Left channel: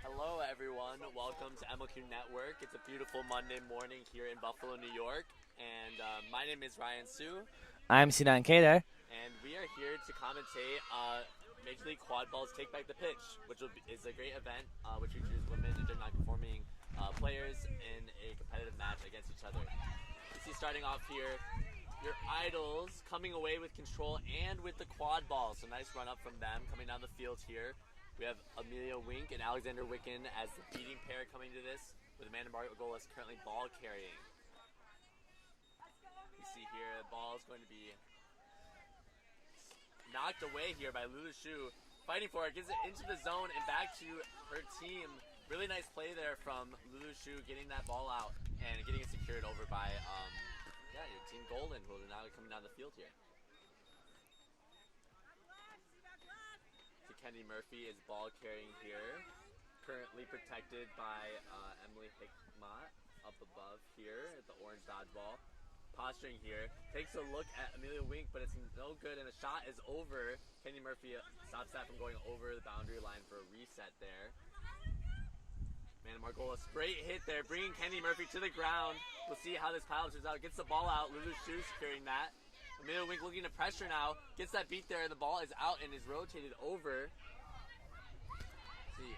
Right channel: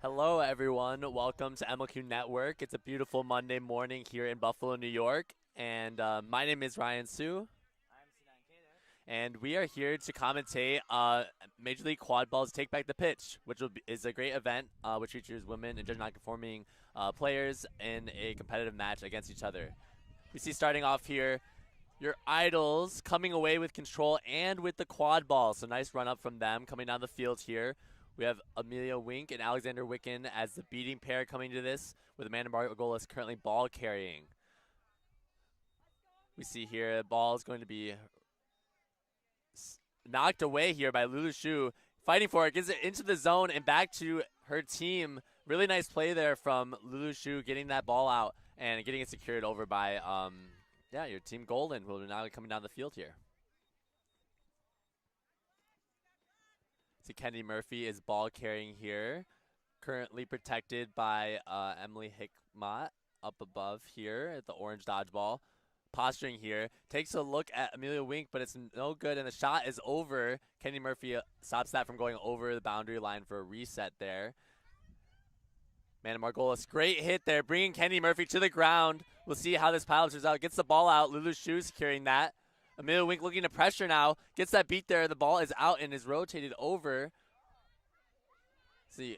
Hello, everyone. Welcome to MLQ Network. It's a beautiful Monday morning here in Buffalo, New York. And my name is Ryan Su, I'm Sinan Kader. and we are here to commentate Major League Quadball's Take Back the Pitch, which is a great event which features women and gender non-conforming players in a competitive match against each other. You see, starting off here, your idols coming away with control and with the quad ball. So nice run up from them coming down the field here. We have Amelia Wink and Alexander Wicken as the beating pair coming to this, with Amanda Margolis currently ball carrying. We see here the ball is going to be knocked away here by Lulu Shu. Fighting for it, gets it into the zone and back to her team. Really nice play there from Lulu Shu, getting that ball out and getting it secured over by your team Golden, who are now coming down the field here. See, Kennedy Murphy is ball carrying here, currently protected by Emily Hickmott up above here at the orange dodgeball. Posturing here, takes a look at Amelia Wink, but it's no good, and the shot is over. Kennedy Murphy stops that from going over the boundary line for a reset there. Amanda Margolis, great hit there, bringing Kennedy Murphy to the ground. We'll see how this pile turns out. Gets the ball out. Lulu Shu securing that. Amelia Wink looking to pressure now. Gets that beat there. The ball is out and is rotated over. See.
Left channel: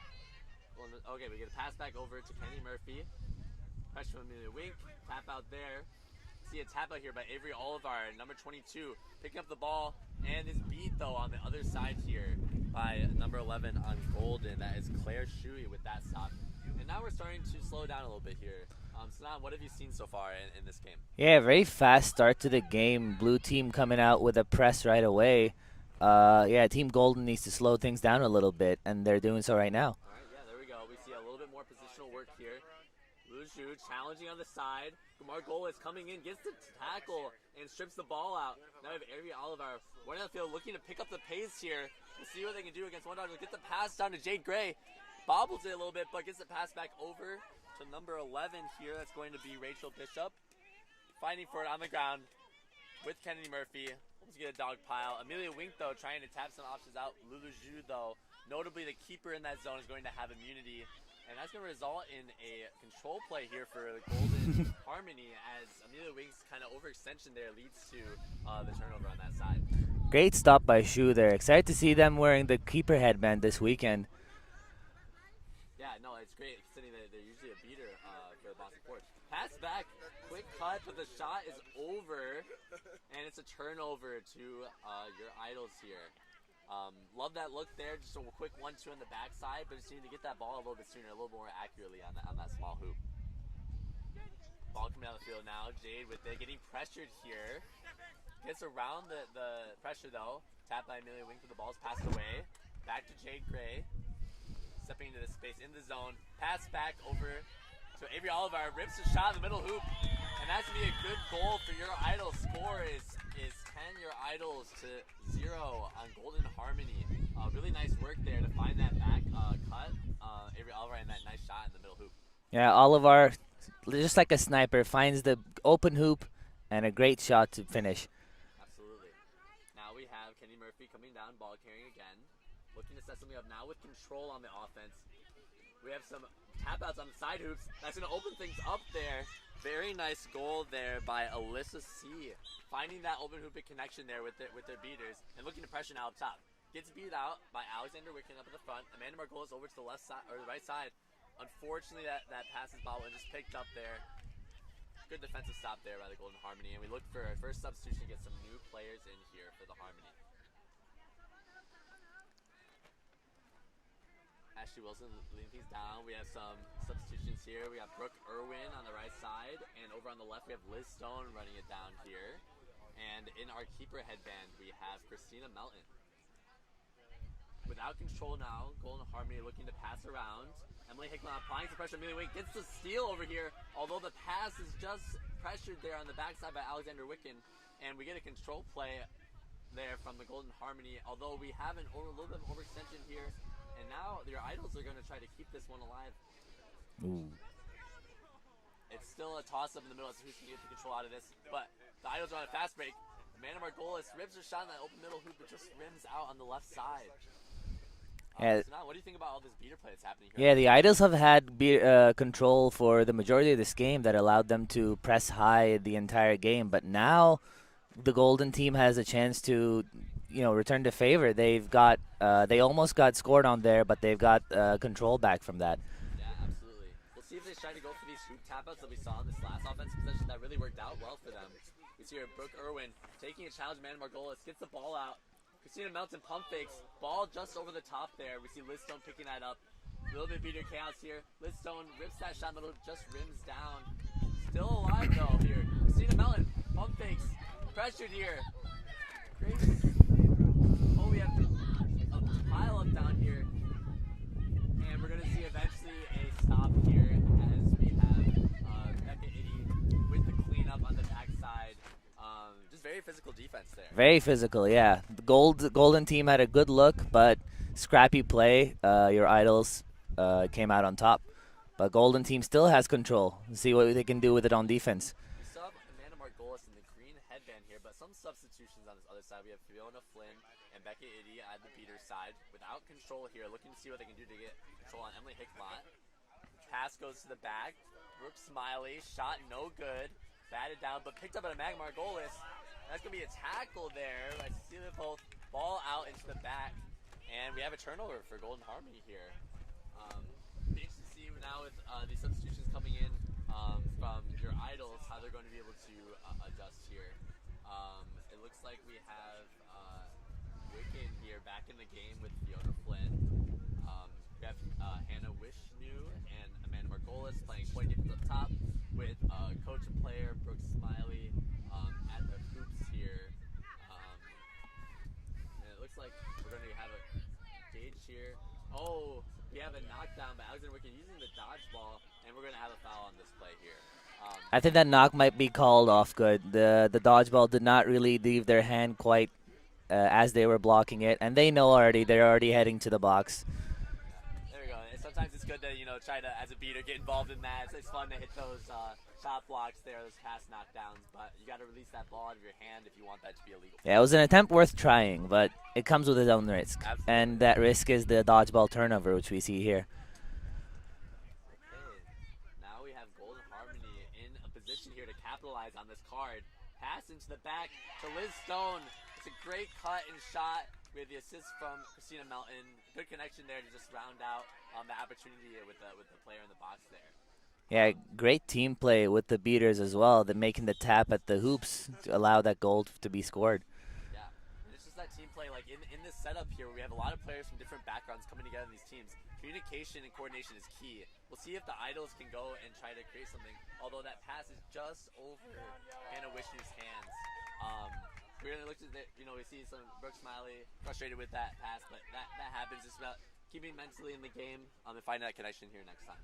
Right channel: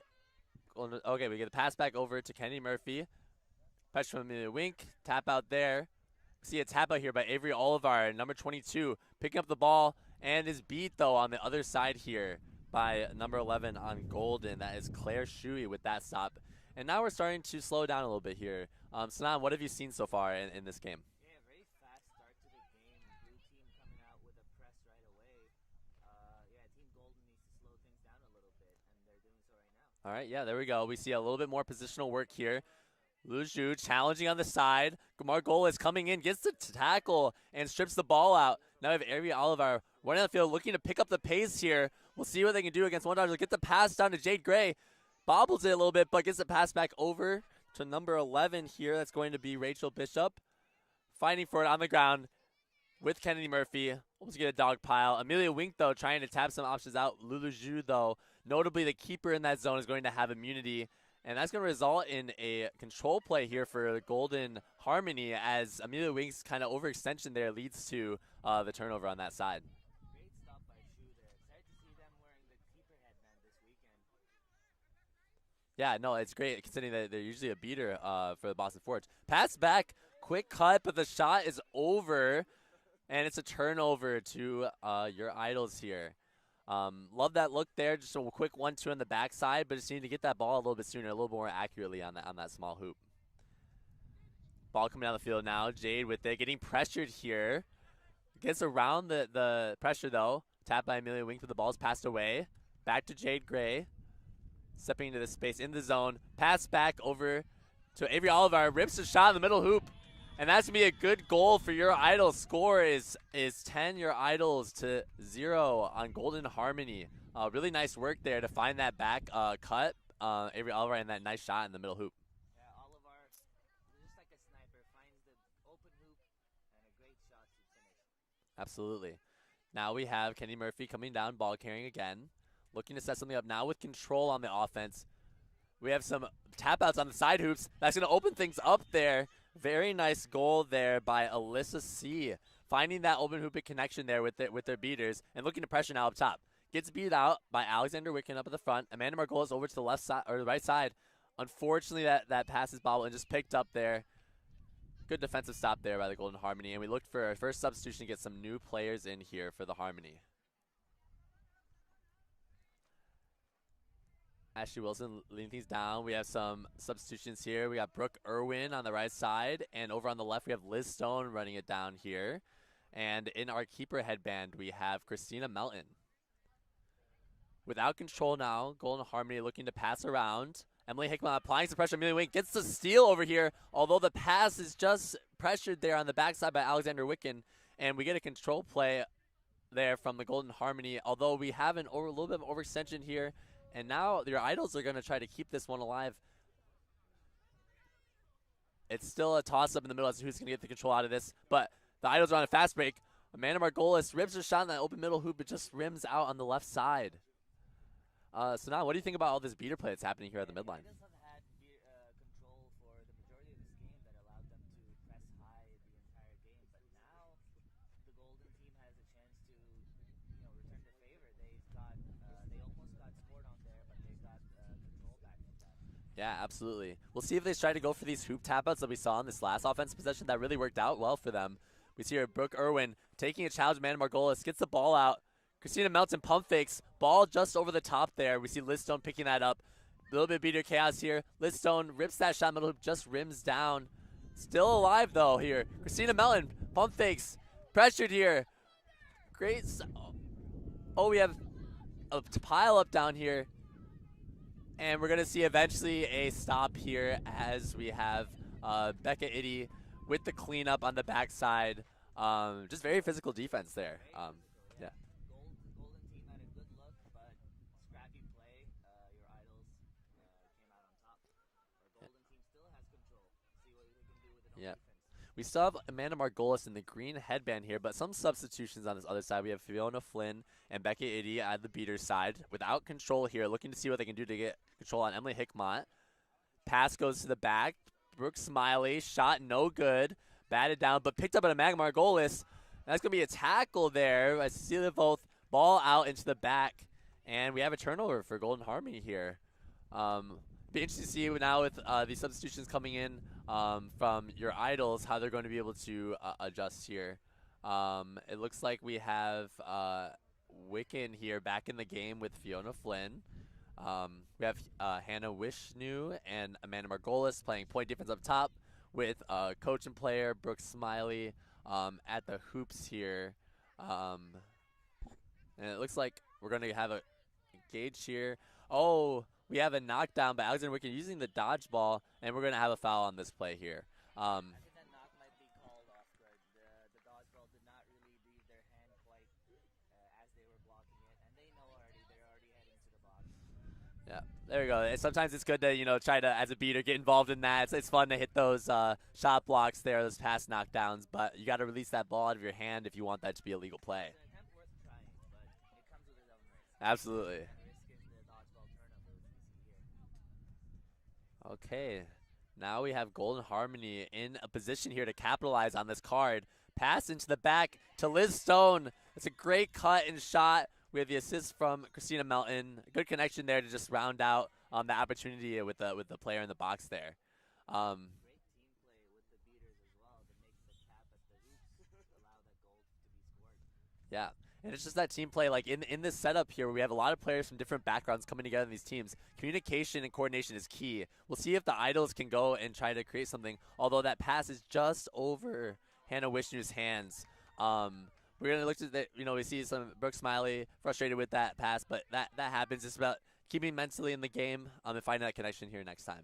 Okay, we get a pass back over to Kennedy Murphy. Pressure from Amelia Wink. Tap out there. See a tap out here by Avery Olivar, number 22. Picking up the ball and is beat, though, on the other side here by number 11 on Golden. That is Claire Shuey with that stop. And now we're starting to slow down a little bit here. Sanan, what have you seen so far in this game? Yeah, very fast start to the game. Blue team coming out with a press right away. Team Golden needs to slow things down a little bit, and they're doing so right now. All right, yeah, there we go. We see a little bit more positional work here. Lu Zhu challenging on the side. Margolis is coming in, gets the tackle, and strips the ball out. Now we have Avery Olivar running on the field, looking to pick up the pace here. We'll see what they can do against one dodger. Get the pass down to Jade Gray. Bobbles it a little bit, but gets the pass back over to number 11 here. That's going to be Rachel Bishop. Fighting for it on the ground with Kennedy Murphy. Almost get a dog pile. Amelia Wink, though, trying to tap some options out. Lulu Zhu, though, notably the keeper in that zone, is going to have immunity. And that's going to result in a control play here for Golden Harmony, as Amelia Wink's kind of overextension there leads to the turnover on that side. Great stop by Shu there. Excited to see them wearing the keeper headband this weekend. Yeah, no, it's great considering that they're usually a beater for the Boston Forge. Pass back, quick cut, but the shot is over, and it's a turnover to your idols here. Love that look there, just a quick 1-2 on the backside, but just need to get that ball a little bit sooner, a little more accurately on that small hoop. Ball coming down the field now, Jade with it, getting pressured here. Gets around the pressure though. Tap by Amelia Wink, the ball's passed away. Back to Jade Gray. Stepping into the space in the zone. Pass back over to Avery Olivar. Rips a shot in the middle hoop. And that's going to be a good goal for your Idols. Score is 10 your Idols to 0 on Golden Harmony. Really nice work there to find that back cut. Avery Olivar and that nice shot in the middle hoop. Yeah, Olivar, just like a sniper, finds the open hoop and a great shot to finish. Absolutely. Now we have Kenny Murphy coming down, ball carrying again. Looking to set something up now with control on the offense. We have some tap outs on the side hoops. That's going to open things up there. Very nice goal there by Alyssa C. Finding that open hoop connection there with their beaters and looking to pressure now up top. Gets beat out by Alexander Wicken up at the front. Amanda Margolis over to the left side or the right side. Unfortunately, that pass is bobbled and just picked up there. Good defensive stop there by the Golden Harmony, and we looked for our first substitution to get some new players in here for the Harmony. Ashley Wilson leading things down. We have some substitutions here. We got Brooke Irwin on the right side, and over on the left we have Liz Stone running it down here. And in our keeper headband we have Christina Melton. Without control now, Golden Harmony looking to pass around. Emily Hickman applying some pressure. Amelia Wink gets the steal over here, although the pass is just pressured there on the backside by Alexander Wicken, and we get a control play there from the Golden Harmony, although we have a little bit of overextension here. And now your Idols are going to try to keep this one alive. Ooh. It's still a toss-up in the middle as to who's going to get the control out of this. But the Idols are on a fast break. Amanda Margolis rips her shot in that open middle hoop, but just rims out on the left side. So now, what do you think about all this beater play that's happening here? Yeah, the Idols have had control for the majority of this game that allowed them to press high the entire game. But now the Golden team has a chance to, return to favor. They almost got scored on there, but they've got control back from that. Yeah, absolutely. We'll see if they try to go for these hoop tap-outs that we saw in this last offensive possession that really worked out well for them. We see here Brooke Irwin taking a challenge. Amanda Margolis gets the ball out. Christina Melton pump fakes. Ball just over the top there. We see Liz Stone picking that up. A little bit beater chaos here. Liz Stone rips that shot middle hoop, just rims down. Still alive though here. Christina Melton pump fakes. Pressured here. Great. Oh, we have a pile up down here. And we're going to see eventually a stop here as we have Becca Itty with the cleanup on the backside. Just very physical defense there. Very physical, yeah. The Golden team had a good look, but scrappy play. Your Idols came out on top. But Golden team still has control. See what they can do with it on defense. We still have Amanda Margolis in the green headband here, but some substitutions on this other side. We have Fiona Flynn and Becca Itty at the beater side without control here, looking to see what they can do to get control on Emily Hickmott. Pass goes to the back. Brooke Smiley, shot no good. Batted down, but picked up at Amanda Margolis. That's going to be a tackle there. I see the both ball out into the back, and we have a turnover for Golden Harmony here. Be interesting to see now with these substitutions coming in from your Idols, how they're going to be able to adjust here. It looks like we have Wiccan here back in the game with Fiona Flynn. We have Hannah Wishnu and Amanda Margolis playing point defense up top with coach and player Brooke Smiley at the hoops here. And it looks like we're going to have a gauge here. Oh, we have a knockdown by Alexander Wiccan using the dodgeball, and we're going to have a foul on this play here. I think that knock might be called off good. The dodgeball did not really leave their hand quite as they were blocking it, and they know already. They're already heading to the box. Yeah, there we go. Sometimes it's good to try to, as a beater, get involved in that. It's fun to hit those shot blocks there, those pass knockdowns, but you got to release that ball out of your hand if you want that to be a legal play. Yeah, it was an attempt worth trying, but it comes with its own risk. Absolutely. And that risk is the dodgeball turnover, which we see here. Okay. Now we have Golden Harmony in a position here to capitalize on this card. Pass into the back to Liz Stone. It's a great cut and shot. We have the assist from Christina Melton. Good connection there to just round out the opportunity with the player in the box there. Yeah, great team play with the beaters as well. They're making the tap at the hoops to allow that goal to be scored. Yeah, and it's just that team play. Like in this setup here, where we have a lot of players from different backgrounds coming together in these teams. Communication and coordination is key. We'll see if the Idols can go and try to create something. Although that pass is just over Hannah Wishnu's hands. We're gonna look at that. We see some Brooke Smiley frustrated with that pass, but that happens. It's about keeping mentally in the game and finding that connection here next time.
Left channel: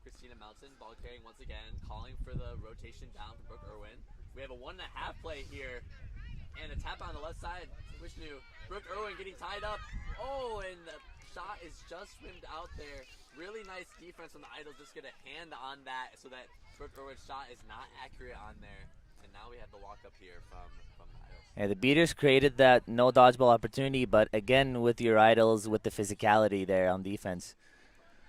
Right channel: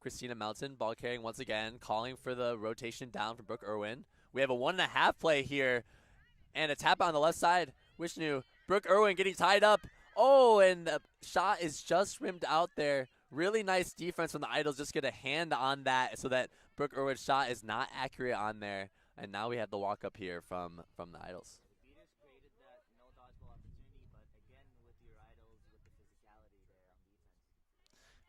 Christina Melton, ball carrying once again, calling for the rotation down for Brooke Irwin. We have a 1.5 play here, and a tap on the left side. Wishnu, Brooke Irwin getting tied up. Oh, and the shot is just rimmed out there. Really nice defense from the Idols. Just get a hand on that so that Brooke Irwin's shot is not accurate on there. And now we have the walk up here from the Idols. Yeah, the beaters created that no dodgeball opportunity, but again with your Idols with the physicality there on defense.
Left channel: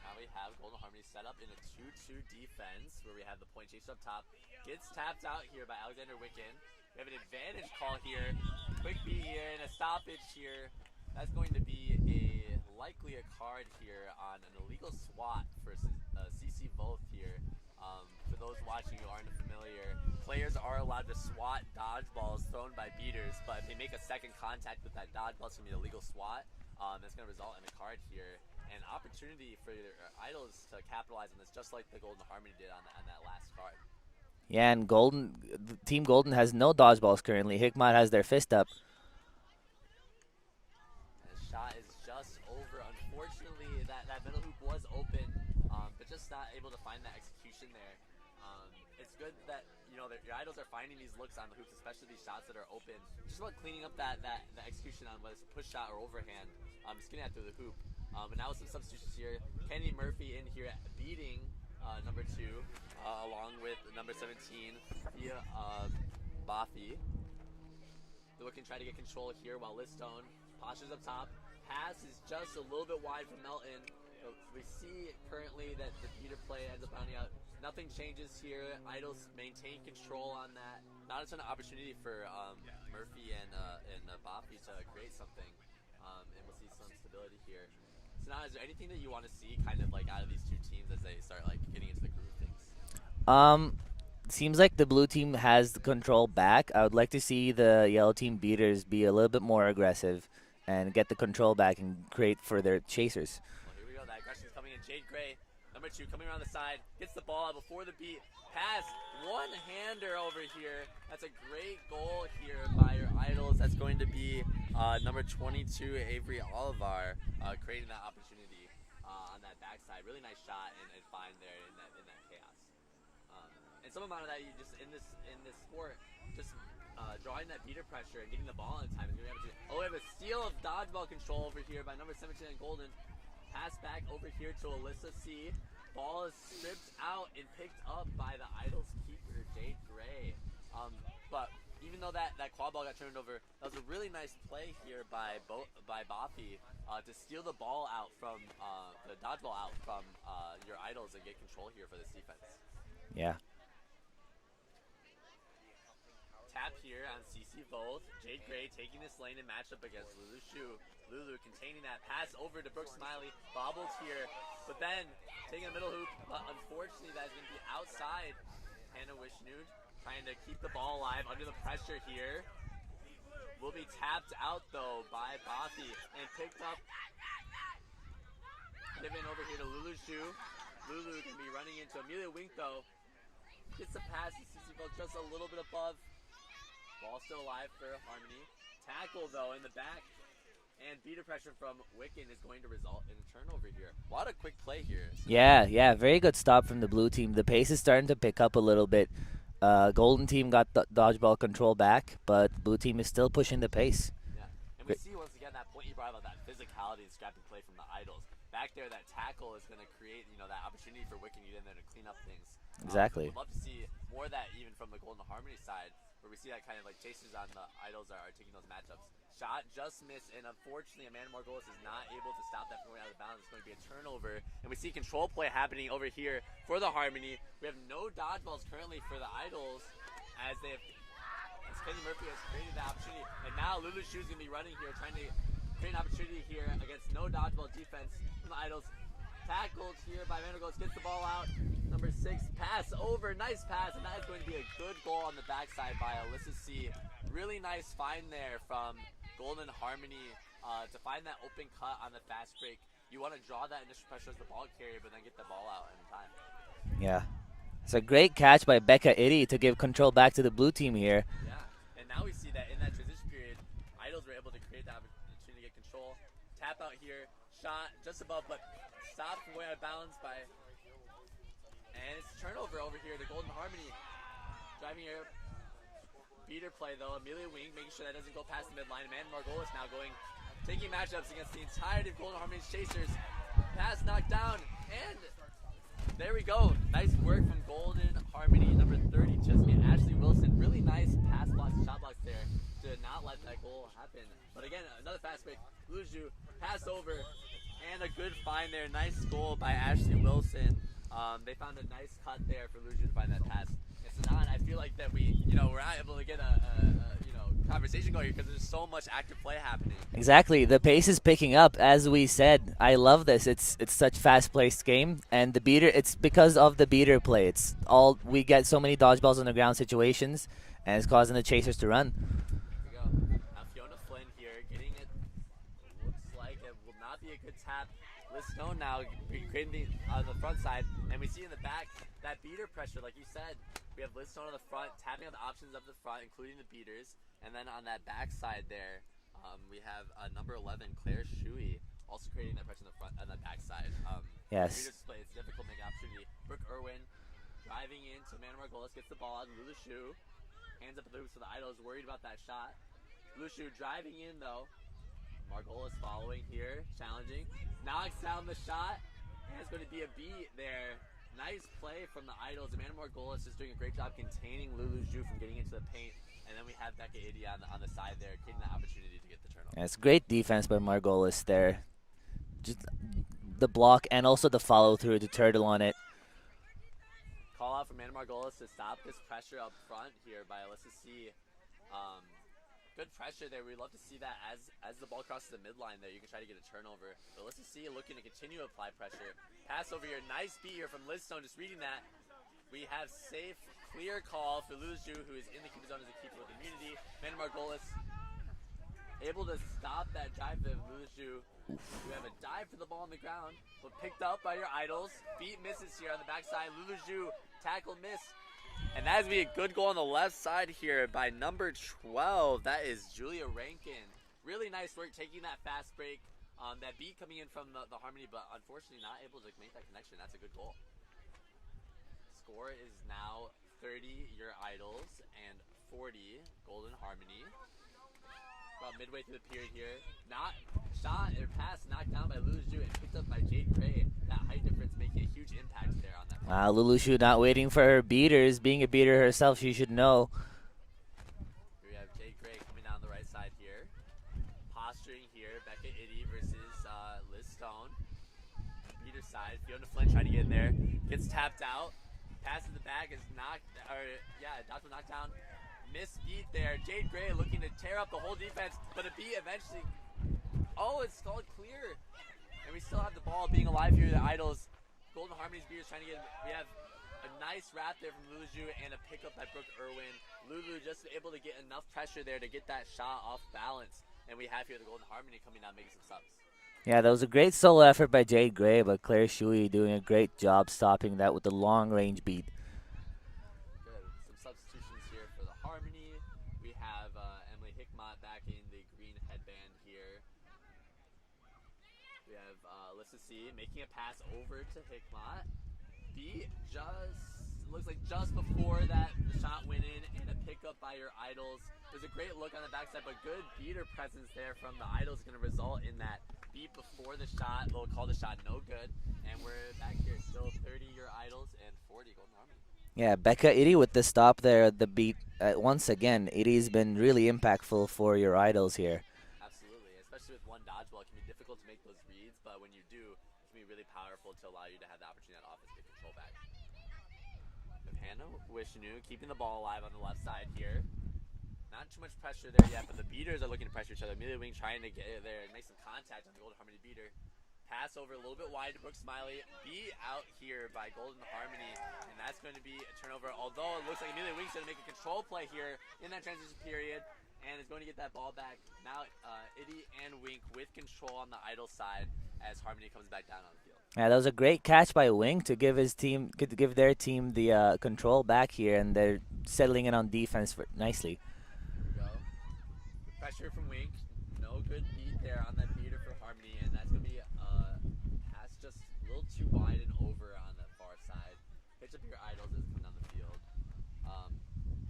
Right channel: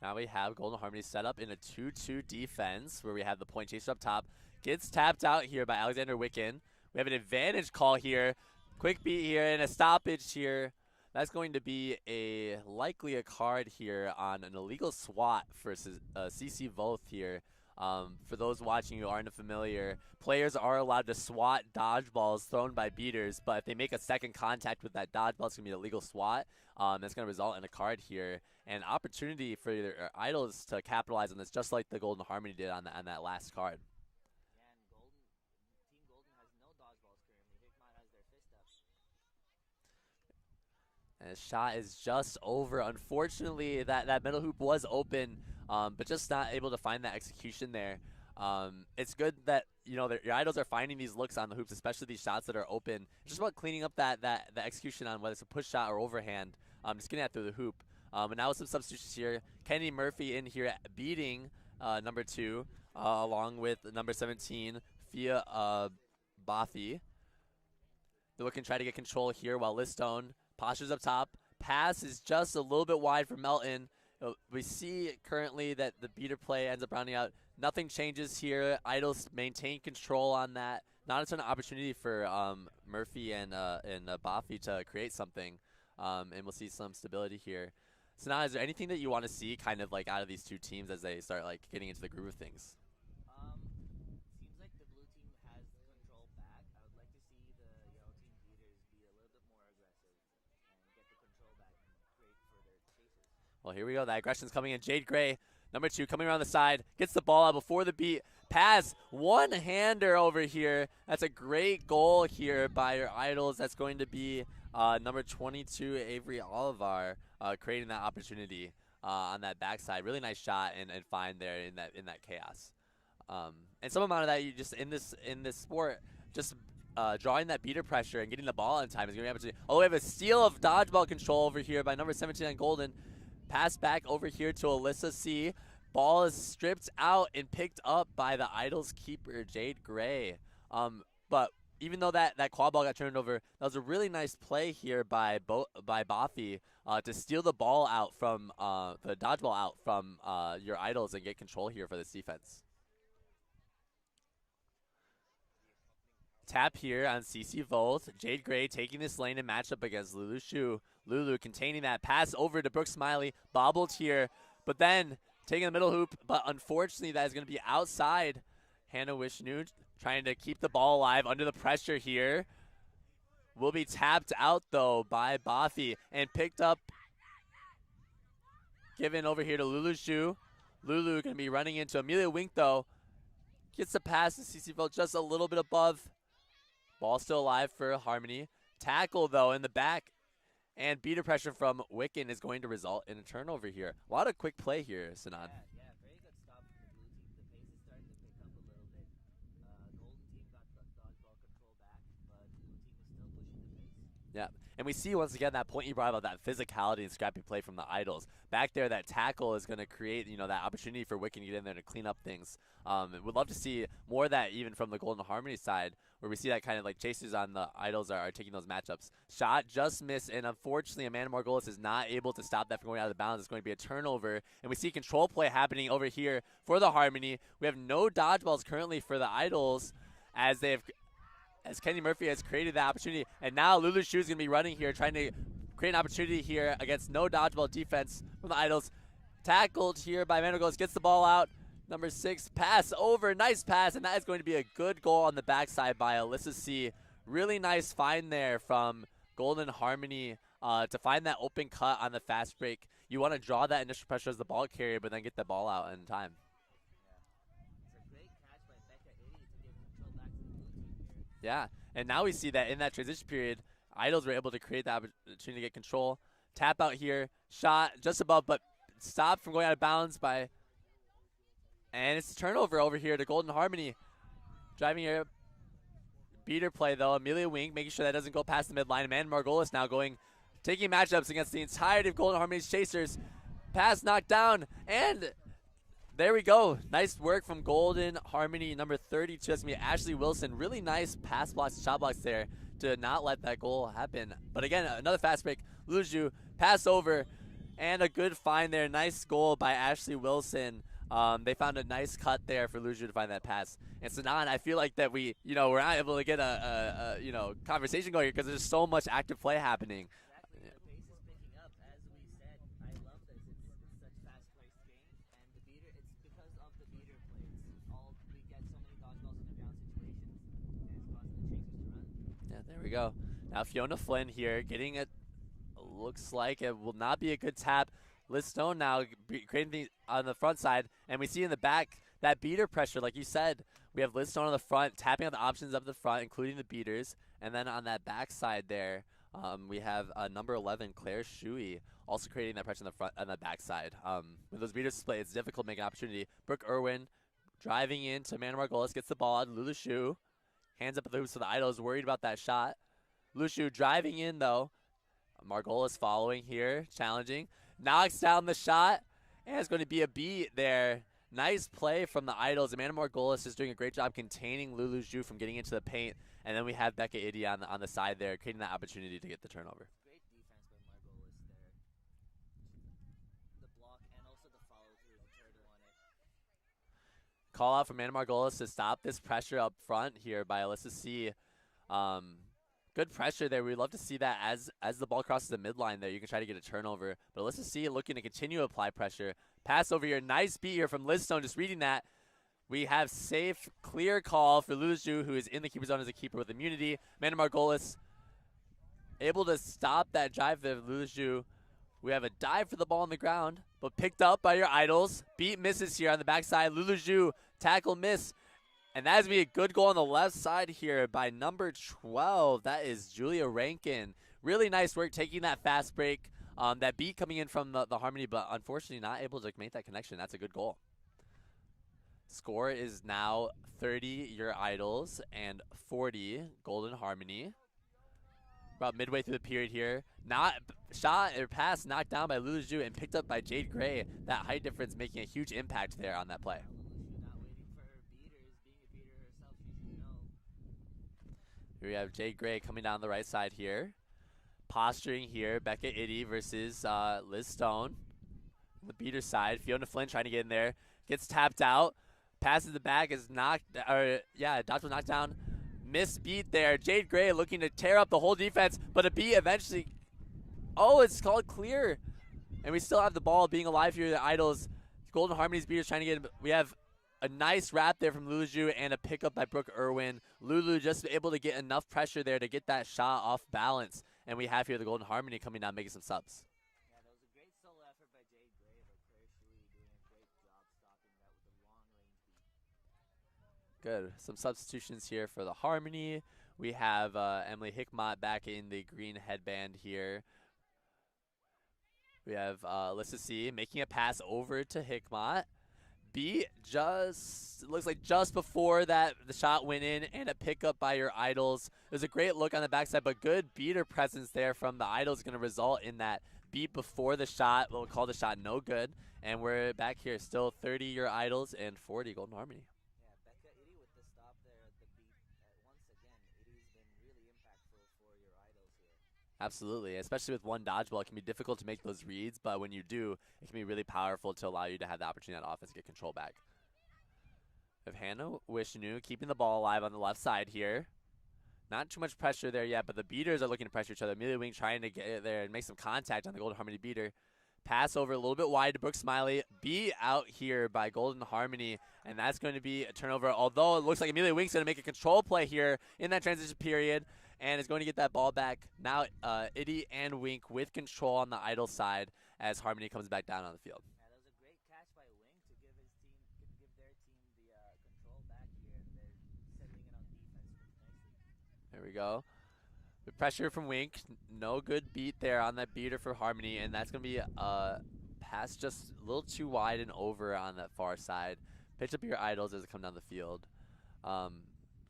Now we have Golden Harmony set up in a 2-2 defense where we have the point chaser up top. Gets tapped out here by Alexander Wiccan. We have an advantage call here. Quick beat here and a stoppage here. That's going to be likely a card here on an illegal swat for CC Voth here. For those watching who aren't familiar, players are allowed to swat dodgeballs thrown by beaters, but if they make a second contact with that dodgeball, it's going to be an illegal swat. That's going to result in a card here. An opportunity for your Idols to capitalize on this, just like the Golden Harmony did on that last card. Yeah, and Team Golden has no dodgeballs currently. Hickmott has their fist up. And the shot is just over. Unfortunately, that middle hoop was open, but just not able to find that execution there. It's good that your Idols are finding these looks on the hoops, especially these shots that are open. Just about cleaning up that execution on whether it's a push shot or overhand. Just getting that through the hoop. And now with some substitutions here, Kenny Murphy in here beating number 2, along with number 17, Fia Bafi. They're looking to try to get control here while Liz Stone Postures up top. Pass is just a little bit wide from Melton. We see currently that the beater play ends up rounding out. Nothing changes here. Idols maintain control on that. Not a ton of opportunity for Murphy and Bafi to create something. And we'll see some stability here. So now, is there anything that you want to see kind of like out of these two teams as they start like getting into the groove of things? Seems like the blue team has the control back. I would like to see the yellow team beaters be a little bit more aggressive and get the control back and create for their chasers. Well, here we go. That aggression's coming in. Jade Gray, number 2, coming around the side, gets the ball out before the beat. Pass, one-hander over here. That's a great goal here by your Idols. That's going to be number 22, Avery Olivar, creating that opportunity on that backside. Really nice shot and find there in that chaos. And some amount of that, you just in this sport, just drawing that beater pressure and getting the ball in time is going to be able to. Oh, we have a steal of dodgeball control over here by number 17 on Golden. Pass back over here to Alyssa C. Ball is stripped out and picked up by the Idols keeper, Jade Gray. But even though that quad ball got turned over, that was a really nice play here by Bafi to steal the ball out from the dodgeball out from your Idols and get control here for this defense. Yeah. Tap here on CC Volt. Jade Gray taking this lane and match up against Lulu Shu. Lulu containing that pass over to Brooke Smiley. Bobbled here, but then taking the middle hoop. But unfortunately, that is going to be outside. Hannah Wishnu trying to keep the ball alive under the pressure here. Will be tapped out, though, by Bafi and picked up. Given over here to Lulu Shu. Lulu going to be running into Amelia Wink, though. Gets the pass to CC Volt just a little bit above. Ball still alive for Harmony. Tackle, though, in the back. And beater pressure from Wiccan is going to result in a turnover here. A lot of quick play here. Yeah. Very good stop from the blue team. The pace is starting to pick up a little bit. Golden team got the dodgeball control back, but blue team is still pushing the pace. Yeah. And we see once again that point you brought about, that physicality and scrappy play from the Idols. Back there, that tackle is going to create, that opportunity for Wiccan to get in there to clean up things. Exactly. We'd love to see more of that even from the Golden Harmony side, where we see that kind of like chasers on the Idols are taking those matchups. Shot just missed, and unfortunately, Amanda Margolis is not able to stop that from going out of bounds. It's going to be a turnover, and we see control play happening over here for the Harmony. We have no dodgeballs currently for the Idols, as Kenny Murphy has created that opportunity, and now Lulu Shu is going to be running here, trying to create an opportunity here against no dodgeball defense from the Idols. Tackled here by Amanda Margolis, gets the ball out. Number 6, pass over, nice pass, and that is going to be a good goal on the backside by Alyssa C. Really nice find there from Golden Harmony to find that open cut on the fast break. You want to draw that initial pressure as the ball carrier, but then get the ball out in time. Yeah. It's a great catch by Becca Itty to give control back to the blue team here. Yeah, and now we see that in that transition period, Idols were able to create the opportunity to get control. Tap out here, shot just above, but stopped from going out of bounds by... And it's a turnover over here to Golden Harmony. Driving here. Beater play, though. Amelia Wing making sure that doesn't go past the midline. Amanda Margolis now taking matchups against the entirety of Golden Harmony's chasers. Pass knocked down, and there we go. Nice work from Golden Harmony, number 32. That's going to be Ashley Wilson. Really nice pass blocks, shot blocks there to not let that goal happen. But again, another fast break. Luju, pass over, and a good find there. Nice goal by Ashley Wilson. They found a nice cut there for Luju to find that pass. And Sanan, I feel like that we're not able to get a conversation going here because there's so much active play happening. Exactly. The pace is picking up, as we said. I love this. It's such fast-paced game, and the beater. It's because of the beater play. We get so many dodgeballs on the ground situations, and it's causing the chasers to run. Yeah, there we go. Now Fiona Flynn here getting it. Looks like it will not be a good tap. Liz Stone now creating on the front side, and we see in the back that beater pressure, like you said. We have Liz Stone on the front, tapping on the options up the front, including the beaters. And then on that back side there, we have number 11, Claire Shuey, also creating that pressure on the front on the back side. Yes. With beater display, it's difficult to make an opportunity. Brooke Irwin driving into Amanda Margolis, gets the ball out. Lulu Shu, hands up at the hoops for the Idols, worried about that shot. Lulu Shu driving in, though. Margolis following here, challenging. Knocks down the shot, and it's going to be a beat there. Nice play from the Idols. Amanda Margolis is doing a great job containing Lulu Zhu from getting into the paint And then we have Becca Iddy on the side there, creating that opportunity to get the turnover. Yeah, it's great defense by Margolis there. Just the block and also the follow through, the turtle on it. Call out from Anna Margolis to stop this pressure up front here by Alyssa C. Good pressure there. We'd love to see that as the ball crosses the midline there. You can try to get a turnover. But Alyssa C looking to continue to apply pressure. Pass over here. Nice beat here from Liz Stone. Just reading that. We have safe, clear call for Luluju, who is in the keeper zone as a keeper with immunity. Amanda Margolis able to stop that drive there. Luluju. We have a dive for the ball on the ground, but picked up by your idols. Beat misses here on the backside. Luluju tackle miss. And that is be a good goal on the left side here by number 12. That is Julia Rankin. Really nice work taking that fast break. That beat coming in from the Harmony, but unfortunately not able to make that connection. That's a good goal. Score is now 30 your idols and 40 Golden Harmony. About midway through the period here. Not shot or pass knocked down by Luluju and picked up by Jade Gray. That height difference making a huge impact there on that play. Wow, Luluju not waiting for her beaters. Being a beater herself, she should know. Here we have Jade Gray coming down the right side here. Posturing here, Becca Iddy versus Liz Stone. The beater side, Fiona Flynn trying to get in there. Gets tapped out. Passes the back, is knocked, dodge was knocked down. Missed beat there. Jade Gray looking to tear up the whole defense, but a beat eventually. Oh, it's called clear. And we still have the ball being alive here. The Idols, Golden Harmony's beaters trying to get. We have a nice wrap there from Luluju and a pickup by Brooke Irwin. Lulu just able to get enough pressure there to get that shot off balance. And we have here the Golden Harmony coming down, making some subs. Yeah, that was a great solo effort by Jade Gray, but Claire Shui doing a great job stopping that with the long range beat. Good. Some substitutions here for the Harmony. We have Emily Hickmott back in the green headband here. We have Alyssa C making a pass over to Hickmott. B looks like just before that the shot went in, and a pickup by your Idols. There's a great look on the backside, but good beater presence there from the Idols going to result in that beat before the shot. We'll call the shot no good. And we're back here still 30 your Idols and 40 Golden Harmony. Yeah, Becca Iddy with the stop there, the beat. Once again, Iddy's been really impactful for your Idols here. Absolutely, especially with one dodgeball. It can be difficult to make those reads, but when you do, it can be really powerful to allow you to have the opportunity on offense to get control back. With Hannah Wishnu keeping the ball alive on the left side here. Not too much pressure there yet, but the beaters are looking to pressure each other. Amelia Wing trying to get there and make some contact on the Golden Harmony beater. Pass over a little bit wide to Brooke Smiley. Be out here by Golden Harmony, and that's going to be a turnover. Although it looks like Amelia Wing's going to make a control play here in that transition period, and is going to get that ball back. Now Iddy and Wink with control on the Idol side as Harmony comes back down on the field. Yeah, that was a great catch by Wink to give their team the control back here, and they're settling in on defense nicely. There we go. The pressure from Wink. No good beat there on that beater for Harmony, and that's going to be a pass just a little too wide and over on that far side. Pitch up your Idols as it comes down the field.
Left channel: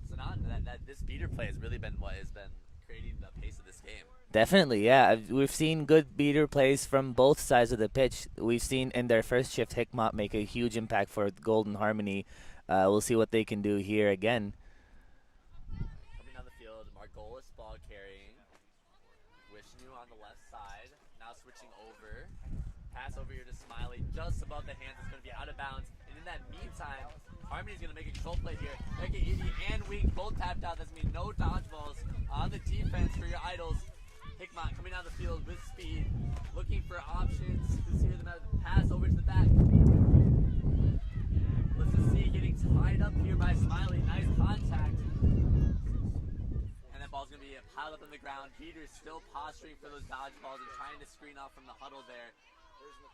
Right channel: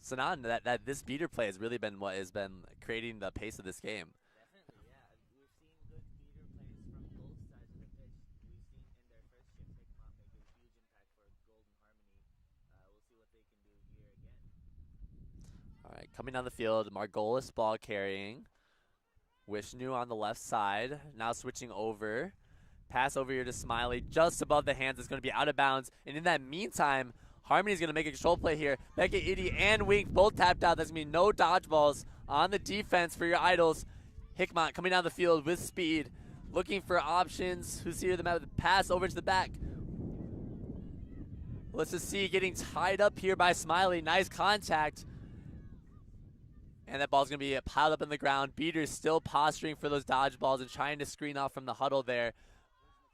Sanan, that this beater play has really been what has been creating the pace of this game. Definitely, yeah. We've seen good beater plays from both sides of the pitch. We've seen in their first shift, Hickmott make a huge impact for Golden Harmony. We'll see what they can do here again. All right, coming down the field, Margolis ball carrying. Wishnu on the left side, now switching over. Pass over here to Smiley, just above the hands. It's going to be out of bounds. And in that meantime, Harmony's going to make a control play here. Becca Iddy and Wink both tapped out. That's going to be no dodgeballs on the defense for your Idols. Hickmott coming down the field with speed, looking for options. Who's here? The pass over to the back. Let's just see getting tied up here by Smiley. Nice contact. And that ball's going to be piled up in the ground. Beaters still posturing for those dodgeballs and trying to screen off from the huddle there.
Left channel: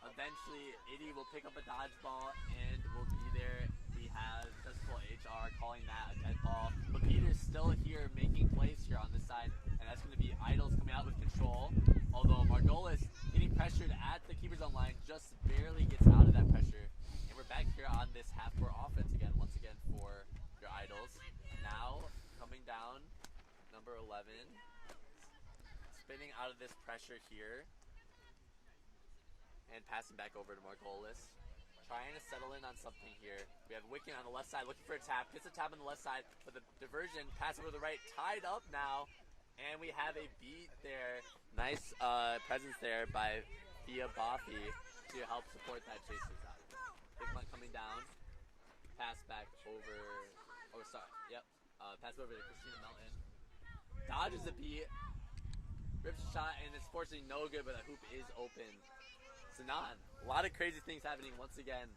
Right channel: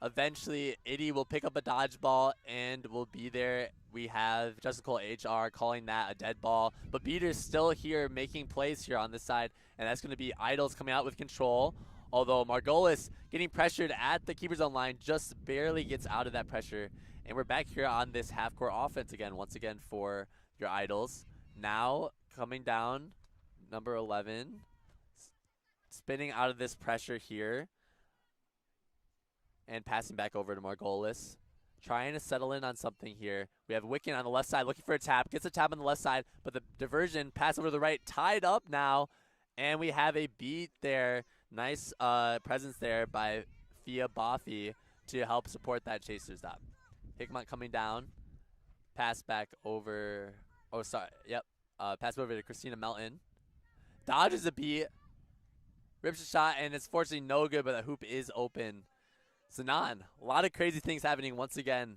Eventually, Iddy will pick up a dodgeball and will be there. We have Justice Cole HR calling that a dead ball. But Beaters still here making plays here on this side. And that's going to be Idols coming out with control. Although Margolis getting pressured at the keeper zone line just barely gets out of that pressure. And we're back here on this half-court offense again, once again for your Idols. Now coming down. Number 11, spinning out of this pressure here and passing back over to Margolis. trying to settle in on something here. We have Wiccan on the left side looking for a tap. Gets a tap on the left side, but the diversion, pass over to the right, tied up now. And we have a beat there. Nice presence there by Fia Boffy to help support that chaser stop. Hickmont coming down. Pass back over. Oh, sorry. Yep. Pass over to Christina Melton. Dodges a beat. Rips a shot, and it's fortunately no good, but the hoop is open. Zanan, a lot of crazy things happening once again.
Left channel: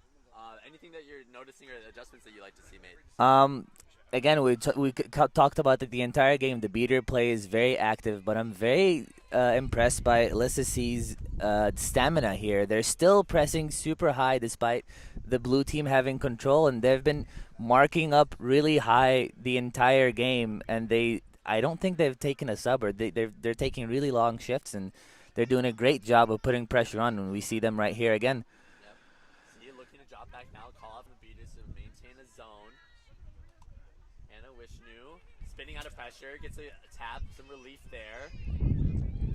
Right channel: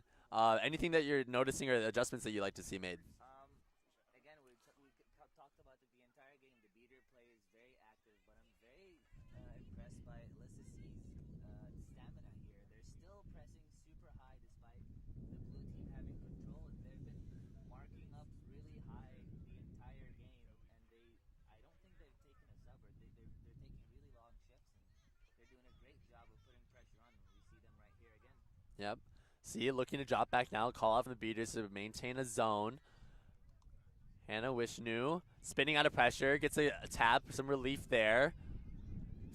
Anything that you're noticing or adjustments that you like to see made? Again, we talked about the entire game. The beater play is very active, but I'm very impressed by Alyssa C's stamina here. They're still pressing super high despite the blue team having control, and they've been marking up really high the entire game. And I don't think they've taken a sub, or they're taking really long shifts, and they're doing a great job of putting pressure on when we see them right here again. Yep. See, looking to drop back now, call out from the beaters to maintain a zone. Hannah Wishnu spinning out of pressure, gets a tap, some relief there.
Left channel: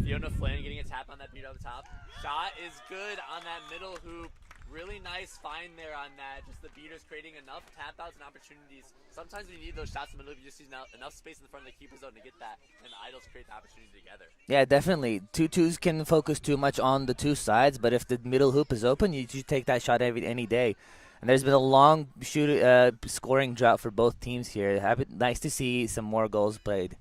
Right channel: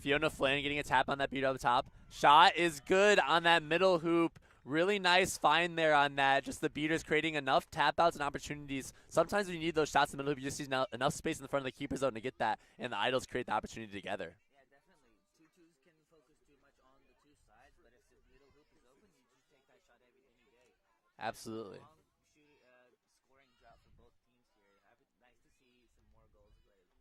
Fiona Flynn getting a tap on that beater up top. Shot is good on that middle hoop. Really nice find there on that. Just the beaters creating enough tap outs and opportunities. Sometimes when you need those shots in the middle hoop, you just need enough space in the front of the keeper zone to get that, and the idols create the opportunity together. Yeah, definitely. 2-2s can focus too much on the two sides, but if the middle hoop is open, you take that shot any day. There's been a long scoring drought for both teams here. Nice to see some more goals played.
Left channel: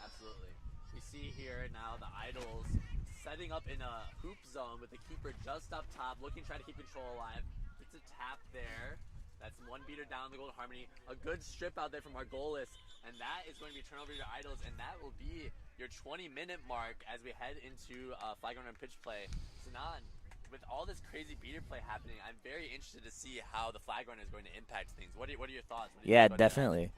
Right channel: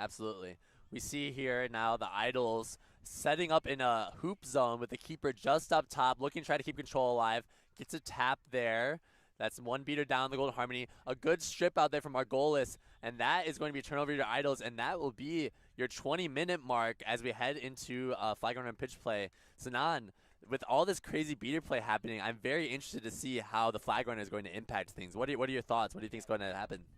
Absolutely. We see here now the idols setting up in a hoop zone with the keeper just up top, looking to try to keep control alive. Gets a tap there. That's one beater down the Golden Harmony. A good strip out there from Margolis, and that is going to be a turnover to your idols, and that will be your 20-minute mark as we head into flag runner and pitch play. Sanan, with all this crazy beater play happening, I'm very interested to see how the flag runner is going to impact things. What are your thoughts? Yeah, definitely.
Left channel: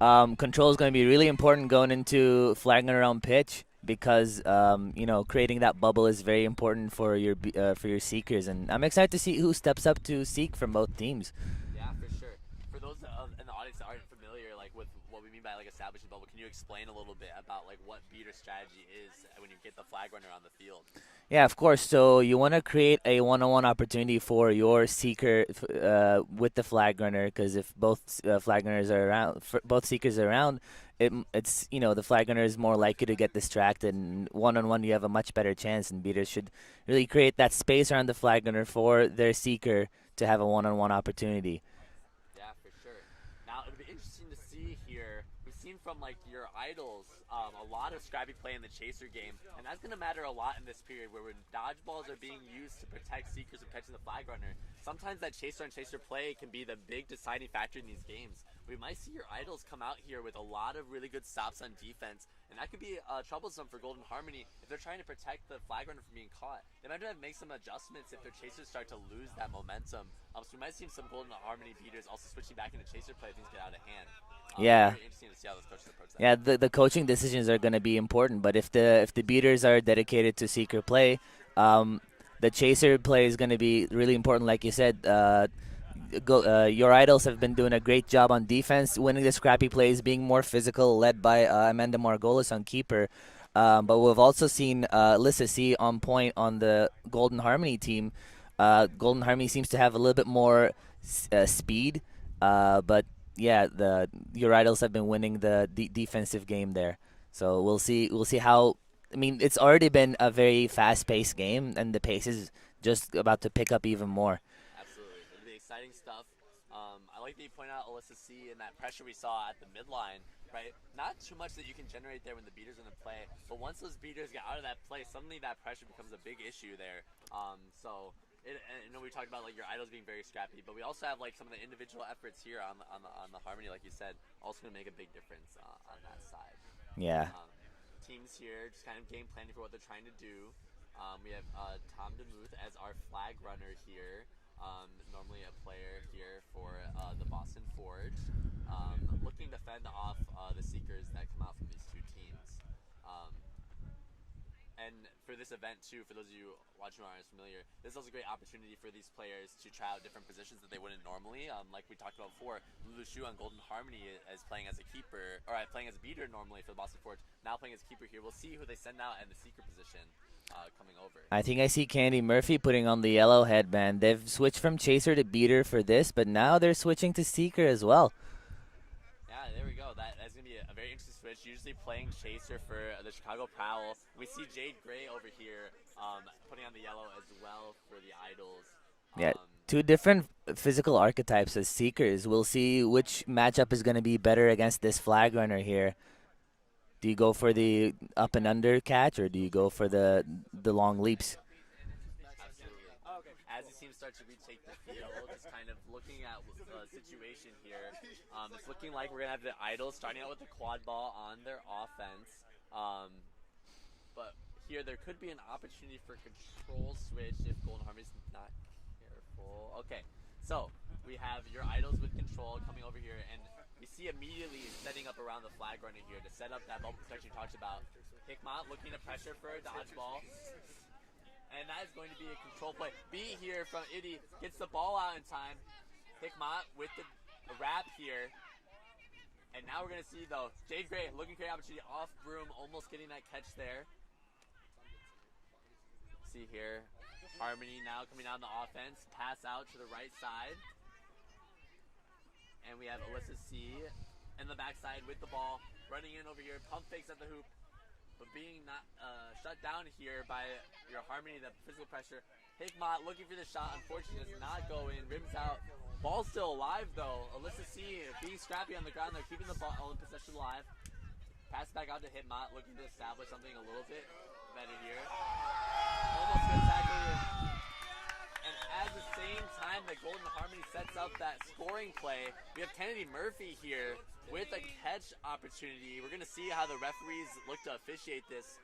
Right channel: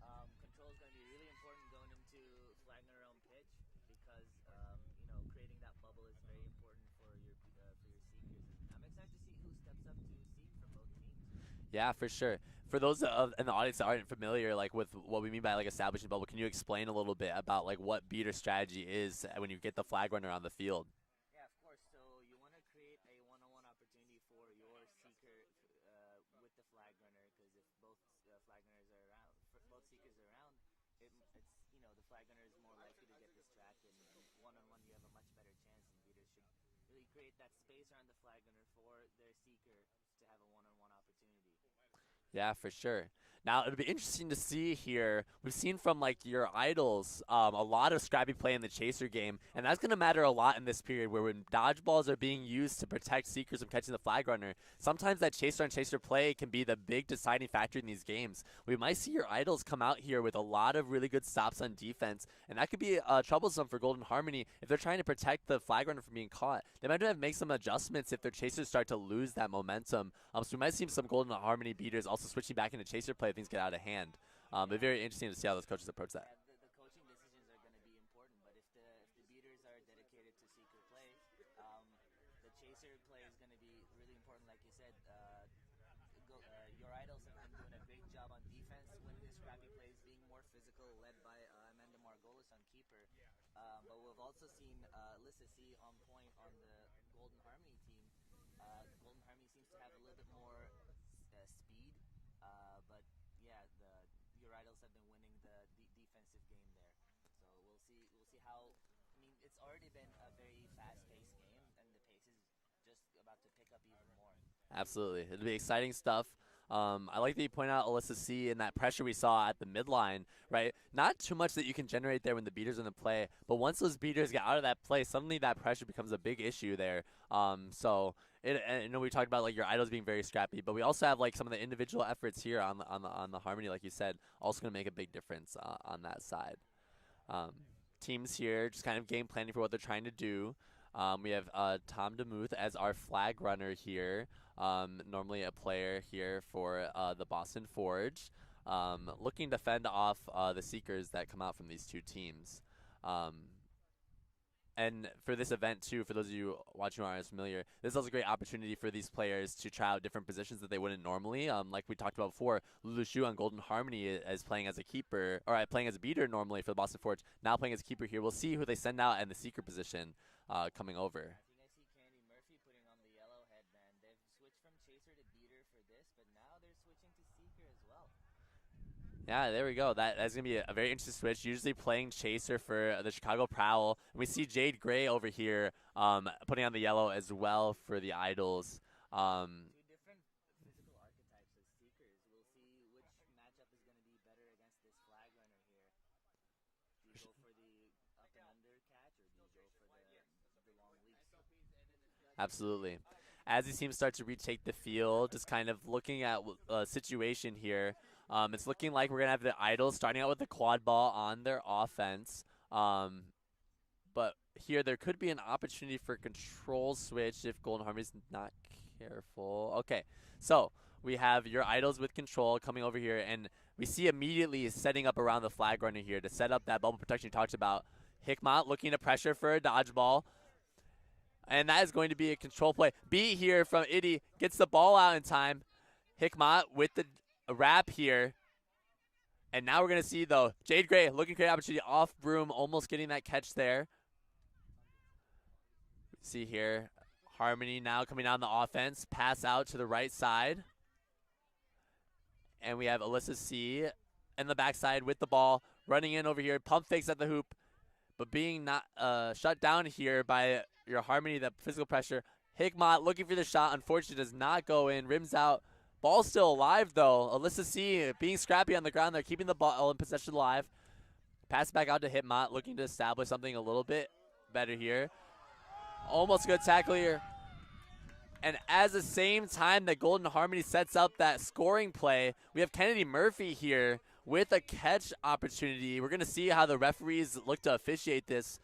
Control is going to be really important going into flag runner on pitch, because creating that bubble is very important for your seekers, and I'm excited to see who steps up to seek from both teams. Yeah, for sure. For those in the audience that aren't familiar, like with what we mean by like establishing bubble, can you explain a little bit about like what beater strategy is when you get the flag runner on the field? Yeah, of course. So you want to create a one-on-one opportunity for your seeker with the flag runner, because if both flag runners are around, both seekers are around, it's the flag runner is more likely to get distracted, and one-on-one you have a much better chance. And beaters should really create that space around the flag runner for their seeker to have a one-on-one opportunity. Yeah, for sure. Now, it'll be interesting to see here. We've seen from, like, your idols a lot of scrappy play in the chaser game, and that's going to matter a lot in this period where when dodgeballs are being used to protect seekers from catching the flag runner, sometimes that chaser on chaser play can be the big deciding factor in these games. We might see your idols come out here with a lot of really good stops on defense, and that could be troublesome for Golden Harmony if they're trying to protect the flag runner from being caught. They might have to make some adjustments if their chasers start to lose that momentum. So we might see some Golden Harmony beaters also switching back into chaser play if things get out of hand. Yeah, very interesting to see how those coaches approach that. Yeah, the coaching decisions are going to be important, but if the beaters are dedicated to seeker play, the chaser play is going to be really important. Like you said, your idols have been doing a great job on defense, winning the scrappy plays, being more physical, led by Amanda Margolis on keeper. But we've also seen Alyssa C on point on the Golden Harmony team. Golden Harmony seems to have a little bit more speed, but yeah, your idols have been winning the defensive game there. So we'll see how. I mean, it's already been a very fast-paced game, and the pace is just about to pick up even more. Absolutely, it'll be exciting stuff. I like that you point out Alyssa C and that pressure we saw at the midline, right? Not too much that you can generate there when the beaters are in the play, but once those beaters get out of that play, suddenly that pressure becomes a big issue there. I know we talked about like your idols being very scrappy, but we also have like some of the individual efforts here on the Harmony, like you said, also going to make a big difference on that side. Yeah. Teams here just kind of game planning for what they're trying to do. We have Tom DeMuth as our flag runner here. Normally a player here for the Boston Forge, looking to fend off the seekers that come out from these two teams. And for this event too, for those of you watching who aren't familiar, this is also a great opportunity for these players to try out different positions that they wouldn't normally. Like we talked about before, Lulu Shu on Golden Harmony is playing as a keeper, or playing as a beater normally for the Boston Forge, now playing as a keeper here. We'll see who they send out in the seeker position. coming over. I think I see Candy Murphy putting on the yellow headband. They've switched from Chaser to Beater for this, but now they're switching to Seeker as well. Yeah, there we go. That's going to be a very interesting switch. Usually playing Chaser for the Chicago Prowl. We see Jade Gray over here putting on the yellow as well for the Idols. Yeah, two different physical archetypes as Seekers. We'll see which matchup is going to be better against this flag runner here. Do you go for the up and under catch, or do you go for the long leaps? Absolutely. As these teams start to retake the field, just kind of looking at a situation here, it's looking like we're going to have the Idols starting out with the quad ball on their offense. But here there could be an opportunity for control switch if Golden Harmony's not careful. Okay, so we have your Idols with control coming over here, and we see immediately setting up around the flag runner here to set up that bubble protection you talked about. Hickmott looking to pressure for a dodgeball. And that is going to be a control play. B here from Itty gets the ball out in time. Hickmott with the wrap here. And now we're going to see, though, Jade Gray looking for an opportunity off broom, almost getting that catch there. See here, Harmony now coming down the offense. Pass out to the right side. And we have Alyssa C in the backside with the ball. Running in over here. Pump fakes at the hoop. But being not shut down here by your Harmony, the physical pressure. Hickmott looking for the shot. Unfortunately, does not go in. Rims out. Ball still alive, though. Alyssa C being scrappy on the ground. They're keeping the ball in possession alive. Pass back out to Hickmott, looking to establish something a little bit better here. Almost good tackle here. And at the same time that Golden Harmony sets up that scoring play, we have Kennedy Murphy here with a catch opportunity. We're gonna see how the referees look to officiate this.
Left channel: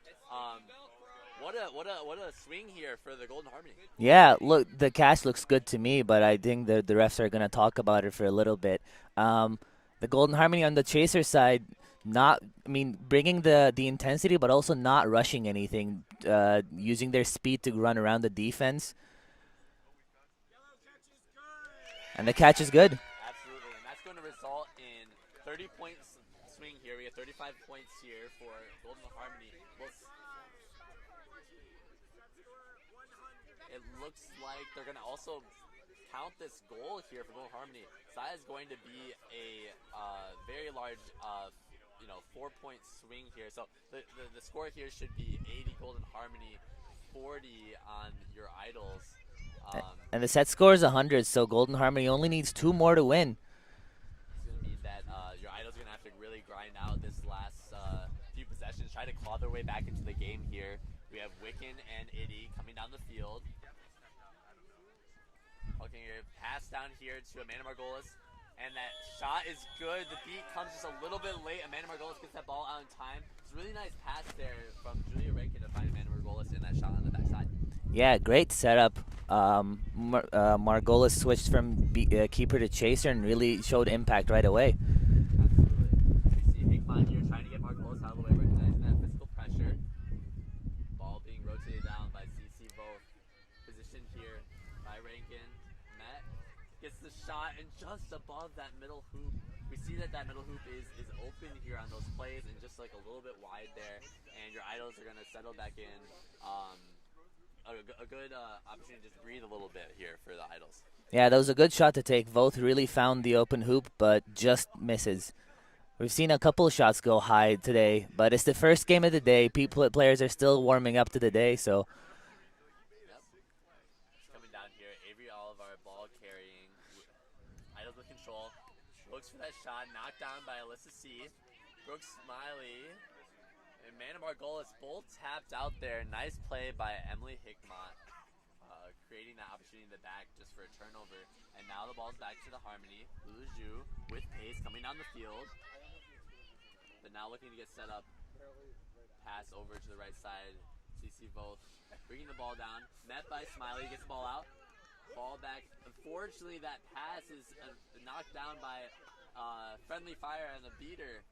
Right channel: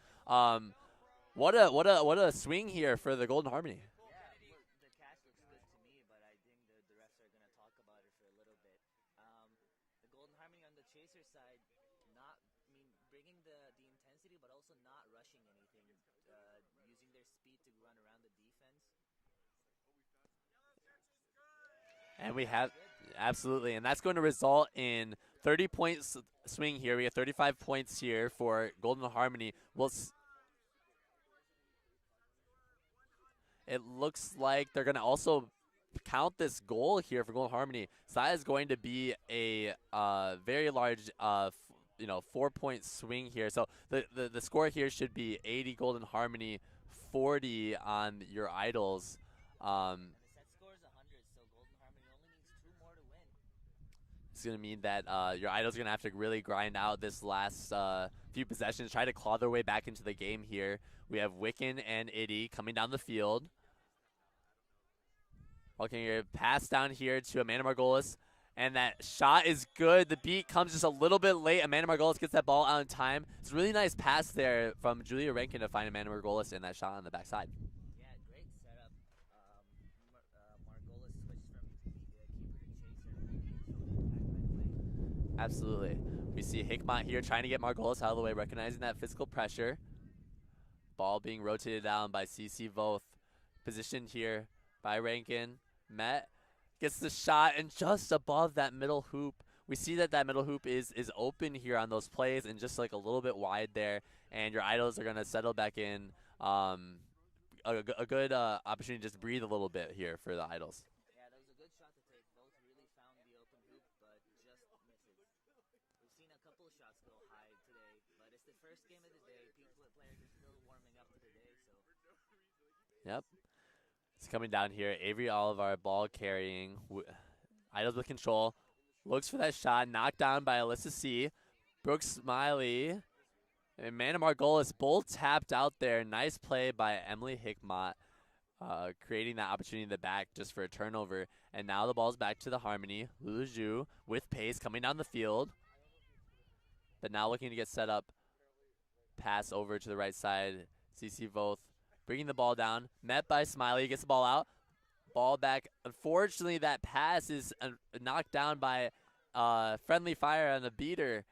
What a swing here for the Golden Harmony. Yeah, look, the catch looks good to me, but I think the refs are gonna talk about it for a little bit. The Golden Harmony on the Chaser side, bringing the intensity, but also not rushing anything, using their speed to run around the defense. And the catch is good. Absolutely, and that's going to result in 30 points swing here. We have 35 points here for Golden Harmony. It looks like they're going to also count this goal here for Golden Harmony. So that is going to be a very large 4-point swing here. So the score here should be 80 Golden Harmony, 40 on your Idols. And the set score is 100, so Golden Harmony only needs 2 more to win. It's going to mean that your Idols are going to have to really grind out this last few possessions, try to claw their way back into the game here. We have Wiccan and Itty coming down the field. Okay, your pass down here to Amanda Margolis, and that shot is good. The beat comes just a little bit late. Amanda Margolis gets that ball out in time. It's a really nice pass there from Julia Rankin to find Amanda Margolis in that shot on the backside. Yeah, great setup. Margolis switched from keeper to chaser and really showed impact right away. Absolutely. We see Hickmott here trying to get Margolis out of the way, recognizing that physical pressure. Ball being rotated down by CC Voth. Positioned here by Rankin. Met gets the shot, and just above that middle hoop, we see that middle hoop is open here on those plays and just like a little bit wide there, and your Idols are going to settle back in. A good opportunity to just breathe a little bit here for the Idols. Yeah, that was a good shot to take. Voth really found the open hoop, but just misses. We've seen a couple of shots go high today, but it's the first game of the day. Players are still warming up to the day, so. Yep. It's coming down here. Avery Oliver, ball carrying. Idols with control. Looks for that shot. Knocked down by Alyssa C. Brooke Smiley and Amanda Margolis both tapped out there. Nice play by Emily Hickmott, creating that opportunity in the back just for a turnover. And now the ball's back to the Harmony. Lulu with pace coming down the field. But now looking to get set up. Pass over to the right side. CC Voth bringing the ball down. Met by Smiley. Gets the ball out. Ball back. Unfortunately, that pass is knocked down by friendly fire on the beater.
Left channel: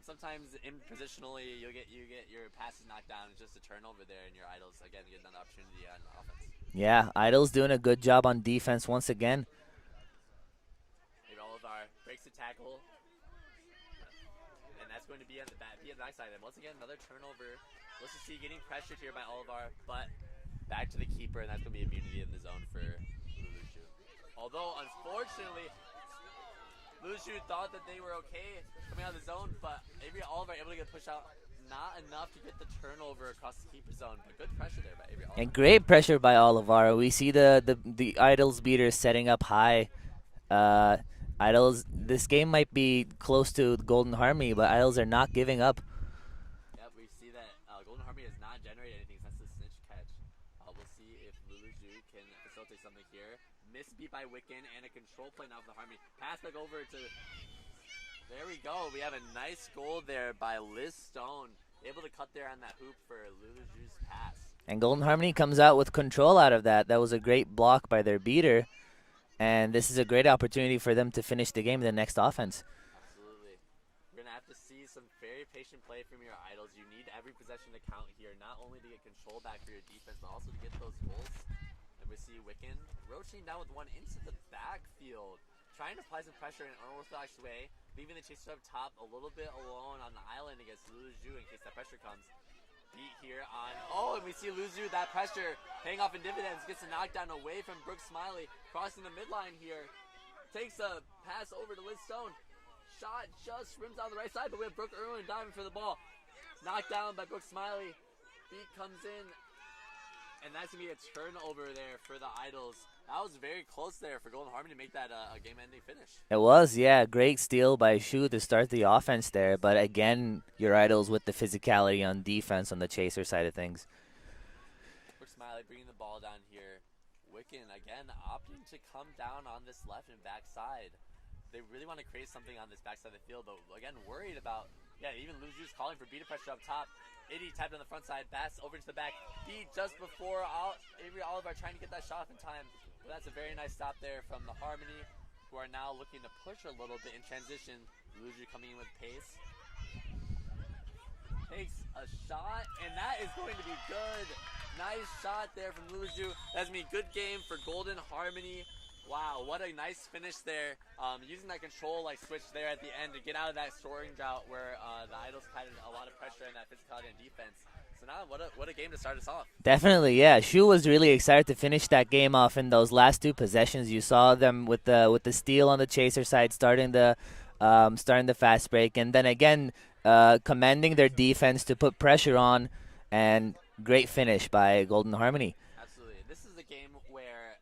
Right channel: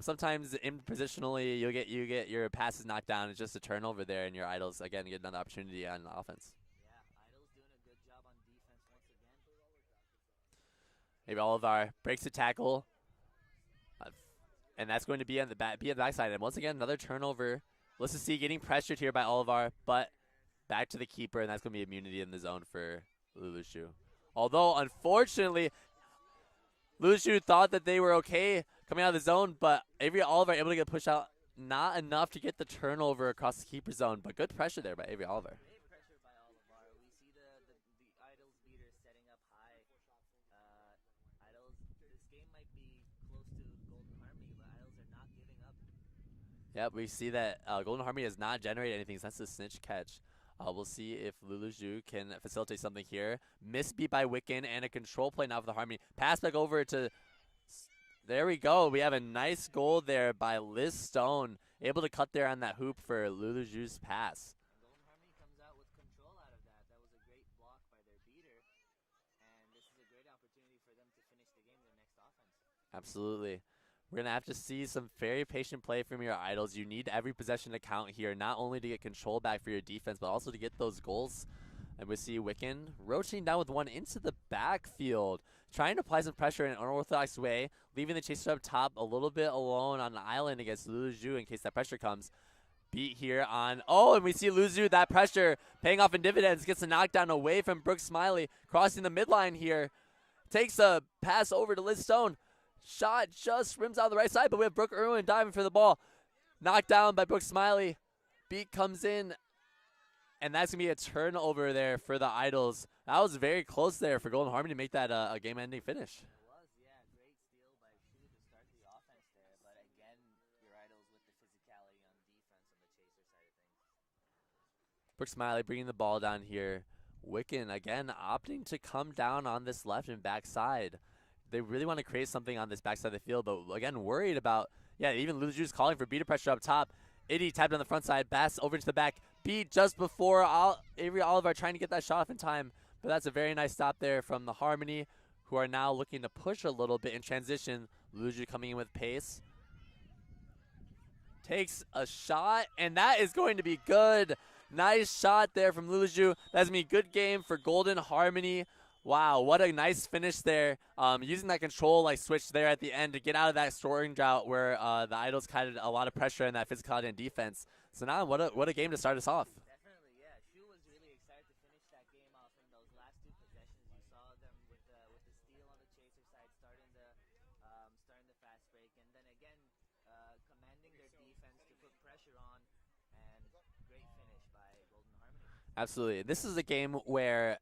Sometimes positionally you get your passes knocked down. It's just a turnover there, and your Idols again get another opportunity on offense. Yeah, Idols doing a good job on defense once again. Maybe Oliver breaks the tackle, and that's going to be on the backside. And once again, another turnover Let's just see, getting pressured here by Olivar, but back to the keeper, and that's going to be immunity in the zone for Lulushu. Although, unfortunately, Lulushu thought that they were okay coming out of the zone, but Avery Oliver able to get pushed out. Not enough to get the turnover across the keeper zone, but good pressure there by Avery Oliver. And great pressure by Olivar. We see the Idols beaters setting up high. Idols, this game might be close to Golden Harmony, but Idols are not giving up. Yep, we see that Golden Harmony has not generated anything since the snitch catch. We'll see if Lulushu can facilitate something here. Misbeat by Wiccan and a control play now for the Harmony. Pass back over to... There we go. We have a nice goal there by Liz Stone. Able to cut there on that hoop for Lulushu's pass. And Golden Harmony comes out with control out of that. That was a great block by their beater. And this is a great opportunity for them to finish the game in the next offense. Absolutely. We're going to have to see some very patient play from your Idols. You need every possession to count here, not only to get control back for your defense, but also to get those goals. And we see Wiccan rotating down with one into the backfield, trying to apply some pressure in an unorthodox way, leaving the chaser up top a little bit alone on the island against Lulushu in case that pressure comes. Beat here on, oh, and we see Lulushu, that pressure paying off in dividends, gets a knockdown away from Brooke Smiley, crossing the midline here. Takes a pass over to Liz Stone. Shot just rims out the right side, but we have Brooke Irwin diving for the ball. Knocked down by Brooke Smiley. Beat comes in, and that's going to be a turnover there for the Idols. That was very close there for Golden Harmony to make that a game-ending finish. It was, yeah. Great steal by Shu to start the offense there. But again, your Idols with the physicality on defense on the chaser side of things. Brooke Smiley bringing the ball down here. Wiccan, again, opting to come down on this left and back side. They really want to create something on this backside of the field, but again, worried about, yeah, even Lulushu's calling for beater pressure up top. Itty tapped on the front side, Bass over to the back. Beat just before Avery Oliver trying to get that shot off in time. But that's a very nice stop there from the Harmony, who are now looking to push a little bit in transition. Lulushu coming in with pace. Takes a shot, and that is going to be good. Nice shot there from Lulushu. That's going to be a good game for Golden Harmony. Wow, what a nice finish there. Using that control like switch there at the end to get out of that scoring drought where the Idols had a lot of pressure in that physicality and defense. So now what a game to start us off. Definitely, yeah. Shu was really excited to finish that game off in those last two possessions. You saw them with the steal on the chaser side, starting the fast break, and then again commanding their defense to put pressure on, and great finish by Golden Harmony. Absolutely. This is a game where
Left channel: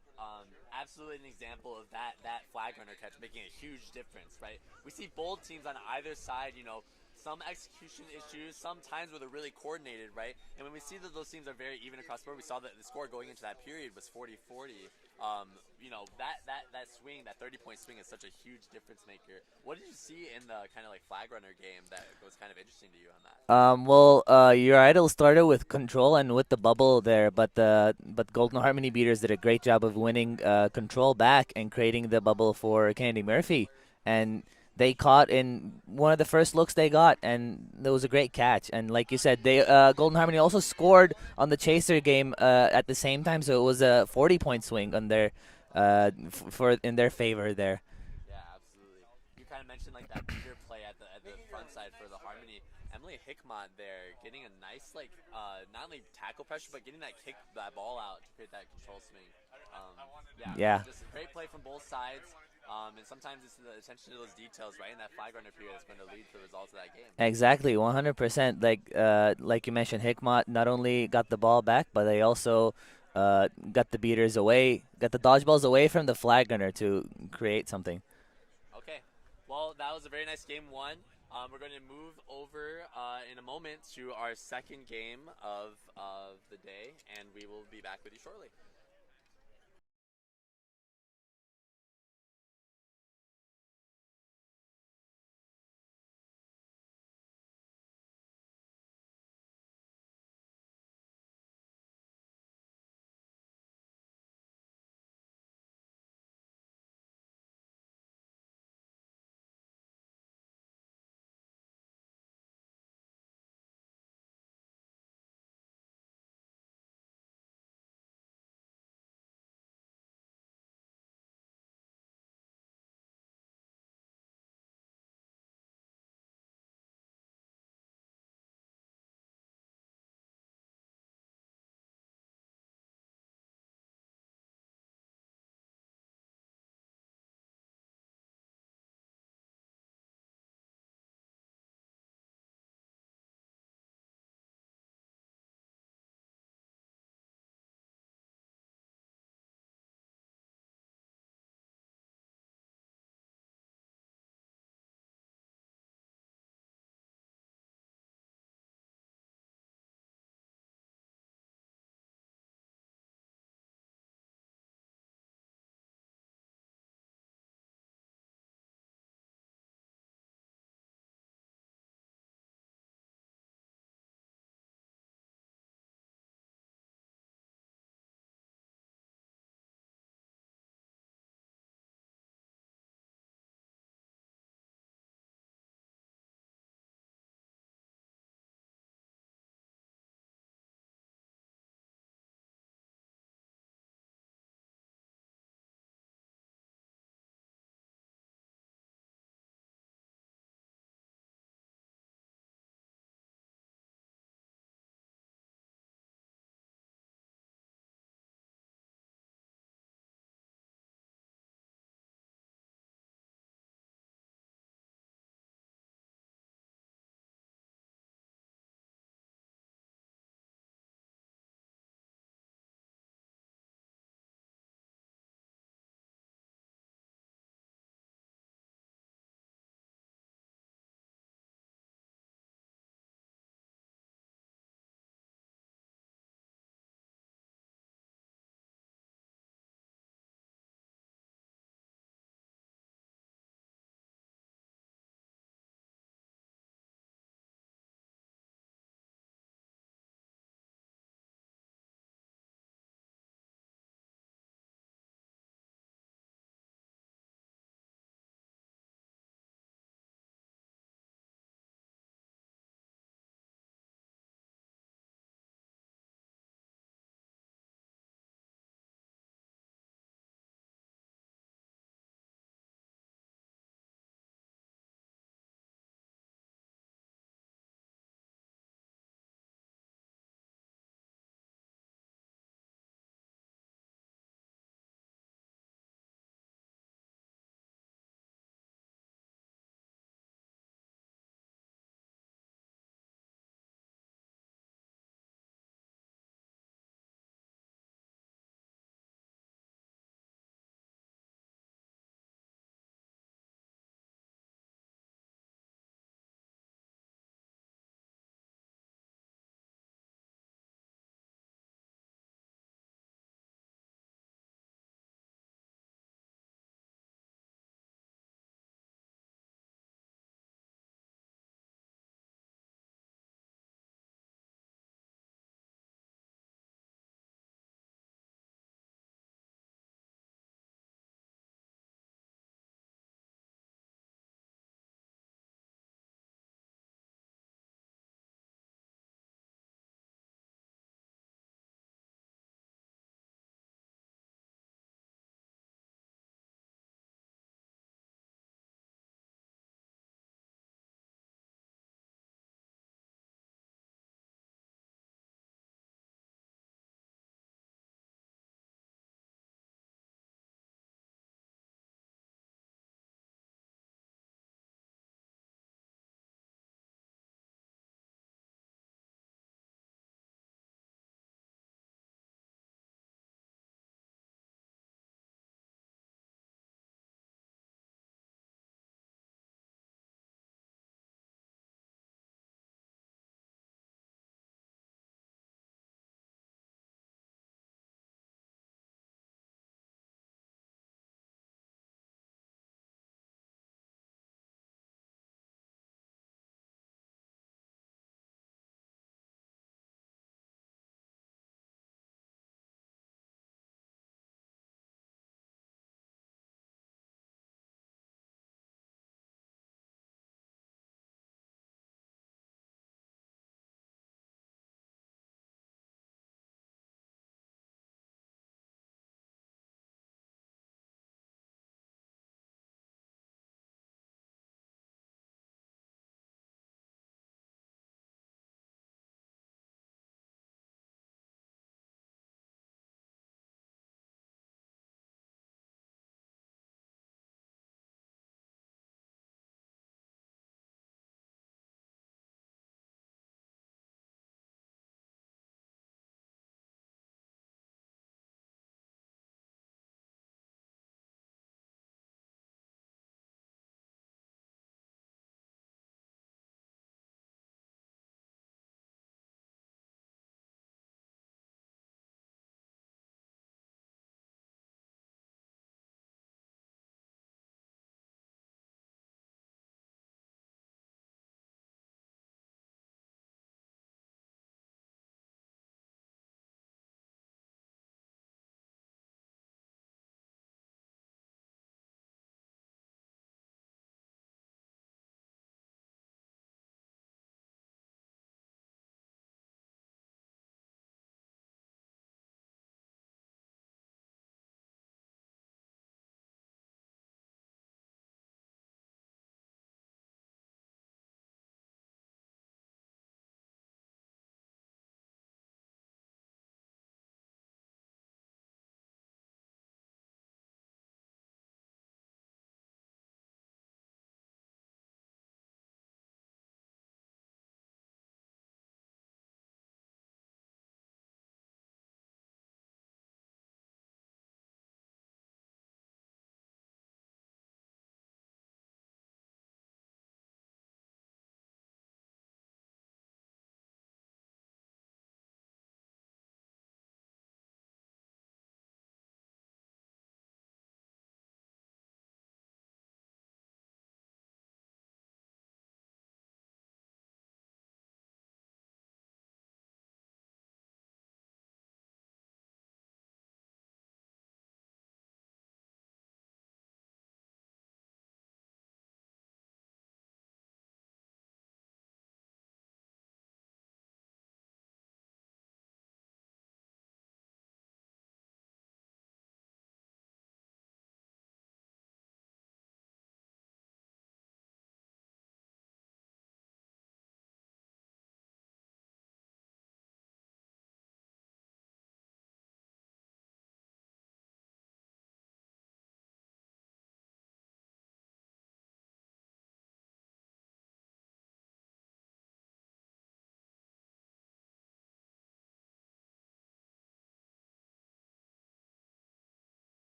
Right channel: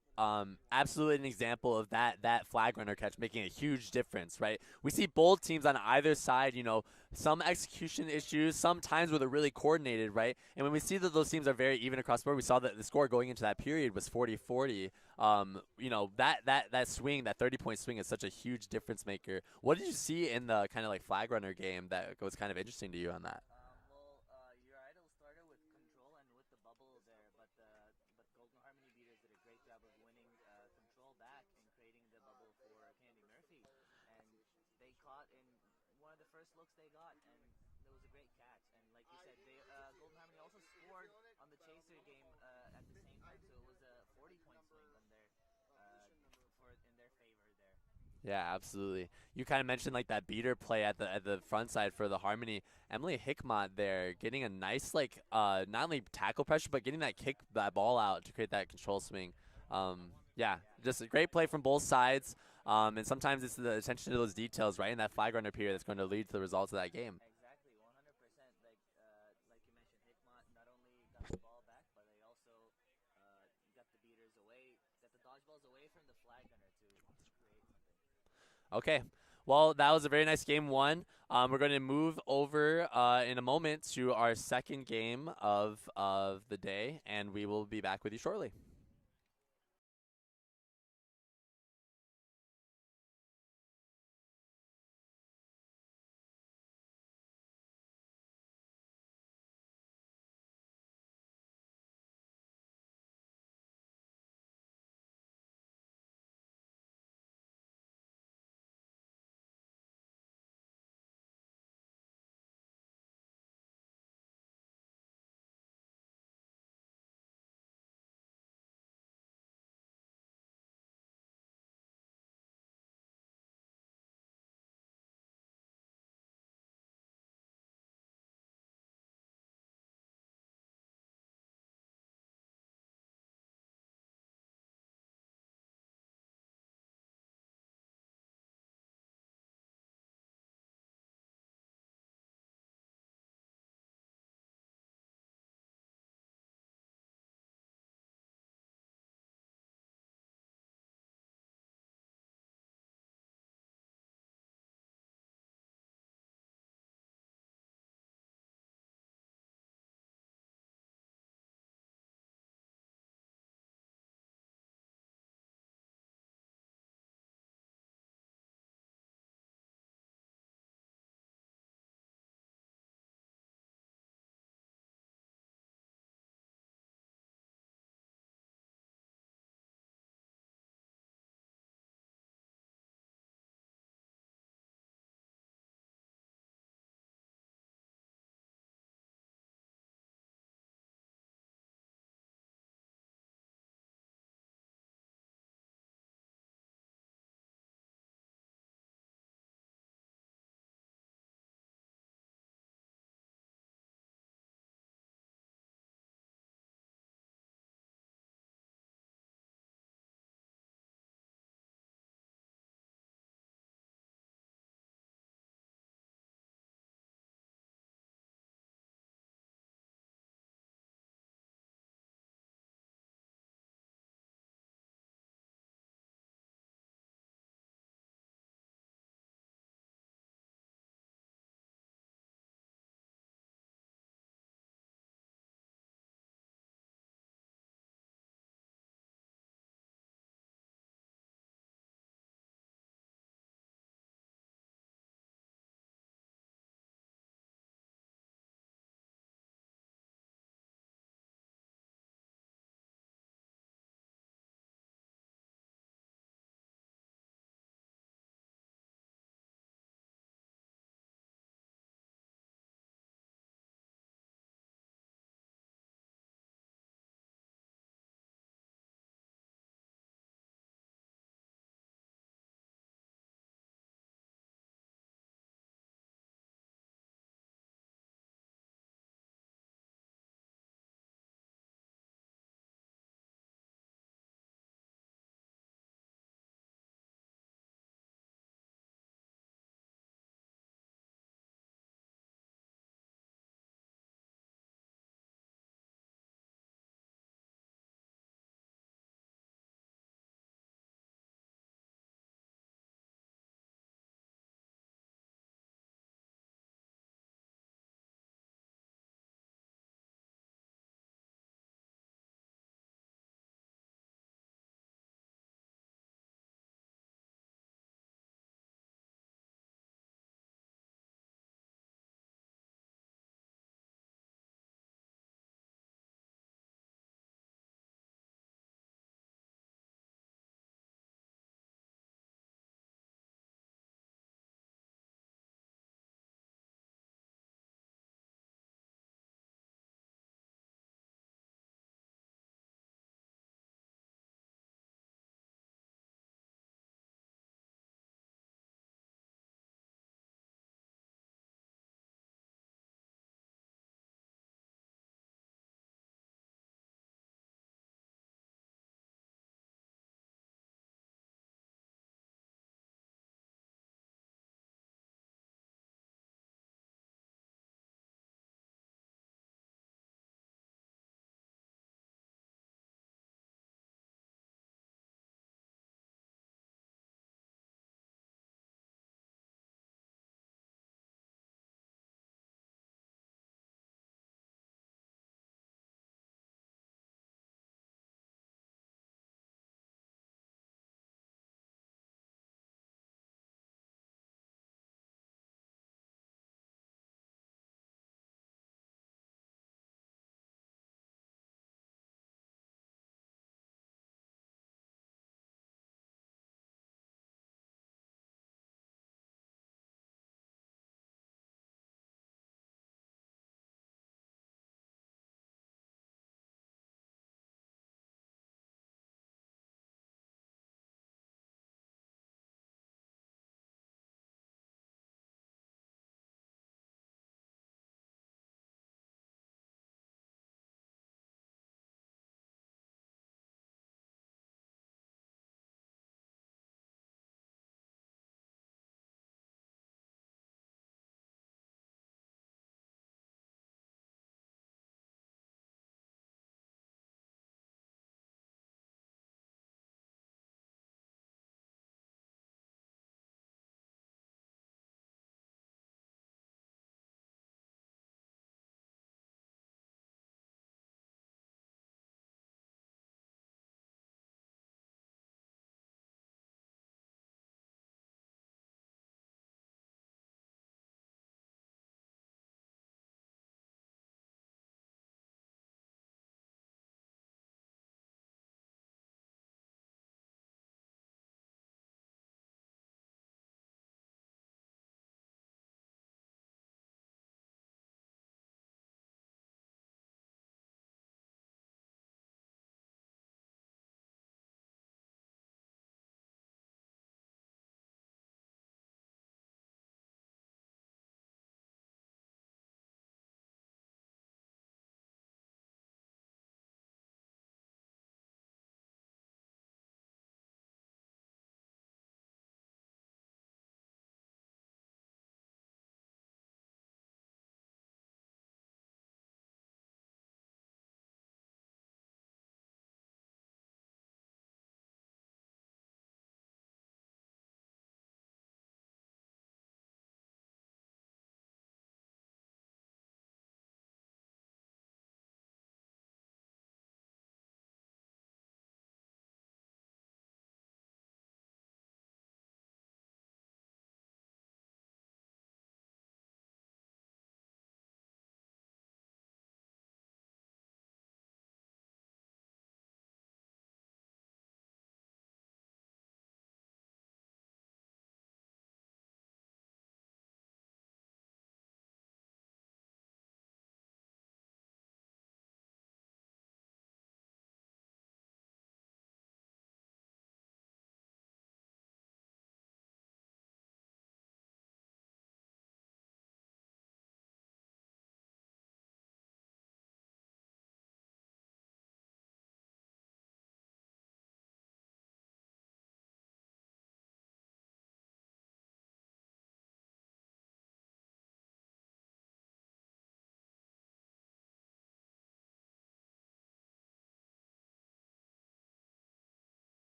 absolutely an example of that flag runner catch making a huge difference, right? We see both teams on either side, you know, some execution issues, sometimes where they're really coordinated, right? And when we see that those teams are very even across the board, we saw that the score going into that period was 40-40. You know, that swing, that 30-point swing is such a huge difference maker. What did you see in the kind of like flag runner game that was kind of interesting to you on that? Your Idol started with control and with the bubble there, but Golden Harmony beaters did a great job of winning control back and creating the bubble for Kennedy Murphy, and they caught in one of the first looks they got, and it was a great catch. And like you said, they Golden Harmony also scored on the chaser game at the same time, so it was a 40-point swing on their in their favor there. Yeah, absolutely. You kind of mentioned like that beater play at the front side for the Harmony. Emily Hickmott there getting a nice like not only tackle pressure but getting that ball out to create that control swing. Yeah, just a great play from both sides. And sometimes it's the attention to those details, right, in that flag runner period that's going to lead to the results of that game. Exactly, 100%. Like you mentioned, Hickmott not only got the ball back, but they also got the beaters away, got the dodgeballs away from the flag runner to create something. Okay, well, that was a very nice game one. We're going to move over in a moment to our second game of the day, and we will be back with you shortly.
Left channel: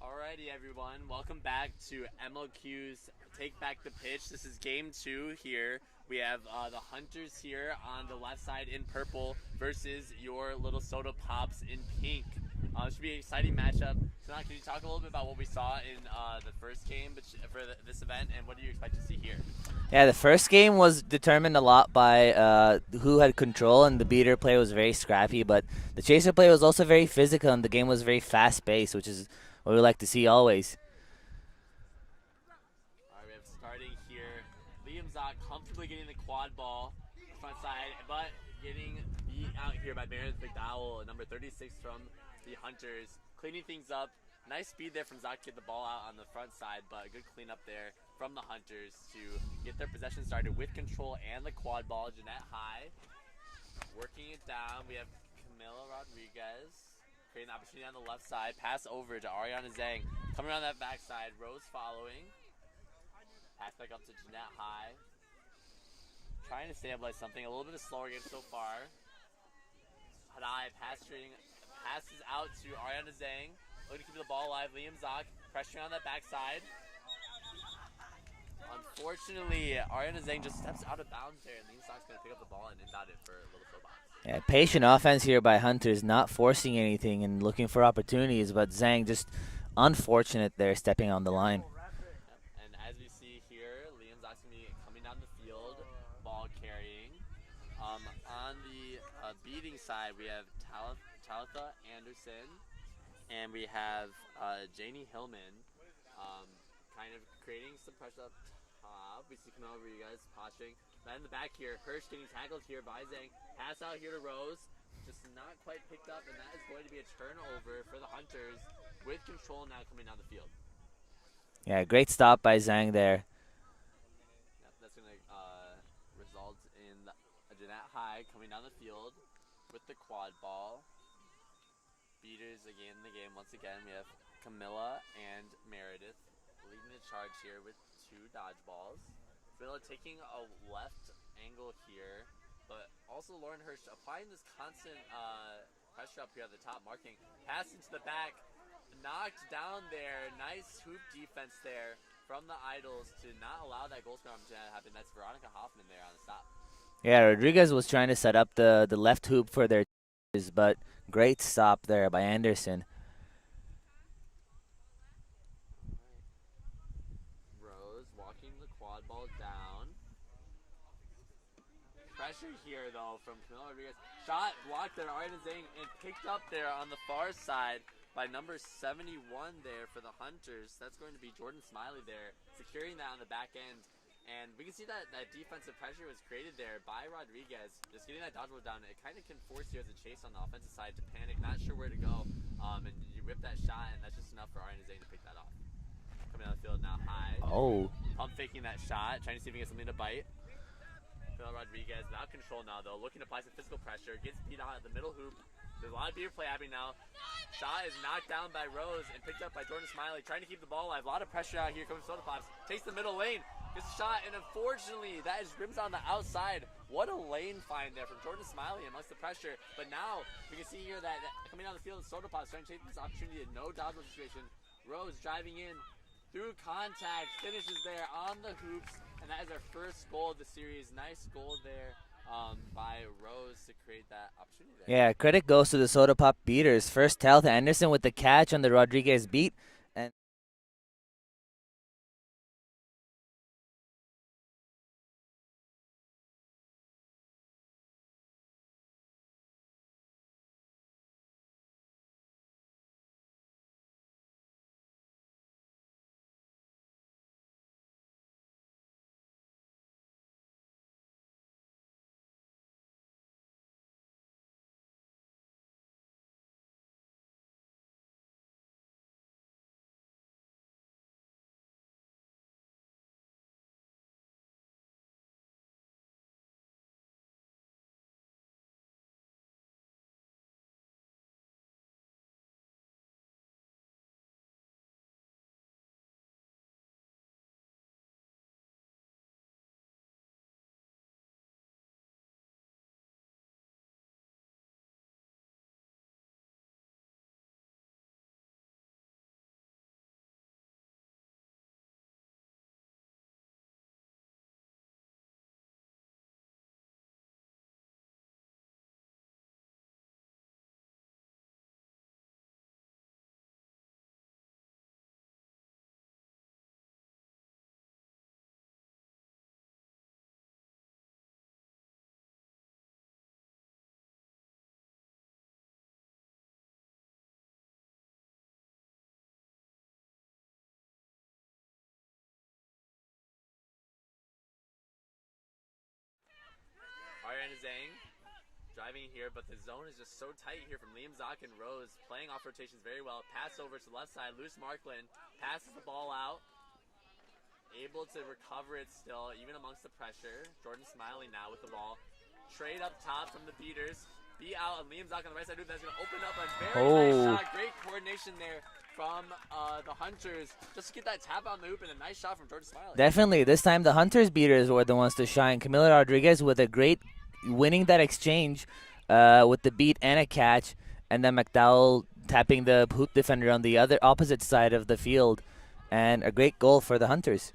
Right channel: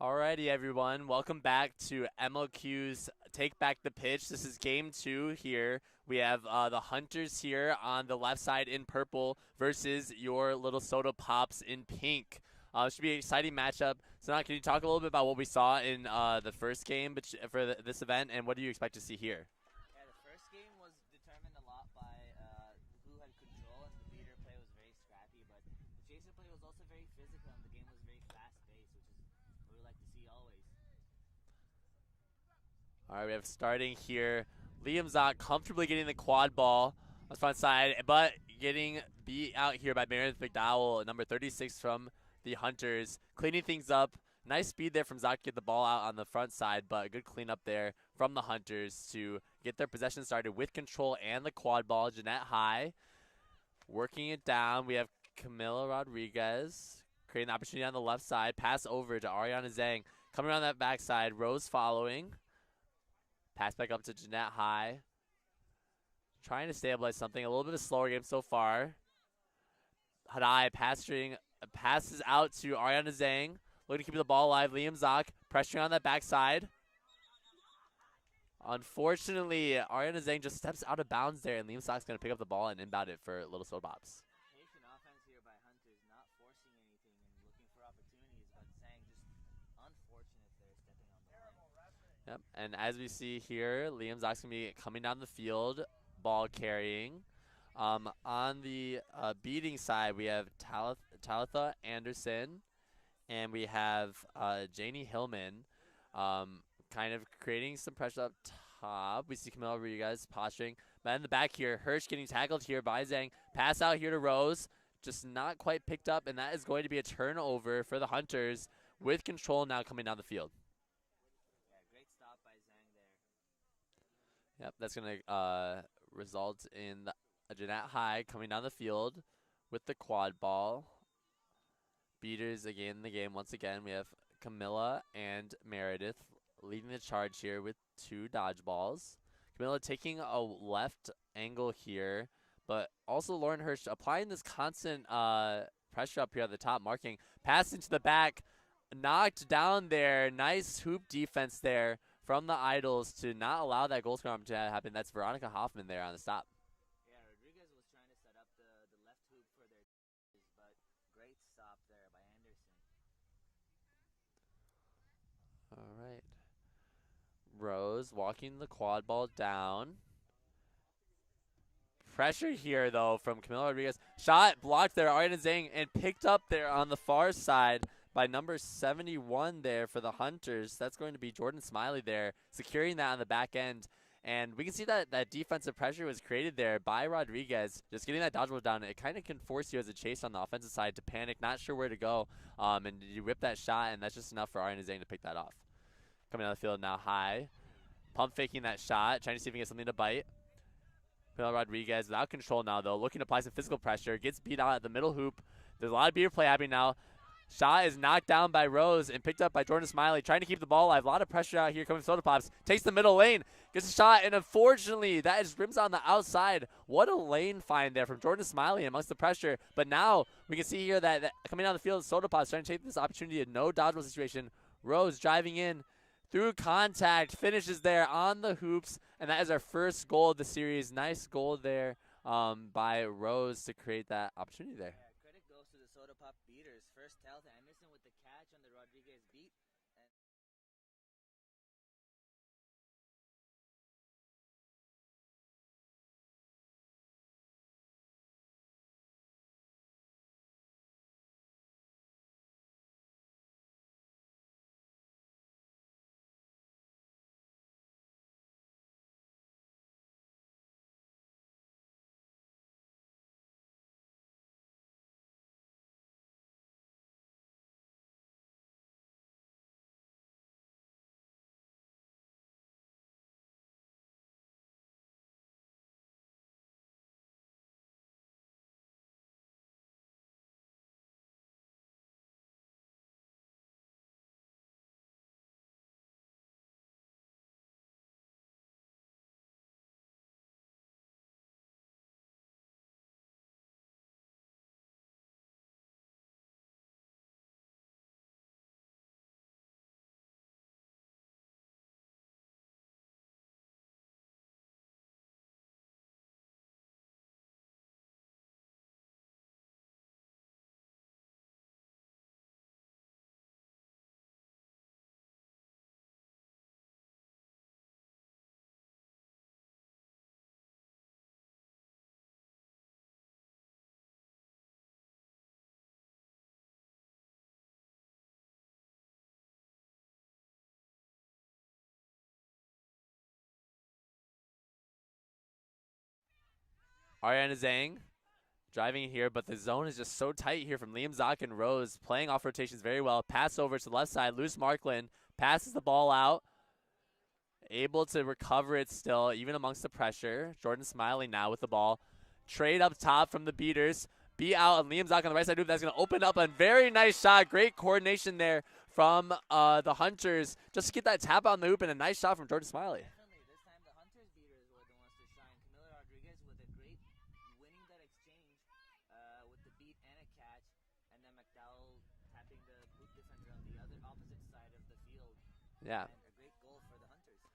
Alrighty, everyone. Welcome back to MLQ's Take Back the Pitch. This is game 2 here. We have the Hunters here on the left side in purple versus your little Soda Pops in pink. Should be an exciting matchup. So now, can you talk a little bit about what we saw in the first game for this event, and what do you expect to see here? Yeah, the first game was determined a lot by who had control, and the beater play was very scrappy, but the chaser play was also very physical, and the game was very fast-paced, which is what we like to see always. All right, we have starting here. Liam Zott comfortably getting the quad ball on the front side, but getting beat out here by Meredith McDowell, number 36 from the Hunters. Cleaning things up. Nice speed there from Zott to get the ball out on the front side, but a good cleanup there from the Hunters to get their possession started with control and the quad ball. Jeanette High working it down. We have Camila Rodriguez creating the opportunity on the left side. Pass over to Ariana Zhang. Coming around that backside. Rose following. Pass back up to Jeanette High. Trying to stabilize something. A little bit of slower game so far. Hadai passes out to Ariana Zhang. Looking to keep the ball alive. Liam Zott pressuring on that backside. Unfortunately, Ariana Zhang just steps out of bounds there, and Liam Zott's going to pick up the ball and inbound it for Little Soda Pops. Yeah, patient offense here by Hunters, not forcing anything and looking for opportunities, but Zhang just unfortunate there, stepping on the line. Yep. And as we see here, Liam Zott's going to be coming down the field, ball carrying. On the beating side, we have Talitha Anderson, and we have Janie Hillman kind of creating some pressure up top. We see Camila Rodriguez posturing. But in the back here, Hirsch getting tackled here by Zhang. Pass out here to Rose. Just not quite picked up, and that is going to be a turnover for the Hunters with control now coming down the field. Yeah, great stop by Zhang there. Yep, that's going to result in Jeanette High coming down the field with the quad ball. Beaters again in the game once again. We have Camilla and Meredith leading the charge here with 2 dodgeballs. Camilla taking a left angle here, but also Lauren Hirsch applying this constant pressure up here at the top, marking. Pass into the back, knocked down there. Nice hoop defense there from the Idols to not allow that goal score to happen. That's Veronica Hoffman there on the stop. Yeah, Rodriguez was trying to set up the left hoop for their but great stop there by Anderson. Rose walking the quad ball down. Pressure here, though, from Camila Rodriguez. Shot blocked there, Ariana Zhang, and picked up there on the far side by number 71 there for the Hunters. That's going to be Jordan Smiley there, securing that on the back end. And we can see that defensive pressure was created there by Rodriguez. Just getting that dodgeball down, it kind of can force you as a chase on the offensive side to panic, not sure where to go. And you whip that shot, and that's just enough for Ariana Zhang to pick that off. Coming out of the field now, High. Oh. Pump faking that shot, trying to see if he can get something to bite. Camila Rodriguez without control now, though, looking to apply some physical pressure. Gets beat out at the middle hoop. There's a lot of beater play happening now. Shot is knocked down by Rose and picked up by Jordan Smiley, trying to keep the ball alive. A lot of pressure out here coming from Soda Pops. Takes the middle lane, gets a shot, and unfortunately, that is rims on the outside. What a lane find there from Jordan Smiley amongst the pressure. But now we can see here that coming down the field, Soda Pops trying to take this opportunity. No dodgeball situation. Rose driving in through contact, finishes there on the hoops, and that is our first goal of the series. Nice goal there by Rose to create that opportunity there. Yeah, credit goes to the Soda Pop beaters. First, Talitha Anderson with the catch on the Rodriguez beat, Ariana Zhang driving here, but the zone is just so tight here from Liam Zock and Rose, playing off rotations very well. Pass over to the left side. Luce Marklin passes the ball out. Able to recover it still, even amongst the pressure. Jordan Smiley now with the ball. Trade up top from the beaters. Beat out and Liam Zock on the right side. That's going to open up a very nice shot. Great coordination there from the Hunters. Just to get that tap on the hoop and a nice shot from Jordan Smiley. Definitely. This time the Hunters beaters were the ones to shine. Camila Rodriguez with a great winning that exchange with the beat and a catch. And then McDowell tapping the hoop defender on the other opposite side of the field. And a great goal for the Hunters.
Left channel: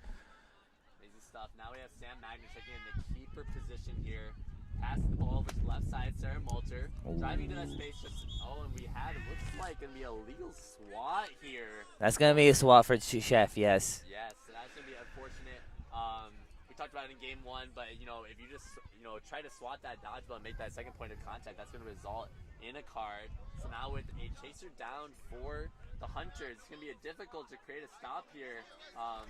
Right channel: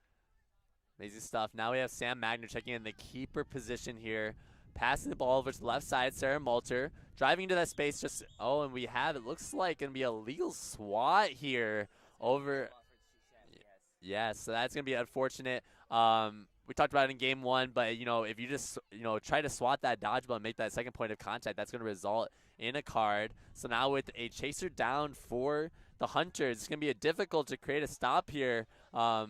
Amazing stuff. Now we have Sam Magner checking in the keeper position here. Passing the ball over to the left side, Sarah Malter. Driving into that space, and we have, it looks like, going to be a legal swat here. That's going to be a swat for Chef, yes. Yes, so that's going to be unfortunate. We talked about it in game 1, but, if you just, try to swat that dodgeball and make that second point of contact, that's going to result in a card. So now with a chaser down for the Hunters, it's going to be difficult to create a stop here. We're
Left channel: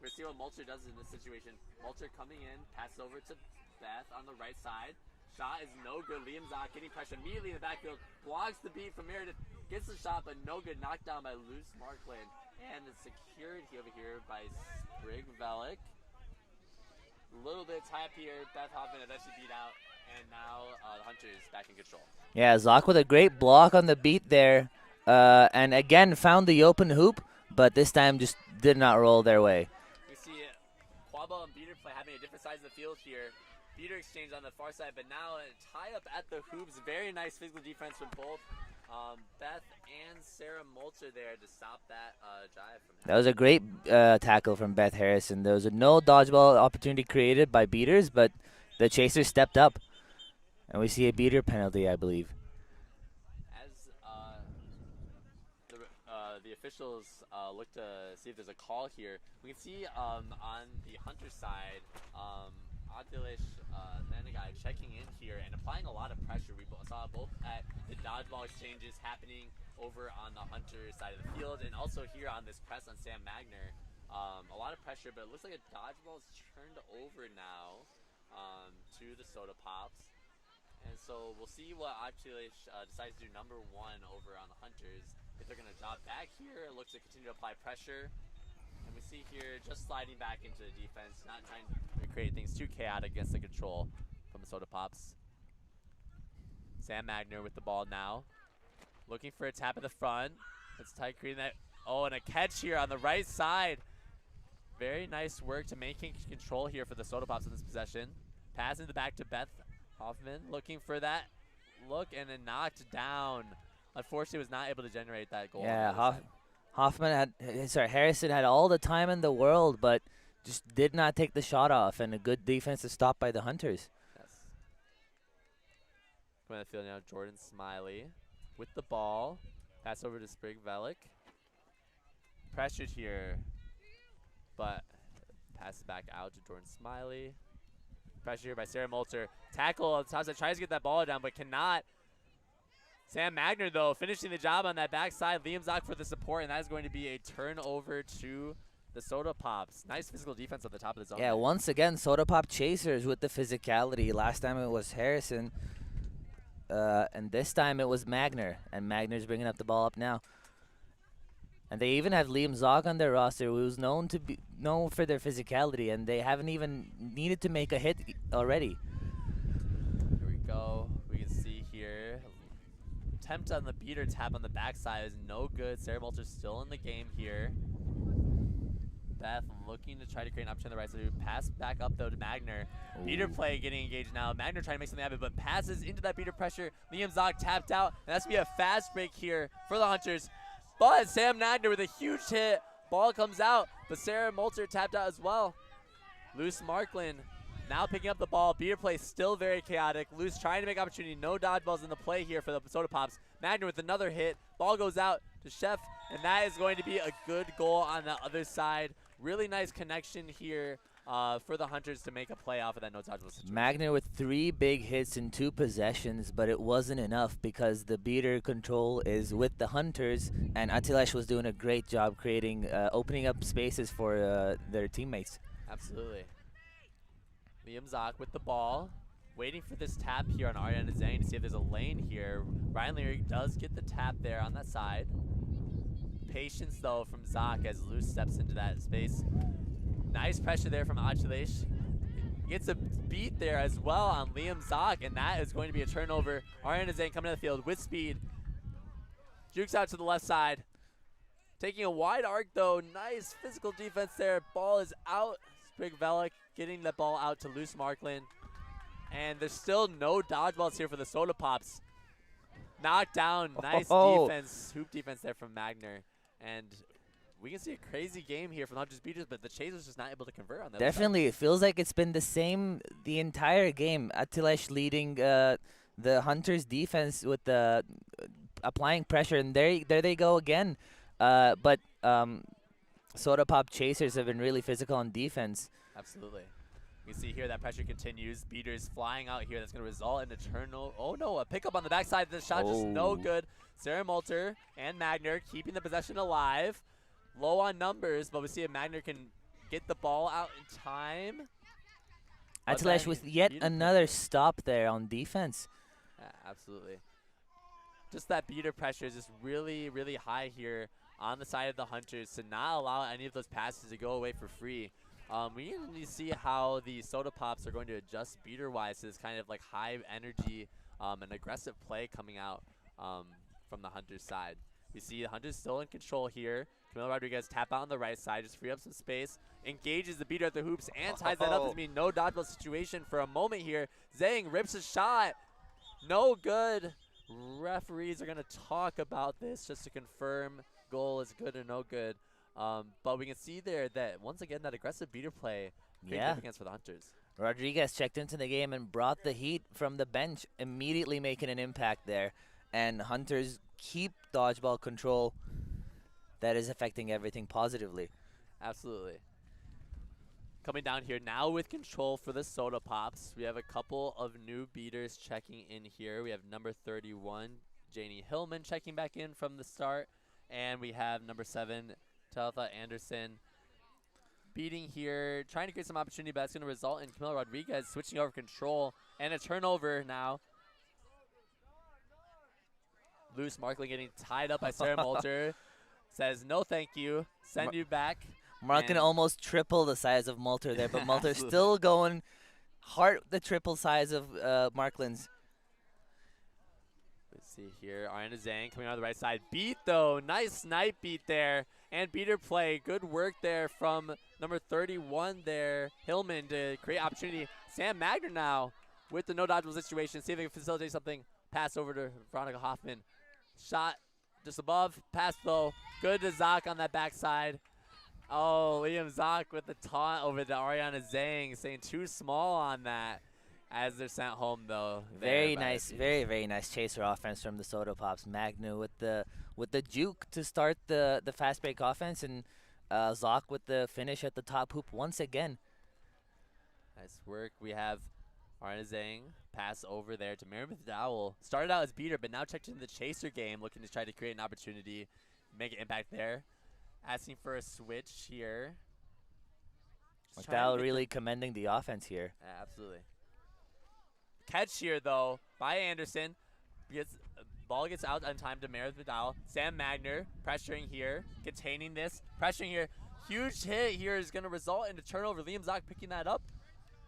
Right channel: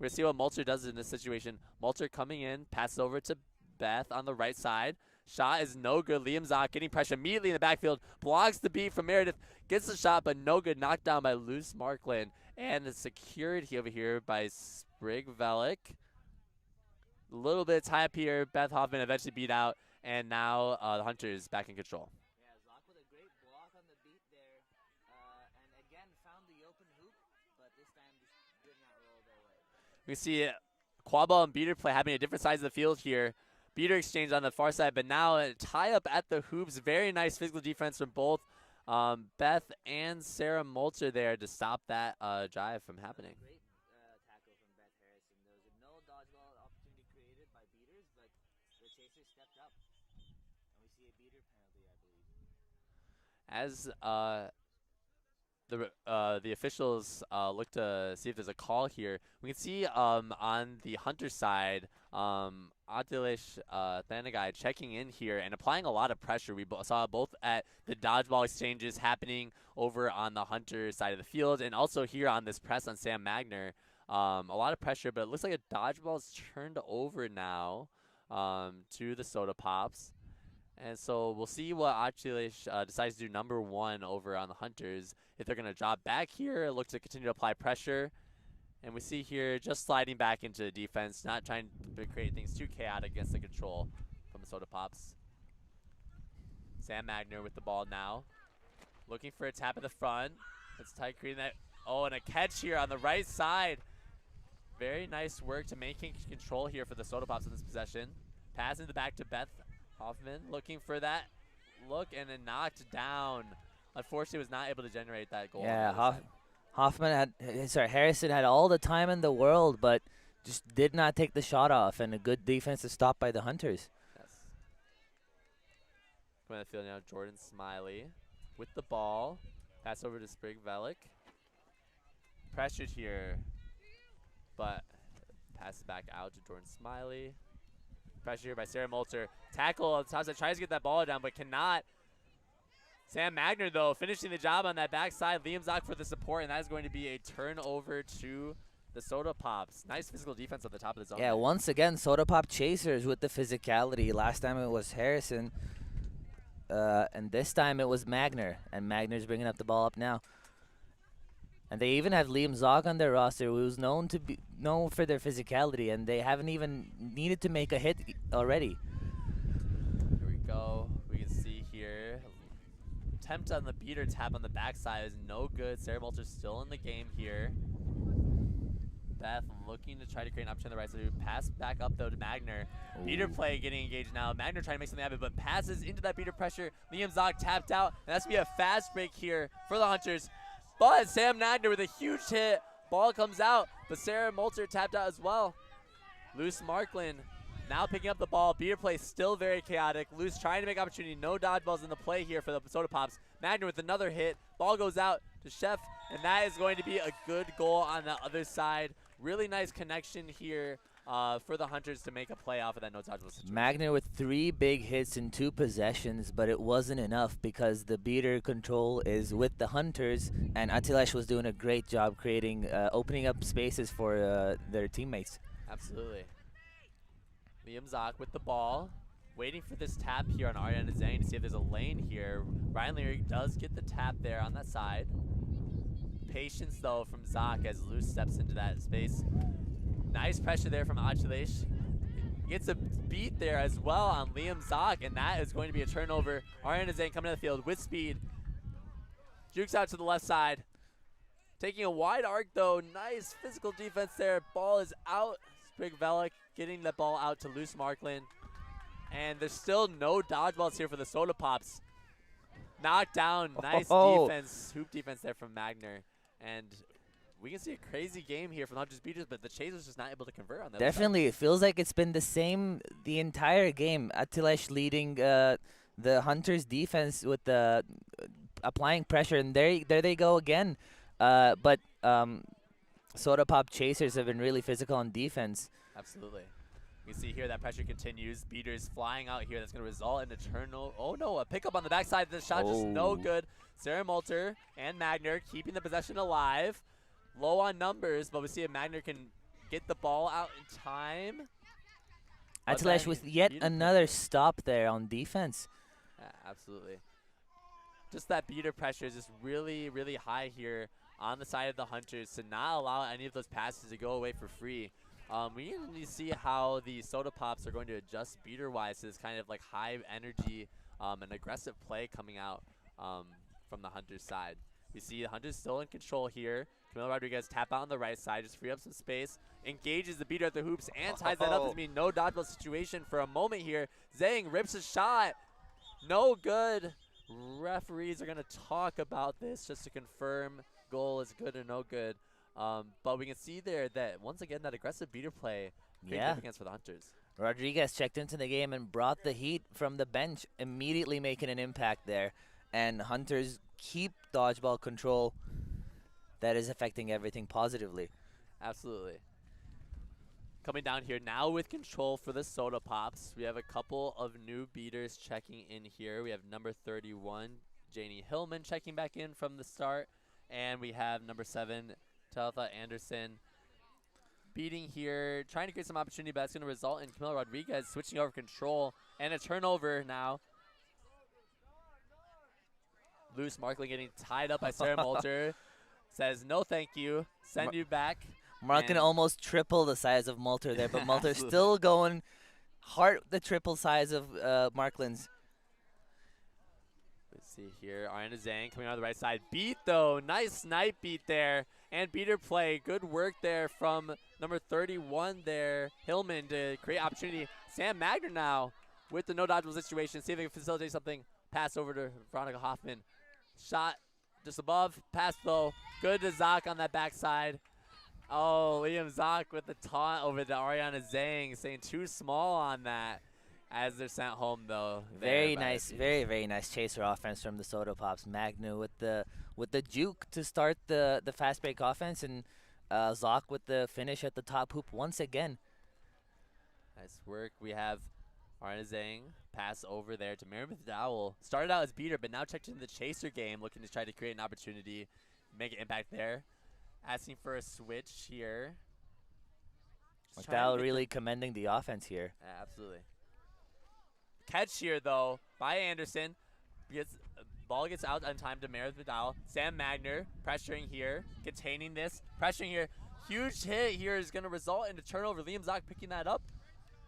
going to see what Malter does in this situation. Malter coming in, passes over to Beth on the right side. Shot is no good. Liam Zock getting pressure immediately in the backfield. Blocks the beat from Meredith. Gets the shot, but no good. Knocked down by Luce Marklin. And the security over here by Sprig Velik. A little bit of tie up here. Beth Hoffman eventually beat out. And now the Hunters back in control. Yeah, Zock with a great block on the beat there. And again, found the open hoop, but this time just did not roll their way. We see Quadball and Beater play happening at different sides of the field here. Beater exchange on the far side, but now a tie up at the hoops. Very nice physical defense from both Beth and Sarah Malter there to stop that drive from happening. That was a great tackle from Beth Harrison. There was no dodgeball opportunity created by Beaters, but the Chasers stepped up. And we see a Beater penalty, I believe. As the officials look to see if there's a call here, we can see on the Hunter side, Atilish Thanagai checking in here and applying a lot of pressure. We saw both at the dodgeball exchanges happening over on the Hunter side of the field and also here on this press on Sam Magner. A lot of pressure, but it looks like a dodgeball's turned over now to the Soda Pops. And so we'll see what Atilish decides to do number 1 over on the Hunters. If they're going to drop back here, look to continue to apply pressure. And we see here just sliding back into the defense, not trying to create things too chaotic against the control from the Soda Pops. Sam Magner with the ball now. Looking for a tap at the front. It's tight creating that. Oh, and a catch here on the right side. Very nice work to maintain control here for the Soda Pops in this possession. Passing the back to Beth Hoffman. Looking for that look and then knocked down. Unfortunately, was not able to generate that goal. Yeah, Harrison had all the time in the world, but just did not take the shot off, and a good defensive stop by the Hunters. Yes. Going to the field now, Jordan Smiley with the ball. Pass over to Sprig Velik. Pressured here, but passes back out to Jordan Smiley. Pressure here by Sarah Malter. Tackle on the top side, tries to get that ball down, but cannot. Sam Magner, though, finishing the job on that backside. Liam Zock for the support, and that is going to be a turnover to the Soda Pops. Nice physical defense at the top of the zone. Yeah, once again, Soda Pop chasers with the physicality. Last time it was Harrison, and this time it was Magner, and Magner's bringing up the ball up now. And they even have Liam Zock on their roster, who's known for their physicality, and they haven't even needed to make a hit already. Here we go. We can see here. Attempt on the beater tap on the backside is no good. Sarah Malter's still in the game here. Beth looking to try to create an opportunity on the right side. Pass back up, though, to Magner. Ooh. Beater play getting engaged now. Magner trying to make something happen, but passes into that beater pressure. Liam Zock tapped out, and that's going to be a fast break here for the Hunters. But Sam Magner with a huge hit. Ball comes out, but Sarah Malter tapped out as well. Luce Marklin now picking up the ball. Beater play still very chaotic. Luce trying to make opportunity. No dodgeballs in the play here for the Soda Pops. Magner with another hit. Ball goes out to Chef, and that is going to be a good goal on the other side. Really nice connection here for the Hunters to make a play off of that no dodgeball situation. Magner with 3 big hits in 2 possessions, but it wasn't enough because the beater control is with the Hunters, and Atilish was doing a great job creating, opening up spaces for their teammates. Absolutely. Liam Zock with the ball. Waiting for this tap here on Ariana Zhang to see if there's a lane here. Ryan Leary does get the tap there on that side. Patience though from Zach as Luce steps into that space. Nice pressure there from Achilles. Gets a beat there as well on Liam Zach, and that is going to be a turnover. Ariana Zhang coming to the field with speed. Jukes out to the left side. Taking a wide arc though. Nice physical defense there. Ball is out. Sprig Velik getting the ball out to Luce Markland. And there's still no dodgeballs here for the Soda Pops. Knocked down. Nice defense. Hoop defense there from Magner. And we can see a crazy game here from not just Beaters, but the Chasers just not able to convert on that. Definitely. It feels like it's been the same the entire game. Atilesh leading the Hunters defense with the applying pressure, and there they go again. But Soda Pop Chasers have been really physical on defense. Absolutely. You can see here that pressure continues. Beaters flying out here. That's going to result in a turnover. Oh no, a pickup on the backside. The shot just no good. Sarah Malter and Magner keeping the possession alive. Low on numbers, but we see if Magner can get the ball out in time. Atilesh with yet another stop there on defense. Yeah, absolutely. Just that beater pressure is just really, really high here on the side of the Hunters to not allow any of those passes to go away for free. We need to see how the Soda Pops are going to adjust beater-wise to this kind of like high energy and aggressive play coming out from the Hunters side. We see the Hunters still in control here. Camilo Rodriguez tap out on the right side, just free up some space, engages the beater at the hoops, and ties that up. It's been no dodgeball situation for a moment here. Zhang rips a shot. No good. Referees are going to talk about this just to confirm goal is good or no good. But we can see there that, once again, that aggressive beater play against for the Hunters. Rodriguez checked into the game and brought the heat from the bench, immediately making an impact there. And Hunters keep dodgeball control. That is affecting everything positively. Absolutely. Coming down here now with control for the Soda Pops. We have a couple of new beaters checking in here. We have number 31, Janie Hillman, checking back in from the start. And we have number 7, Talitha Anderson, beating here, trying to create some opportunity, but that's going to result in Camilo Rodriguez switching over control and a turnover now. Luce Markling getting tied up by Sarah Malter. Says, no thank you, send you back. Markling almost triple the size of Malter there, but Malter still going hard the triple size of Marklin's. Let's see here, Ariana Zhang coming on the right side. Beat though, nice snipe beat there. And beater play, good work there from number 31 there, Hillman, to create opportunity. Sam Magner now with the no dodgeball situation, see if they can facilitate something. Pass over to Veronica Hoffman. Shot just above, pass though, good to Zach on that backside. Oh, Liam Zach with the taunt over to Ariana Zhang, saying too small on that as they're sent home though. Very nice, very nice chaser offense from the Soda Pops. Magnu with the juke to start the fast break offense, and Zach with the finish at the top hoop once again. Nice work. We have Ariana Zhang pass over there to Meredith Dowell. Started out as beater, but now checked into the chaser game, looking to try to create an opportunity, make an impact there. Asking for a switch here. McDowell really commending the offense here. Yeah, absolutely. Catch here, though, by Anderson. Ball gets out on time to Meredith McDowell. Sam Magner pressuring here, containing this, pressuring here. Huge hit here is going to result in a turnover. Liam Zach picking that up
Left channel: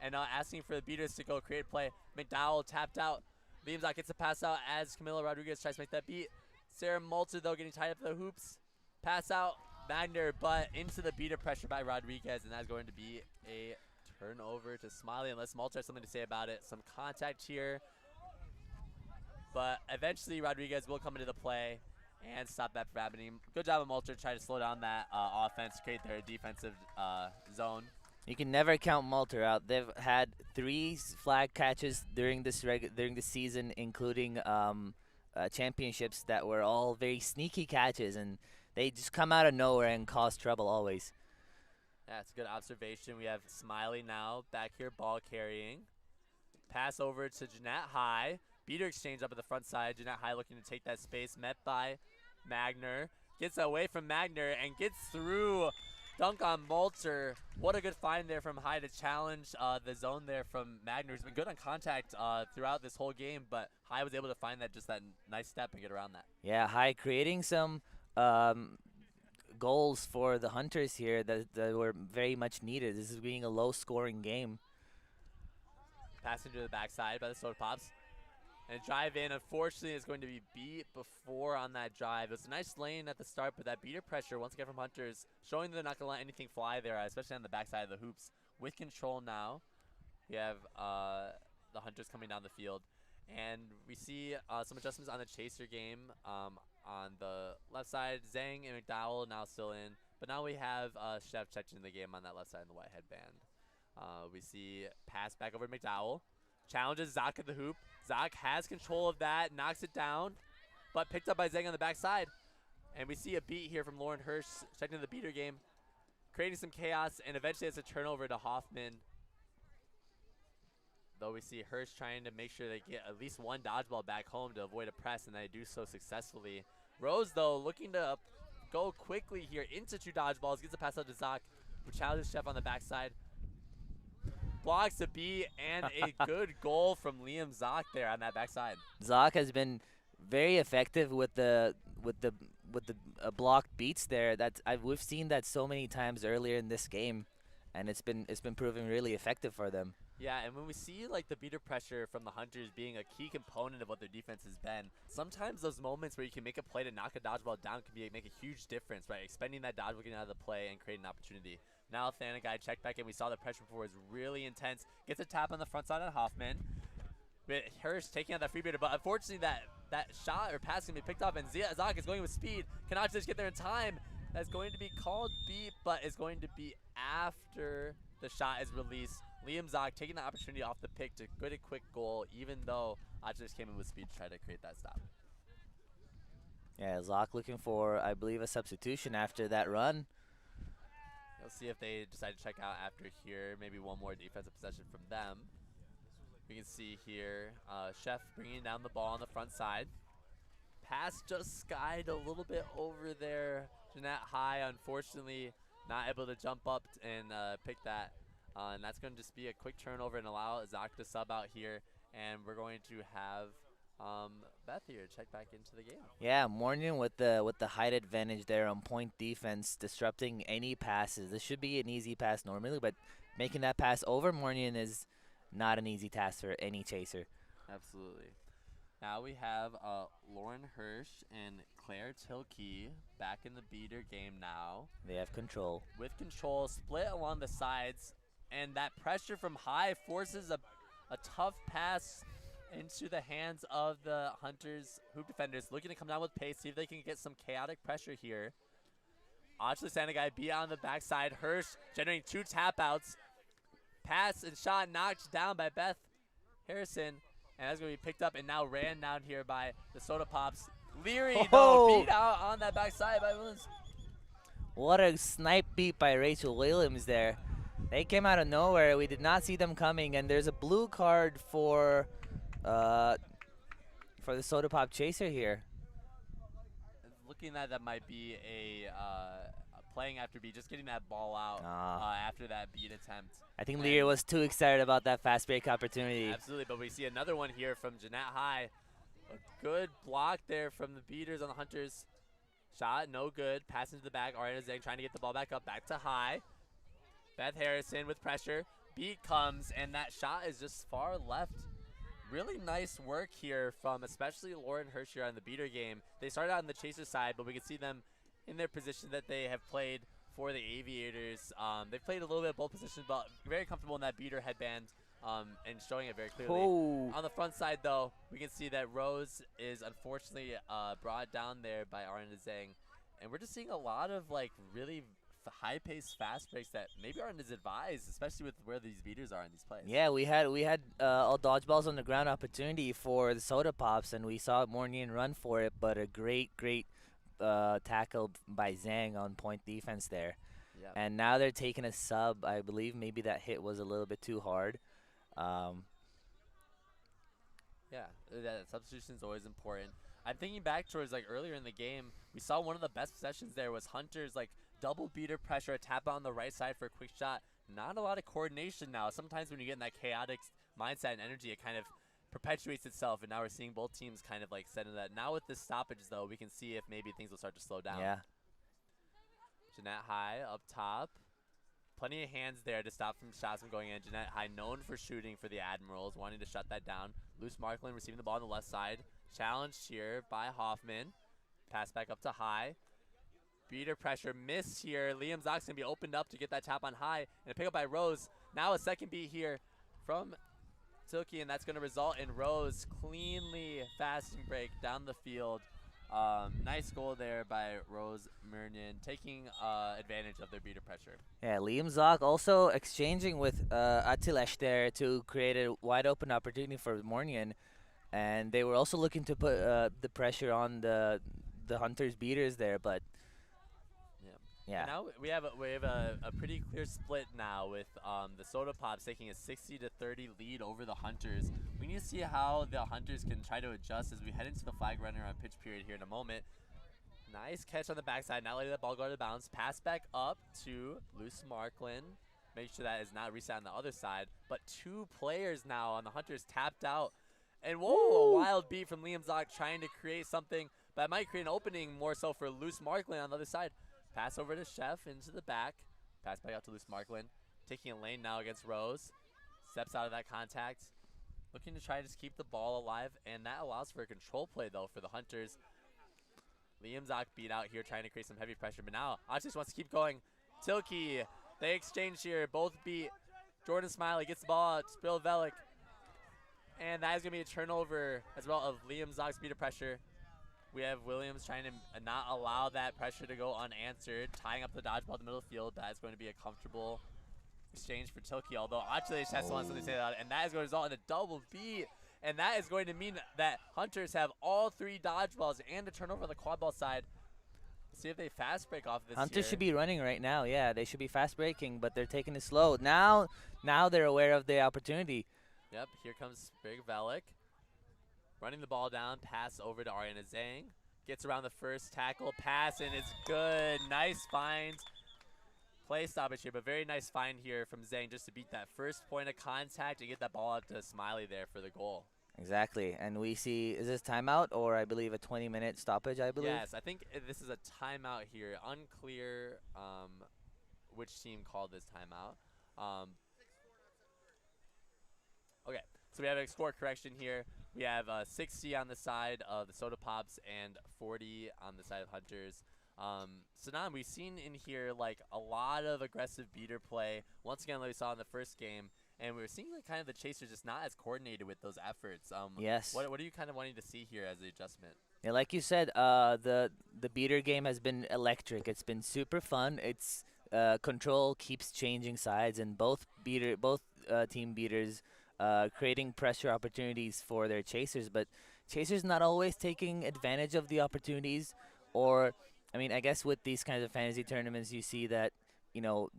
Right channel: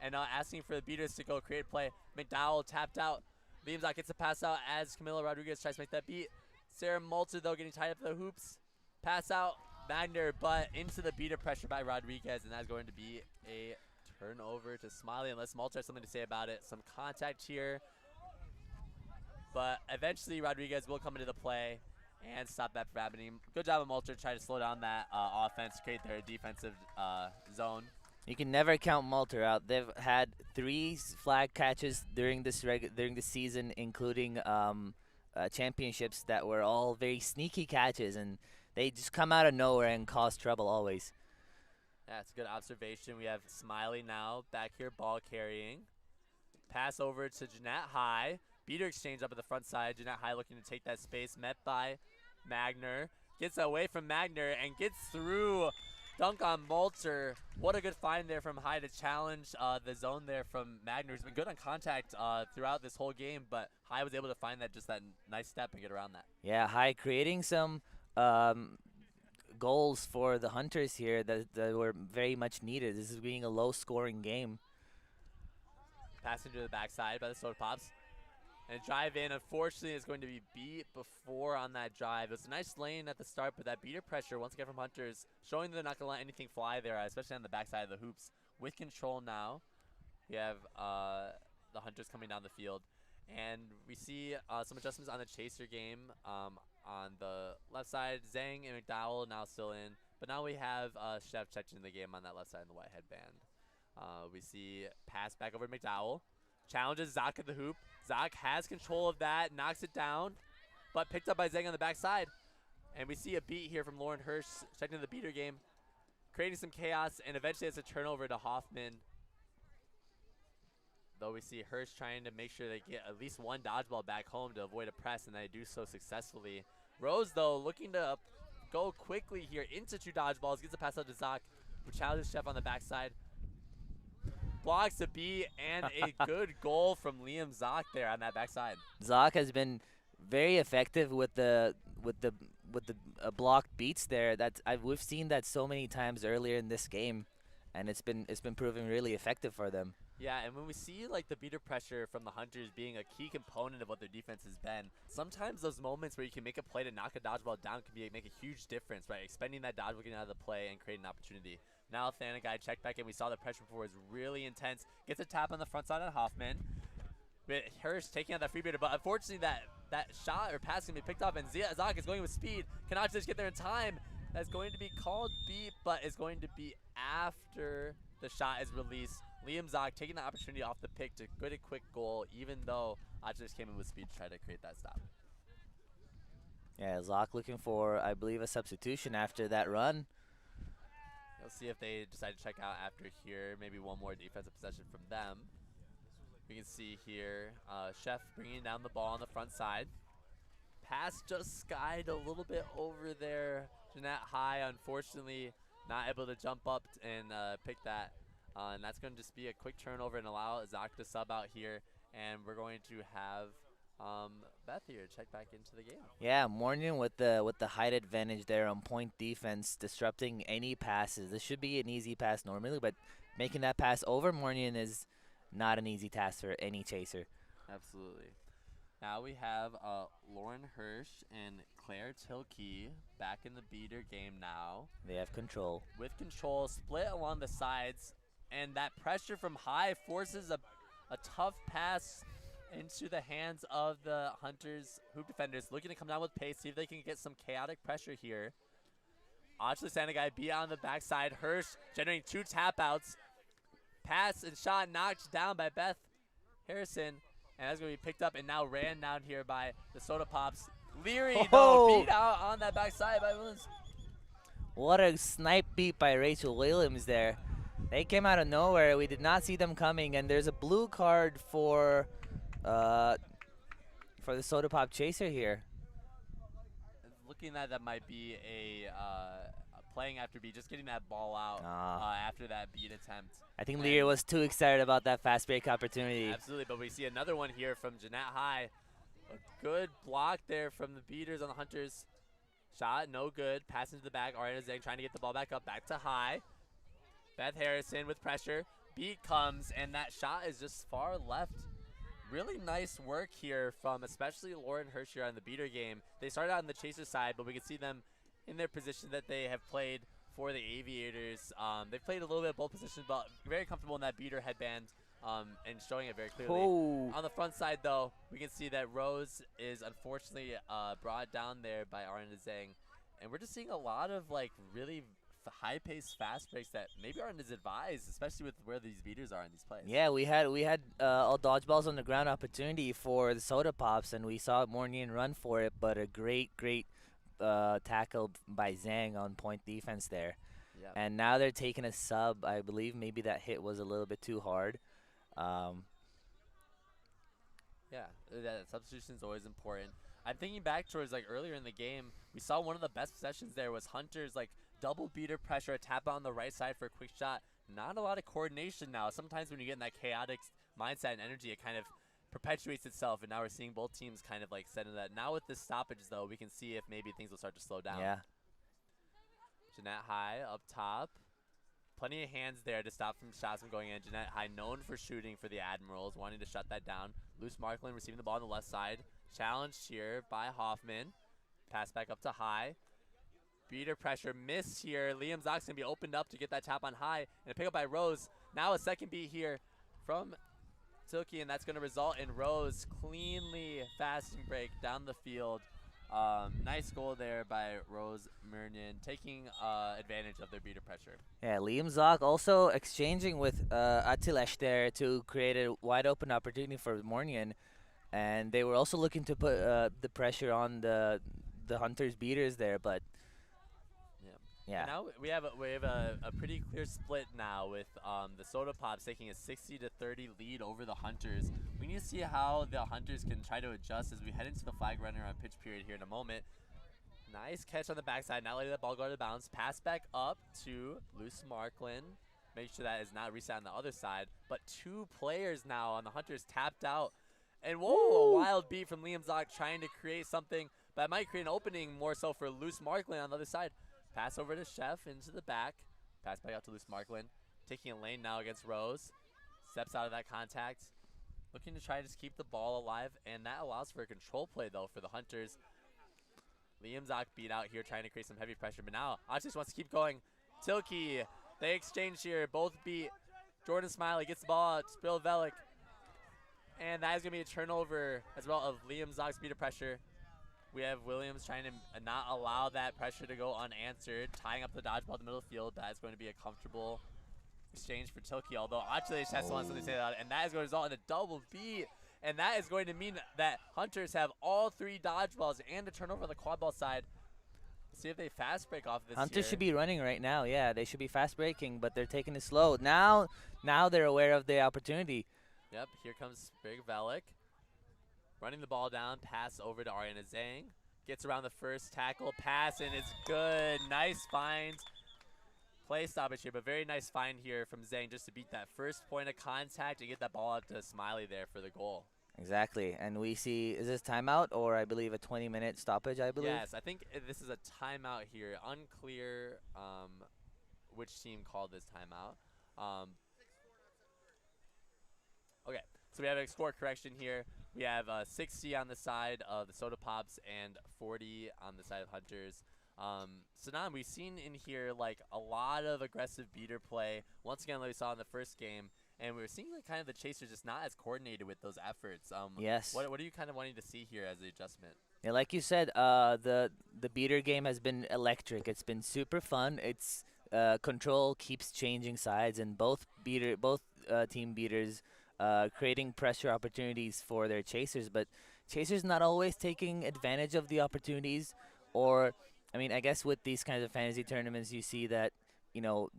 and asking for the beaters to go create play. McDowell tapped out. Liam Zach gets a pass out as Camilo Rodriguez tries to make that beat. Sarah Malter, though, getting tied up to the hoops. Pass out. Magner, but into the beater pressure by Rodriguez, and that's going to be a turnover to Smiley, unless Malter has something to say about it. Some contact here, but eventually Rodriguez will come into the play and stop that from happening. Good job of Malter trying to slow down that offense, create their defensive zone. You can never count Malter out. They've had 3 flag catches during this season, including championships that were all very sneaky catches, and they just come out of nowhere and cause trouble always. That's a good observation. We have Smiley now back here, ball carrying. Pass over to Jeanette High. Beater exchange up at the front side. Jeanette High looking to take that space, met by Magner. Gets away from Magner and gets through Dunk on Molter. What a good find there from High to challenge the zone there from Magner, who's been good on contact throughout this whole game, but High was able to find that nice step and get around that. Yeah, High creating some goals for the Hunters here that were very much needed. This is being a low-scoring game. Passing to the backside by the Soda Pops. And drive in, unfortunately, is going to be beat before on that drive. It was a nice lane at the start, but that beater pressure, once again from Hunters, showing they're not going to let anything fly there, especially on the backside of the hoops. With control now, we have the Hunters coming down the field. And we see some adjustments on the Chaser game. On the left side, Zhang and McDowell now still in. But now we have Chef checking the game on that left side in the white headband. We see pass back over to McDowell. Challenges Zach at the hoop. Zach has control of that, knocks it down, but picked up by Zhang on the backside. And we see a beat here from Lauren Hirsch, checking the beater game, creating some chaos, and eventually it's a turnover to Hoffman. Though we see Hirsch trying to make sure they get at least one dodgeball back home to avoid a press, and they do so successfully. Rose, though, looking to go quickly here into 2 dodgeballs, gets a pass out to Zach, who challenges Chef on the backside. Blocks a beat and a good goal from Liam Zock there on that backside. Zock has been very effective with the blocked beats there. We've seen that so many times earlier in this game, and it's been proving really effective for them. Yeah, and when we see like the beater pressure from the Hunters being a key component of what their defense has been, sometimes those moments where you can make a play to knock a dodgeball down can make a huge difference, right? Expending that dodgeball, getting out of the play, and creating an opportunity. Now Thanagai checked back in. We saw the pressure before was really intense. Gets a tap on the front side on Hoffman. With Hirsch taking out that free beater, but unfortunately that shot or pass can be picked up, and Zach is going with speed. Cannot just get there in time. That's going to be called beat, but is going to be after the shot is released. Liam Zach taking the opportunity off the pick to get a quick goal, even though Adjus came in with speed to try to create that stop. Yeah, Zach looking for, I believe, a substitution after that run. We'll see if they decide to check out after here. Maybe one more defensive possession from them. We can see here Chef bringing down the ball on the front side. Pass just skied a little bit over there. Jeanette High, unfortunately, not able to jump up and pick that. And that's going to just be a quick turnover and allow Zach to sub out here. And we're going to have Beth here check back into the game. Yeah, Morgan with the height advantage there on point defense, disrupting any passes. This should be an easy pass normally, but making that pass over Morgan is not an easy task for any chaser. Absolutely. Now we have Lauren Hirsch and Claire Tilkey back in the beater game now. They have control. With control, split along the sides, and that pressure from High forces a tough pass into the hands of the Hunters hoop defenders, looking to come down with pace, see if they can get some chaotic pressure here. Actually, Sanagai beat on the backside. Hirsch generating 2 tap outs. Pass and shot knocked down by Beth Harrison. And that's going to be picked up and now ran down here by the Soda Pops. Leary, though, beat out on that backside by Williams. What a snipe beat by Rachel Williams there. They came out of nowhere. We did not see them coming. And there's a blue card for the Soda Pop Chaser here. Looking at that might be a playing after beat, just getting that ball out after that beat attempt. I think Lear was too excited about that fast break opportunity. Absolutely, but we see another one here from Jeanette High. A good block there from the beaters on the Hunters. Shot, no good. Pass into the back. Ariana Zhang trying to get the ball back up. Back to High. Beth Harrison with pressure. Beat comes, and that shot is just far left. Really nice work here from especially Lauren Hirsch here on the beater game. They started out on the chaser side, but we can see them in their position that they have played for the Aviators. They've played a little bit of both positions, but very comfortable in that beater headband and showing it very clearly. Oh. On the front side, though, we can see that Rose is unfortunately brought down there by Arna Zhang. And we're just seeing a lot of like really high-paced fast breaks that maybe aren't as advised, especially with where these beaters are in these plays. Yeah, we had all dodgeballs on the ground opportunity for the Soda Pops, and we saw Morgan run for it, but a great tackle by Zhang on point defense there. Yep. And now they're taking a sub. I believe maybe that hit was a little bit too hard. Yeah, that substitution is always important. I'm thinking back towards like earlier in the game, we saw one of the best possessions there was Hunters like double beater pressure, a tap out on the right side for a quick shot. Not a lot of coordination now. Sometimes when you get in that chaotic mindset and energy, it kind of perpetuates itself, and now we're seeing both teams kind of like set in that. Now with the stoppages, though, we can see if maybe things will start to slow down. Yeah. Jeanette High up top. Plenty of hands there to stop from shots from going in. Jeanette High known for shooting for the Admirals, wanting to shut that down. Loose Markland receiving the ball on the left side. Challenged here by Hoffman. Pass back up to High. Beater pressure, miss here. Liam Zock's going to be opened up to get that tap on High. And a pick up by Rose. Now a second beat here from Tilke, and that's going to result in Rose cleanly fasting break down the field. Nice goal there by Rose Murnian, taking advantage of their beater pressure. Yeah, Liam Zock also exchanging with Atilesh there to create a wide open opportunity for Mornian. And they were also looking to put the pressure on the Hunters beaters there, but yeah. And now we have a pretty clear split now with the Soda Pops taking a 60-30 lead over the Hunters. We need to see how the Hunters can try to adjust as we head into the flag runner on pitch period here in a moment. Nice catch on the backside, not letting that ball go to bounds. Pass back up to Luce Markland. Make sure that is not reset on the other side. But two players now on the Hunters tapped out. And whoa, a wild beat from Liam Zock trying to create something that might create an opening more so for Luce Markland on the other side. Pass over to Chef into the back. Pass back out to Luce Markland. Taking a lane now against Rose. Steps out of that contact. Looking to try to just keep the ball alive. And that allows for a control play, though, for the Hunters. Liam Zock beat out here trying to create some heavy pressure. But now, Otis wants to keep going. Tilke, they exchange here. Both beat. Jordan Smiley gets the ball out. Spill Velik. And that is going to be a turnover as well of Liam Zock's beater pressure. We have Williams trying to not allow that pressure to go unanswered, tying up the dodgeball in the middle of the field. That is going to be a comfortable exchange for Tilke, although Achilles has wants something to say about it, and that is going to result in a double beat. And that is going to mean that Hunters have all three dodgeballs and a turnover on the quad ball side. Let's see if they fast break off this Hunters here. should be running right now. Yeah, they should be fast breaking, but they're taking it slow. Now they're aware of the opportunity. Yep, here comes Big Velik. Running the ball down, pass over to Ariana Zhang. Gets around the first tackle, pass, and it's good. Nice find. Play stoppage here, but very nice find here from Zhang just to beat that first point of contact and get that ball out to Smiley there for the goal. Exactly, and we see, is this timeout or I believe a 20-minute stoppage, I believe? Yes, I think this is a timeout here. Unclear which team called this timeout. Okay, so we have a score correction here. We have 60 on the side of the Soda Pops and 40 on the side of Hunters. Sanan, we've seen in here like a lot of aggressive beater play. Once again, like we saw in the first game, and we were seeing like kind of the Chasers just not as coordinated with those efforts. Yes. What are you kind of wanting to see here as the adjustment? Yeah, like you said, the beater game has been electric. It's been super fun. It's control keeps changing sides, and both team beaters creating pressure opportunities for their chasers, but chasers not always taking advantage of the opportunities. Or, I mean, I guess with these kinds of fantasy tournaments, you see that, you know,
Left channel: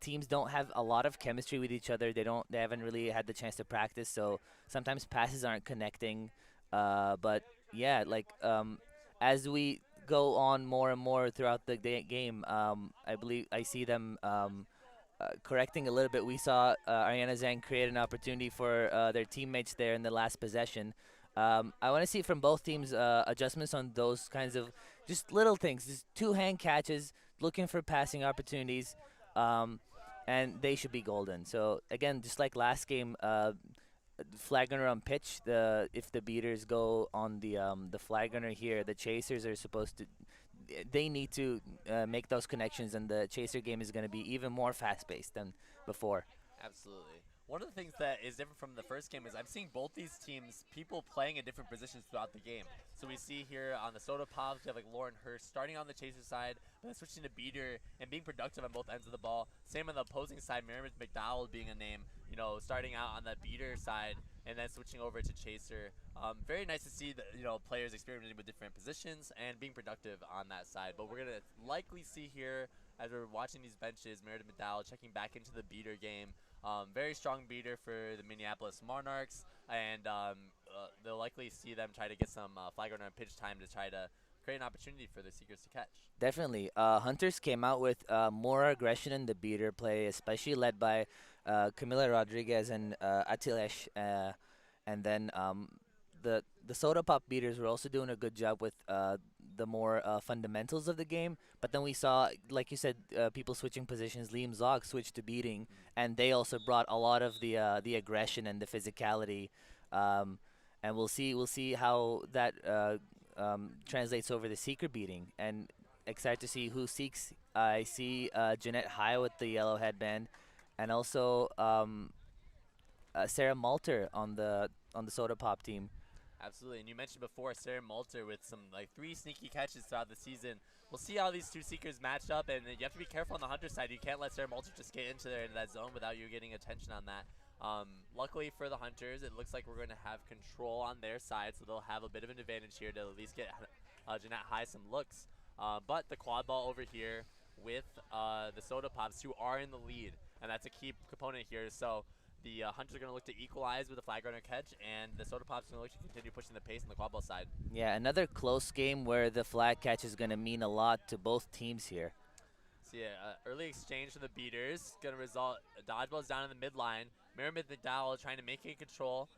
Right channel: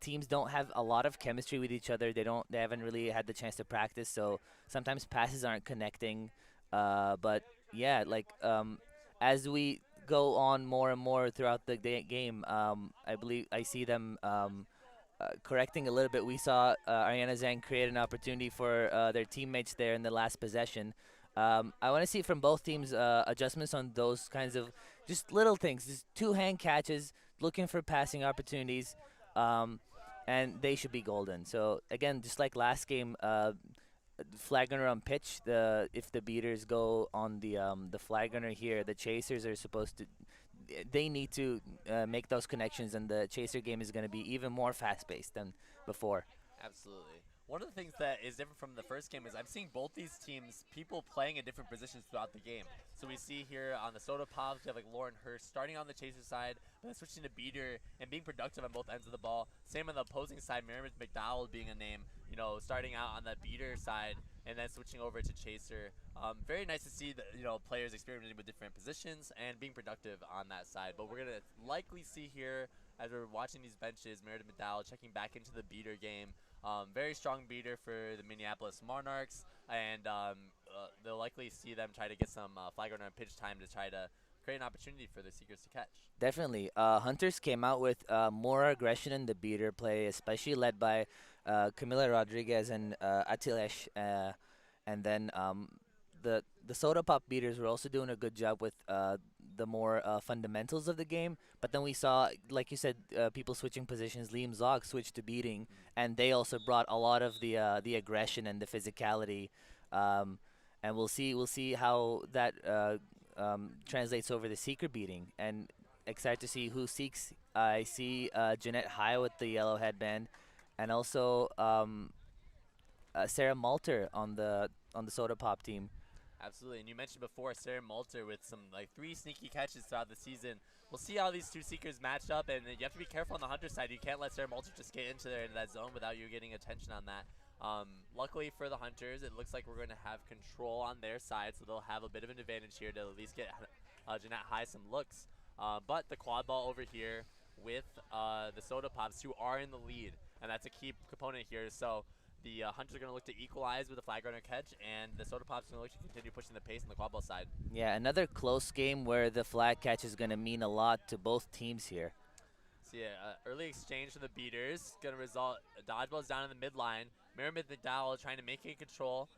teams don't have a lot of chemistry with each other. They haven't really had the chance to practice, so sometimes passes aren't connecting. But yeah, like as we go on more and more throughout the game, I believe I see them correcting a little bit. We saw Ariana Zhang create an opportunity for their teammates there in the last possession. I want to see from both teams adjustments on those kinds of just little things, just two hand catches, looking for passing opportunities, and they should be golden. So again, just like last game, flag gunner on pitch. If the beaters go on the flag gunner here, the chasers are supposed to. They need to make those connections, and the chaser game is going to be even more fast-paced than before. Absolutely. One of the things that is different from the first game is I'm seeing both these teams, people playing in different positions throughout the game. So we see here on the Soda Pops, we have like Lauren Hurst starting on the chaser side, but then switching to beater and being productive on both ends of the ball. Same on the opposing side, Miriam McDowell being a name, you know, starting out on the beater side and then switching over to chaser. Very nice to see that, you know, players experimenting with different positions and being productive on that side. But we're going to likely see here, as we're watching these benches, Meredith McDowell checking back into the beater game. Very strong beater for the Minneapolis Monarchs, and they'll likely see them try to get some flag runner and pitch time to try to create an opportunity for the Seekers to catch. Definitely. Hunters came out with more aggression in the beater play, especially led by Camila Rodriguez and Atilesh. And then the Soda Pop beaters were also doing a good job with the more fundamentals of the game. But then we saw, like you said, people switching positions. Liam Zog switched to beating, and they also brought a lot of the aggression and the physicality. And we'll see how that translates over the Seeker beating. And excited to see who seeks. I see Jeanette High with the yellow headband, and also Sarah Malter on the Soda Pop team. Absolutely, and you mentioned before Sarah Malter with some like 3 sneaky catches throughout the season. We'll see how these two Seekers match up, and you have to be careful on the Hunter side. You can't let Sarah Malter just get into that zone without you getting attention on that. Luckily for the Hunters, it looks like we're going to have control on their side, so they'll have a bit of an advantage here to at least get Jeanette High some looks. But the quad ball over here with the Soda Pops, who are in the lead, and that's a key component here. So the Hunters are going to look to equalize with a flag runner catch, and the Soda Pops are going to look to continue pushing the pace on the quad ball side. Yeah, another close game where the flag catch is going to mean a lot to both teams here. So yeah, early exchange for the beaters, going to result dodgeballs down in the midline. Merriman McDowell trying to make it control.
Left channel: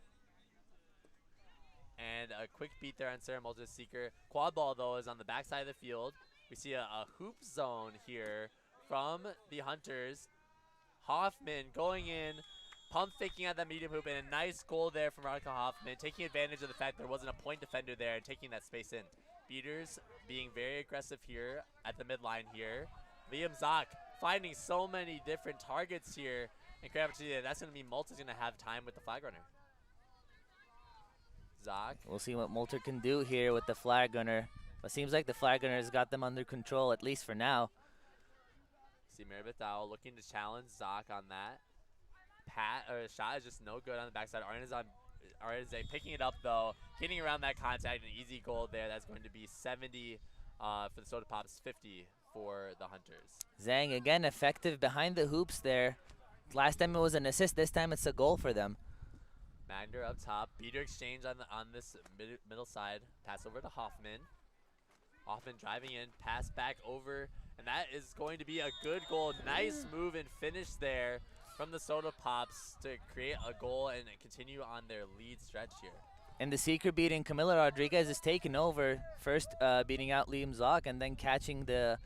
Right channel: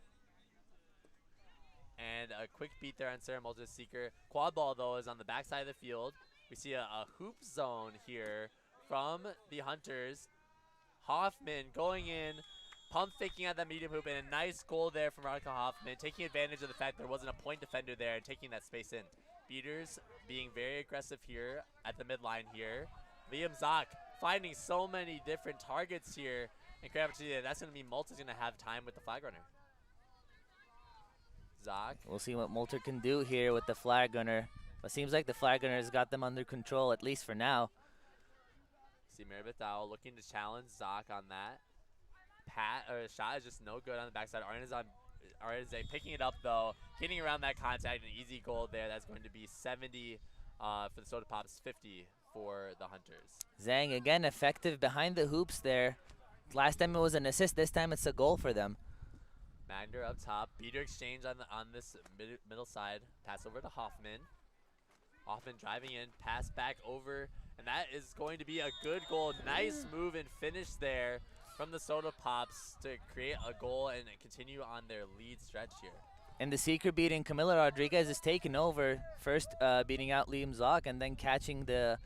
And a quick beat there on Sarah Malter's Seeker. Quad ball, though, is on the backside of the field. We see a hoop zone here from the Hunters. Hoffman going in, pump faking at that medium hoop, and a nice goal there from Veronica Hoffman, taking advantage of the fact there wasn't a point defender there and taking that space in. Beaters being very aggressive here at the midline here. Liam Zock finding so many different targets here. And that's going to mean Malter's going to have time with the flag runner. Zock. We'll see what Malter can do here with the flag runner. But seems like the flag runner has got them under control, at least for now. See Maribeth Dowell looking to challenge Zock on that. Shot is just no good on the backside. Arnaz picking it up, though. Getting around that contact, an easy goal there. That's going to be 70 for the Soda Pops, 50 for the Hunters. Zhang, again, effective behind the hoops there. Last time it was an assist. This time it's a goal for them. Magner up top. Beater exchange on this middle side. Pass over to Hoffman. Hoffman driving in. Pass back over. And that is going to be a good goal. Nice move and finish there from the Soda Pops to create a goal and continue on their lead stretch here. And the Seeker beating Camila Rodriguez is taken over. First beating out Liam Zock and then catching the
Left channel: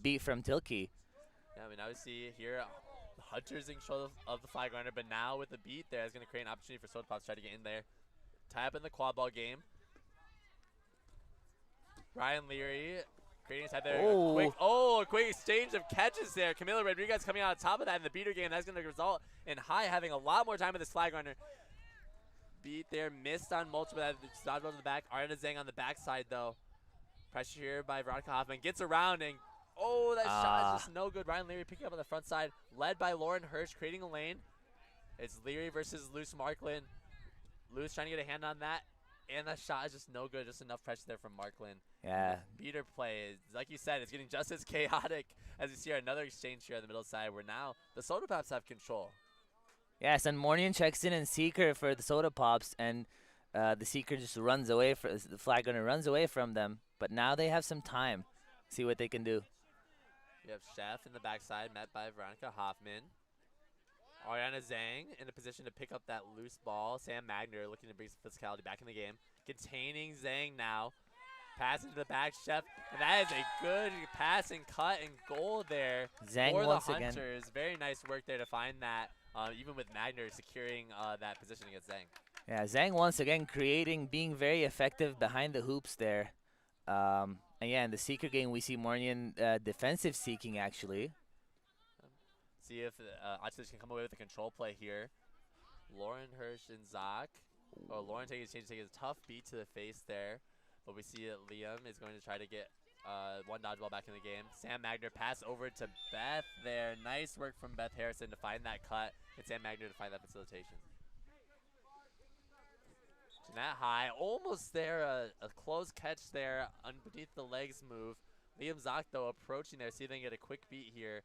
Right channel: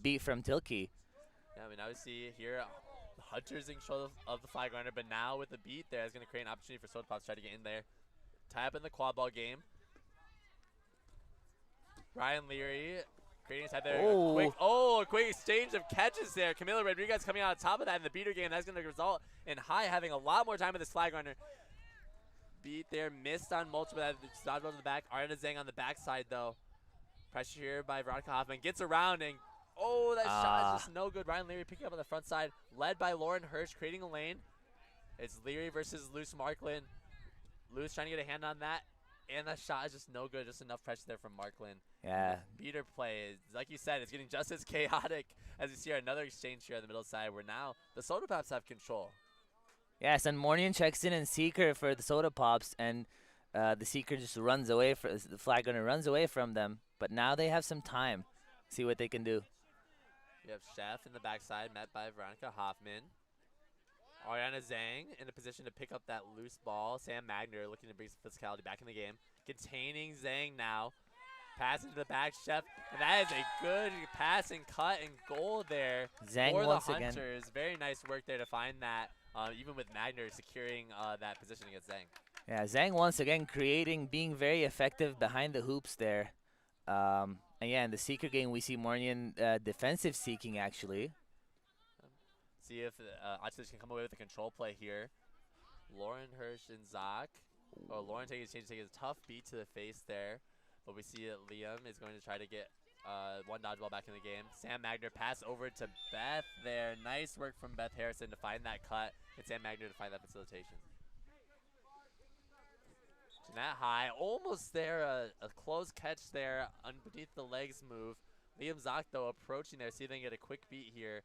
beat from Tilke. Yeah, I mean, now we see here Hunters in control of the flag runner, but now with the beat there, it's going to create an opportunity for Soda Pops to try to get in there. Tie up in the quad ball game. Ryan Leary creating a side there. A quick exchange of catches there. Camila Rodriguez coming out on top of that in the beater game. That's going to result in High having a lot more time with this flag runner. Beat there, missed on multiple. Dodgeball to the back. Arna Zhang on the backside, though. Pressure here by Veronica Hoffman. Gets around and that shot is just no good. Ryan Leary picking up on the front side, led by Lauren Hirsch, creating a lane. It's Leary versus Luce Marklin. Luce trying to get a hand on that, and that shot is just no good. Just enough pressure there from Marklin. Yeah. Beater play, like you said, it's getting just as chaotic as you see another exchange here on the middle side, where now the Soda Pops have control. Yes, and Mornian checks in and Seeker for the Soda Pops, and the Seeker just runs away. The flag runner runs away from them, but now they have some time. See what they can do. We have Chef in the backside, met by Veronica Hoffman. Ariana Zhang in a position to pick up that loose ball. Sam Magner looking to bring some physicality back in the game. Containing Zhang now. Passing to the back, Chef. And that is a good pass and cut and goal there Zhang for the once Hunters. again. Very nice work there to find that, even with Magner securing that position against Zhang. Yeah, Zhang once again being very effective behind the hoops there. And yeah, in the Seeker game, we see Mornian defensive seeking, actually. See if Outlaws can come away with a control play here. Lauren Hirsch and Zock. Lauren taking a tough beat to the face there. But we see that Liam is going to try to get one dodgeball back in the game. Sam Magner pass over to Beth there. Nice work from Beth Harrison to find that cut. And Sam Magner to find that facilitation. Jeanette High, almost there, a close catch there underneath the legs move. Liam Zock, though, approaching there, see if they can get a quick beat here.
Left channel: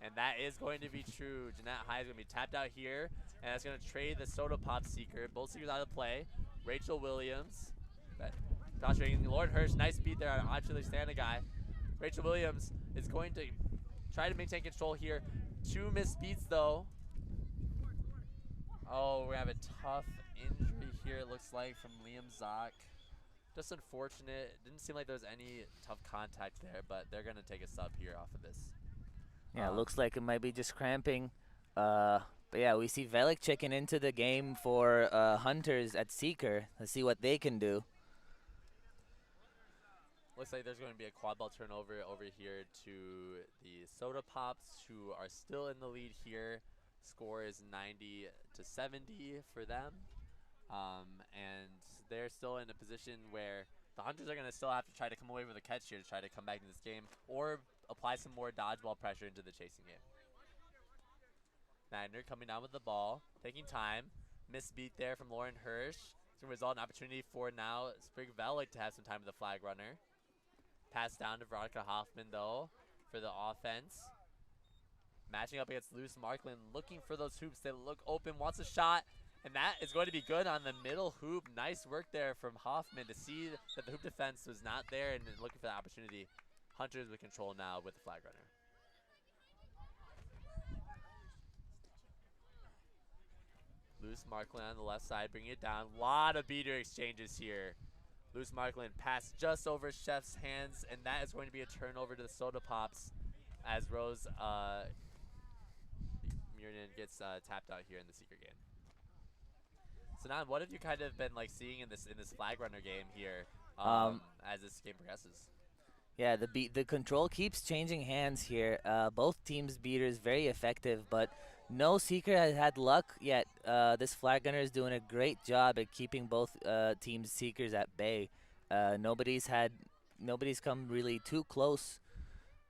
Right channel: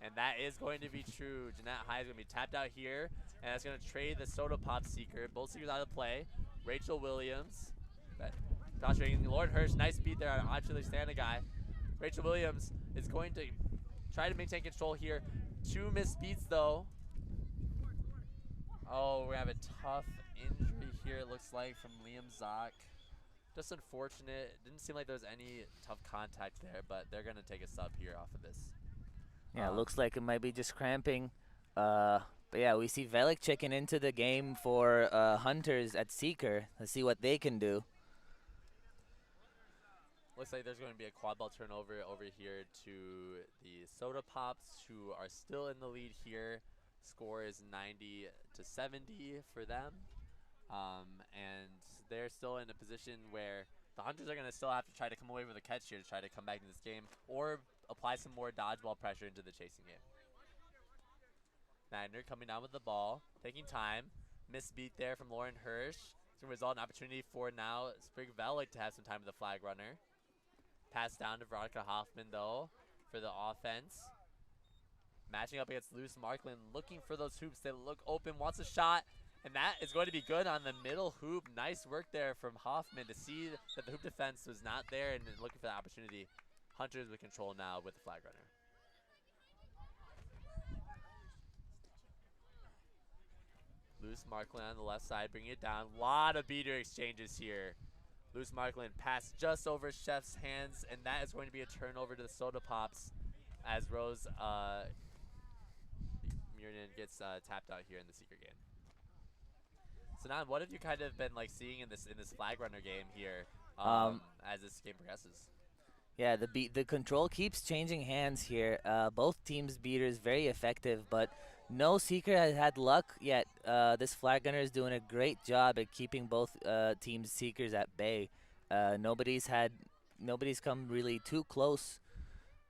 And that is going to be true. Jeanette High is going to be tapped out here, and that's going to trade the Soda Pop Seeker. Both Seekers out of play. Rachel Williams Joshua Lauren Hirsch, nice beat there on Actually Stand a guy. Rachel Williams is going to try to maintain control here. 2 missed beats though. Oh, we have a tough injury here, it looks like, from Liam Zock. Just unfortunate. It didn't seem like there was any tough contact there, but they're going to take a sub here off of this. Yeah, looks like it might be just cramping. But yeah, we see Velik checking into the game for Hunters at Seeker. Let's see what they can do. Looks like there's going to be a quad ball turnover over here to the Soda Pops, who are still in the lead here. Score is 90 to 70 for them. And they're still in a position where the Hunters are going to still have to try to come away with a catch here to try to come back in this game or apply some more dodgeball pressure into the chasing game. Magner coming down with the ball, taking time. Misbeat there from Lauren Hirsch. It's going to result in an opportunity for now Sprig Velik to have some time with the flag runner. Pass down to Veronica Hoffman though for the offense. Matching up against Luce Markland, looking for those hoops. They look open, wants a shot. And that is going to be good on the middle hoop. Nice work there from Hoffman to see that the hoop defense was not there and looking for the opportunity. Hunters with control now with the flag runner. Luce Markland on the left side, bringing it down. A lot of beater exchanges here. Luce Markland pass just over Chef's hands, and that is going to be a turnover to the Soda Pops as Rose Murnin gets tapped out here in the Seeker game. So now, what have you kind of been like seeing in this flag runner game here as this game progresses? Yeah, the control keeps changing hands here. Both teams' beaters very effective, but no Seeker has had luck yet. This flag gunner is doing a great job at keeping both teams' Seekers at bay. Nobody's come really too close,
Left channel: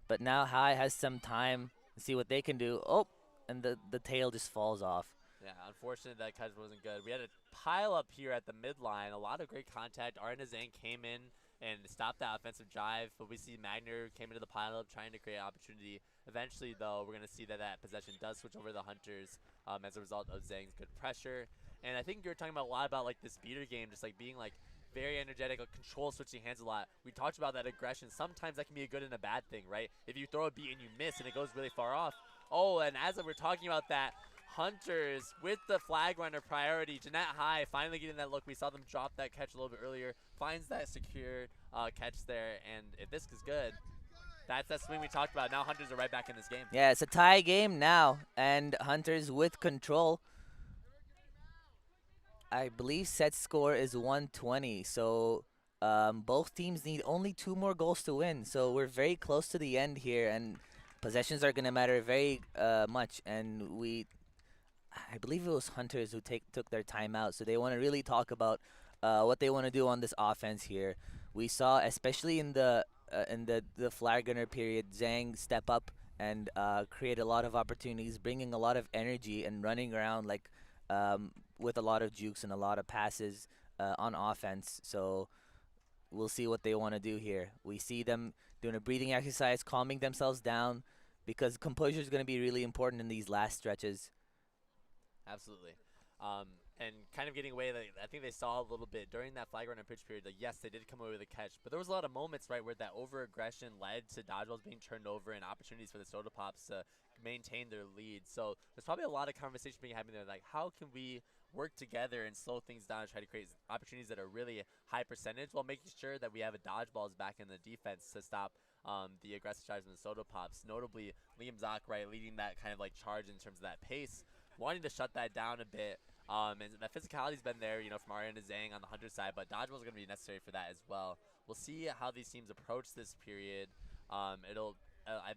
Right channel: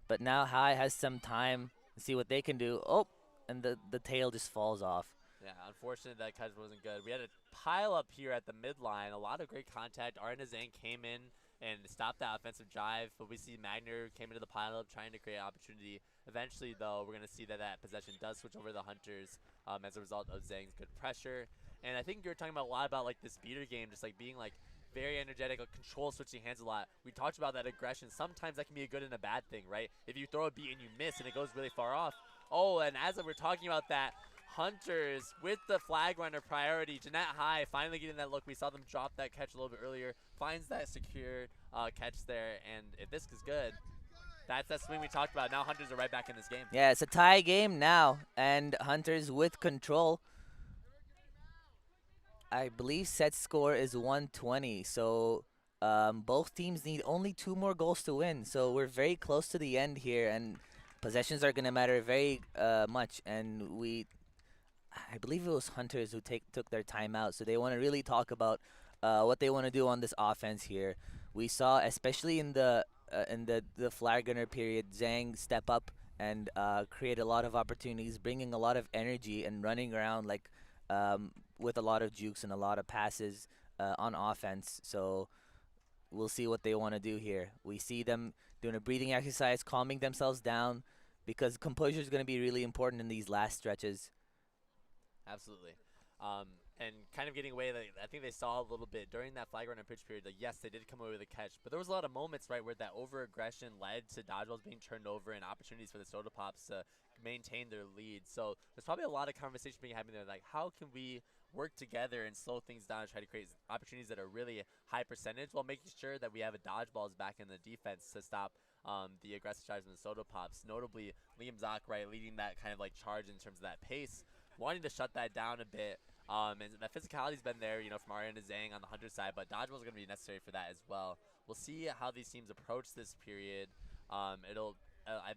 but now High has some time to see what they can do. Oh, and the tail just falls off. Yeah, unfortunate that catch wasn't good. We had a pile up here at the midline. A lot of great contact. Arna Zhang came in and stopped that offensive drive, but we see Magner came into the pile up trying to create opportunity. Eventually, though, we're going to see that possession does switch over to the Hunters as a result of Zhang's good pressure. And I think you're talking about a lot about like this beater game, just like being like very energetic, like control switching hands a lot. We talked about that aggression. Sometimes that can be a good and a bad thing, right? If you throw a beat and you miss and it goes really far off. Oh, and as we're talking about that, Hunters with the flag runner priority. Jeanette High finally getting that look. We saw them drop that catch a little bit earlier. Finds that secure catch there, and if this is good, that's that swing we talked about. Now Hunters are right back in this game. Yeah, it's a tie game now, and Hunters with control. I believe set score is 120, so both teams need only 2 more goals to win. So we're very close to the end here, and possessions are going to matter very much. And I believe it was Hunters who took their timeout, so they want to really talk about what they want to do on this offense here. We saw, especially in the flag gunner period, Zhang step up and create a lot of opportunities, bringing a lot of energy and running around like with a lot of jukes and a lot of passes on offense. So we'll see what they want to do here. We see them doing a breathing exercise, calming themselves down, because composure is going to be really important in these last stretches. Absolutely. And kind of getting away, I think they saw a little bit during that flag runner pitch period. Like, yes, they did come away with a catch, but there was a lot of moments, right, where that over-aggression led to dodgeballs being turned over and opportunities for the Soda Pops to maintain their lead. So there's probably a lot of conversation being happening there, like how can we work together and slow things down and try to create opportunities that are really high percentage while making sure that we have a dodgeballs back in the defense to stop the aggressive charge from the Soda Pops. Notably, Liam Zock, right, leading that kind of like charge in terms of that pace, wanting to shut that down a bit. And that physicality's been there, you know, from Ariana Zhang on the Hunter side, but dodgeballs are going to be necessary for that as well. We'll see how these teams approach this period. I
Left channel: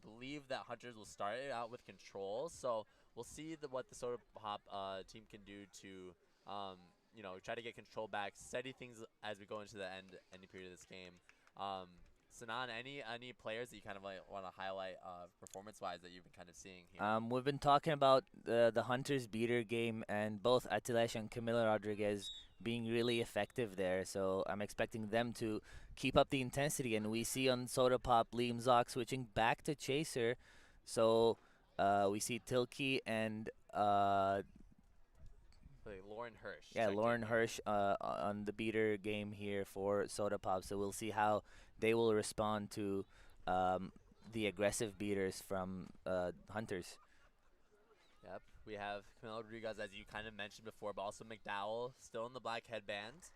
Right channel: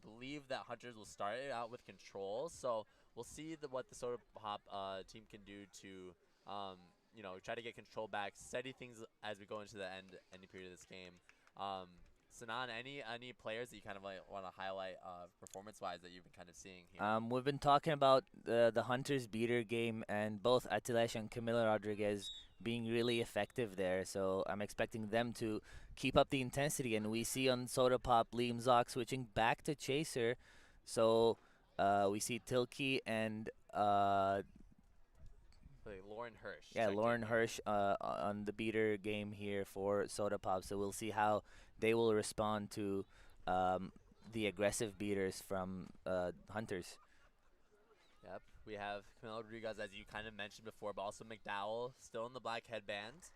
believe that Hunters will start it out with control, so we'll see what the Soda Pop team can do to, you know, try to get control back, steady things as we go into the end period of this game. Sanan, any players that you kind of like want to highlight performance-wise that you've been kind of seeing here? We've been talking about the Hunters beater game and both Atilesh and Camila Rodriguez being really effective there. So I'm expecting them to keep up the intensity. And we see on Soda Pop, Liam Zock switching back to Chaser. So we see Tilke and Exactly. Lauren Hirsch. Yeah, checked Lauren in here. Hirsch on the beater game here for Soda Pop. So we'll see how they will respond to um, the aggressive beaters from Hunters. Yep. We have Camilo Rodriguez, as you kind of mentioned before, but also McDowell still in the black headband.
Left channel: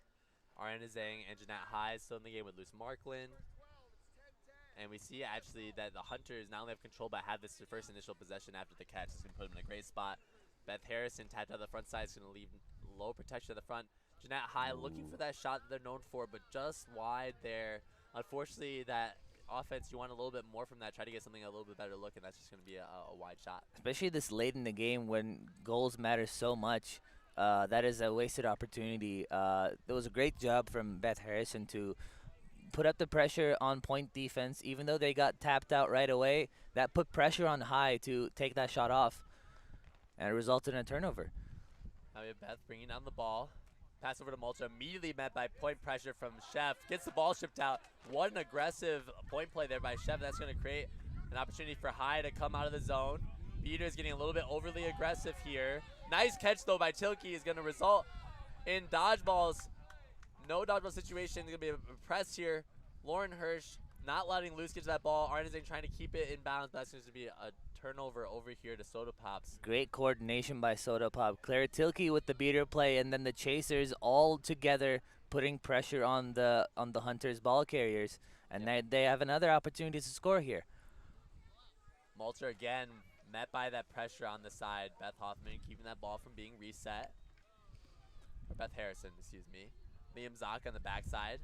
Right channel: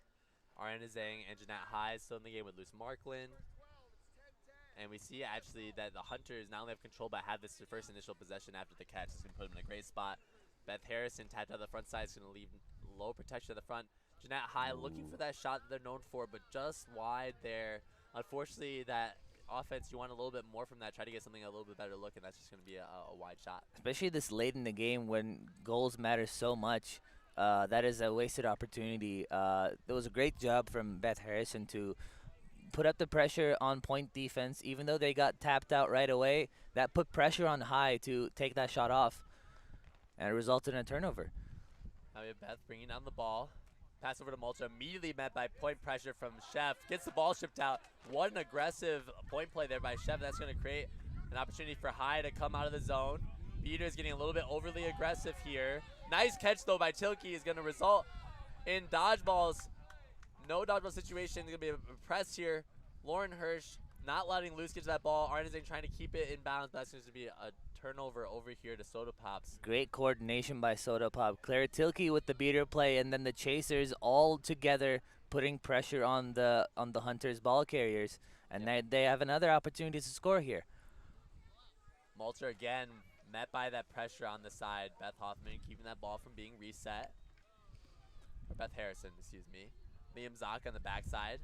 Ariana Zhang and Jeanette High still in the game with Luce Marklin. And we see actually that the Hunters not only have control but have this first initial possession after the catch. It's going to put them in a great spot. Beth Harrison tapped out the front side. Is going to leave low protection at the front. Jeanette High looking for that shot that they're known for, but just wide there. Unfortunately, that offense, you want a little bit more from that. Try to get something a little bit better look, and that's just going to be a wide shot. Especially this late in the game when goals matter so much. That is a wasted opportunity. There was a great job from Beth Harrison to put up the pressure on point defense. Even though they got tapped out right away, that put pressure on High to take that shot off, and it resulted in a turnover. Now we have Beth bringing down the ball. Pass over to Malta, immediately met by point pressure from Chef. Gets the ball shipped out. What an aggressive point play there by Chef. That's going to create an opportunity for High to come out of the zone. Beater's getting a little bit overly aggressive here. Nice catch, though, by Tilke is going to result in dodgeballs. No dodgeball situation. Going to be a press here. Lauren Hirsch not letting Luce get to that ball. Arnazing trying to keep it in bounds. That's going to be a turnover over here to Soda Pops. Great coordination by Soda Pop. Claire Tilke with the beater play, and then the chasers all together putting pressure on the Hunters ball carriers, and they have another opportunity to score here. Malter again met by that pressure on the side. Beth Hoffman keeping that ball from being reset. Or Beth Harrison, excuse me. Liam Zock on the backside.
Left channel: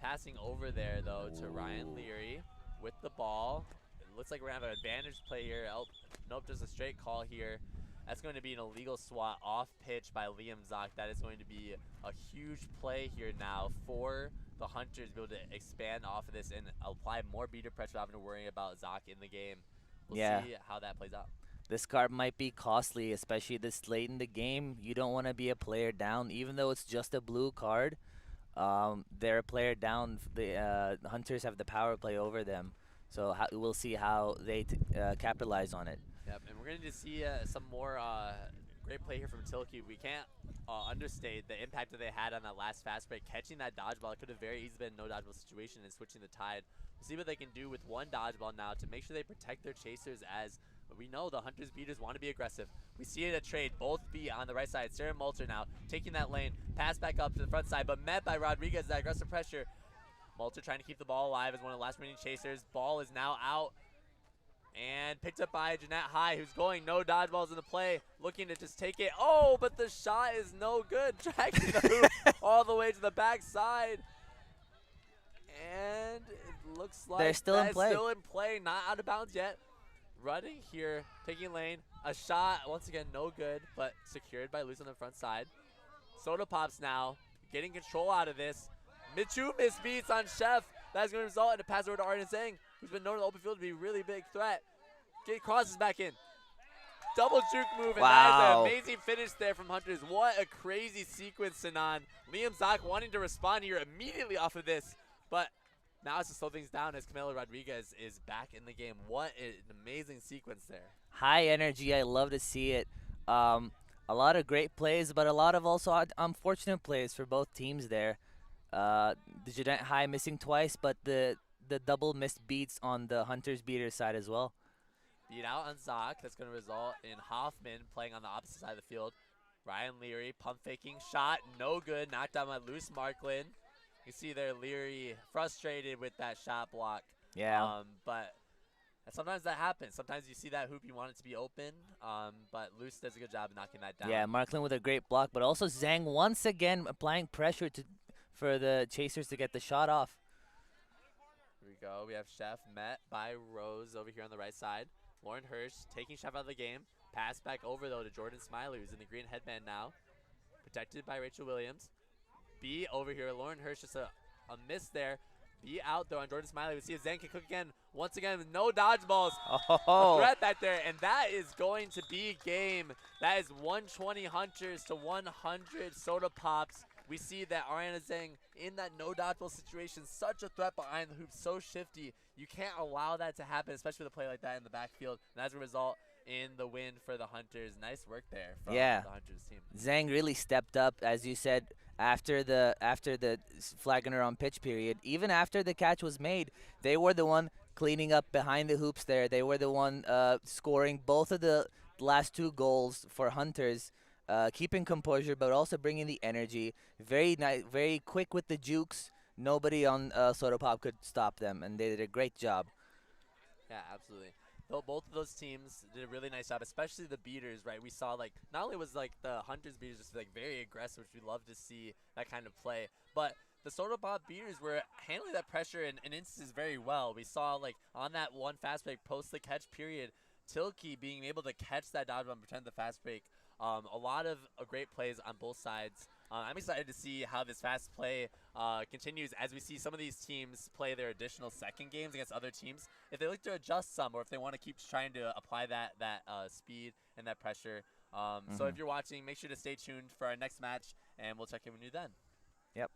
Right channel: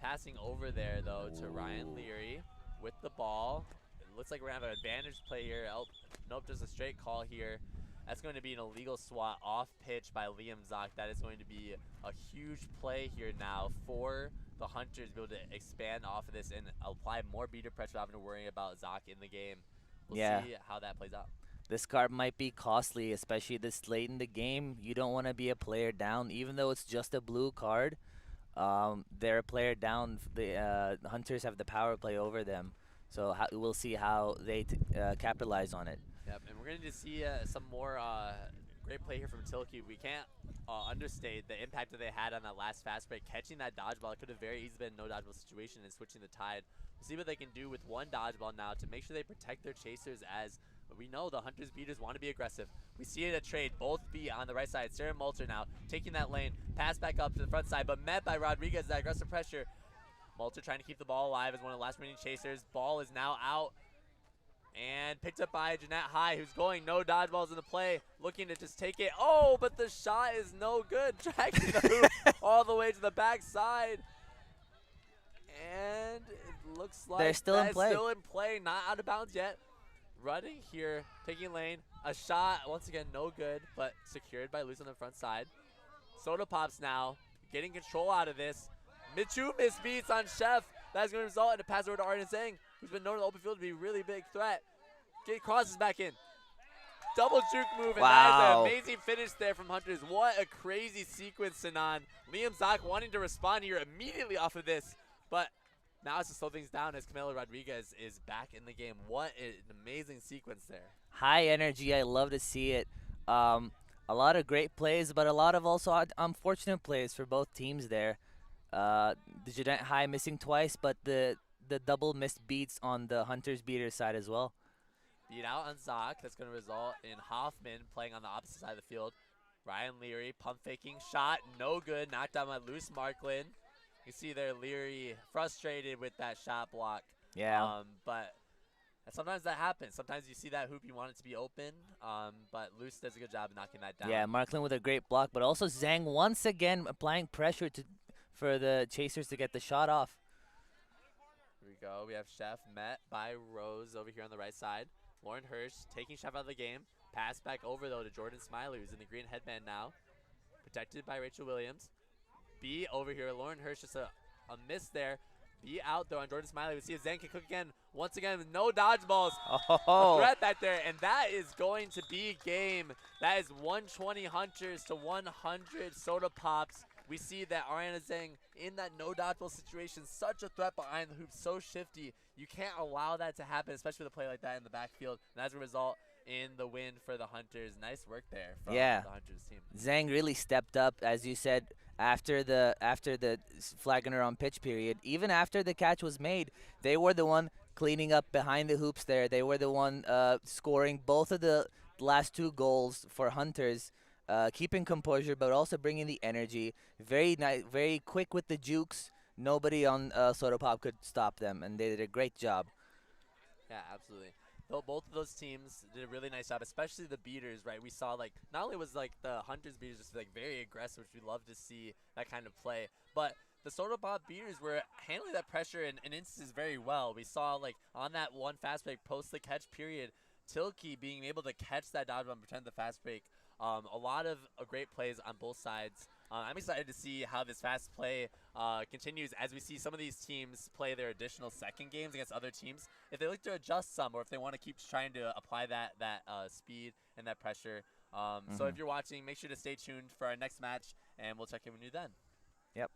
Passing over there, though, to Ryan Leary with the ball. It looks like we're going to have an advantage play here. Oh, nope, just a straight call here. That's going to be an illegal swat off pitch by Liam Zock. That is going to be a huge play here now for the Hunters to be able to expand off of this and apply more beater pressure without having to worry about Zock in the game. We'll see how that plays out. This card might be costly, especially this late in the game. You don't want to be a player down, even though it's just a blue card. They're a player down. The Hunters have the power play over them. So we'll see how they capitalize on it. Yep, and we're going to see some more great play here from Tilke. We can't understate the impact that they had on that last fast break. Catching that dodgeball, it could have very easily been no dodgeball situation and switching the tide. We'll see what they can do with one dodgeball now to make sure they protect their chasers, as we know the Hunters beaters want to be aggressive. We see it a trade, both be on the right side. Sarah Malter now taking that lane, pass back up to the front side, but met by Rodriguez, that aggressive pressure. Malter trying to keep the ball alive as one of the last remaining chasers. Ball is now out and picked up by Jeanette High, who's going no dodgeballs in the play, looking to just take it. Oh, but the shot is no good. Tracking the hoop all the way to the backside. And it looks like they're still in play. Still in play, not out of bounds yet. Running here, taking lane. A shot, once again, no good, but secured by Luce on the front side. Soda Pops now getting control out of this. Michu misbeats on Chef. That's going to result in a pass over to Arden Zhang, who's been known in the open field to be a really big threat. Crosses back in. Double juke move, and that is an amazing finish there from Hunters. What a crazy sequence, Sinan. Liam Zock wanting to respond here immediately off of this, but now it's to slow things down as Camilo Rodriguez is back in the game. What an amazing sequence there. High energy. I love to see it. A lot of great plays, but a lot of also unfortunate plays for both teams there. The Jeanette High missing twice, but the double missed beats on the Hunters beater side as well. Beat out on Zock. That's going to result in Hoffman playing on the opposite side of the field. Ryan Leary pump faking shot, no good. Knocked down by Luce Marklin. You see there Leary frustrated with that shot block. Yeah. But sometimes that happens. Sometimes you see that hoop, you want it to be open. But Luce does a good job of knocking that down. Yeah, Marklin with a great block, but also Zhang once again applying pressure for the chasers to get the shot off. Here we go. We have Chef met by Rose over here on the right side. Lauren Hirsch taking Chef out of the game. Pass back over, though, to Jordan Smiley, who's in the green headband now. Protected by Rachel Williams. B over here. Lauren Hirsch, just a miss there. B out, though, on Jordan Smiley. We see if Zhang can cook again. Once again, no dodgeballs. A threat back there, and that is going to be game. That is 120 Hunters to 100 Soda Pops. We see that Ariana Zhang in that no dodgeball situation, such a threat behind the hoop, so shifty. You can't allow that to happen, especially with a play like that in the backfield. And as a result, in the win for the Hunters. Nice work there from Yeah. the Hunters team. Zhang really stepped up, as you said, after the flagging her on pitch period. Even after the catch was made, they were the one cleaning up behind the hoops there. They were the one scoring both of the last 2 goals for Hunters, keeping composure but also bringing the energy. Very nice, very quick with the jukes. Nobody on Soda Pop could stop them, and they did a great job. Yeah, absolutely. Though both of those teams did a really nice job, especially the beaters, right? We saw like not only was like the Hunters beaters just like very aggressive, which we love to see that kind of play, but the Soda Pop beaters were handling that pressure in instances very well. We saw like on that one fast break post the catch period, Tilke being able to catch that dodgeball and pretend the fast break. A lot of great plays on both sides. I'm excited to see how this fast play continues as we see some of these teams play their additional second games against other teams. If they look to adjust some, or if they want to keep trying to apply that speed and that pressure. So if you're watching, make sure to stay tuned for our next match, and we'll check in with you then. Yep.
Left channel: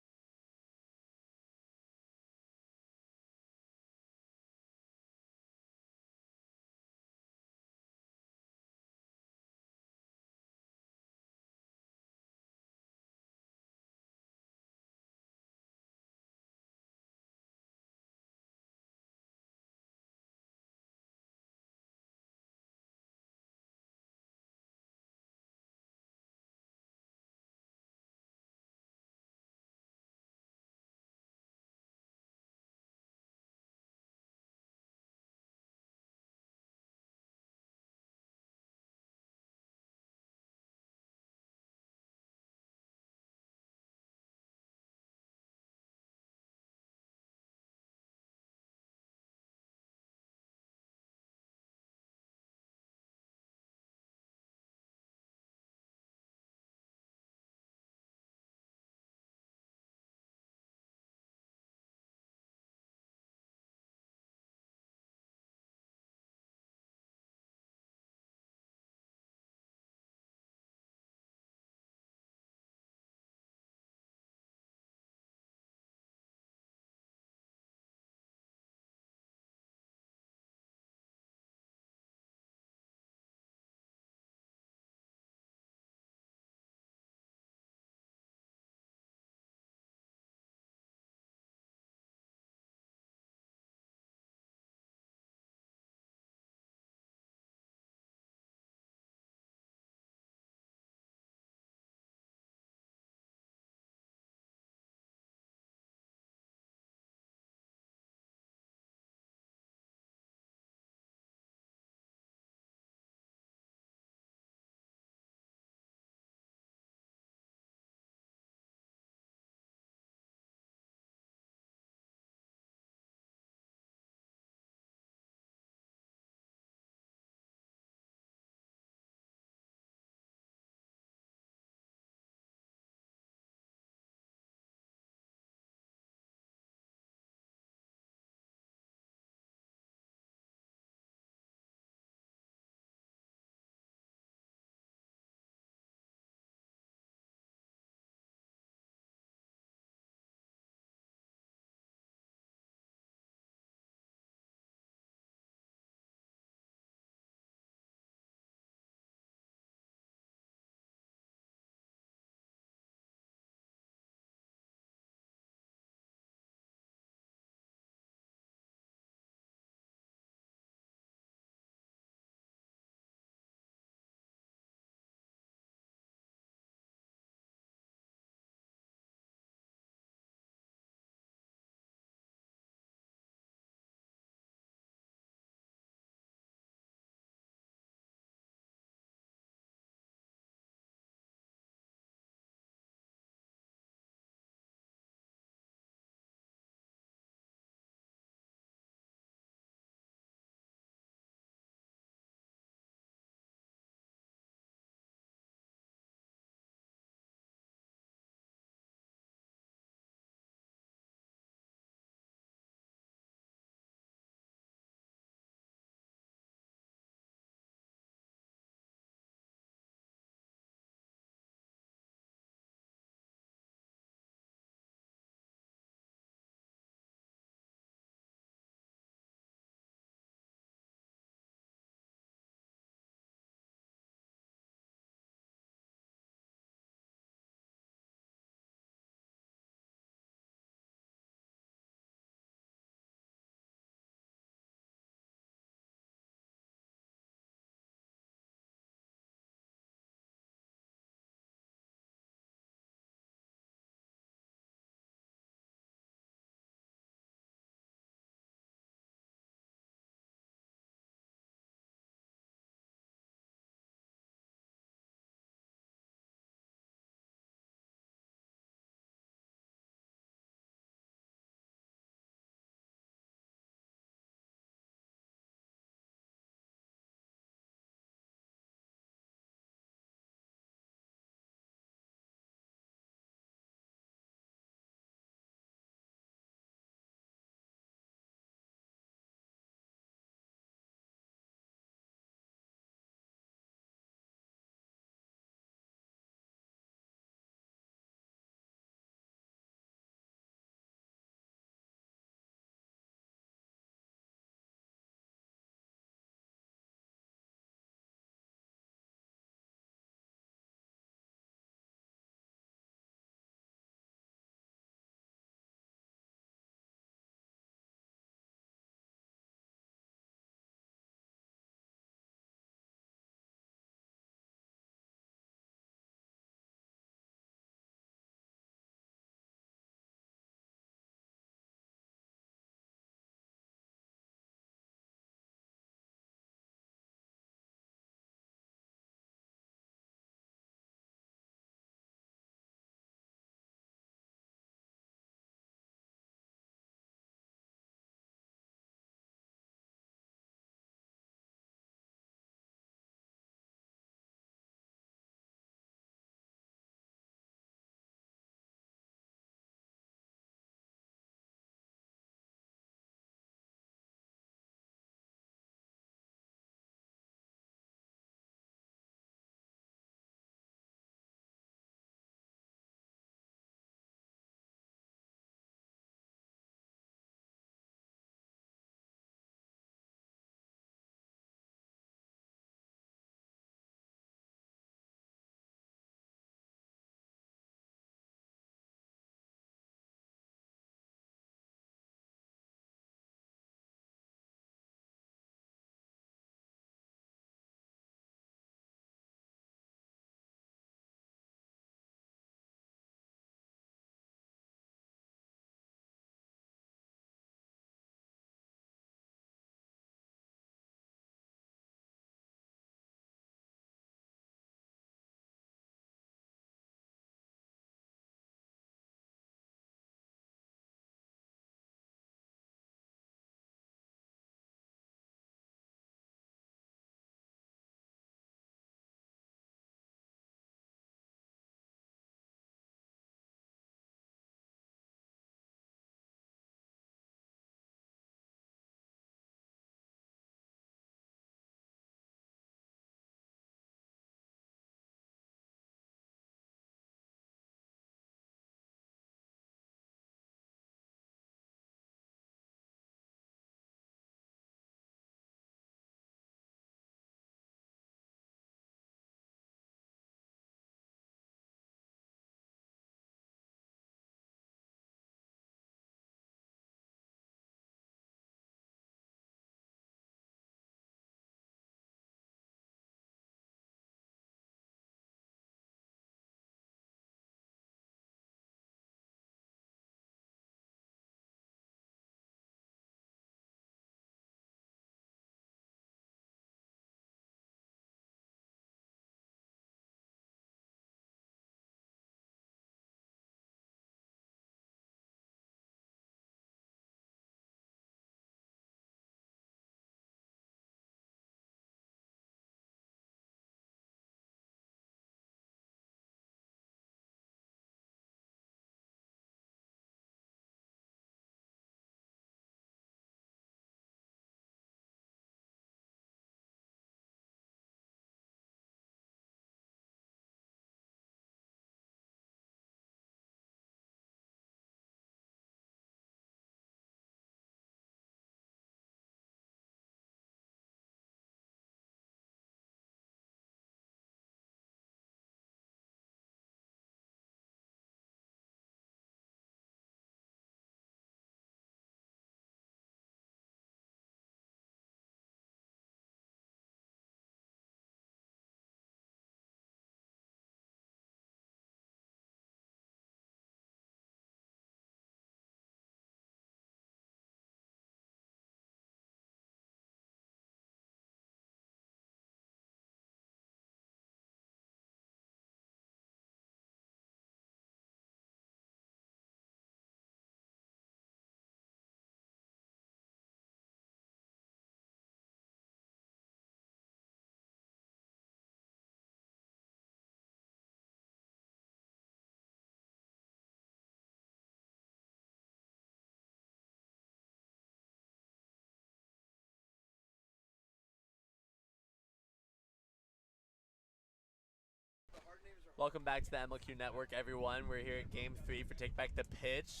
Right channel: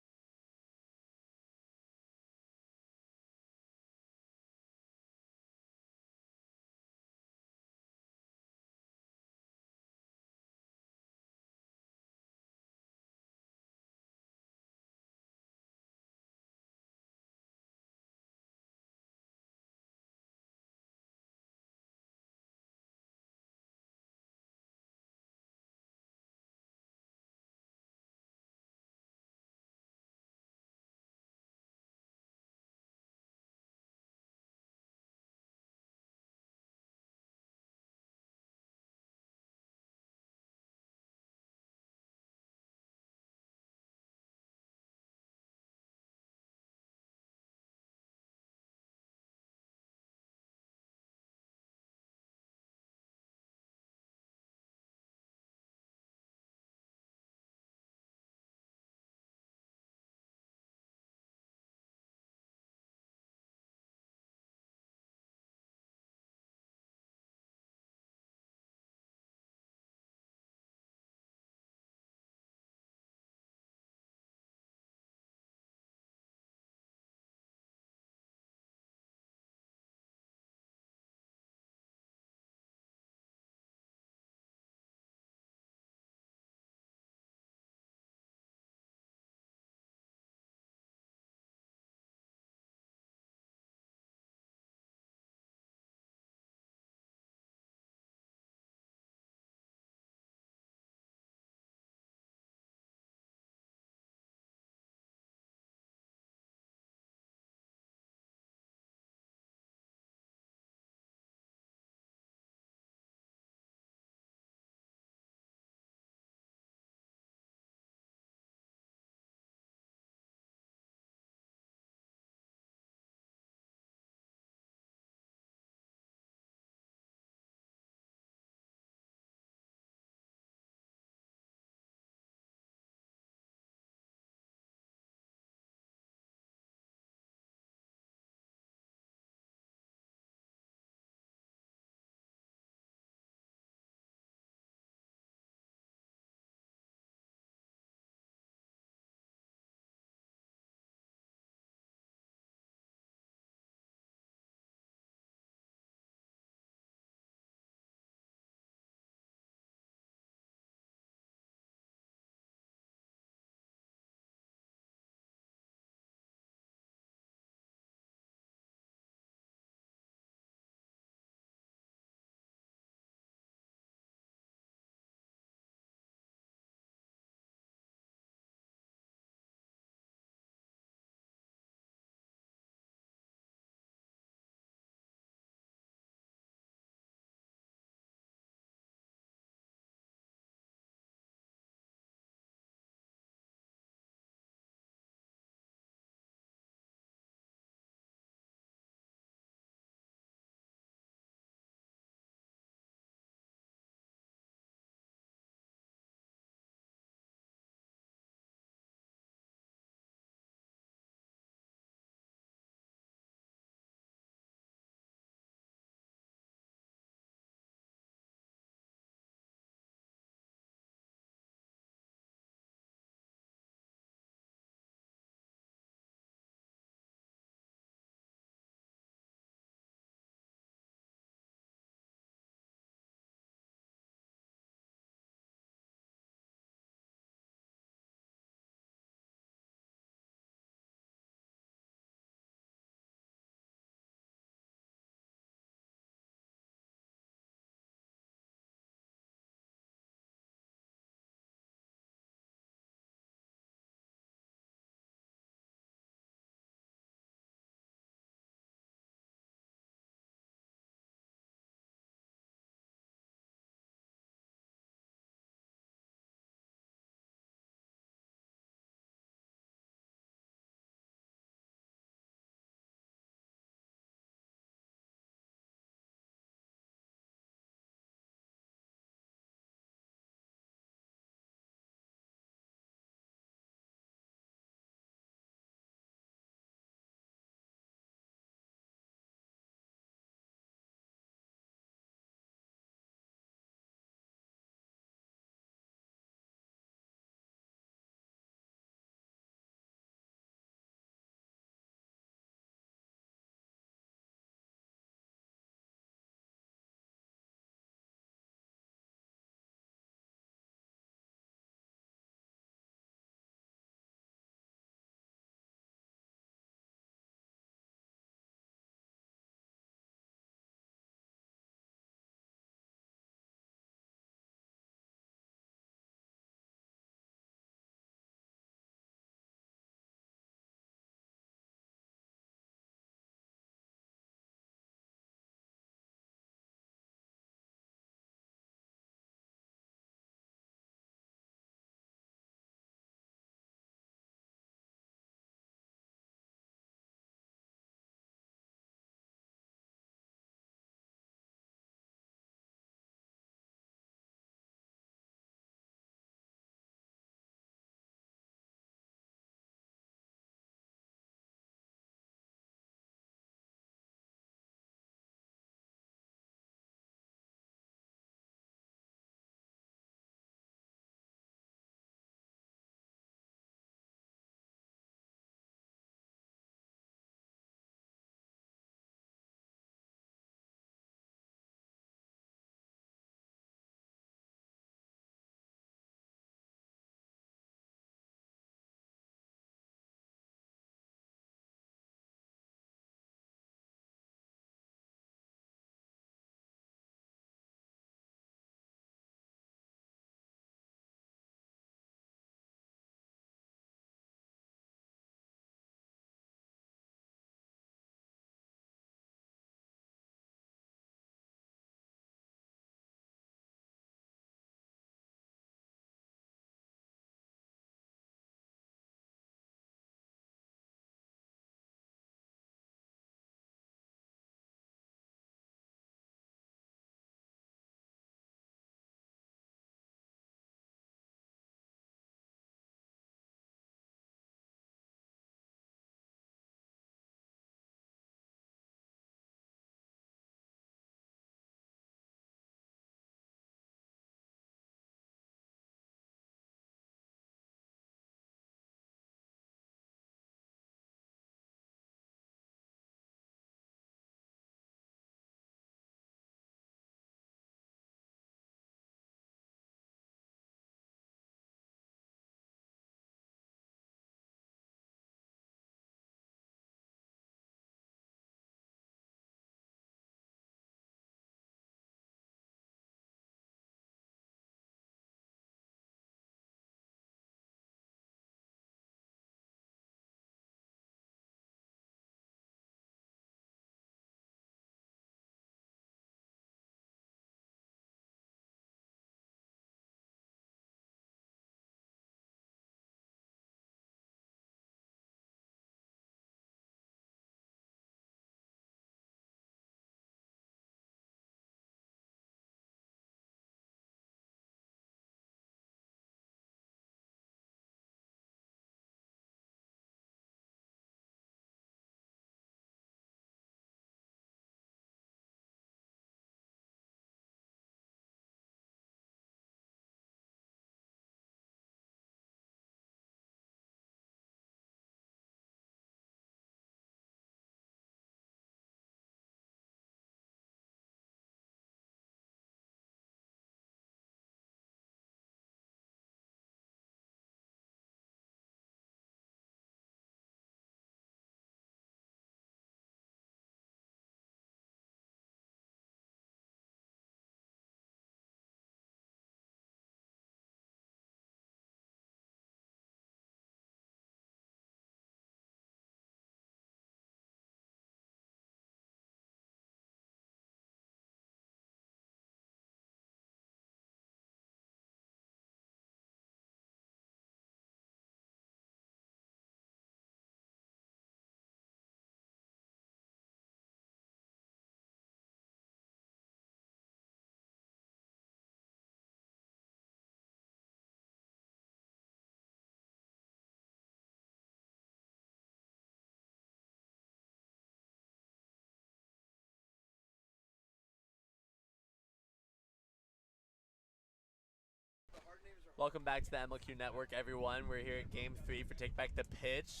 Welcome back to the MLQ Network, everyone. We're here at Game 3 for Take Back the Pitch.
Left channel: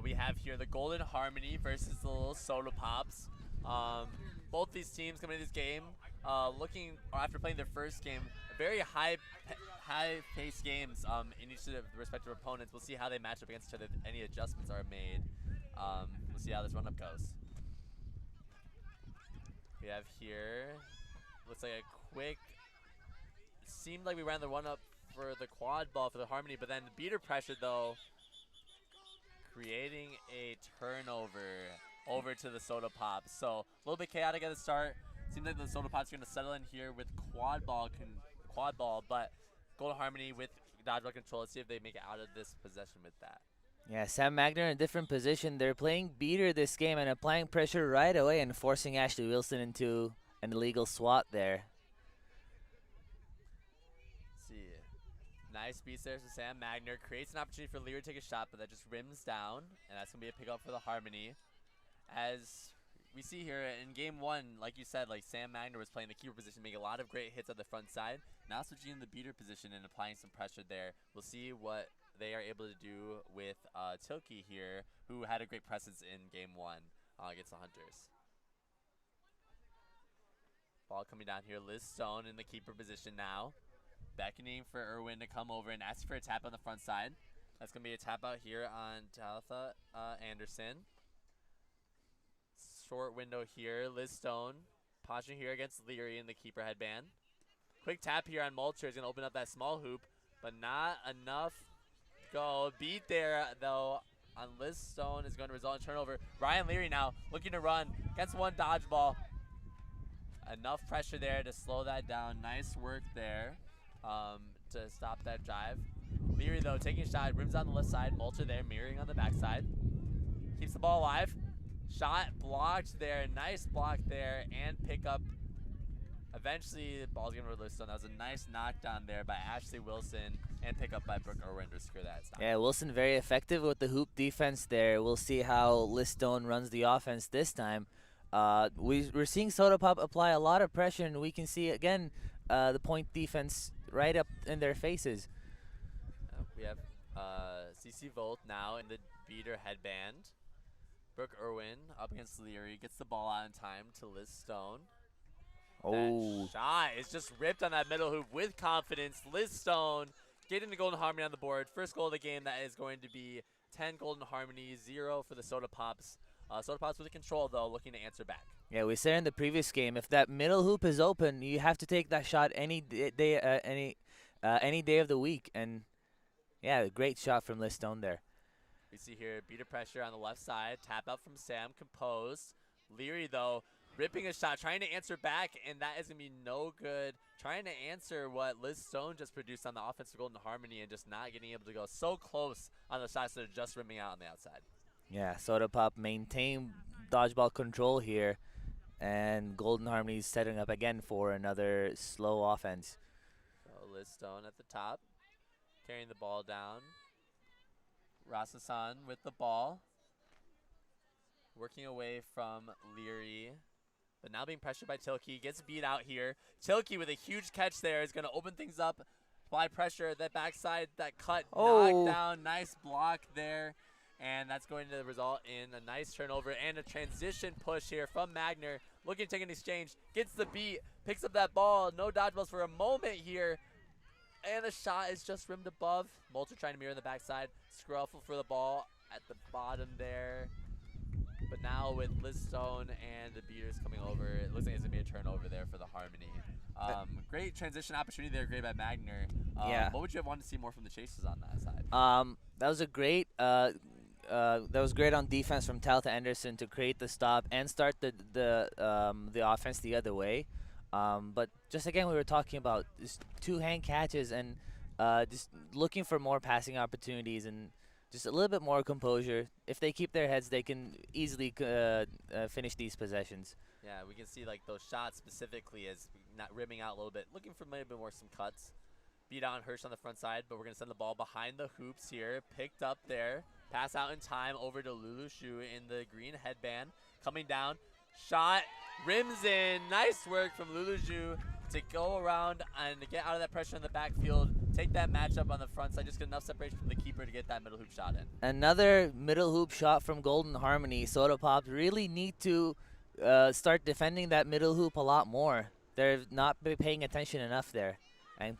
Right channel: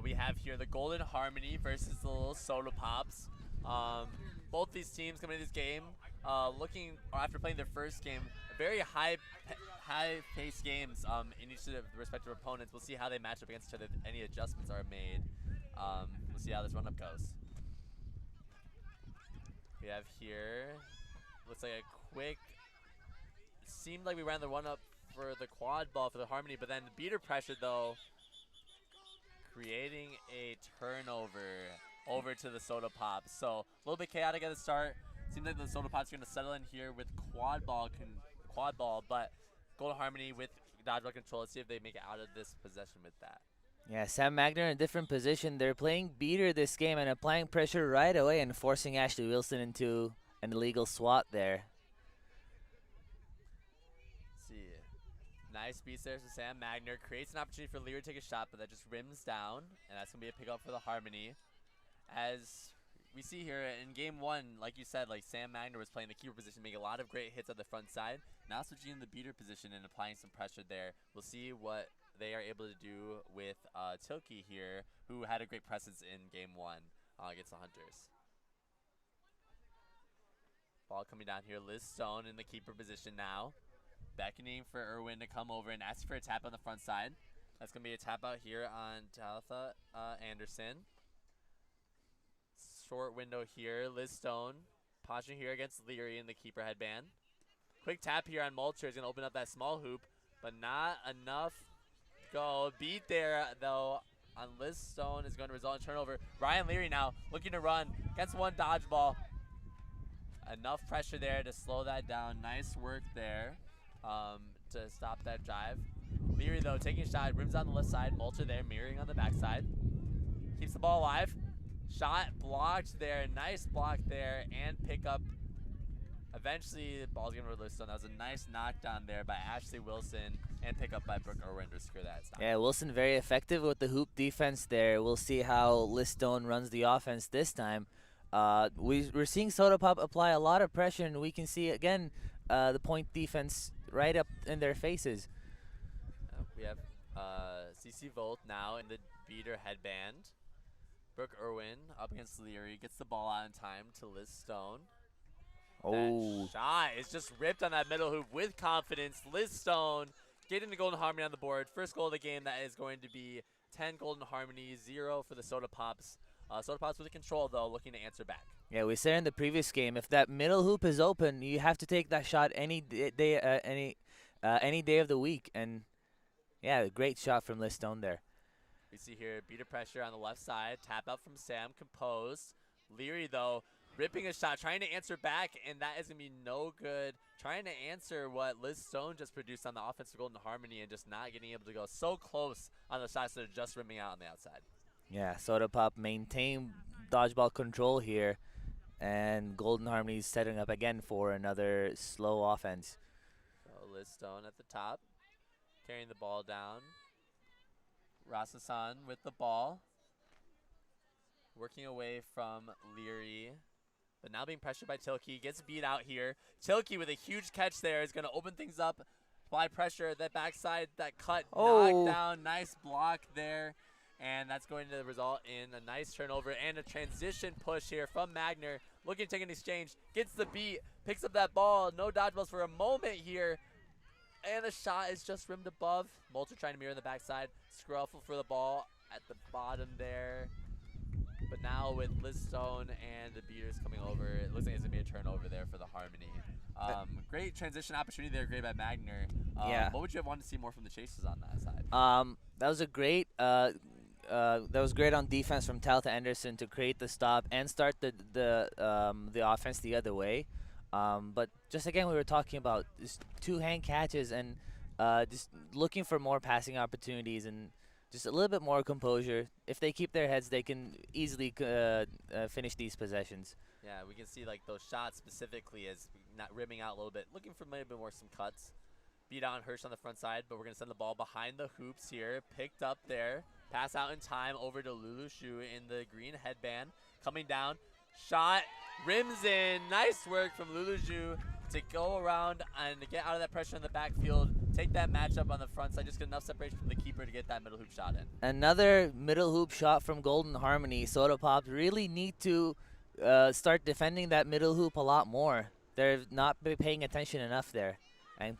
We have here the Golden Harmony versus the little Soda Pops. Both these teams coming into this game, after playing their first game, very high-paced games in each of the respective opponents. We'll see how they match up against each other, if any adjustments are made. We'll see how this run-up goes. We have here, looks like a quick, seemed like we ran the run-up for the quad ball for the Harmony, but then the beater pressure though, creating a turnover over to the Soda Pops. So a little bit chaotic at the start. Seems like the Soda Pops are going to settle in here with quad ball, but Golden Harmony with dodgeball control. Let's see if they make it out of this possession with that. Yeah, Sam Magner in a different position. They're playing beater this game and applying pressure right away and forcing Ashley Wilson into an illegal swat there. Nice beats there to Sam Magner. Creates an opportunity for Lear to take a shot, but that just rims down, and that's going to be a pickup for the Harmony. As we see here in game 1, like you said, like Sam Magner was playing the keeper position, making a lot of great hits at the front side. Now switching in the beater position and applying some pressure there. We'll see what they are able to do with Tilke here, who had a great presence in game 1 against the Hunters. Ball coming down here. Liz Stone in the keeper position now. Beckoning for Irwin to come over and asking for a tap on the front side. That's going to be a tap out here on Talitha Anderson. Short window here. Liz Stone posturing here against Leary in the keeper headband. Quick tap here on Mulcher is going to open up that small hoop, but not enough. Go. Beat there, though, on Liz Stone is going to result in turnover. Ryan Leary now looking to run. Gets one dodgeball. Enough pressure there to slow that down. Nice work there. To stop that drive. Leary though taking a shot, rims on the left side, Mulcher there mirroring on the backside. Keeps the ball alive. Shot blocked there, nice block there, and pick up. Eventually the ball's gonna release. So that was a nice knockdown there by Ashley Wilson and pick up by Brooke Irwin to secure that stop. Yeah, Wilson very effective with the hoop defense there. We'll see how Liz Stone runs the offense this time. We're seeing Soda Pop apply a lot of pressure, and we can see again the point defense right up in their faces. We have CC Volt now in the beater headband. Brooke Irwin up against Leary, gets the ball out in time to Liz Stone. Oh, that shot is just ripped on that middle hoop with confidence. Liz Stone getting the Golden Harmony on the board. First goal of the game. That is going to be 10 Golden Harmony, 0 for the Soda Pops. Soda Pops with the control though, looking to answer back. Yeah, we said in the previous game, if that middle hoop is open, you have to take that shot any day of the week. And yeah, great shot from Liz Stone there. We see here beater pressure on the left side, tap out from Sam, composed. Leary though, ripping a shot, trying to answer back, and that is gonna be no good. Trying to answer what Liz Stone just produced on the offensive Golden Harmony and just not getting able to go so close on the shots that are just rimming out on the outside. Yeah, Soda Pop maintain dodgeball control here, and Golden Harmony's setting up again for another slow offense. So Liz Stone at the top, carrying the ball down. Rasasan with the ball, working away from Leary, but now being pressured by Tilke. Gets beat out here. Tilke with a huge catch there is going to open things up. Apply pressure, that backside, that cut, knocked down. Nice block there. And that's going to result in a nice turnover and a transition push here from Magner. Looking to take an exchange. Gets the beat. Picks up that ball. No dodgeballs for a moment here. And the shot is just rimmed above. Mulcher trying to mirror on the backside. Scruffle for the ball at the bottom there. But now with Liz Stone and the beaters coming over, it looks like it's going to be a turnover there for the Harmony. Great transition opportunity there, great by Magner. Yeah. What would you have wanted to see more from the Chasers on that side? That was a great that was great on defense from Talitha Anderson to create the stop and start the offense the other way. But just again, we were talking about just two hand catches and just looking for more passing opportunities and just a little bit more composure. If they keep their heads, they can easily finish these possessions. Yeah, we can see like those shots specifically as not rimming out a little bit, looking for maybe more some cuts. Beat out Hirsch on the front side, but we're going to send the ball behind the hoops here. Picked up there. Pass out in time over to Lulu Shu in the green headband. Coming down. Shot. Rims in. Nice work from Lulu Shu to go around and get out of that pressure in the backfield. take that matchup on the front side, just get enough separation from the keeper to get that middle hoop shot in. Another middle hoop shot from Golden Harmony. Soda Pops really need to start defending that middle hoop a lot more. They're not paying attention enough there. And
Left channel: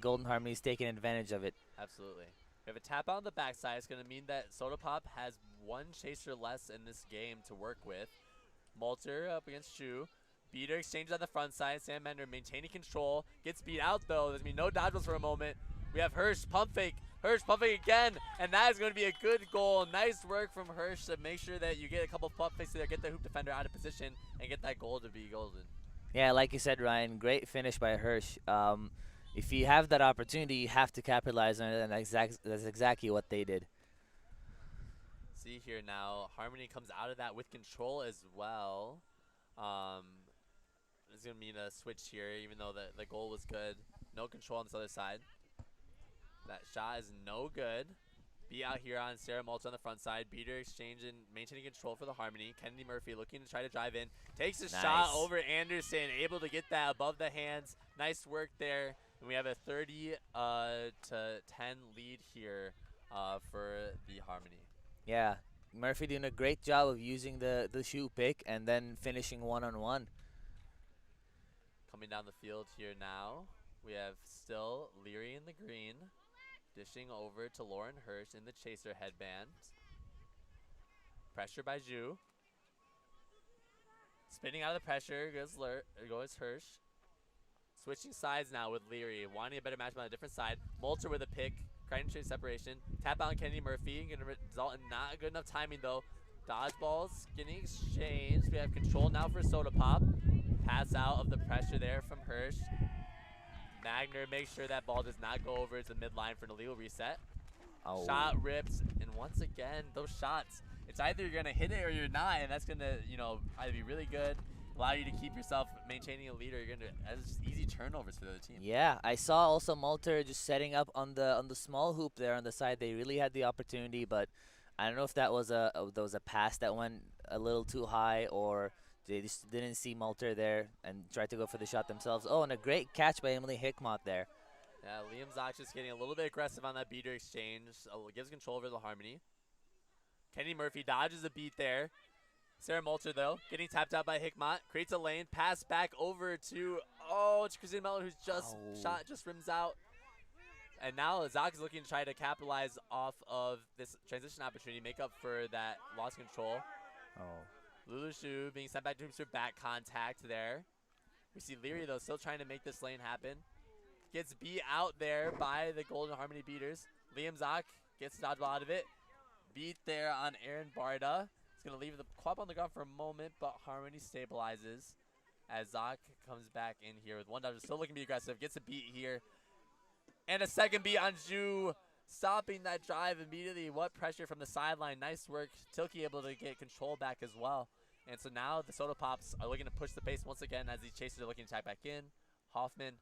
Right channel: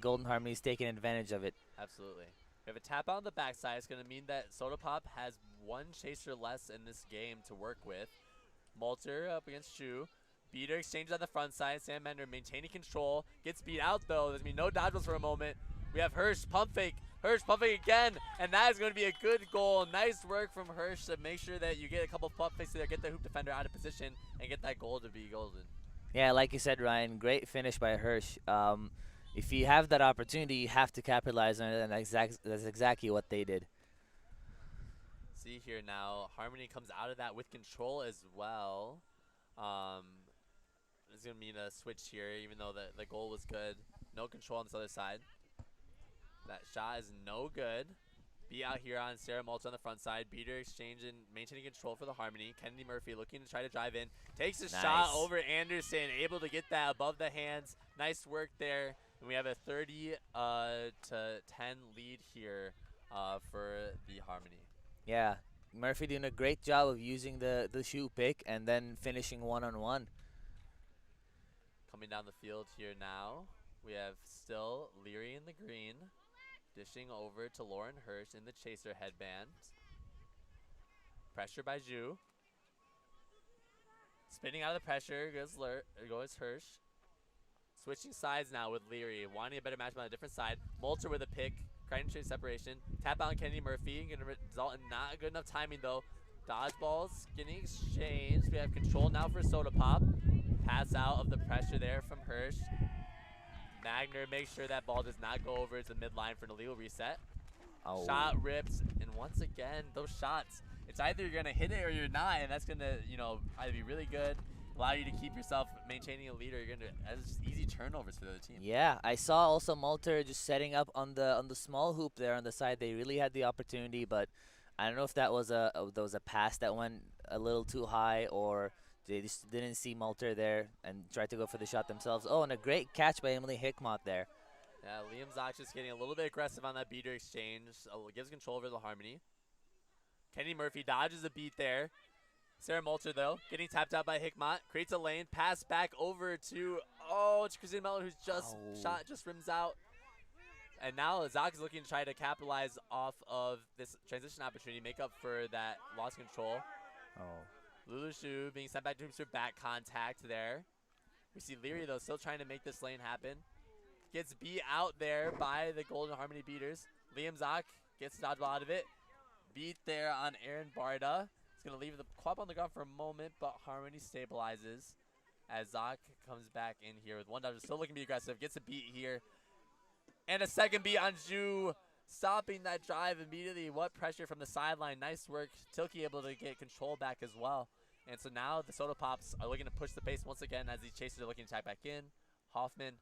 Golden Harmony is taking advantage of it. Absolutely. We have a tap out on the backside. It's going to mean that Soda Pop has one chaser less in this game to work with. Malter up against Shu. Beater exchanges on the front side. Sam Mender maintaining control. Gets beat out though. There's going to be no dodgeballs for a moment. We have Hirsch pump fake. Hirsch pump fake again. And that is going to be a good goal. Nice work from Hirsch to make sure that you get a couple pump fakes there. Get the hoop defender out of position and get that goal to be golden. Yeah, like you said, Ryan, great finish by Hirsch. If you have that opportunity, you have to capitalize on it, and that's exactly what they did. See here now, Harmony comes out of that with control as well. This is going to mean a switch here, even though the goal was good. No control on this other side. That shot is no good. Be out here on Sarah Malta on the front side. Beater exchange and maintaining control for the Harmony. Kennedy Murphy looking to try to drive in. Takes a shot over Anderson, able to get that above the hands. Nice work there. And we have a 30 to 10 lead here for the Harmony. Yeah, Murphy doing a great job of using the shoe pick and then finishing one-on-one. Coming down the field here now, we have still Leary in the green. Dishing over to Lauren Hirsch in the chaser headband. Pressure by Zhu. Spinning out of the pressure goes Hirsch. Switching sides now with Leary. Wanting a better match on a different side. Malter with a pick. Crichton trade separation. Tap out on Kennedy Murphy. Going to result in not good enough timing though. Dodgeballs getting exchanged. We have control now for Soda Pop. Pass out of the pressure there from Hirsch. Magner makes sure that ball does not go over to the midline for an illegal reset. Oh. Shot rips, and once again, those shots, it's either you're gonna hit it or you're not, and that's gonna, either be really good, allow you to keep yourself maintaining a lead, or you're gonna that's easy turnovers for the other team. Yeah, I saw also Malter just setting up on the small hoop there on the side. They really had the opportunity, but I don't know if that was a pass that went a little too high, or they just didn't see Malter there and tried to go for the shot themselves. Oh, and a great catch by Emily Hickmott there. Yeah, Liam Zox just getting a little bit aggressive on that beater exchange. Gives control over the Harmony. Kenny Murphy dodges a beat there. Sarah Malter, though, getting tapped out by Hickmott. Creates a lane. Pass back over to, it's Christine Mellon who's just rims out. And now Zox is looking to try to capitalize off of this transition opportunity, make up for that lost control. Lulu Shu being sent back to him for back contact there. We see Leary, though, still trying to make this lane happen. Gets beat out there by the Golden Harmony beaters. Liam Zock gets the dodgeball out of it. Beat there on Aaron Barda. He's going to leave the club on the ground for a moment, but Harmony stabilizes as Zock comes back in here with one dodger. Still looking to be aggressive. Gets a beat here. And a second beat on Zhu. Stopping that drive immediately. What pressure from the sideline. Nice work. Tilke able to get control back as well. And so now the Soda Pops are looking to push the pace once again as these chasers are looking to tap back in. Hoffman,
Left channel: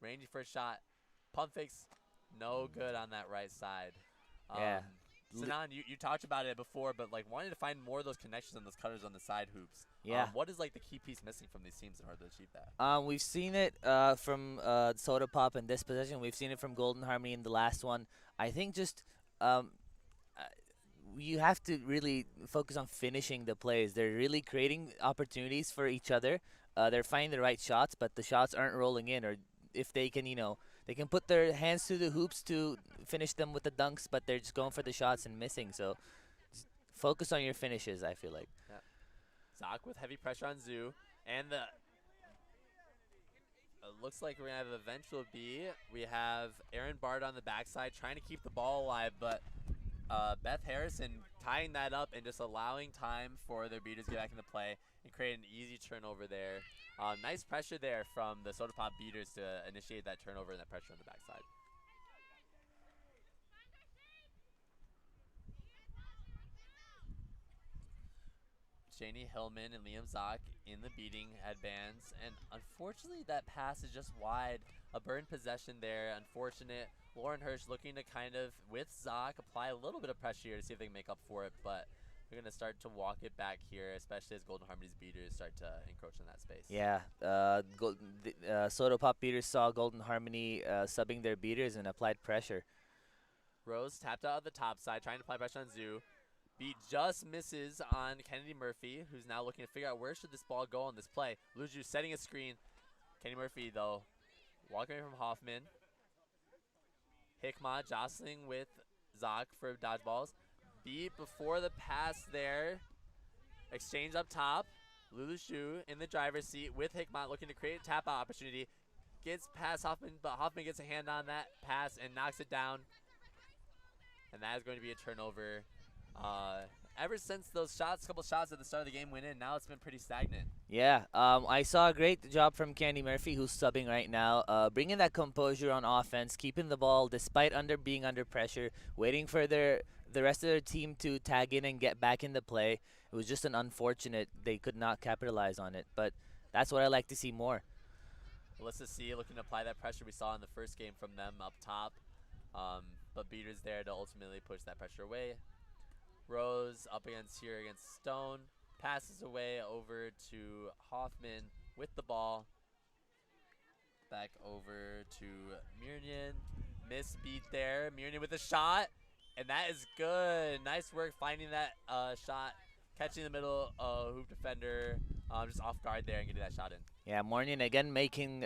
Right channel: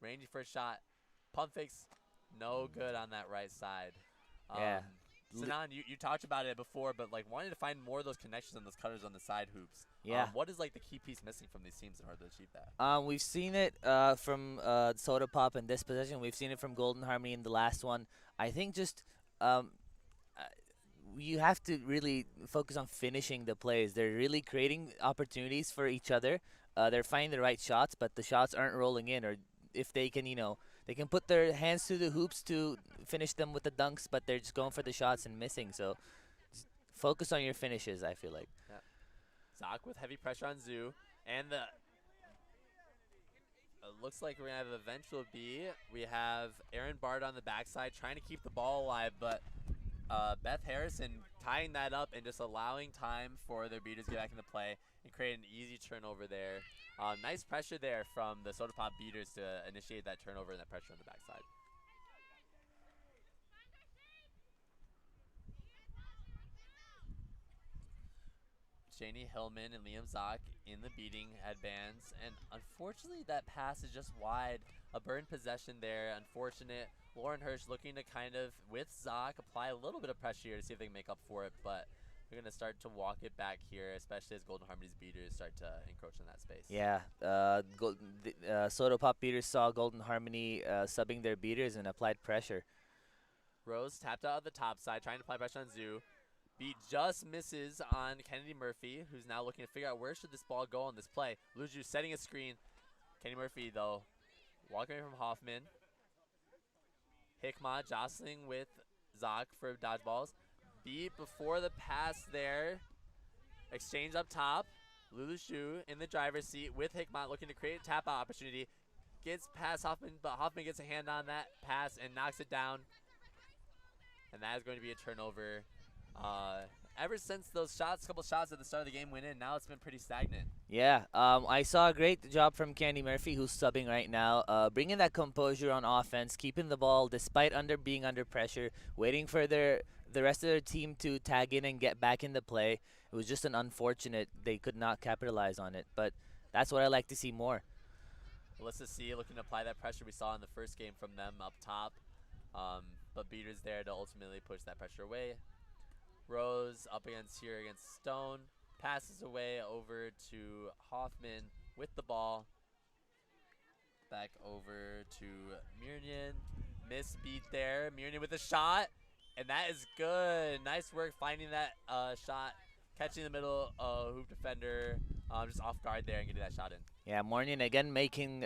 ranging for a shot. Pump fakes, no good on that right side. Yeah. Sinan, you talked about it before, but wanting to find more of those connections and those cutters on the side hoops. Yeah. What is the key piece missing from these teams in order to achieve that? We've seen it from Soda Pop in this possession. We've seen it from Golden Harmony in the last one. I think just you have to really focus on finishing the plays. They're really creating opportunities for each other. They're finding the right shots, but the shots aren't rolling in. Or if they can, they can put their hands to the hoops to finish them with the dunks, but they're just going for the shots and missing. So just focus on your finishes, I feel like. Yeah. Zock with heavy pressure on Zhu. And looks like we're going to have an eventual B. We have Aaron Bard on the backside trying to keep the ball alive, but Beth Harrison tying that up and just allowing time for their beaters to get back into play and create an easy turnover there. Nice pressure there from the Soda Pop beaters to initiate that turnover and that pressure on the backside. Janie Hillman and Liam Zock in the beating headbands, and unfortunately that pass is just wide. A burned possession there, unfortunate. Lauren Hirsch looking to kind of, with Zock, apply a little bit of pressure here to see if they can make up for it, but They're going to start to walk it back here, especially as Golden Harmony's beaters start to encroach in that space. Yeah, Soda Pop beaters saw Golden Harmony subbing their beaters and applied pressure. Rose tapped out of the top side, trying to apply pressure on Zoo. Beat just misses on Kennedy Murphy, who's now looking to figure out where should this ball go on this play. Luju setting a screen. Kenny Murphy, though, walking away from Hoffman. Hickmott jostling with Zoc for dodgeballs. Beat before the pass there. Exchange up top. Lulu Shu in the driver's seat with Hickmott looking to create a tap-out opportunity. Gets past Hoffman, but Hoffman gets a hand on that pass and knocks it down. And that is going to be a turnover. Ever since those couple shots at the start of the game went in, now it's been pretty stagnant. Yeah, I saw a great job from Candy Murphy, who's subbing right now, bringing that composure on offense, keeping the ball despite being under pressure, waiting for the rest of their team to tag in and get back into play. It was just an unfortunate they could not capitalize on it, but that's what I like to see more. Alyssa C looking to apply that pressure we saw in the first game from them up top, but Beaters there to ultimately push that pressure away. Rose up against Stone, passes away over to Hoffman with the ball. Back over to Mirnian. Miss beat there. Mirnian with a shot, and that is good. Nice work finding that shot, catching the middle hoop defender just off guard there and getting that shot in. Yeah, Mornian again making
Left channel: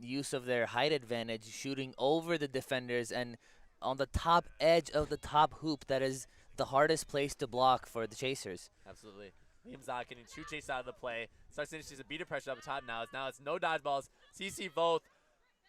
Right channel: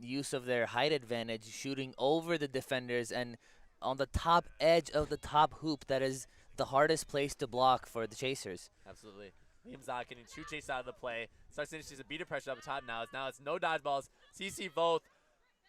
use of their height advantage, shooting over the defenders and on the top edge of the top hoop. That is the hardest place to block for the chasers. Absolutely. Liam Zoc getting 2 chases out of the play. Starts to introduce a beater pressure up top now. Now it's no dodgeballs. CC Voth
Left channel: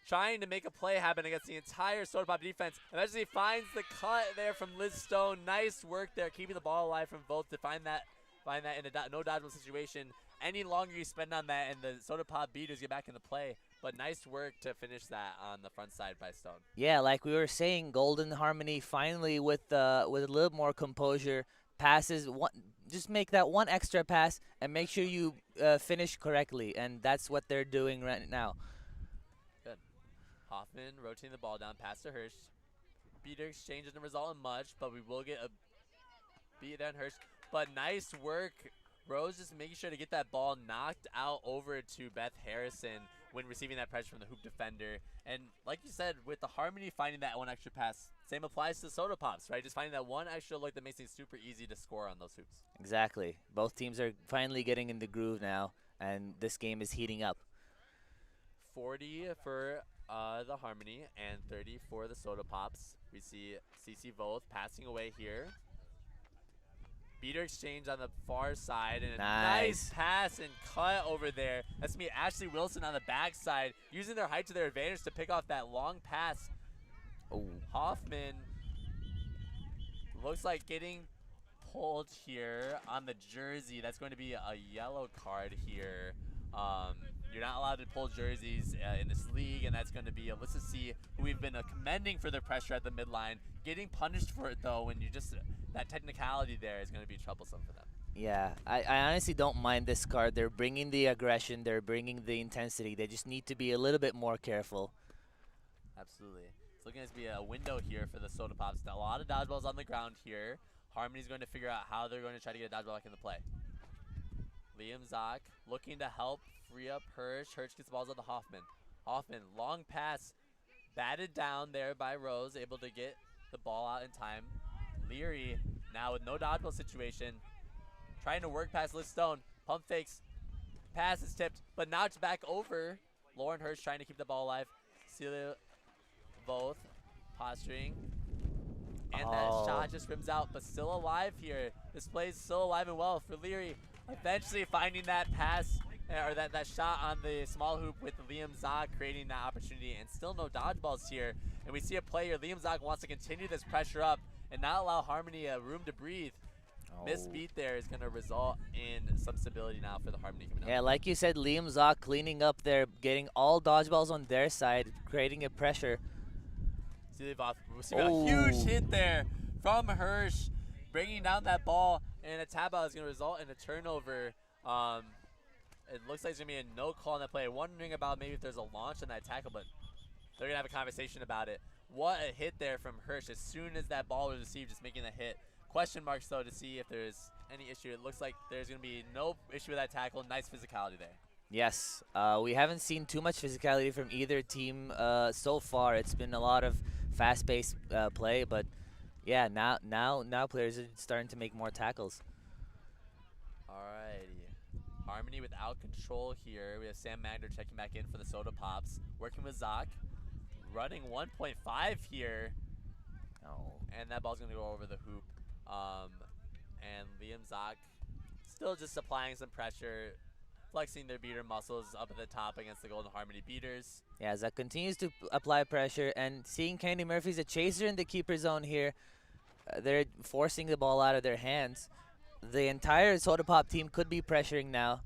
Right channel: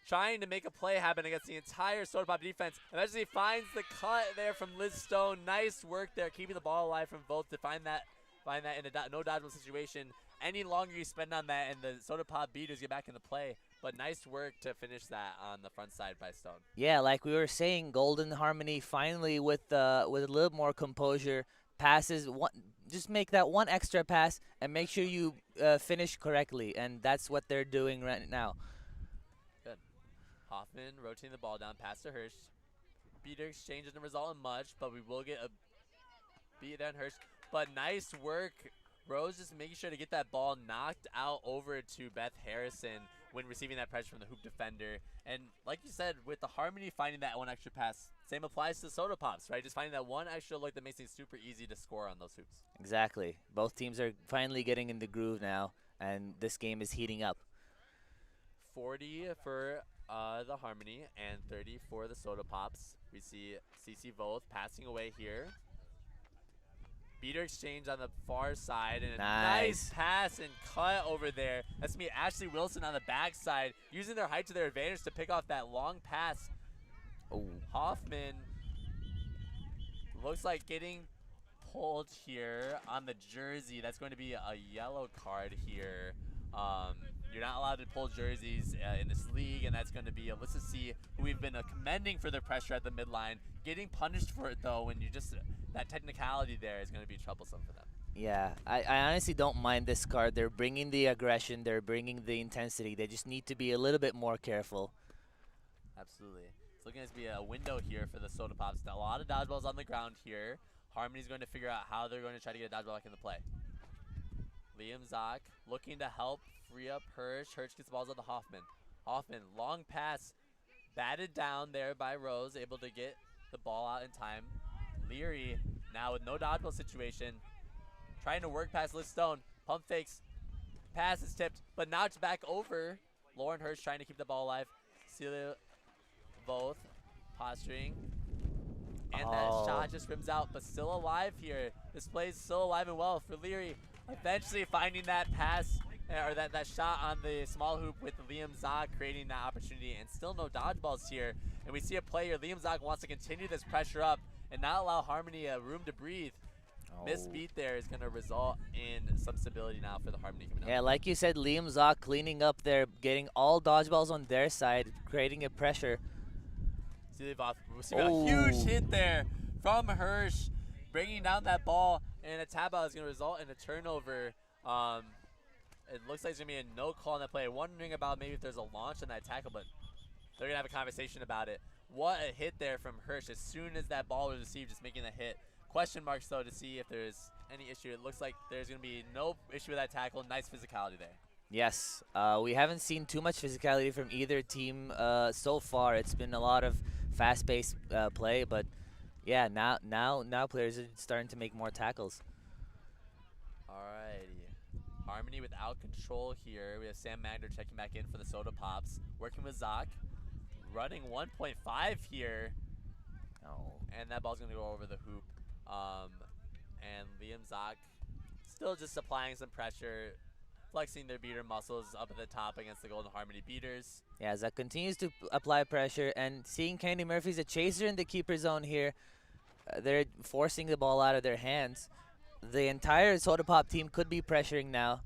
trying to make a play happen against the entire Soda Pop defense. Eventually finds the cut there from Liz Stone. Nice work there, keeping the ball alive from Voth to find that in a no dodgeball situation. Any longer you spend on that and the Soda Pop beaters get back into play. But nice work to finish that on the front side by Stone. Yeah, like we were saying, Golden Harmony finally with a little more composure passes. Just make that one extra pass and make sure you finish correctly, and that's what they're doing right now. Good. Hoffman rotating the ball down past to Hirsch. Beater exchange doesn't result in much, but we will get a beat down Hirsch. But nice work. Rose just making sure to get that ball knocked out over to Beth Harrison when receiving that pressure from the hoop defender. And like you said, with the Harmony finding that one extra pass, same applies to Soda Pops, right? Just finding that one extra look that makes things super easy to score on those hoops. Exactly. Both teams are finally getting in the groove now, and this game is heating up. 40 for the Harmony and 30 for the Soda Pops. We see CC Voth passing away here. Beater exchange on the far side, and a nice pass and cut over there. That's going to be Ashley Wilson on the backside, using their height to their advantage to pick off that long pass. Oh. Hoffman looks like getting pulled here on the jersey. That's going to be a yellow card here. You're not allowed to pull jerseys in this league, and that's going to be Alyssa C, who we've been commending for their pressure at the midline. Getting punished for it, though, when you just that technicality there is going to be troublesome for them. Yeah, I honestly don't mind this card. They're bringing the aggression. They're bringing the intensity. They just need to be a little bit more careful. Absolutely. It's looking to be a window here for the Soda Pops. A lot of dodgeballs on the ground here. Harmony's going to figure out how they're going to try to get a dodgeball back into play. Liam Zoc looking to help free up Hirsch. Hirsch gets the balls out to Hoffman. Hoffman, long pass, batted down there by Rose, able to get the ball out in time. Leary now with no dodgeball situation, trying to work past Liz Stone. Pump fakes, pass is tipped, but now it's back over. Lauren Hirsch trying to keep the ball alive. Celia Voth posturing. And that shot just rims out, but still alive here. This play is still alive and well for Leary. Eventually finding that pass, or that shot on the small hoop with Liam Zoc, creating that opportunity, and still no dodgeballs here. And we see a player, Liam Zoc wants to continue this pressure up and not allow Harmony room to breathe. Miss beat there is going to result in some stability now for the Harmony coming up. Yeah, like you said, Liam Zoc cleaning up there, getting all dodgeballs on their side, creating a pressure. We're seeing a huge hit there from Hirsch, bringing down that ball, and a tap out is going to result in a turnover. It looks like there's going to be a no call on that play. Wondering about maybe if there's a launch on that tackle, but they're going to have a conversation about it. What a hit there from Hirsch as soon as that ball was received, just making a hit. Question marks, though, to see if there's any issue. It looks like there's going to be no issue with that tackle. Nice physicality there. Yes, we haven't seen too much physicality from either team so far. It's been a lot of fast-paced play, but yeah, now players are starting to make more tackles. Alrighty. Harmony without control here. We have Sam Magner checking back in for the Soda Pops. Working with Zoc. Running 1.5 here. Oh. And that ball's going to go over the hoop. And Liam Zoc still just applying some pressure, flexing their beater muscles up at the top against the Golden Harmony beaters. Yeah, Zoc continues to apply pressure, and seeing Candy Murphy's a chaser in the keeper zone here, they're forcing the ball out of their hands. The entire Soda Pop team could be pressuring now.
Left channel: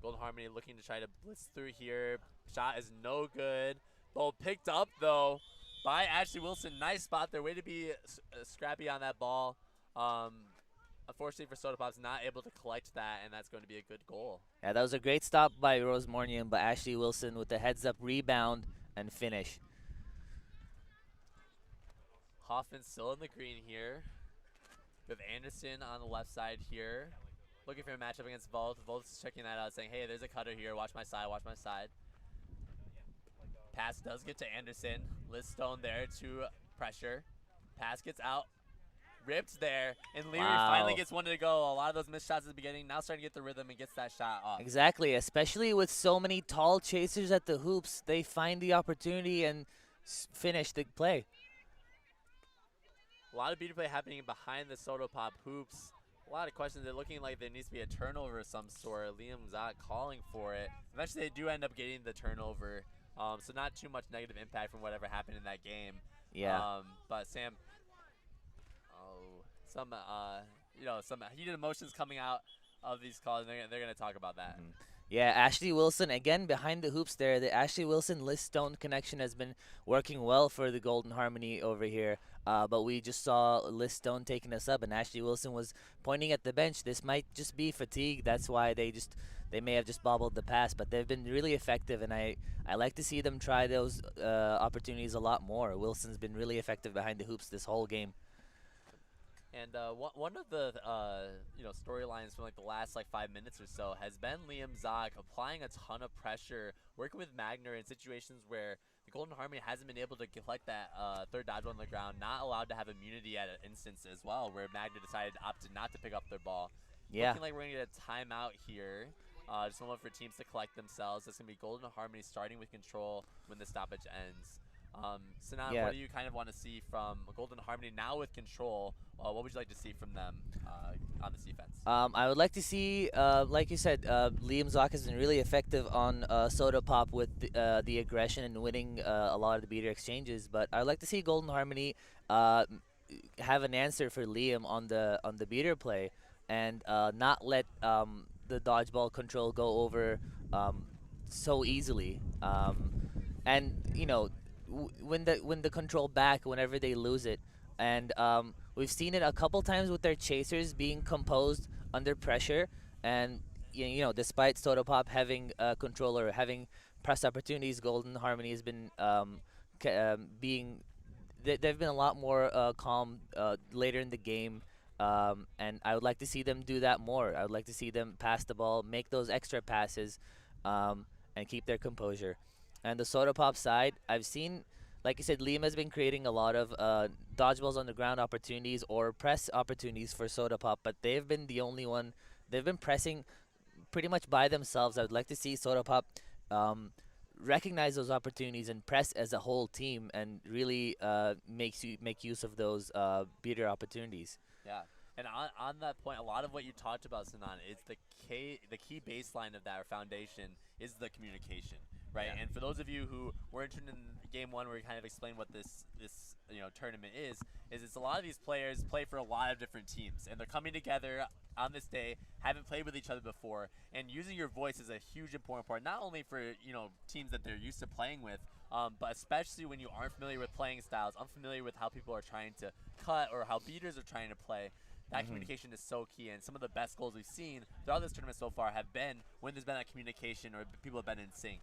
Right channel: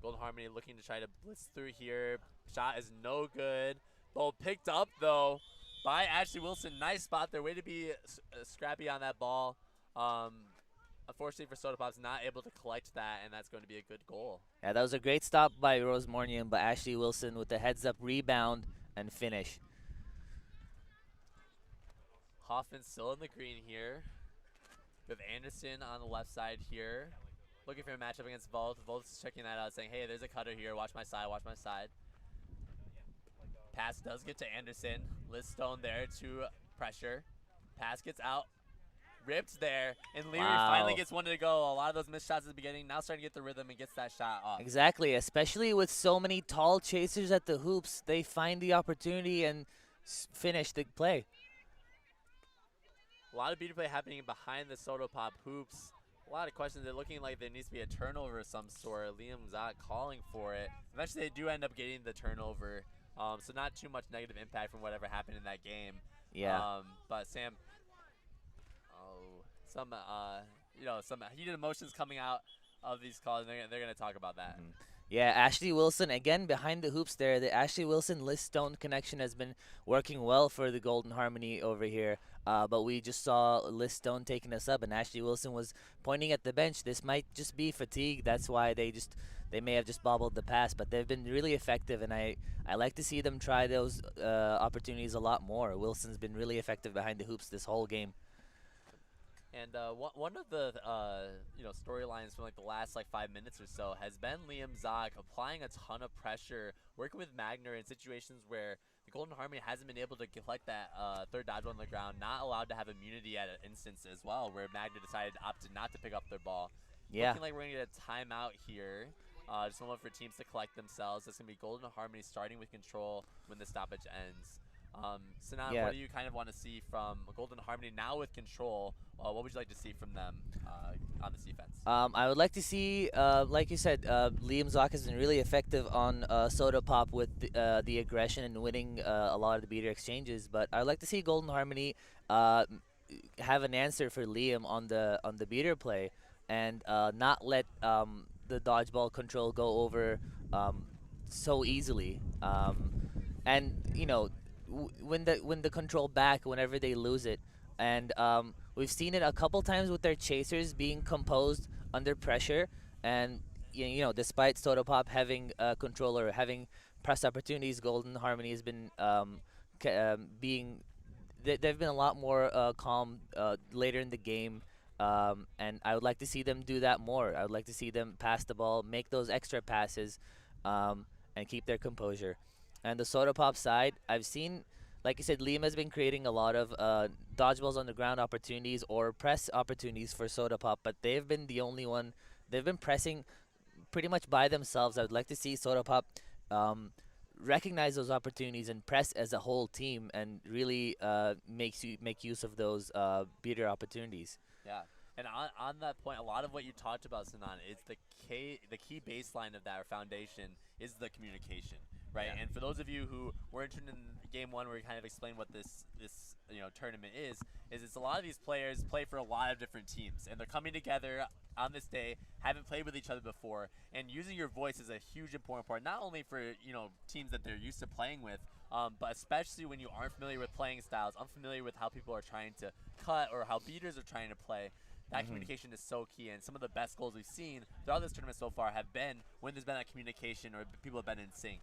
Golden Harmony looking to try to blitz through here. Shot is no good. Ball picked up, though, by Ashley Wilson. Nice spot there. Way to be scrappy on that ball. Unfortunately for Soda Pops, not able to collect that, and that's going to be a good goal. Yeah, that was a great stop by Rose Mornian, but Ashley Wilson with the heads-up rebound and finish. Hoffman still in the green here. We have Anderson on the left side here. Looking for a matchup against Volt. Volt's checking that out, saying, hey, there's a cutter here. Watch my side, watch my side. Pass does get to Anderson. Liz Stone there to pressure. Pass gets out. Ripped there. And Leary finally gets one to go. A lot of those missed shots at the beginning. Now starting to get the rhythm and gets that shot off. Exactly, especially with so many tall chasers at the hoops. They find the opportunity and finish the play. A lot of beater play happening behind the Soda Pop hoops. A lot of questions. They're looking like there needs to be a turnover of some sort. Liam Zoc calling for it. Eventually, they do end up getting the turnover. So not too much negative impact from whatever happened in that game. Yeah. But Sam, some heated emotions coming out of these calls. And they're going to talk about that. Mm-hmm. Yeah, Ashley Wilson, again, behind the hoops there. The Ashley Wilson-Liz Stone connection has been working well for the Golden Harmony over here. But we just saw Liz Stone taking us up, and Ashley Wilson was pointing at the bench. This might just be fatigue. That's why they may have just bobbled the pass. But they've been really effective, and I like to see them try those opportunities a lot more. Wilson's been really effective behind the hoops this whole game. And one of the storylines from the last 5 minutes or so has been Liam Zoc applying a ton of pressure, working with Magner in situations where the Golden Harmony hasn't been able to collect that third dodgeball on the ground, not allowed to have immunity at an instance as well, where Magner decided opted not to pick up their ball. Yeah. Looking like we're going to get a timeout here. Just a moment for teams to collect themselves. That's going to be Golden Harmony starting with control when the stoppage ends. Sinan, what do you kind of want to see from Golden Harmony now with control? What would you like to see from them on this defense? I would like to see, like you said, Liam Zoc has been really effective on Soda Pop with the aggression and winning a lot of the beater exchanges. But I would like to see Golden Harmony have an answer for Liam on the beater play and not let the dodgeball control go over so easily. And when the control back whenever they lose it, and we've seen it a couple times with their chasers being composed under pressure, and despite Soda Pop having control or having press opportunities, Golden Harmony has been they've been a lot more calm later in the game, and I would like to see them do that more. I would like to see them pass the ball, make those extra passes, and keep their composure. And the Soda Pop side, I've seen, like you said, Liam has been creating a lot of dodgeballs on the ground opportunities or press opportunities for Soda Pop, but they've been the only one. They've been pressing pretty much by themselves. I would like to see Soda Pop recognize those opportunities and press as a whole team and really make use of those beater opportunities. Yeah. And on that point, a lot of what you talked about, Sinan, is the key baseline of that, or foundation, is the communication, right? Yeah. And for those of you who were interested in game one, where we kind of explained what this tournament is it's a lot of these players play for a lot of different teams, and they're coming together on this day, haven't played with each other before, and using your voice is a huge important part, not only for teams that they're used to playing with, but especially when you aren't familiar with playing styles, unfamiliar with how people are trying to cut or how beaters are trying to play. That communication is so key, and some of the best goals we've seen throughout this tournament so far have been when there's been that communication or people have been in sync.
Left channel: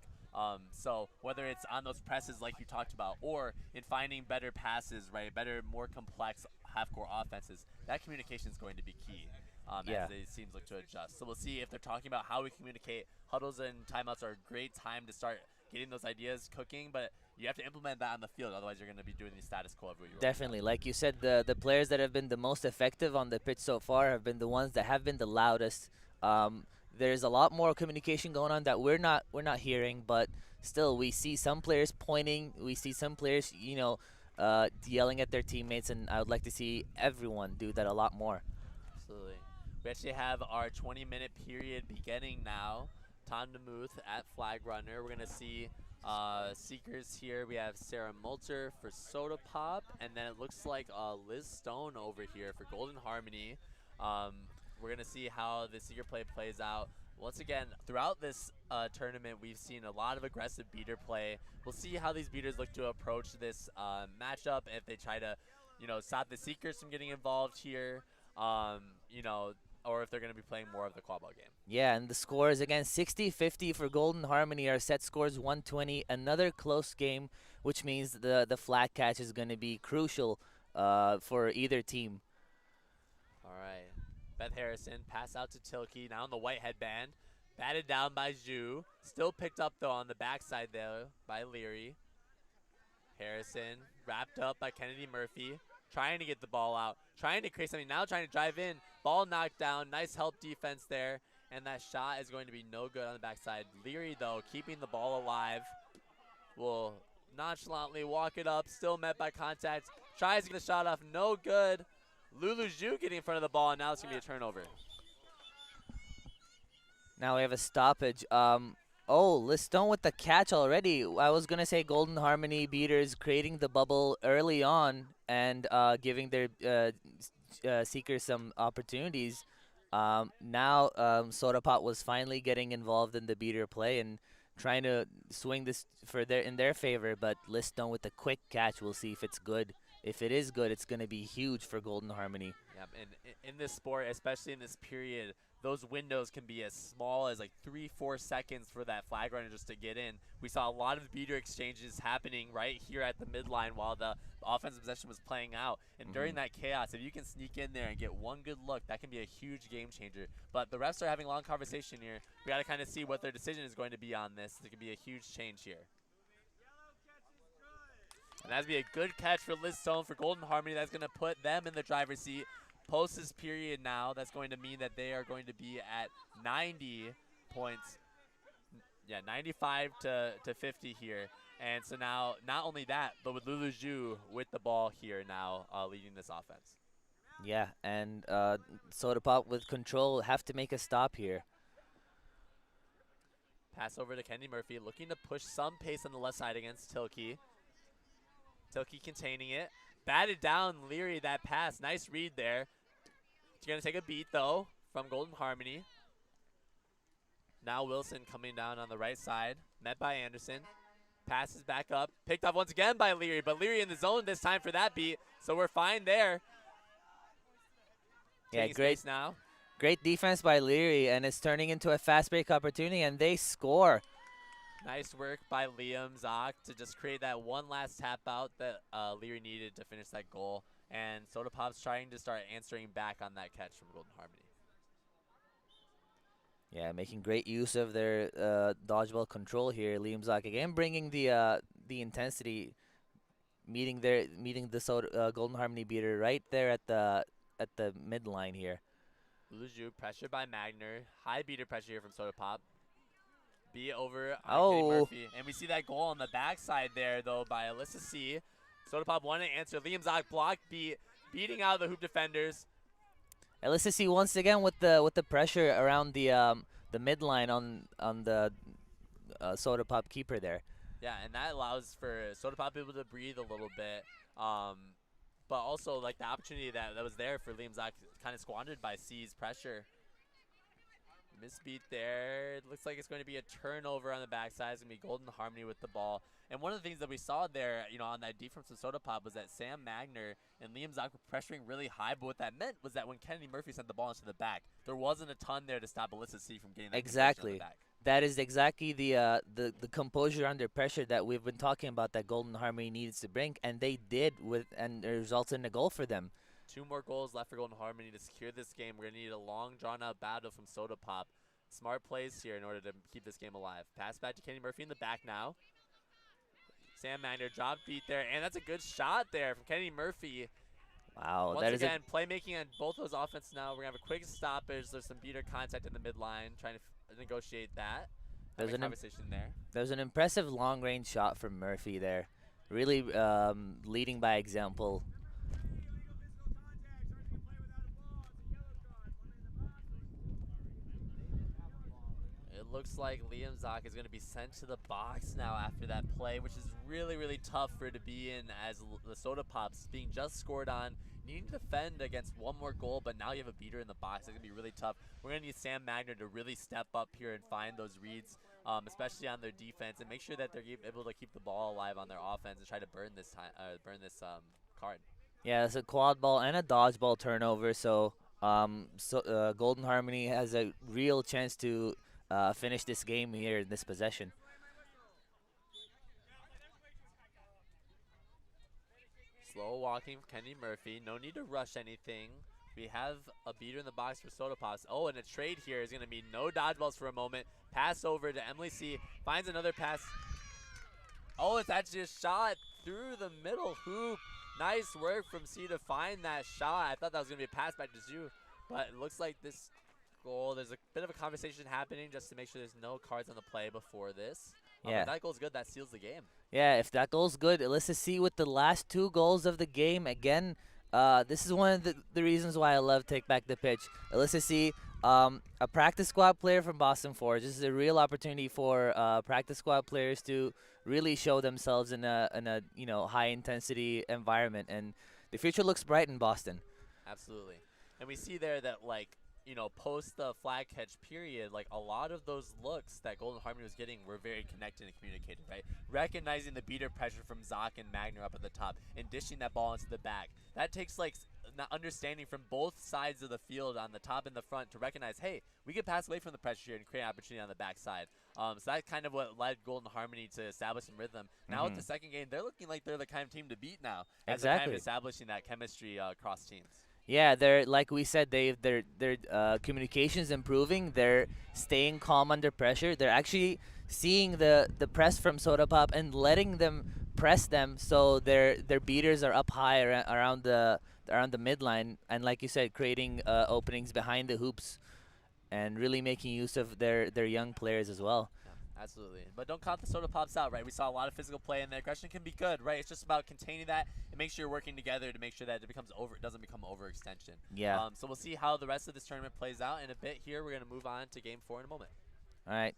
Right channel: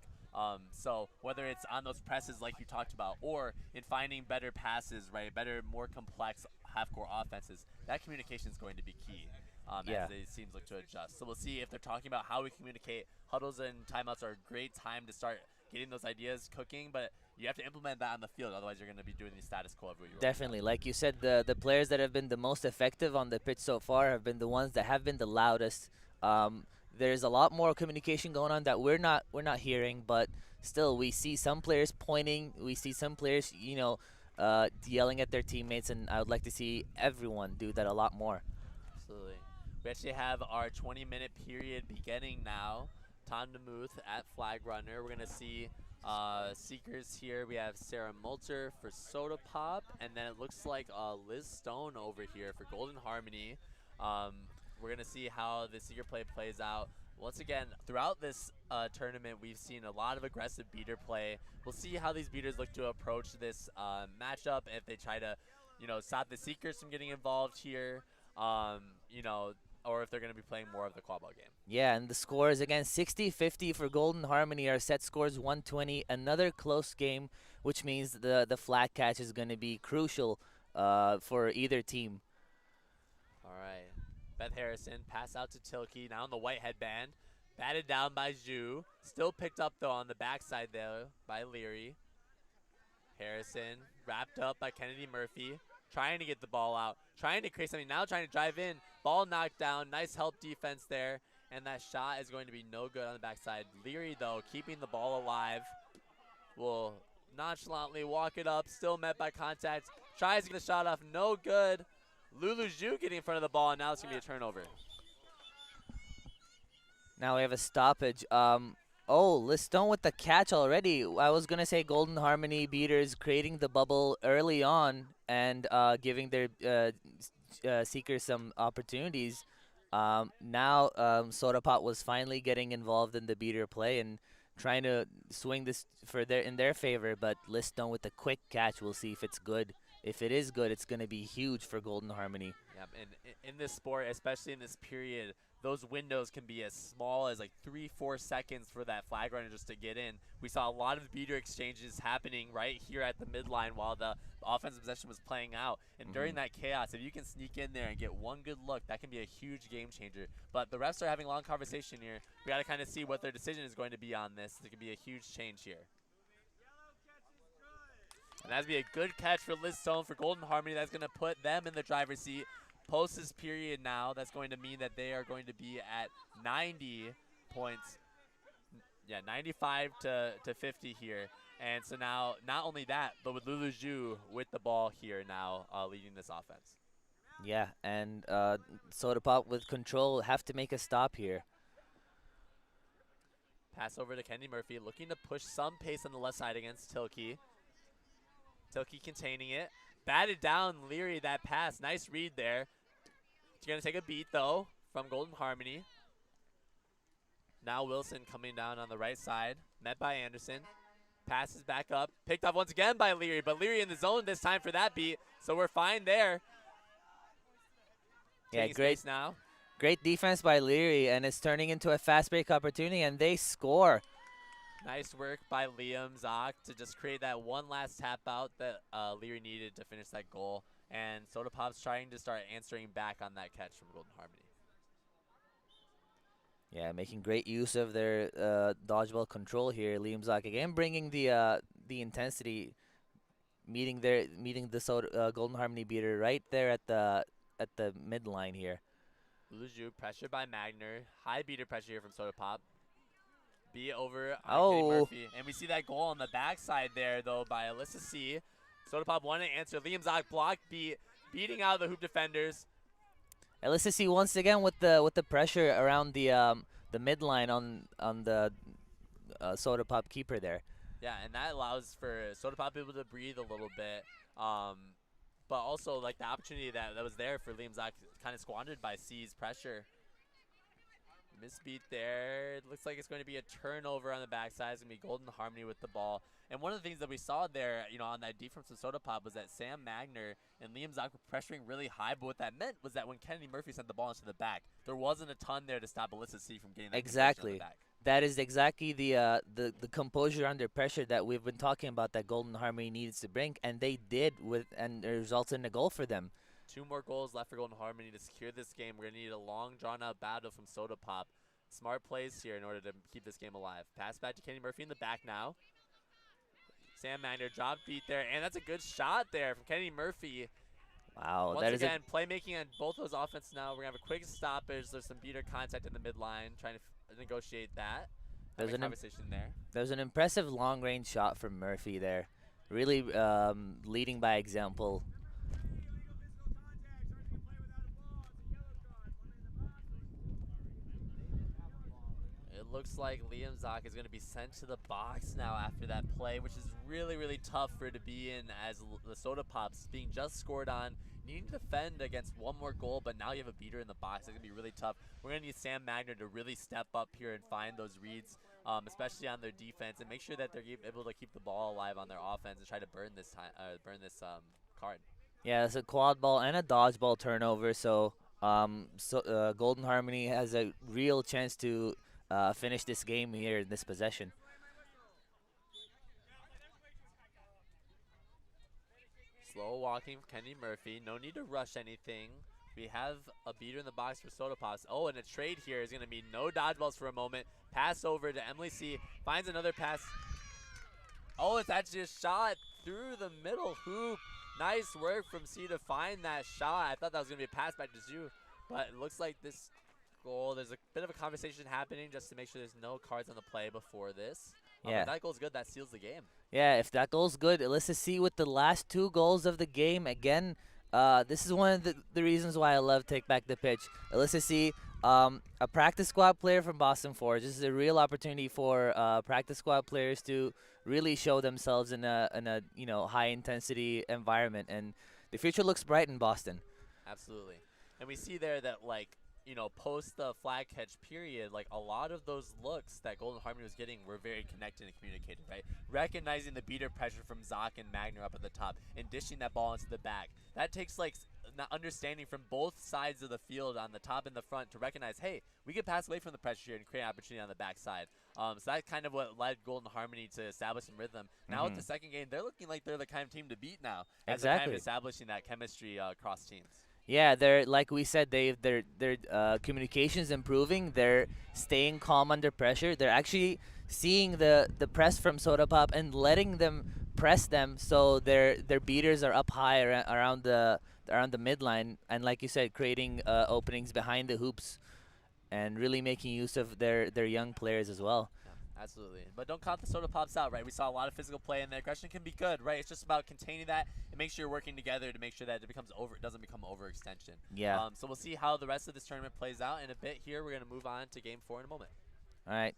So whether it's on those presses like you talked about, or in finding better passes, right, better, more complex half-court offenses, that communication is going to be key. Yeah. As the teams look to adjust. So we'll see if they're talking about how we communicate. Huddles and timeouts are a great time to start getting those ideas cooking, but you have to implement that on the field. Otherwise, you're going to be doing the status quo of what you Definitely. Like you said, the players that have been the most effective on the pitch so far have been the ones that have been the loudest. There's a lot more communication going on that we're not hearing, but still we see some players pointing. We see some players, yelling at their teammates, and I would like to see everyone do that a lot more. Absolutely. We actually have our 20-minute period beginning now. Tom DeMuth at flag runner. We're going to see Seekers here. We have Sarah Multer for Soda Pop, and then it looks like Liz Stone over here for Golden Harmony. We're going to see how the Seeker play plays out. Once again, throughout this tournament, we've seen a lot of aggressive beater play. We'll see how these beaters look to approach this matchup, if they try to, stop the Seekers from getting involved here, or if they're going to be playing more of the quad ball game. Yeah, and the scores, again, 60-50 for Golden Harmony. Our set scores 120. Another close game, which means the flag catch is going to be crucial for either team. All right. Beth Harrison, pass out to Tilke, now on the white headband. Batted down by Zhu. Still picked up, though, on the backside there by Leary. Harrison, wrapped up by Kennedy Murphy. Trying to get the ball out, trying to create something, now trying to drive in. Ball knocked down, nice help defense there, and that shot is going to be no good on the backside. Leary, though, keeping the ball alive, will nonchalantly walk it up, still met by contact, tries to get the shot off, no good. Lulu Zhu getting in front of the ball, and now it's going to be a turnover. Now we have a stoppage. Liz Stone with the catch already. I was going to say Golden Harmony beaters creating the bubble early on and giving their Seekers some opportunities. Now Soda Pop was finally getting involved in the beater play and trying to swing this in their favor, but Liz Stone with the quick catch. We'll see if it's good. If it is good, it's going to be huge for Golden Harmony. Yep, and in this sport, especially in this period, those windows can be as small as like 3-4 seconds for that flag runner just to get in. We saw a lot of beater exchanges happening right here at the midline while the offensive possession was playing out. And during that chaos, if you can sneak in there and get one good look, that can be a huge game changer. But the refs are having a long conversation here. We got to kind of see what their decision is going to be on this. It could be a huge change here. And that'd be a good catch for Liz Stone for Golden Harmony. That's going to put them in the driver's seat. Post this period now, that's going to mean that they are going to be at 90 points. Yeah, 95 to 50 here. And so now, not only that, but with Lulu Zhu with the ball here now leading this offense. Yeah, and Soda Pop with control have to make a stop here. Pass over to Kennedy Murphy, looking to push some pace on the left side against Tilke. Tilke containing it. Batted down Leary, that pass. Nice read there. She's going to take a beat, though, from Golden Harmony. Now Wilson coming down on the right side. Met by Anderson. Passes back up. Picked up once again by Leary, but Leary in the zone this time for that beat. So we're fine there. Yeah, great now. Great defense by Leary, and it's turning into a fast break opportunity, and they score. Nice work by Liam Zock to just create that one last tap out that Leary needed to finish that goal. And Soda Pop's trying to start answering back on that catch from Golden Harmony. Yeah, making great use of their dodgeball control here. Liam Zock again bringing the intensity, meeting the Golden Harmony beater right there at the midline here. Lulu pressured by Magner. High beater pressure here from Soda Pop. Be over on Kennedy Murphy. And we see that goal on the backside there, though, by Alyssa C. Soda Pop wanted to answer. Liam Zock block beating out the hoop defenders. Alyssa C once again with the pressure around the midline on the Soda Pop keeper there. Yeah, and that allows for Soda Pop able to breathe a little bit. But also, like, the opportunity that was there for Liam Zock kind of squandered by C's pressure. Misbeat there. It looks like it's going to be a turnover on the backside. It's going to be Golden Harmony with the ball. And one of the things that we saw there, on that defense from Soda Pop was that Sam Magner and Liam Zock were pressuring really high. But what that meant was that when Kennedy Murphy sent the ball into the back, there wasn't a ton there to stop Alyssa C from getting that exactly. on the back. That is exactly the composure under pressure that we've been talking about that Golden Harmony needs to bring, and they did with, and it results in a goal for them. 2 more goals left for Golden Harmony to secure this game. We're going to need a long, drawn-out battle from Soda Pop. Smart plays here in order to keep this game alive. Pass back to Kenny Murphy in the back now. Sam Magner drop beat there, and that's a good shot there from Kenny Murphy. Wow, Once that is again, playmaking on both those offense now. We're going to have a quick stoppage. There's some beater contact in the midline, trying to negotiate that. There's a conversation there. There's an impressive long-range shot from Murphy there. Really leading by example. It looks like Liam Zock is going to be sent to the box now after that play, which is really, really tough for it to be in, as the Soda Pops being just scored on. You need to defend against one more goal, but now you have a beater in the box. It's going to be really tough. We're going to need Sam Magner to really step up here and find those reads, especially on their defense, and make sure that they're able to keep the ball alive on their offense and try to burn this card. Yeah, it's a quad ball and a dodgeball turnover, so Golden Harmony has a real chance to finish this game here in this possession. Slow walking from Kenny Murphy. No need to rush anything. We have a beater in the box for Soda Pops. Oh, and a trade here is going to be no dodgeballs for a moment. Pass over to Emily C. Finds another pass. Oh, it's actually a shot through the middle hoop. Nice work from C to find that shot. I thought that was going to be a pass back to Zhu, but it looks like this goal, there's a bit of a conversation happening just to make sure there's no cards on the play before this. Yeah. If that goal's good, that seals the game. Yeah, if that goal's good, Alyssa C with the last 2 goals of the game. Again, this is one of the reasons why I love Take Back the Pitch. Alyssa C, a practice squad player from Boston Forge. This is a real opportunity for practice squad players to really show themselves in a high intensity environment, and the future looks bright in Boston. Absolutely. And we see there that, like, post the flag catch period, like, a lot of those looks that Golden Harmony was getting were very connected and communicated, right? Recognizing the beater pressure from Zock and Magner up at the top and dishing that ball into the back. That takes, like, understanding from both sides of the field on the top and the front to recognize, hey, we can pass away from the pressure here and create opportunity on the backside. So that's kind of what led Golden Harmony to establish some rhythm. Now with the second game, they're looking like they're the kind of team to beat now. As they're kind of establishing that chemistry across teams. Yeah, they're, like we said, their communication's improving. They're staying calm under pressure. They're actually seeing the press from Soda Pop and letting them press them, so their beaters are up high around the midline, and like you said, creating openings behind the hoops, and really making use of their young players as well. Absolutely. But don't count the Soda Pops out, right? We saw a lot of physical play, and the aggression can be good, right? It's just about containing that and make sure you're working together to make sure that it doesn't become overextension. Yeah. So we'll see how the rest of this tournament plays out in a bit here. We're going to move on to Game 4 in a moment. All right.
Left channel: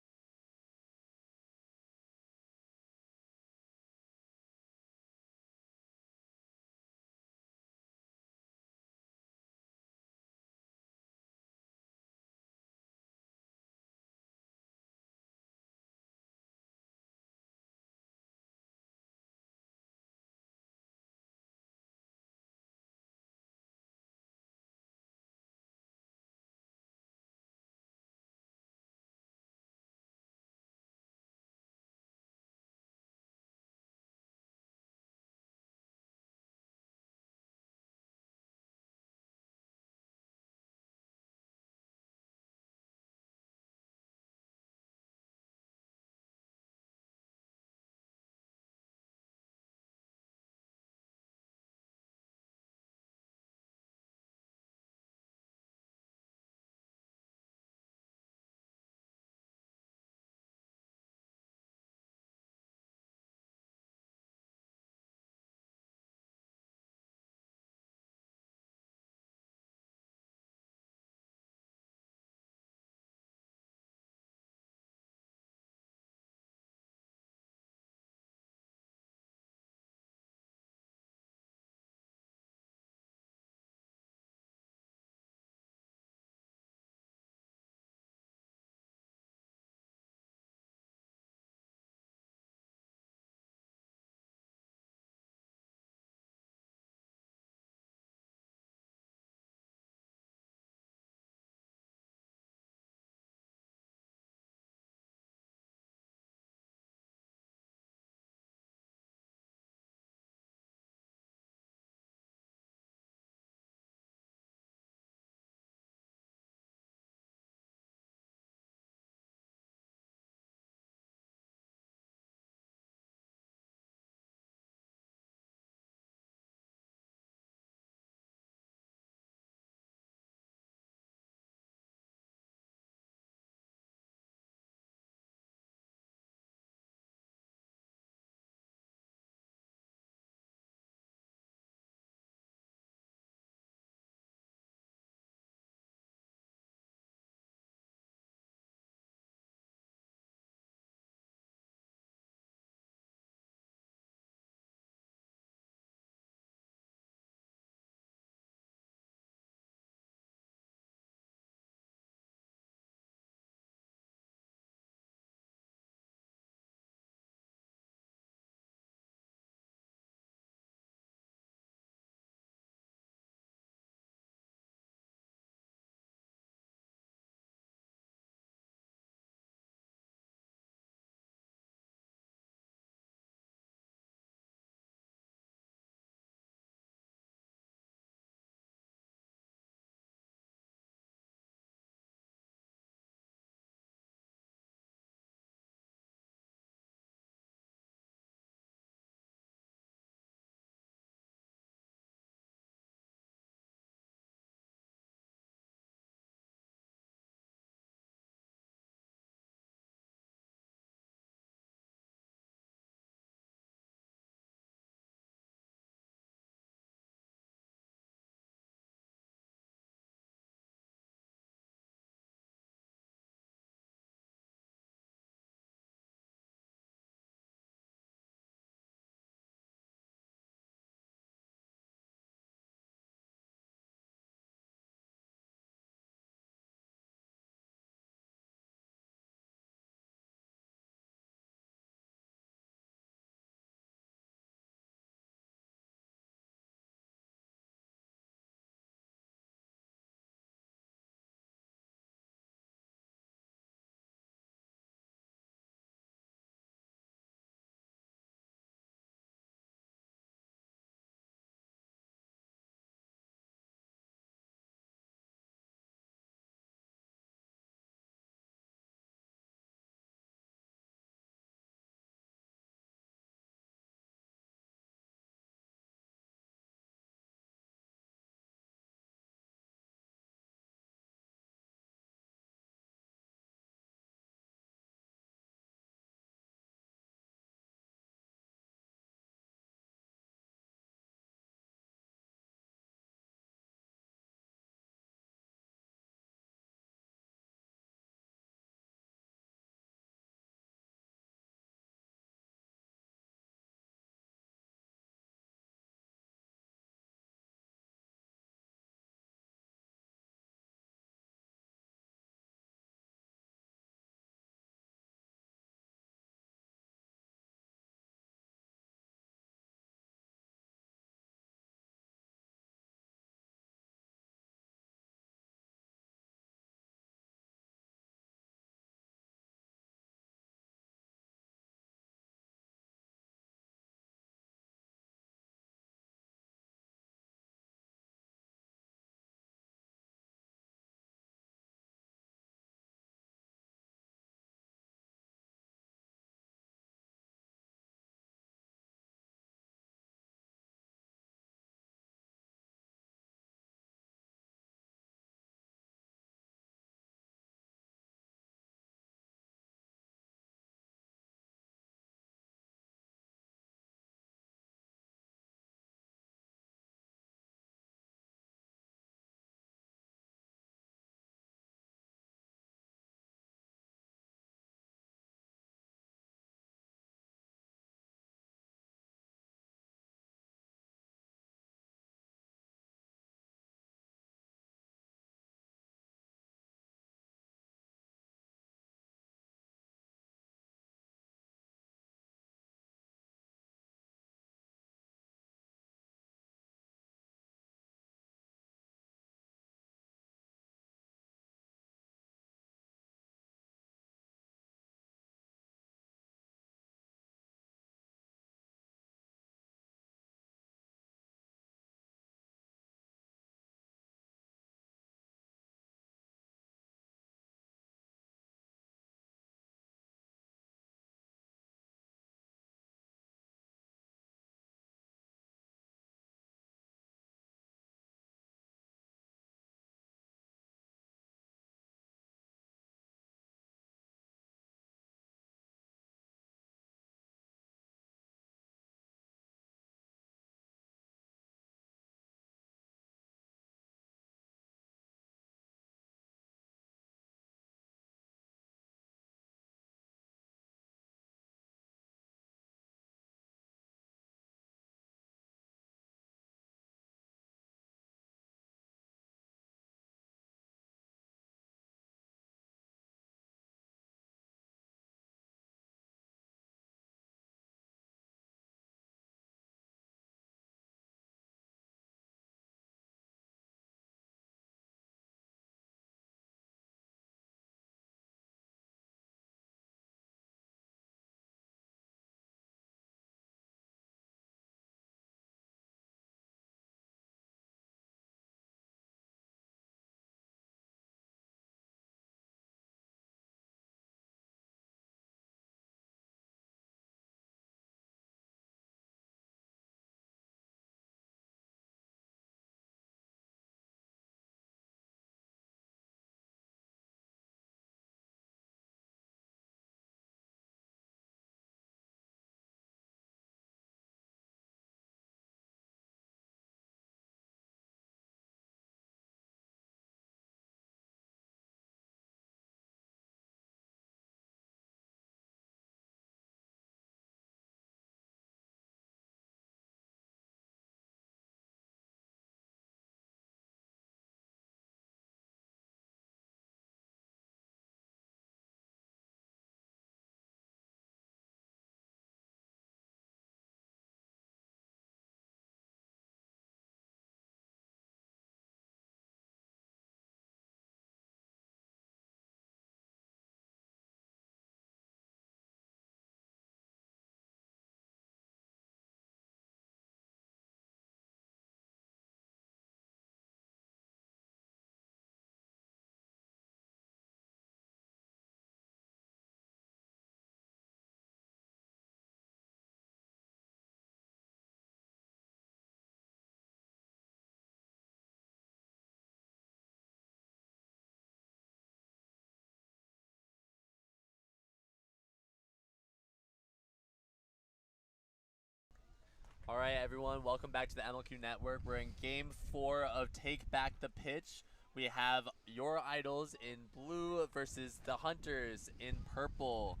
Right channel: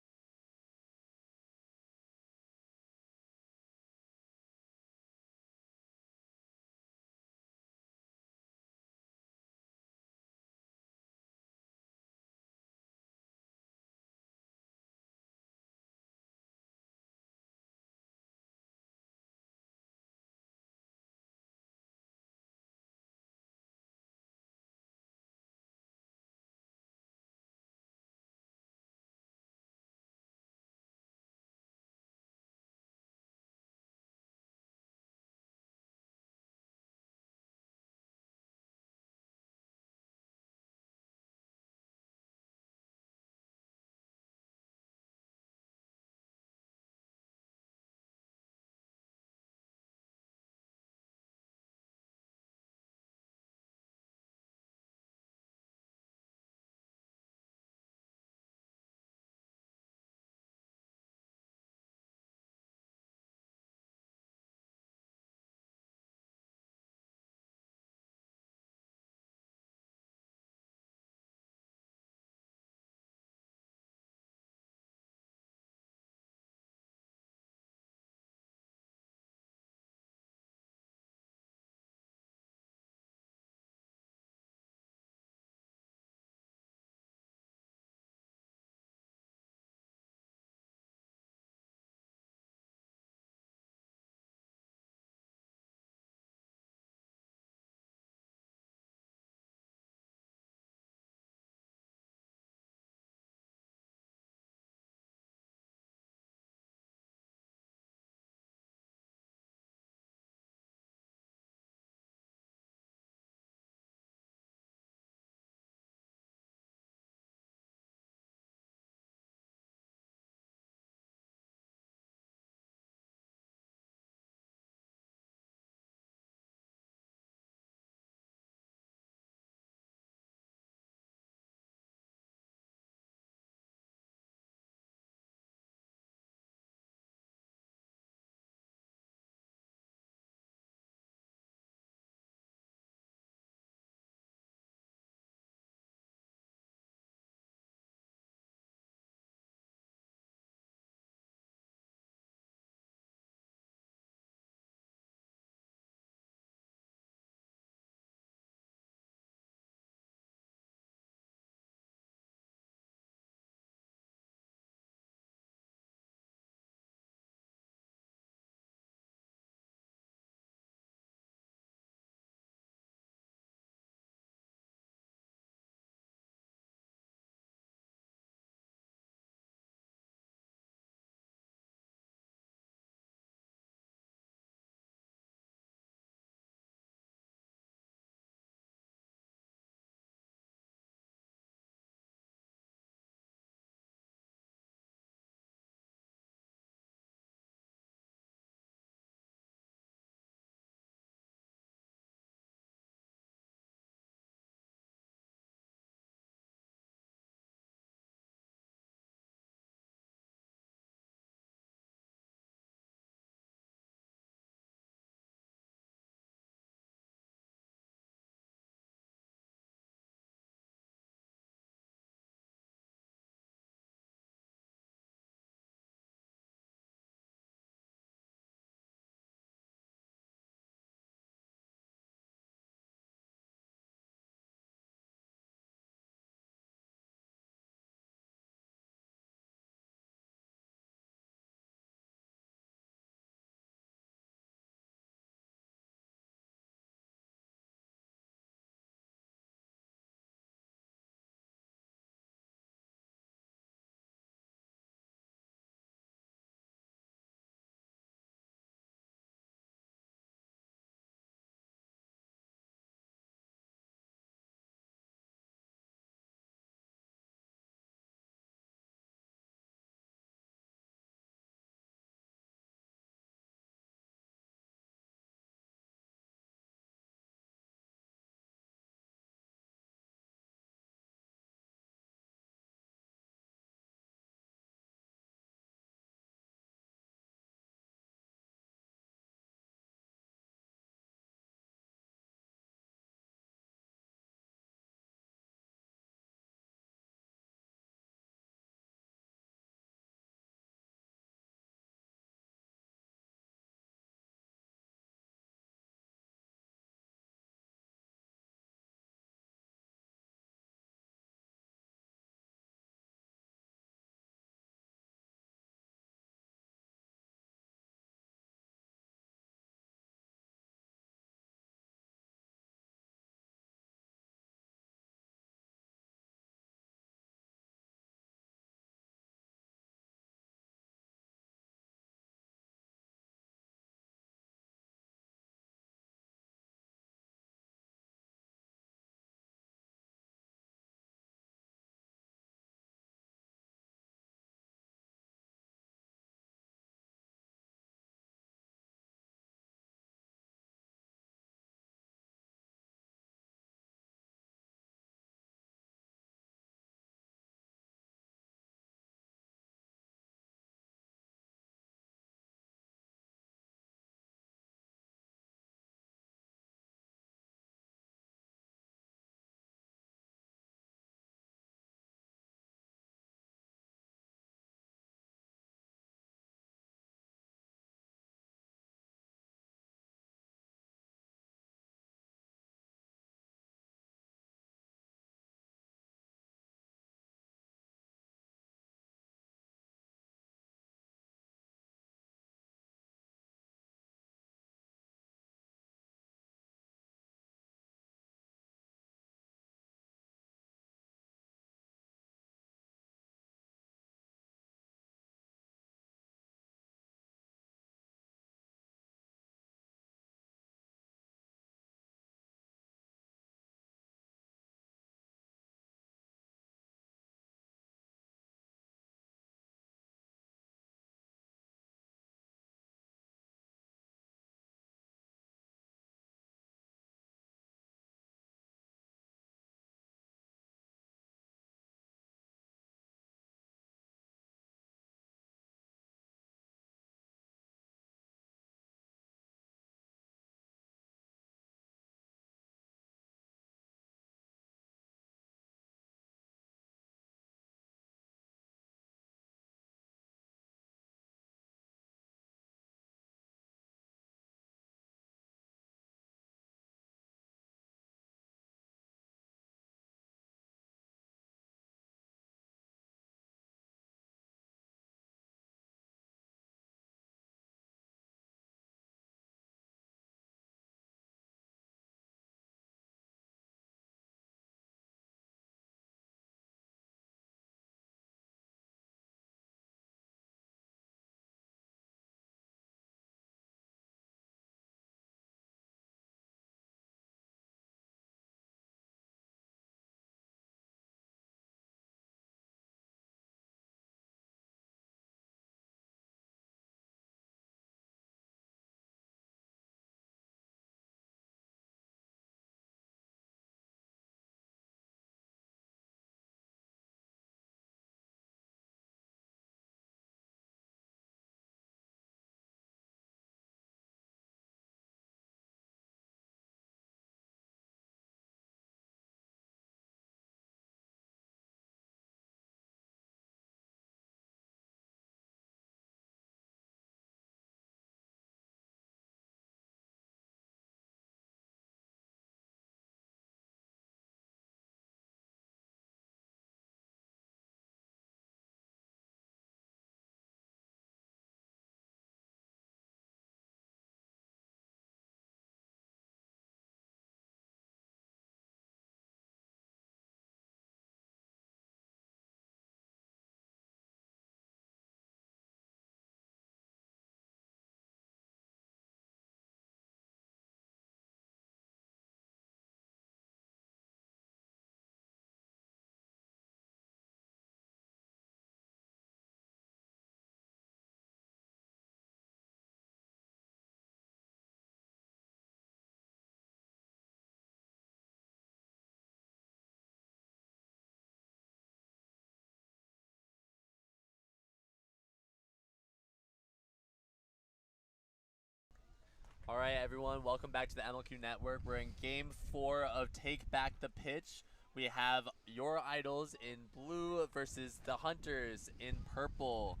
All right, everyone, welcome back to the MLQ Network. We're in Game 4 of Take Back the Pitch. We have your Idols in blue versus the Hunters in purple.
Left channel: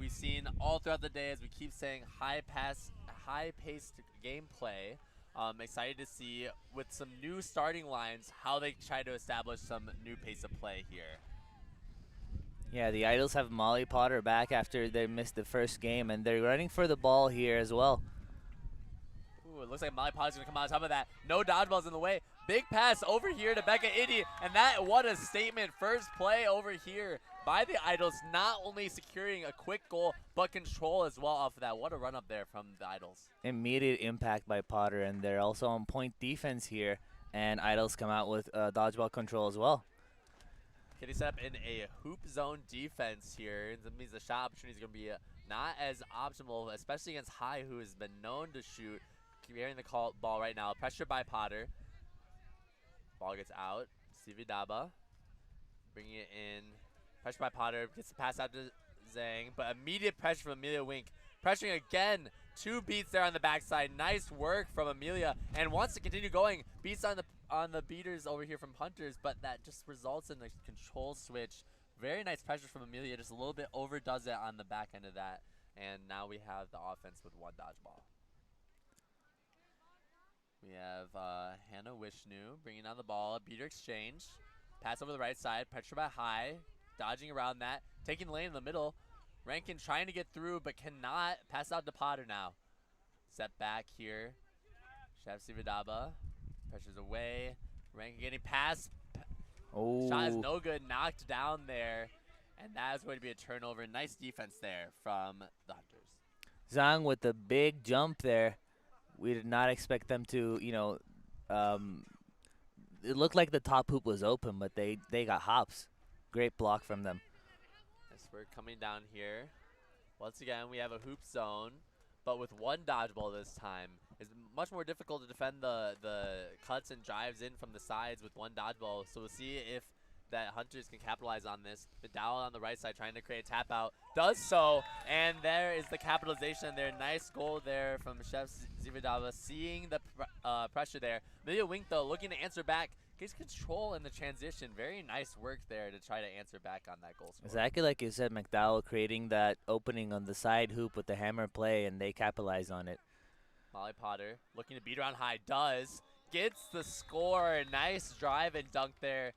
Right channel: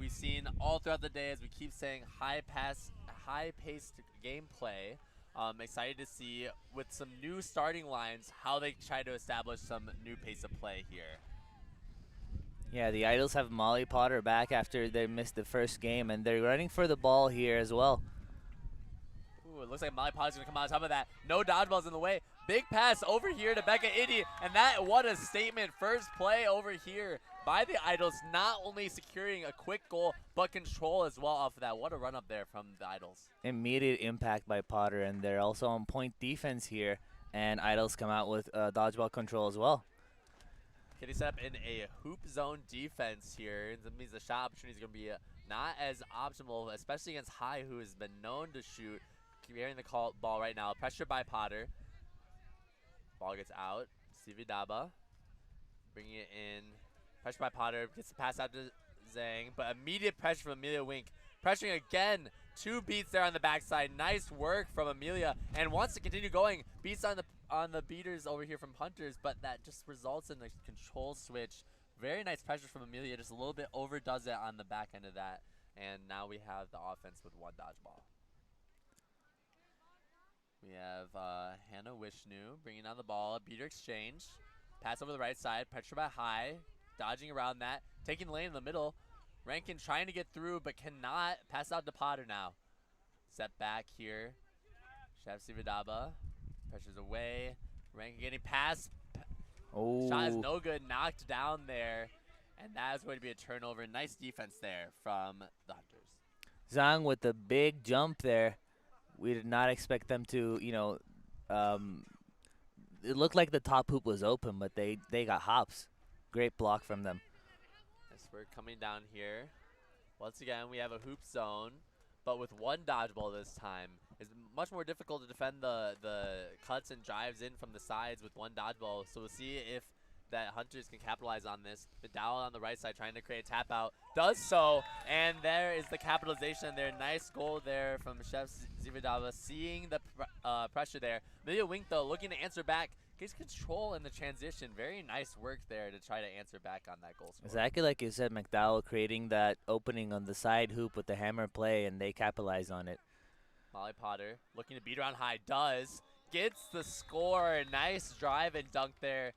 We've seen all throughout the day, as we keep saying, high-paced gameplay. Excited to see, with some new starting lines, how they try to establish some new pace of play here. Yeah, the Idols have Molly Potter back after they missed the first game, and they're running for the ball here as well. Ooh, it looks like Molly Potter's going to come on top of that. No dodgeballs in the way. Big pass over here to Becca Indy, and that, what a statement. First play over here by the Idols, not only securing a quick goal, but control as well off of that. What a run up there from the Idols. Immediate impact by Potter, and they're also on point defense here, and Idols come out with dodgeball control as well. Kitty set up in a hoop zone defense here. That means the shot opportunity is going to be not as optimal, especially against High, who has been known to shoot. Carrying the ball right now. Pressure by Potter. Ball gets out. Sividaba bringing it in. Pressure by Potter. Gets the pass out to Zhang. But immediate pressure from Amelia Wink. Pressuring again. 2 beats there on the backside. Nice work from Amelia. And wants to continue going. Beats on the beaters over here from Hunters. But that just results in a control switch. Very nice pressure from Amelia. Just a little bit overdoes it on the back end of that. And now we have the offense with 1 dodgeball. We have Hannah Wishnu bringing down the ball, beater exchange, pass over the right side, pressure by High, dodging around that, taking the lane in the middle. Rankin trying to get through but cannot. Pass out to Potter now. Set back here. Chef Sividaba pressures away. Rankin getting past. Oh. Shot is no good, knocked down there, and that is going to be a turnover. Nice defense there from the Hunters. Zhang with the big jump there. We did not expect them to, it looked like the top hoop was open, but they got hops. Great block from them. Yes, we're coming down here. Once again, we have a hoop zone, but with 1 dodgeball this time. It's much more difficult to defend the cuts and drives in from the sides with 1 dodgeball. So we'll see if that Hunters can capitalize on this. Vidal on the right side trying to create a tap out. Does so, and there is the capitalization there. Nice goal there from Chef Zividava, seeing the pressure there. Amelia Wink, though, looking to answer back. Gets control in the transition. Very nice work there to try to answer back on that goal score. Exactly like you said, McDowell creating that opening on the side hoop with the hammer play, and they capitalize on it. Molly Potter looking to beat around High. Does. Gets the score. Nice drive and dunk there.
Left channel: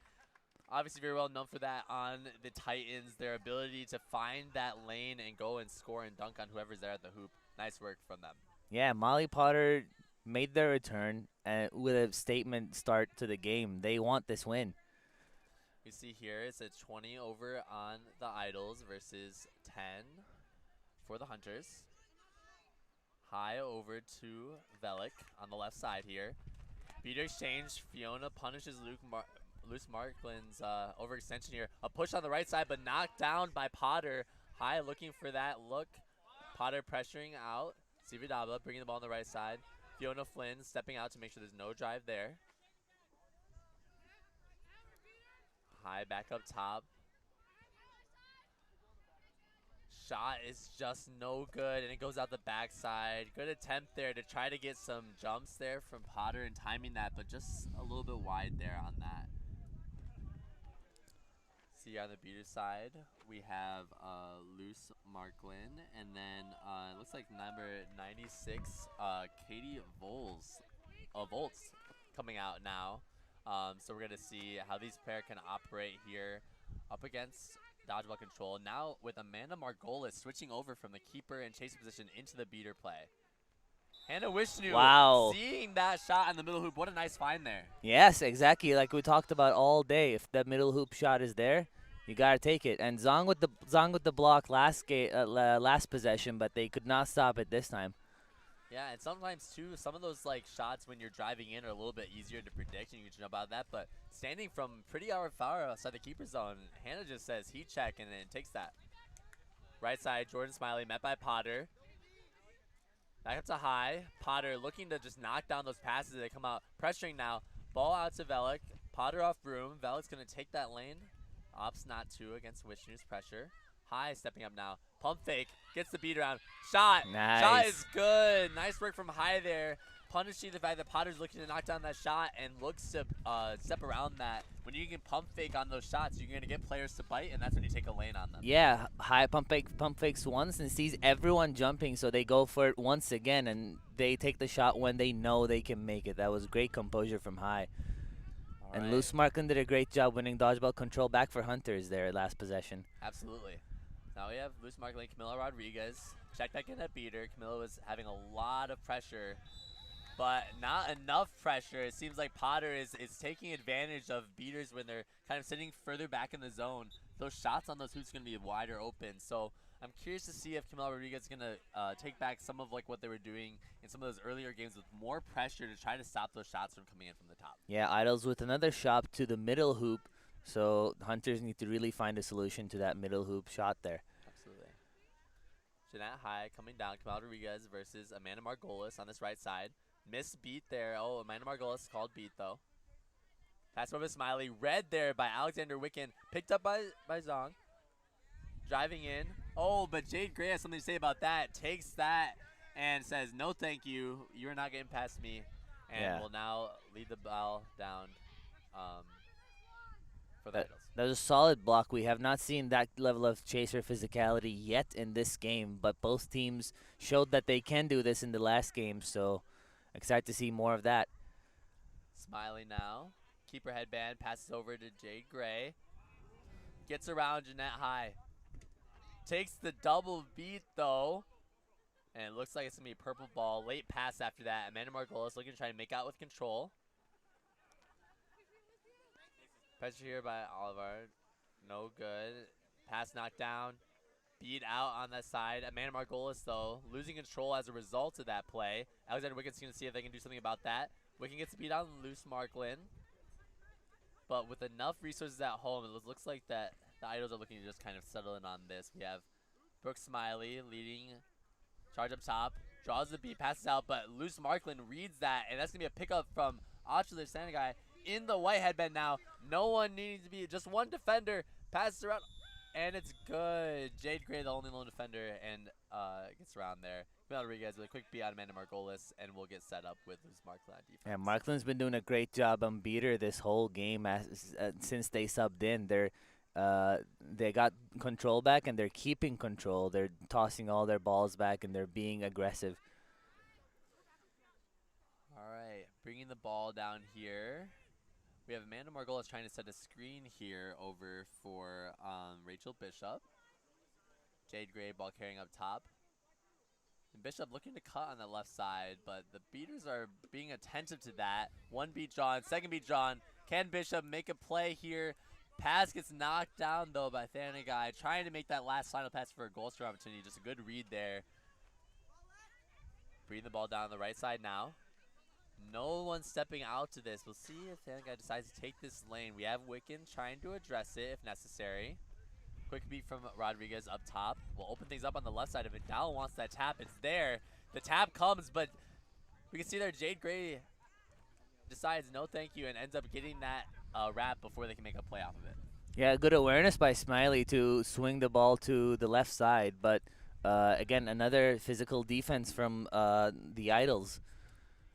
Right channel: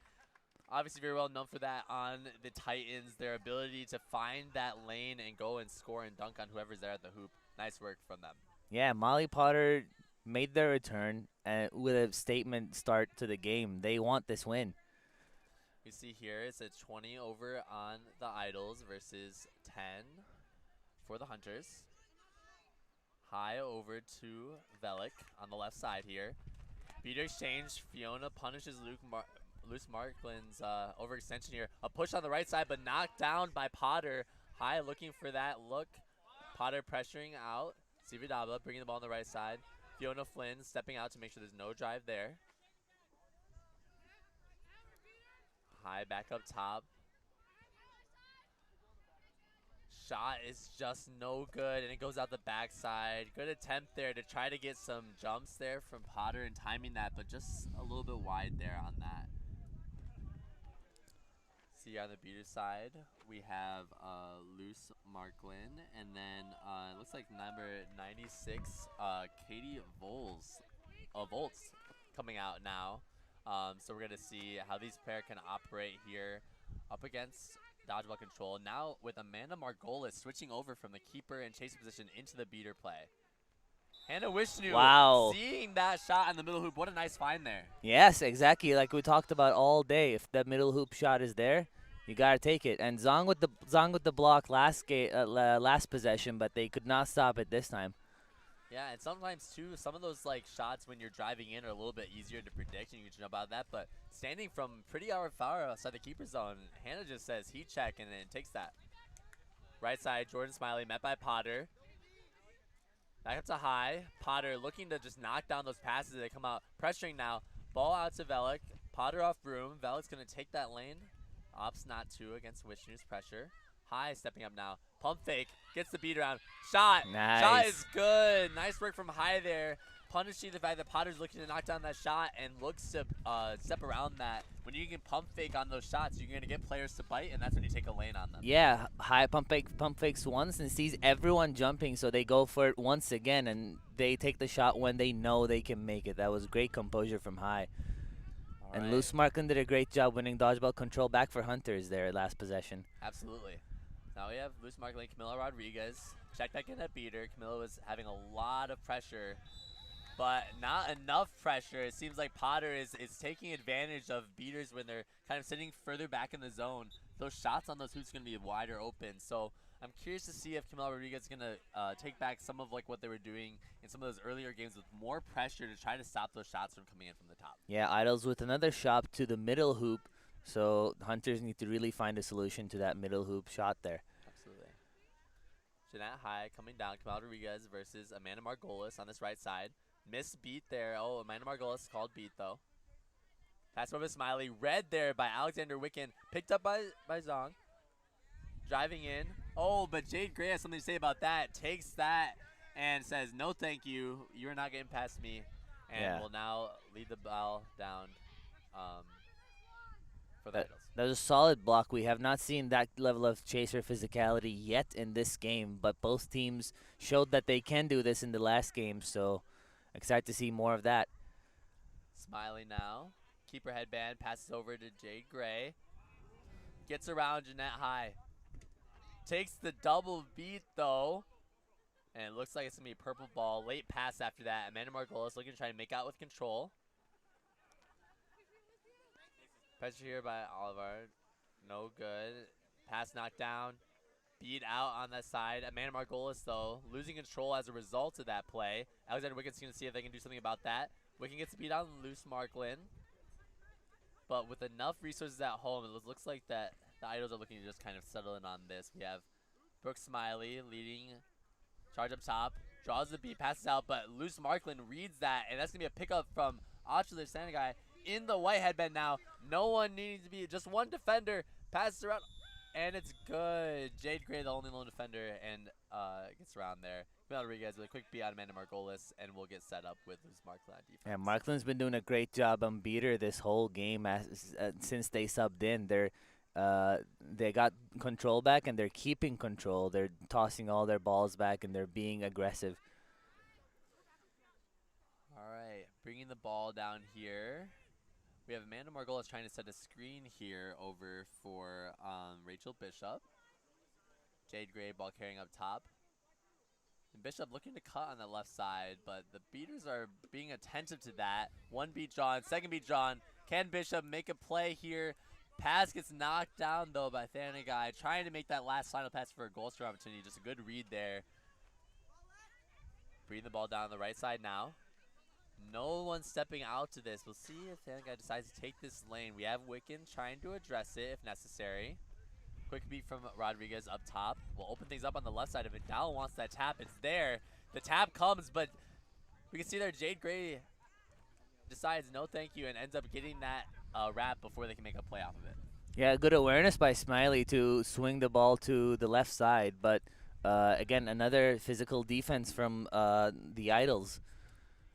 Obviously very well known for that on the Titans, their ability to find that lane and go and score and dunk on whoever's there at the hoop. Nice work from them. Yeah, Molly Potter made their return with a statement start to the game. They want this win. We see here it's a 20 over on the Idols versus 10 for the Hunters. High over to Velik on the left side here. Beater exchange. Fiona punishes Luce Marklin's overextension here. A push on the right side, but knocked down by Potter. High looking for that look. Potter pressuring out. Sividaba bringing the ball on the right side. Fiona Flynn stepping out to make sure there's no drive there. High back up top. Shot is just no good, and it goes out the backside. Good attempt there to try to get some jumps there from Potter and timing that, but just a little bit wide there on that. See on the beater side, we have Luce Marklin, and then it looks like number 96, Katie Volts coming out now. So we're gonna see how these pair can operate here up against dodgeball control. Now with Amanda Margolis switching over from the keeper and chasing position into the beater play. Hannah Wishnu, wow, seeing that shot in the middle hoop. What a nice find there. Yes, exactly. Like we talked about all day. If that middle hoop shot is there, you gotta take it. And Zhang with the block last possession, but they could not stop it this time. Yeah, and sometimes too, some of those like shots when you're driving in are a little bit easier to predict, and you can jump out of that. But standing from pretty far outside the keeper zone, Hannah just says heat check and then takes that. Right side, Jordan Smiley met by Potter. Back up to High. Potter looking to just knock down those passes that come out. Pressuring now. Ball out to Velik. Potter off broom. Velik's going to take that lane. Ops not 2 against Wishnu's pressure. High stepping up now. Pump fake. Gets the beat around. Shot. Nice. Shot is good. Nice work from High there. Punishing the fact that Potter's looking to knock down that shot and looks to step around that. When you can pump fake on those shots, you're going to get players to bite, and that's when you take a lane on them. Yeah, High pump fakes once and sees everyone jumping, so they go for it once again, and they take the shot when they know they can make it. That was great composure from High. And Loose Marklin did a great job winning dodgeball control back for Hunters there last possession. Absolutely. Now we have Loose Marklin, Camilo Rodriguez. Check back in that beater. Camilo was having a lot of pressure, but not enough pressure. It seems like Potter is taking advantage of beaters when they're kind of sitting further back in the zone. Those shots on those hoops are going to be wider open. So I'm curious to see if Camilo Rodriguez is going to take back some of like what they were doing in some of those earlier games with more pressure to try to stop those shots from coming in from the top. Yeah, Idols with another shot to the middle hoop. So Hunters need to really find a solution to that middle hoop shot there. Absolutely. Jeanette High coming down. Camilo Rodriguez versus Amanda Margolis on this right side. Missed beat there. Oh, Amanda Margolis called beat though. Pass over to Smiley. Read there by Alexander Wicken. Picked up by Zong. Driving in. Oh, but Jade Gray has something to say about that. Takes that and says, no thank you. You're not getting past me. And will now lead the ball down for the Idols. That was a solid block. We have not seen that level of chaser physicality yet in this game, but both teams showed that they can do this in the last game, so excited to see more of that. Smiley now. Keeper headband. Passes over to Jade Gray. Gets around Jeanette High. Takes the double beat, though. And it looks like it's going to be a purple ball. Late pass after that. Amanda Margolis looking to try to make out with control. Pressure here by Oliver. No good. Pass knocked down. Beat out on that side. Amanda Margolis, though, losing control as a result of that play. Alexander Wicken's going to see if they can do something about that. Wicken gets beat out on Loose Marklin. But with enough resources at home, it looks like that the Idols are looking to just kind of settle in on this. We have Brooke Smiley leading charge up top. Draws the beat, passes out, but Loose Marklin reads that, and that's going to be a pickup from Ochler Sanagai in the white headband now. No one needing to be, just one defender. Passes around, and it's good. Jade Gray, the only lone defender, and gets around there. Camilo Rodriguez with a quick beat on Amanda Margolis, and we'll get set up with Loose Marklin on defense. Yeah, Marklin's been doing a great job on beater this whole game since they subbed in. They got control back, and they're keeping control. They're tossing all their balls back, and they're being aggressive. All right, bringing the ball down here. We have Amanda Margolis trying to set a screen here over for Rachel Bishop. Jade Gray ball carrying up top. And Bishop looking to cut on the left side, but the beaters are being attentive to that. One beat drawn, second beat drawn. Can Bishop make a play here? Pass gets knocked down, though, by Thanagai. Trying to make that last final pass for a goal score opportunity. Just a good read there. Bringing the ball down the right side now. No one stepping out to this. We'll see if Thanagai decides to take this lane. We have Wicken trying to address it if necessary. Quick beat from Rodriguez up top. We'll open things up on the left side. If Vidal wants that tap, it's there. The tap comes, but we can see there Jade Gray decides no thank you and ends up getting that wrap before they can make a play off of it. Yeah, good awareness by Smiley to swing the ball to the left side, but again, another physical defense from the Idols.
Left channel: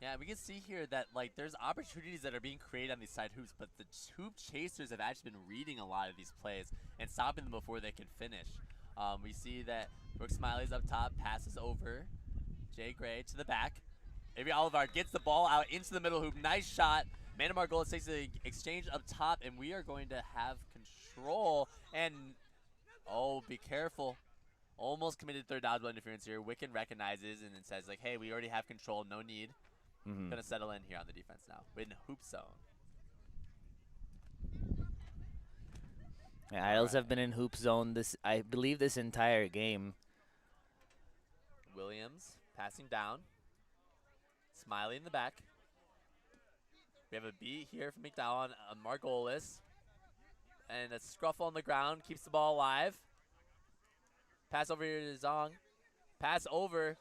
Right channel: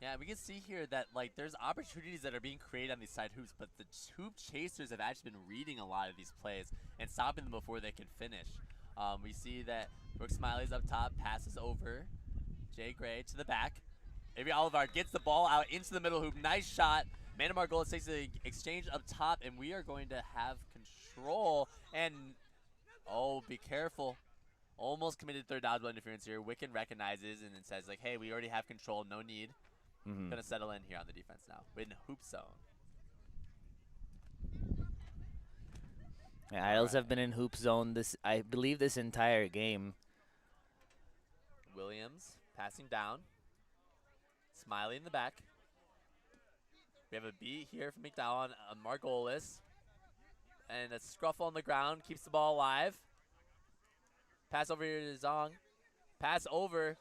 Yeah, we can see here that like there's opportunities that are being created on these side hoops, but the hoop chasers have actually been reading a lot of these plays and stopping them before they can finish. We see that Brooke Smiley's up top, passes over Jay Gray to the back. Avery Oliver gets the ball out into the middle hoop. Nice shot. Amanda Margolis takes the exchange up top, and we are going to have control. And, oh, be careful. Almost committed third dodgeball interference here. Wicken recognizes and then says, like, hey, we already have control. No need. Going to settle in here on the defense now. We're in hoop zone. Yeah, Idols have been in hoop zone I believe this entire game. Williams passing down. Smiley in the back. We have a beat here from McDowell on Margolis. And a scruffle on the ground. Keeps the ball alive. Pass over here to Zong. Pass over.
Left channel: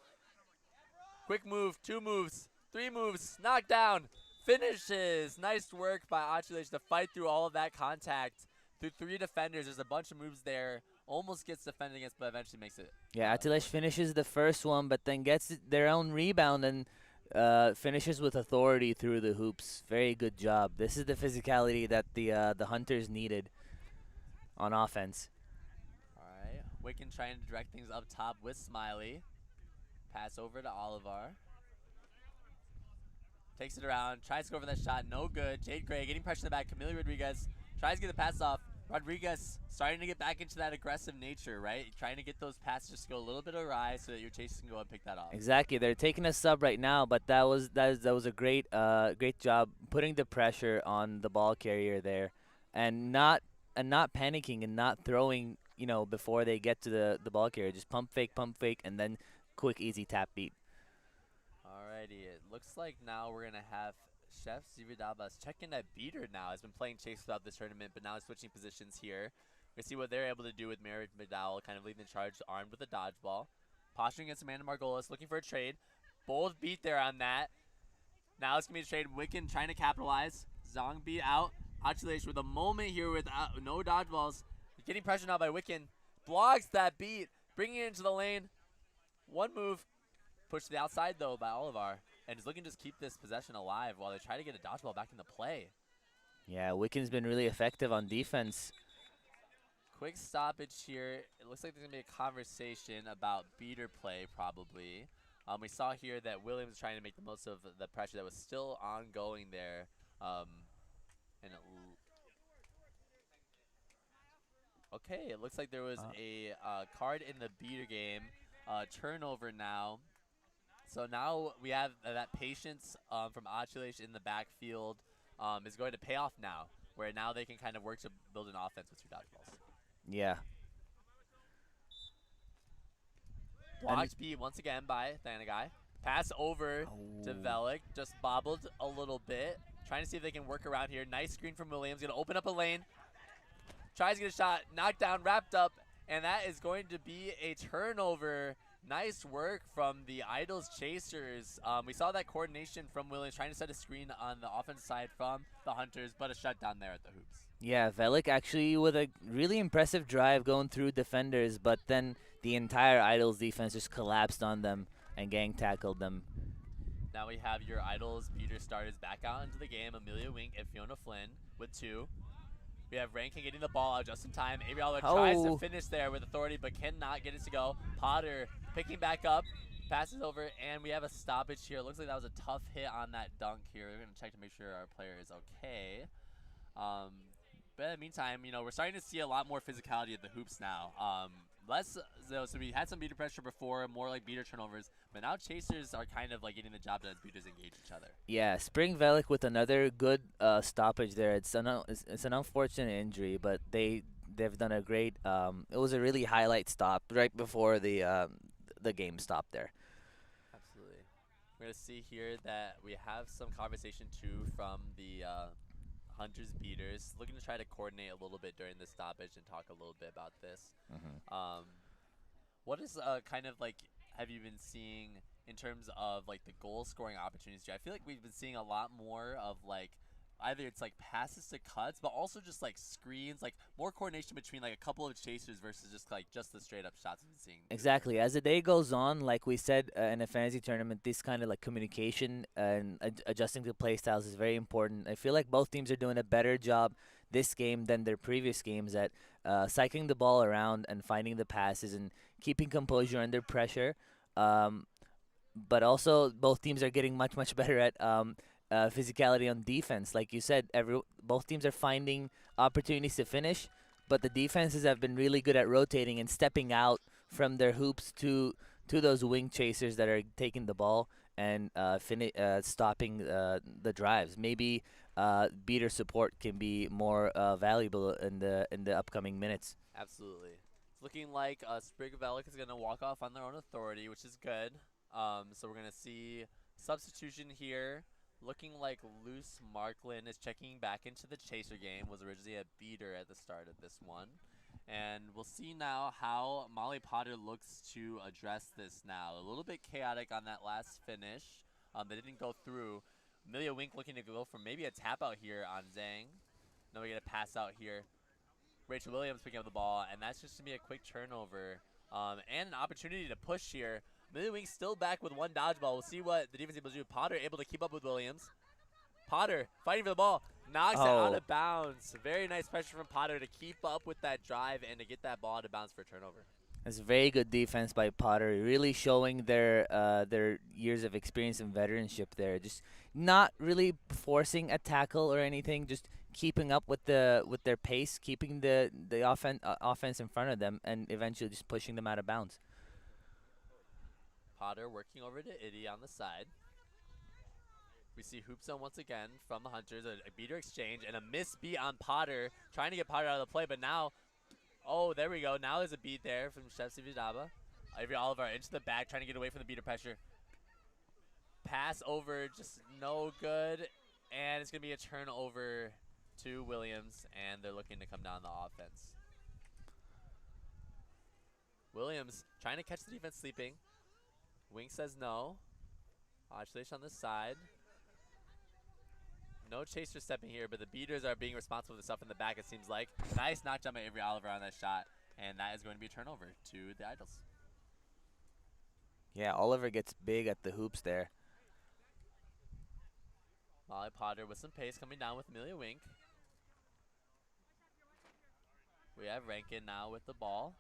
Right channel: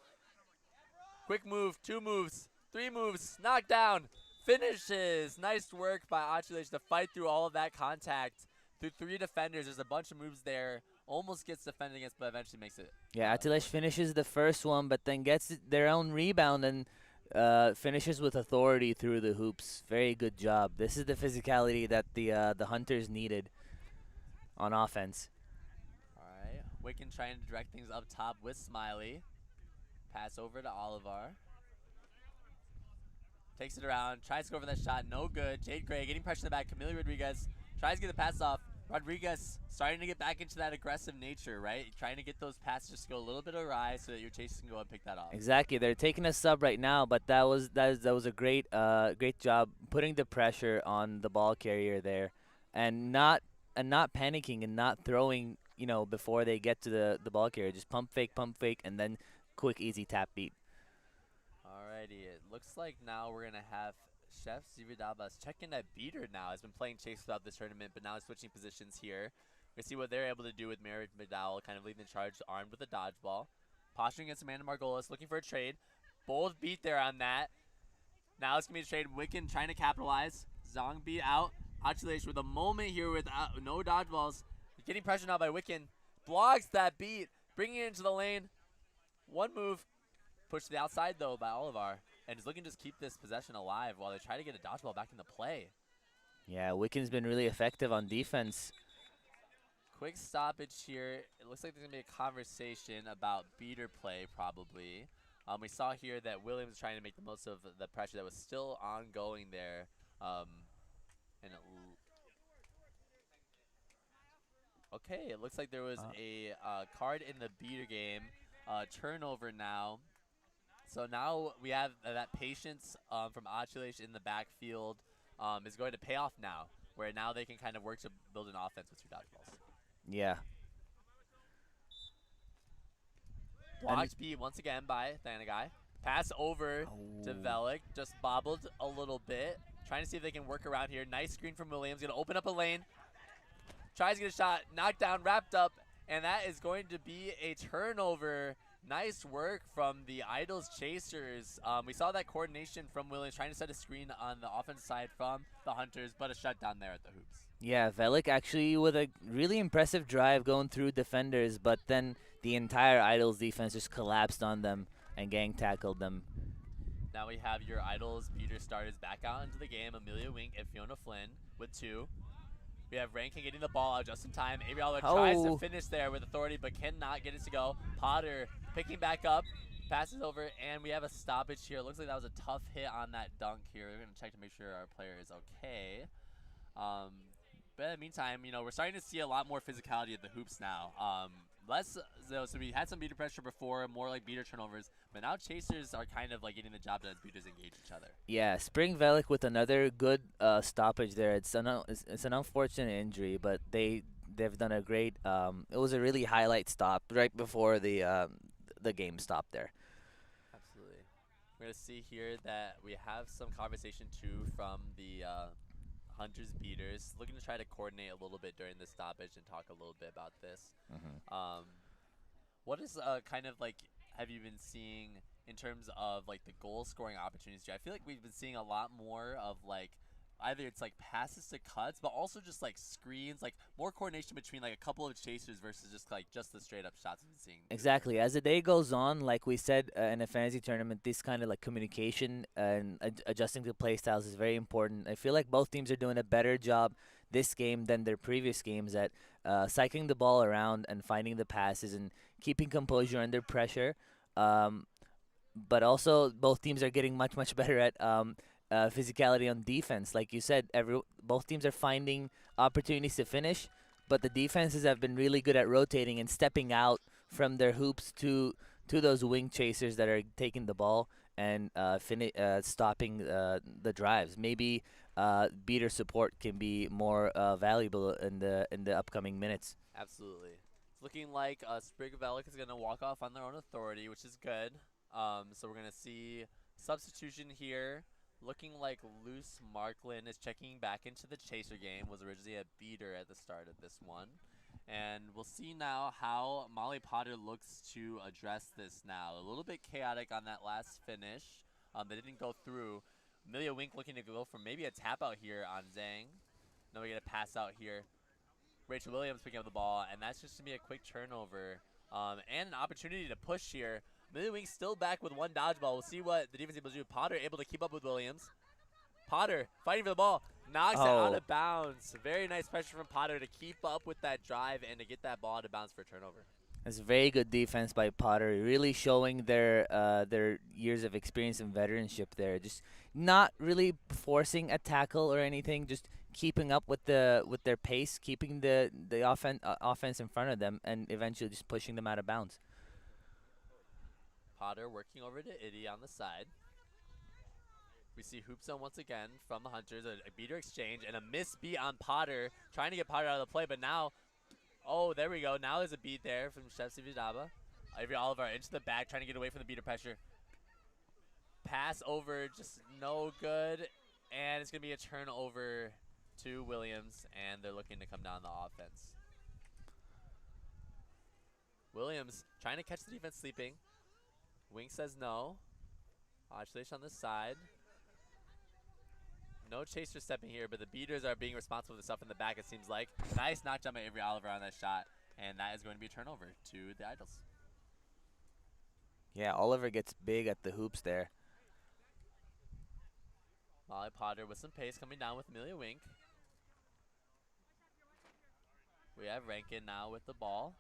Quick move. 2 moves. 3 moves. Knocked down. Finishes. Nice work by Achilles to fight through all of that contact. Through 3 defenders. There's a bunch of moves there. almost gets defended against, but eventually makes it. Yeah, Atilesh finishes the first one, but then gets their own rebound and finishes with authority through the hoops. Very good job. This is the physicality that the Hunters needed on offense. All right, Wiccan trying to direct things up top with Smiley. Pass over to Olivar. Takes it around, tries to go for that shot, no good. Jade Gray getting pressure in the back. Camille Rodriguez tries to get the pass off. Rodriguez starting to get back into that aggressive nature, right? Trying to get those passes to go a little bit awry so that your chasers can go and pick that off. Exactly. They're taking a sub right now, but that was a great great job putting the pressure on the ball carrier there, and not panicking and not throwing, you know, before they get to the ball carrier. Just pump fake, and then quick easy tap beat. Alrighty, it looks like now we're gonna have Chef Zividabas checking that beater now. Has been playing chase throughout this tournament, but now he's switching positions here. We see what they're able to do with Merritt McDowell, kind of leading the charge, armed with a dodgeball. Posturing against Amanda Margolis, looking for a trade. Bold beat there on that. Now it's gonna be a trade. Wiccan trying to capitalize. Zong beat out. Achilles with a moment here with no dodgeballs. Getting pressure now by Wiccan. Blocks that beat, bringing it into the lane. One move. Pushed to the outside, though, by Olivar. And is looking to just keep this possession alive while they try to get a dodgeball back into play. Yeah, Wiccan's been really effective on defense. Quick stoppage here. It looks like there's going to be a conversation about beater play, probably. We saw here that Williams trying to make the most of the pressure that was still ongoing there. Okay, it looks like there was a card in the beater game. Turnover now. So now we have that patience from Achilles in the backfield is going to pay off now, where now they can kind of work to build an offense with 2 dodgeballs. Yeah. Blocked beat once again by Thanagai. Pass over to Velik, just bobbled a little bit. Trying to see if they can work around here. Nice screen from Williams, gonna open up a lane. Tries to get a shot, knocked down, wrapped up, and that is going to be a turnover. Nice work from the Idols Chasers. We saw that coordination from Williams trying to set a screen on the offensive side from the Hunters, but a shutdown there at the hoops. Yeah, Velik actually with a really impressive drive going through defenders, but then the entire Idols defense just collapsed on them and gang tackled them. Now we have your Idols beater starters back out into the game. Amelia Wink and Fiona Flynn with 2. We have Rankin getting the ball out just in time. Aviators tries to finish there with authority, but cannot get it to go. Potter picking back up, passes over, and we have a stoppage here. Looks like that was a tough hit on that dunk here. We're going to check to make sure our player is okay. But in the meantime, you know, we're starting to see a lot more physicality at the hoops now. So we had some beater pressure before, more like beater turnovers, but now chasers are kind of like getting the job done as beaters engage each other. Yeah, Spring Velik with another good stoppage there. It's an unfortunate injury, but they've done a great. It was a really highlight stop right before the game stopped there. Absolutely. We're gonna see here that we have some conversation too from the Hunters beaters, looking to try to coordinate a little bit during the stoppage and talk a little bit about this. What is kind of like have you been seeing in terms of like the goal scoring opportunities? I feel like we've been seeing a lot more of like either it's like passes to cuts, but also just like screens, like more coordination between like a couple of chasers versus just the straight up shots we've been seeing. Exactly. As the day goes on, like we said in a fantasy tournament, this kind of like communication and adjusting to play styles is very important. I feel like both teams are doing a better job this game than their previous games at cycling the ball around and finding the passes and keeping composure under pressure. But also both teams are getting much better at physicality on defense. Like you said, both teams are finding opportunities to finish, but the defenses have been really good at rotating and stepping out from their hoops to those wing chasers that are taking the ball and stopping the drives. Maybe beater support can be more valuable in the upcoming minutes. Absolutely. It's looking like Sprig Velik is going to walk off on their own authority, which is good. So we're going to see substitution here. Looking like Luce Marklin is checking back into the chaser game. Was originally a beater at the start of this one. And we'll see now how Molly Potter looks to address this now. A little bit chaotic on that last finish. They didn't go through. Amelia Wink looking to go for maybe a tap out here on Zhang. Now we get a pass out here. Rachel Williams picking up the ball, and that's just going to be a quick turnover and an opportunity to push here. Millie Wings still back with one dodgeball. We'll see what the defense is able to do. Potter able to keep up with Williams. Potter fighting for the ball. Knocks it out of bounds. Very nice pressure from Potter to keep up with that drive and to get that ball out of bounds for a turnover. It's very good defense by Potter, really showing their years of experience and veteranship there. Just not really forcing a tackle or anything, just keeping up with their pace, keeping the offense in front of them, and eventually just pushing them out of bounds. Potter working over to Itty on the side. We see hoop zone once again from the Hunters, a beater exchange, and a miss beat on Potter, trying to get Potter out of the play, but now, oh, there we go. Now there's a beat there from Chef Sividaba. Avery Oliver into the back, trying to get away from the beater pressure. Pass over, just no good, and it's going to be a turnover to Williams, and they're looking to come down the offense. Williams trying to catch the defense sleeping. Wing says no. Oscillation on the side. No chaser stepping here, but the beaters are being responsible for the stuff in the back, it seems like. Nice knock jump by Avery Oliver on that shot, and that is going to be a turnover to the Idols. Yeah, Oliver gets big at the hoops there. Molly Potter with some pace coming down with Amelia Wink. We have Rankin now with the ball.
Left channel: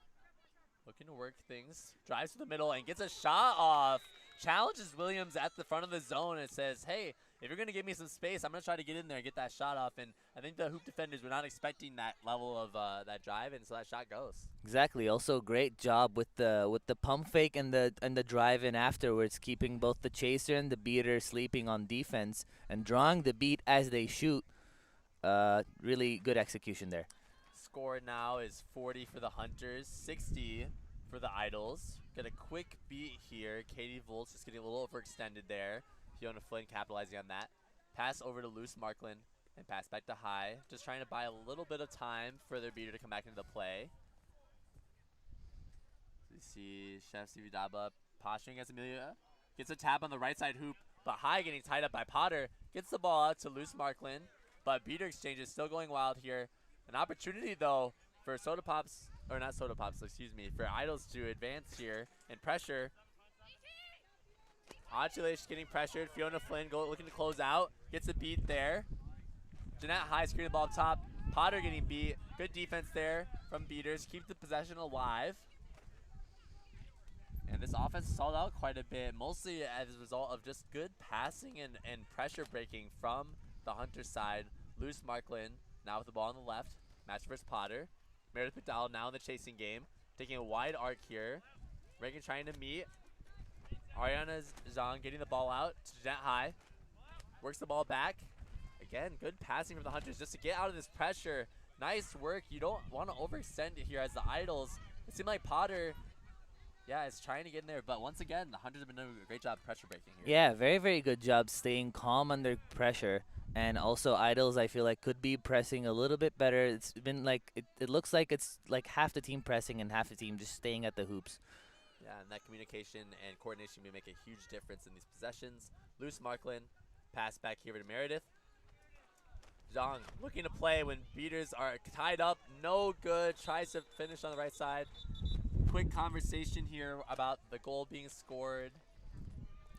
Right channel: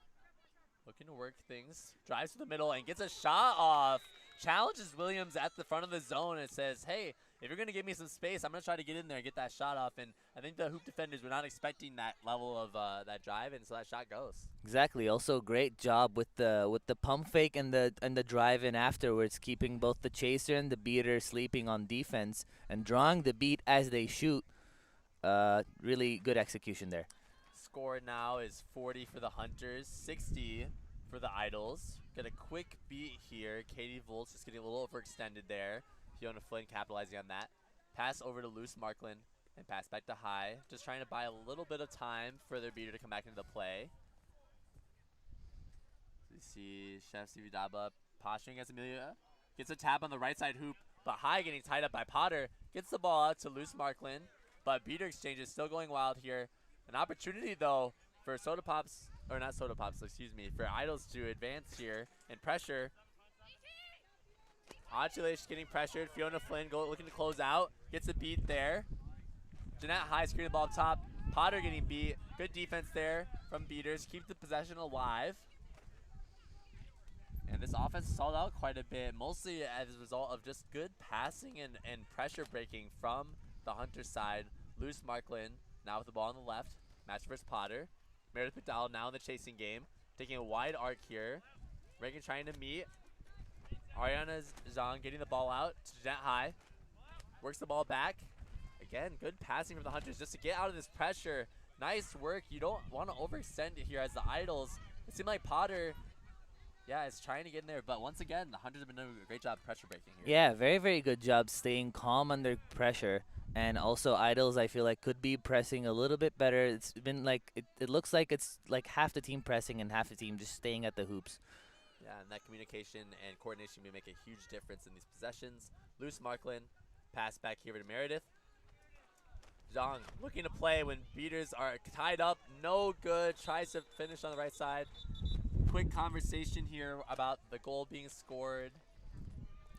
Looking to work things. Drives to the middle and gets a shot off. Challenges Williams at the front of the zone and says, hey, if you're going to give me some space, I'm going to try to get in there and get that shot off. And I think the hoop defenders were not expecting that level of that drive, and so that shot goes. Exactly. Also, great job with the pump fake and the drive in afterwards, keeping both the chaser and the beater sleeping on defense and drawing the beat as they shoot. Really good execution there. Score now is 40 for the Hunters, 60 for the Idols. Get a quick beat here. Katie Volz just getting a little overextended there. Fiona Flynn capitalizing on that. Pass over to Luce Markland and pass back to High. Just trying to buy a little bit of time for their beater to come back into the play. We see Chef Sividaba posturing as Amelia. Gets a tap on the right side hoop, but High getting tied up by Potter. Gets the ball out to Luce Markland, but beater exchange is still going wild here. An opportunity, though, for Soda Pops, or not Soda Pops, excuse me, for Idols to advance here and pressure. Achilles getting pressured. Fiona Flynn looking to close out. Gets a beat there. Jeanette High screening the ball up top. Potter getting beat. Good defense there from beaters. Keep the possession alive. And this offense stalled out quite a bit, mostly as a result of just good passing and pressure breaking from the Hunter side. Luce Markland now with the ball on the left. Match versus Potter. Meredith McDowell now in the chasing game. Taking a wide arc here. Reagan trying to meet. Ariana Zhang getting the ball out to Jeanette High. Works the ball back. Again, good passing from the Hunters just to get out of this pressure. Nice work. You don't want to overextend it here as the Idols. It seemed like Potter, yeah, is trying to get in there. But once again, the Hunters have been doing a great job pressure breaking here. Yeah, very, very good job staying calm under pressure. And also Idols, I feel like, could be pressing a little bit better. It's been like, it looks like it's like half the team pressing and half the team just staying at the hoops. Yeah, and that communication and coordination may make a huge difference in these possessions. Luce Markland, pass back here to Meredith. Zhang looking to play when beaters are tied up. No good. Tries to finish on the right side. Quick conversation here about the goal being scored.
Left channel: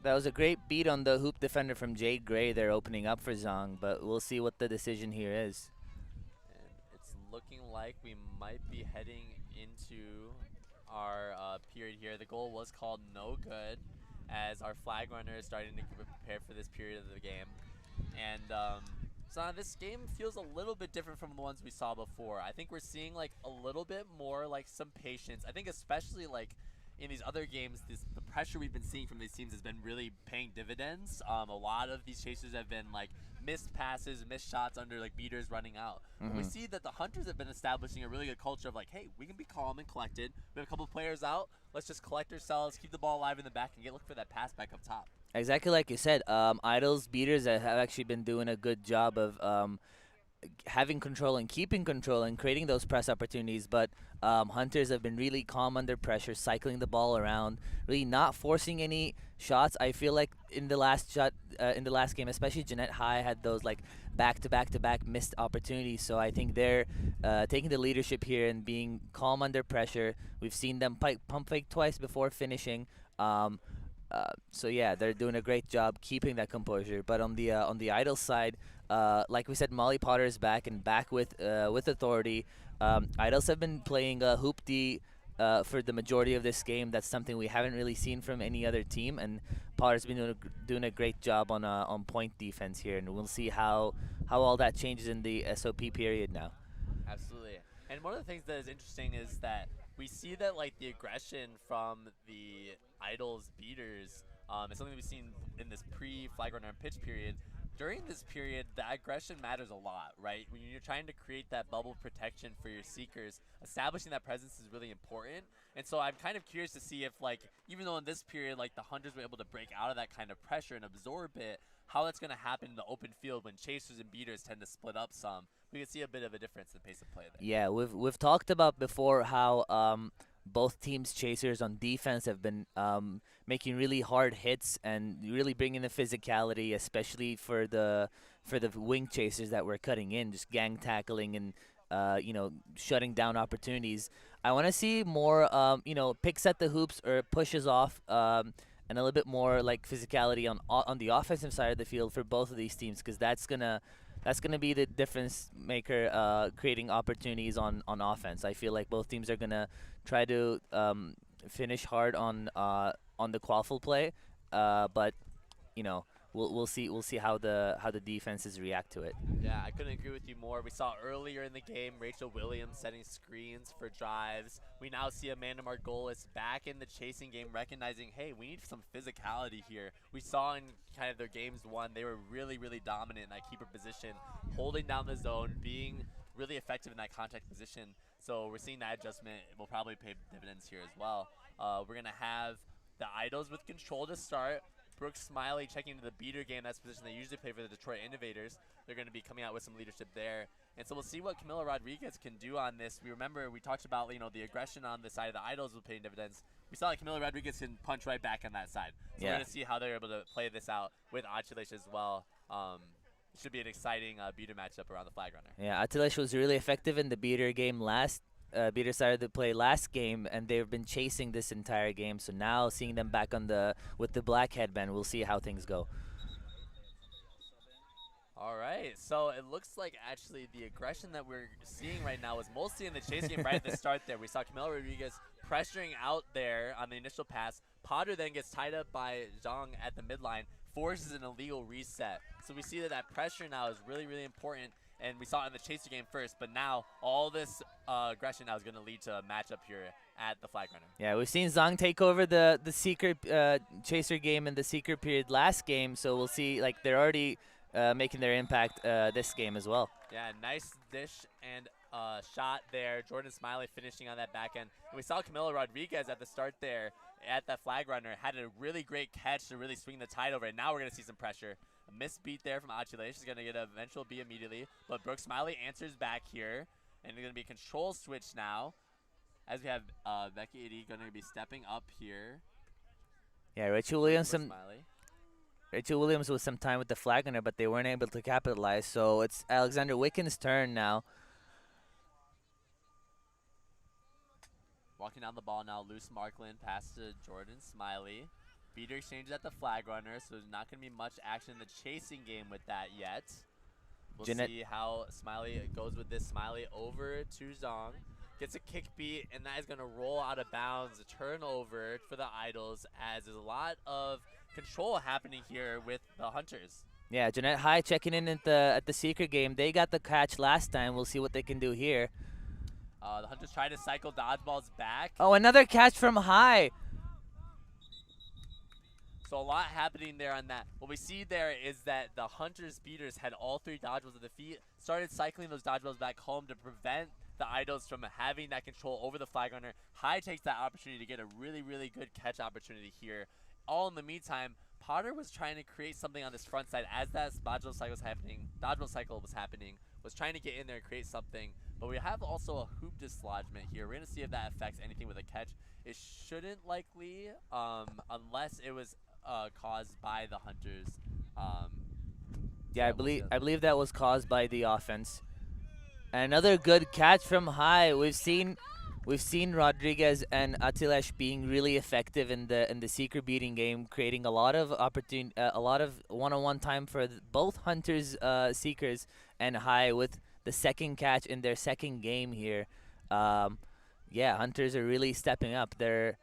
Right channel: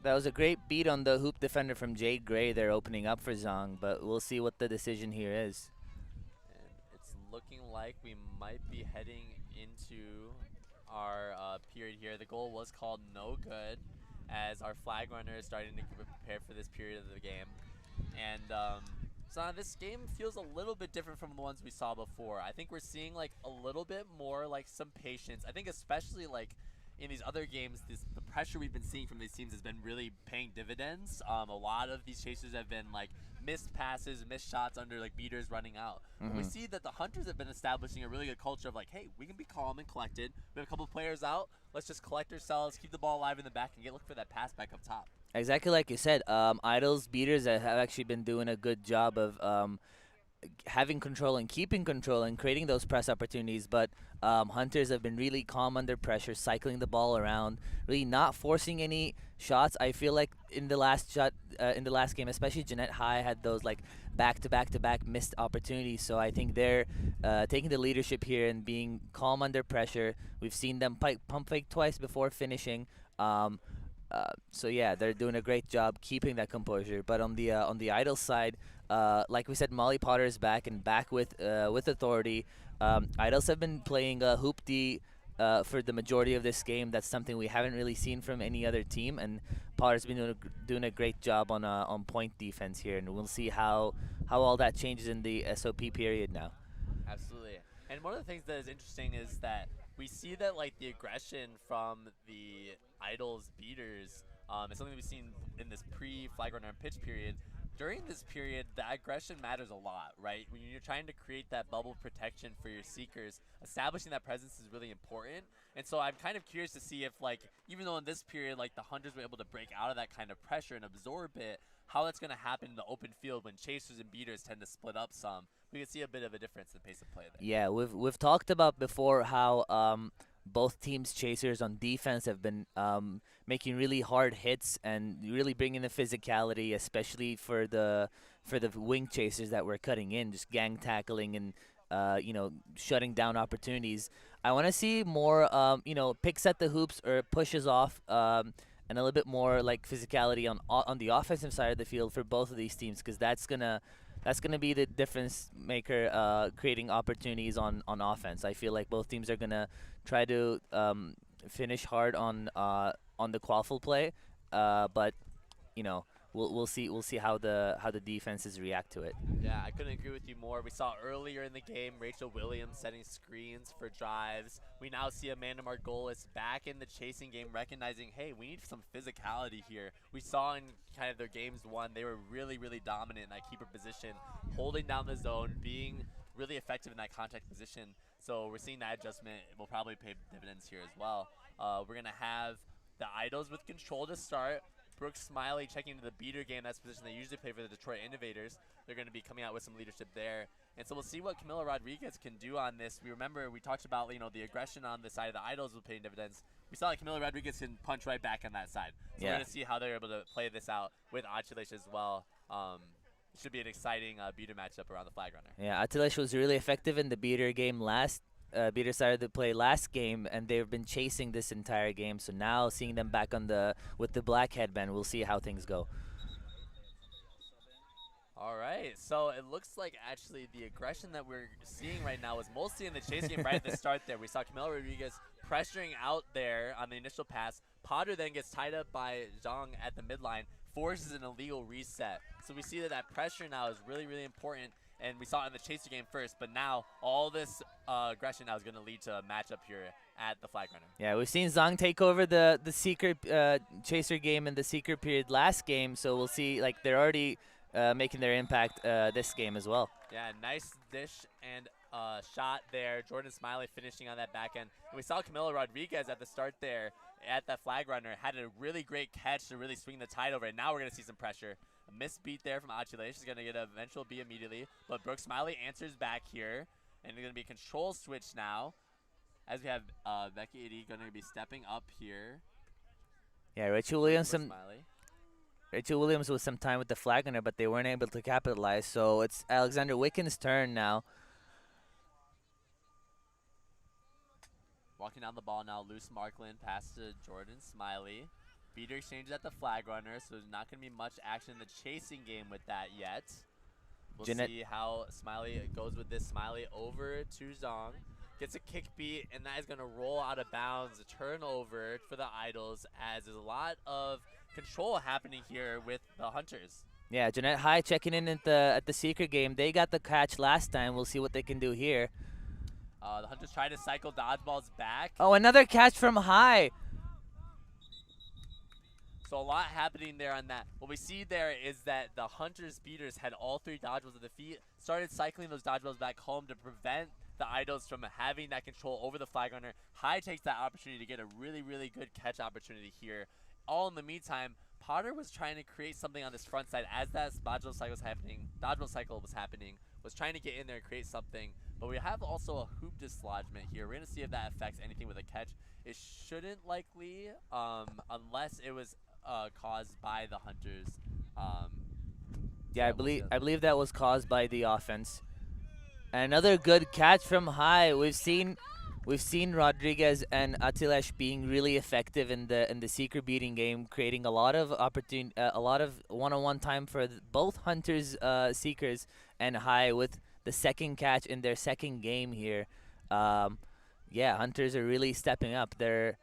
That was a great beat on the hoop defender from Jade Gray there, opening up for Zhang, but we'll see what the decision here is. And it's looking like we might be heading into our period here. The goal was called no good, as our flag runner is starting to prepare for this period of the game. And so this game feels a little bit different from the ones we saw before. I think we're seeing like a little bit more like some patience. I think especially like in these other games, the pressure we've been seeing from these teams has been really paying dividends. A lot of these chasers have been like missed passes, missed shots under like beaters running out. But we see that the Hunters have been establishing a really good culture of like, hey, we can be calm and collected. We have a couple players out. Let's just collect ourselves, keep the ball alive in the back, and look for that pass back up top. Exactly like you said, Idols beaters have actually been doing a good job of having control and keeping control and creating those press opportunities. But Hunters have been really calm under pressure, cycling the ball around, really not forcing any shots. I feel like in the last game, especially Jeanette High had those like back-to-back-to-back missed opportunities. So I think they're taking the leadership here and being calm under pressure. We've seen them pump fake twice before finishing. So yeah, they're doing a great job keeping that composure. But on the Idol side, like we said, Molly Potter is back and back with authority. Idols have been playing hoop D for the majority of this game. That's something we haven't really seen from any other team, and Potter's been doing a great job on point defense here, and we'll see how all that changes in the SOP period now. Absolutely. And one of the things that is interesting is that we see that like the aggression from the Idols beaters is something we've seen in this pre-flag runner and pitch period. During this period, the aggression matters a lot, right? When you're trying to create that bubble protection for your seekers, establishing that presence is really important. And so I'm kind of curious to see if, like, even though in this period, like, the Hunters were able to break out of that kind of pressure and absorb it, how that's going to happen in the open field when chasers and beaters tend to split up some. We can see a bit of a difference in the pace of play there. Yeah, we've talked about before how both teams' chasers on defense have been making really hard hits and really bringing the physicality, especially for the wing chasers that were cutting in, just gang tackling and shutting down opportunities. I want to see more picks at the hoops or pushes off. And a little bit more like physicality on the offensive side of the field for both of these teams, because that's gonna be the difference maker, creating opportunities on offense. I feel like both teams are gonna try to finish hard on the quaffle play, but we'll see how the defenses react to it. Yeah, I couldn't agree with you more. We saw earlier in the game Rachel Williams setting screens for drives. We now see Amanda Margolis back in the chasing game, recognizing, hey, we need some physicality here. We saw in kind of their games one, they were really, really dominant in that keeper position, holding down the zone, being really effective in that contact position. So we're seeing that adjustment will probably pay dividends here as well. We're going to have the Idols with control to start. Brooke Smiley checking into the beater game. That's the position they usually play for the Detroit Innovators. They're going to be coming out with some leadership there. And so we'll see what Camila Rodriguez can do on this. We talked about, the aggression on the side of the Idols will pay dividends. We saw that Camila Rodriguez can punch right back on that side. So we're going to see how they're able to play this out with Achilles as well. It should be an exciting beater matchup around the flag runner. Yeah, Achilles was really effective in the beater game beater started to play last game, and they've been chasing this entire game. So now seeing them back with the black headband, we'll see how things go. All right, so it looks like actually the aggression that we're seeing right now was mostly in the chase game right at the start there. We saw Camila Rodriguez pressuring out there on the initial pass. Potter then gets tied up by Zhang at the midline, forces an illegal reset. So we see that pressure now is really, really important. And we saw it in the chaser game first, but now all this aggression now is going to lead to a matchup here at the flag runner. Yeah, we've seen Zhang take over the secret chaser game in the secret period last game, so we'll see, like, they're already making their impact this game as well. Yeah, nice dish and shot there. Jordan Smiley finishing on that back end. And we saw Camila Rodriguez at the start there at that flag runner. Had a really great catch to really swing the tide over, and now we're going to see some pressure. A missed beat there from Achilles. She's going to get an eventual B immediately. But Brooke Smiley answers back here. And it's going to be a control switch now. As we have Becky Edie going to be stepping up here. Yeah, Rachel Williams with some time with the flag runner, but they weren't able to capitalize. So it's Alexander Wicken's turn now. Walking down the ball now, loose Markland, pass to Jordan Smiley. Beater exchanges at the flag runner, so there's not going to be much action in the chasing game with that yet. We'll see how Smiley goes with this. Smiley over to Zhang. Gets a kick beat, and that is going to roll out of bounds. A turnover for the Idols, as there's a lot of control happening here with the Hunters. Yeah, Jeanette High checking in at the secret game. They got the catch last time. We'll see what they can do here. The Hunters try to cycle dodgeballs back. Oh, another catch from High. So a lot happening there on that. What we see there is that the Hunters beaters had all three dodgeballs at the feet, started cycling those dodgeballs back home to prevent the Idols from having that control over the flag runner. High takes that opportunity to get a really, really good catch opportunity here. All in the meantime, Potter was trying to create something on this front side as that dodgeball cycle was happening. was trying to get in there and create something. But we have also a hoop dislodgement here. We're going to see if that affects anything with a catch. It shouldn't likely, unless it was caused by the Hunters. Yeah, I believe that was caused by the offense. And another good catch from high. We've seen Rodriguez and Atilesh being really effective in the seeker beating game, creating a lot of a lot of one-on-one time for both Hunters seekers and high with the second catch in their second game here. Yeah, Hunters are really stepping up. They're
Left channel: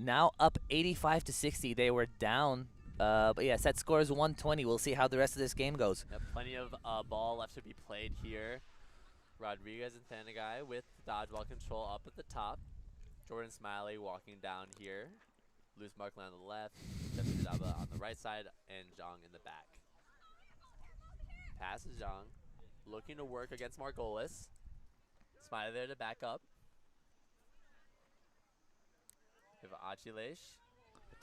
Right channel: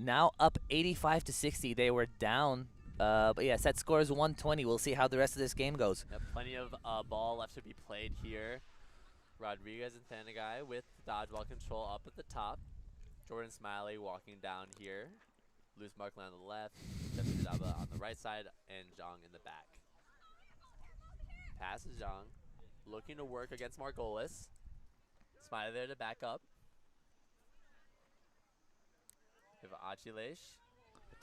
now up 85-60. They were down. But yeah, set score is 120. We'll see how the rest of this game goes. Yep, plenty of ball left to be played here. Rodriguez and Thanagai with dodgeball control up at the top. Jordan Smiley walking down here. Loose Markland on the left. Justin Daba on the right side. And Zhang in the back. Passes Zhang. Looking to work against Margolis. Smiley there to back up. We have Achilesh.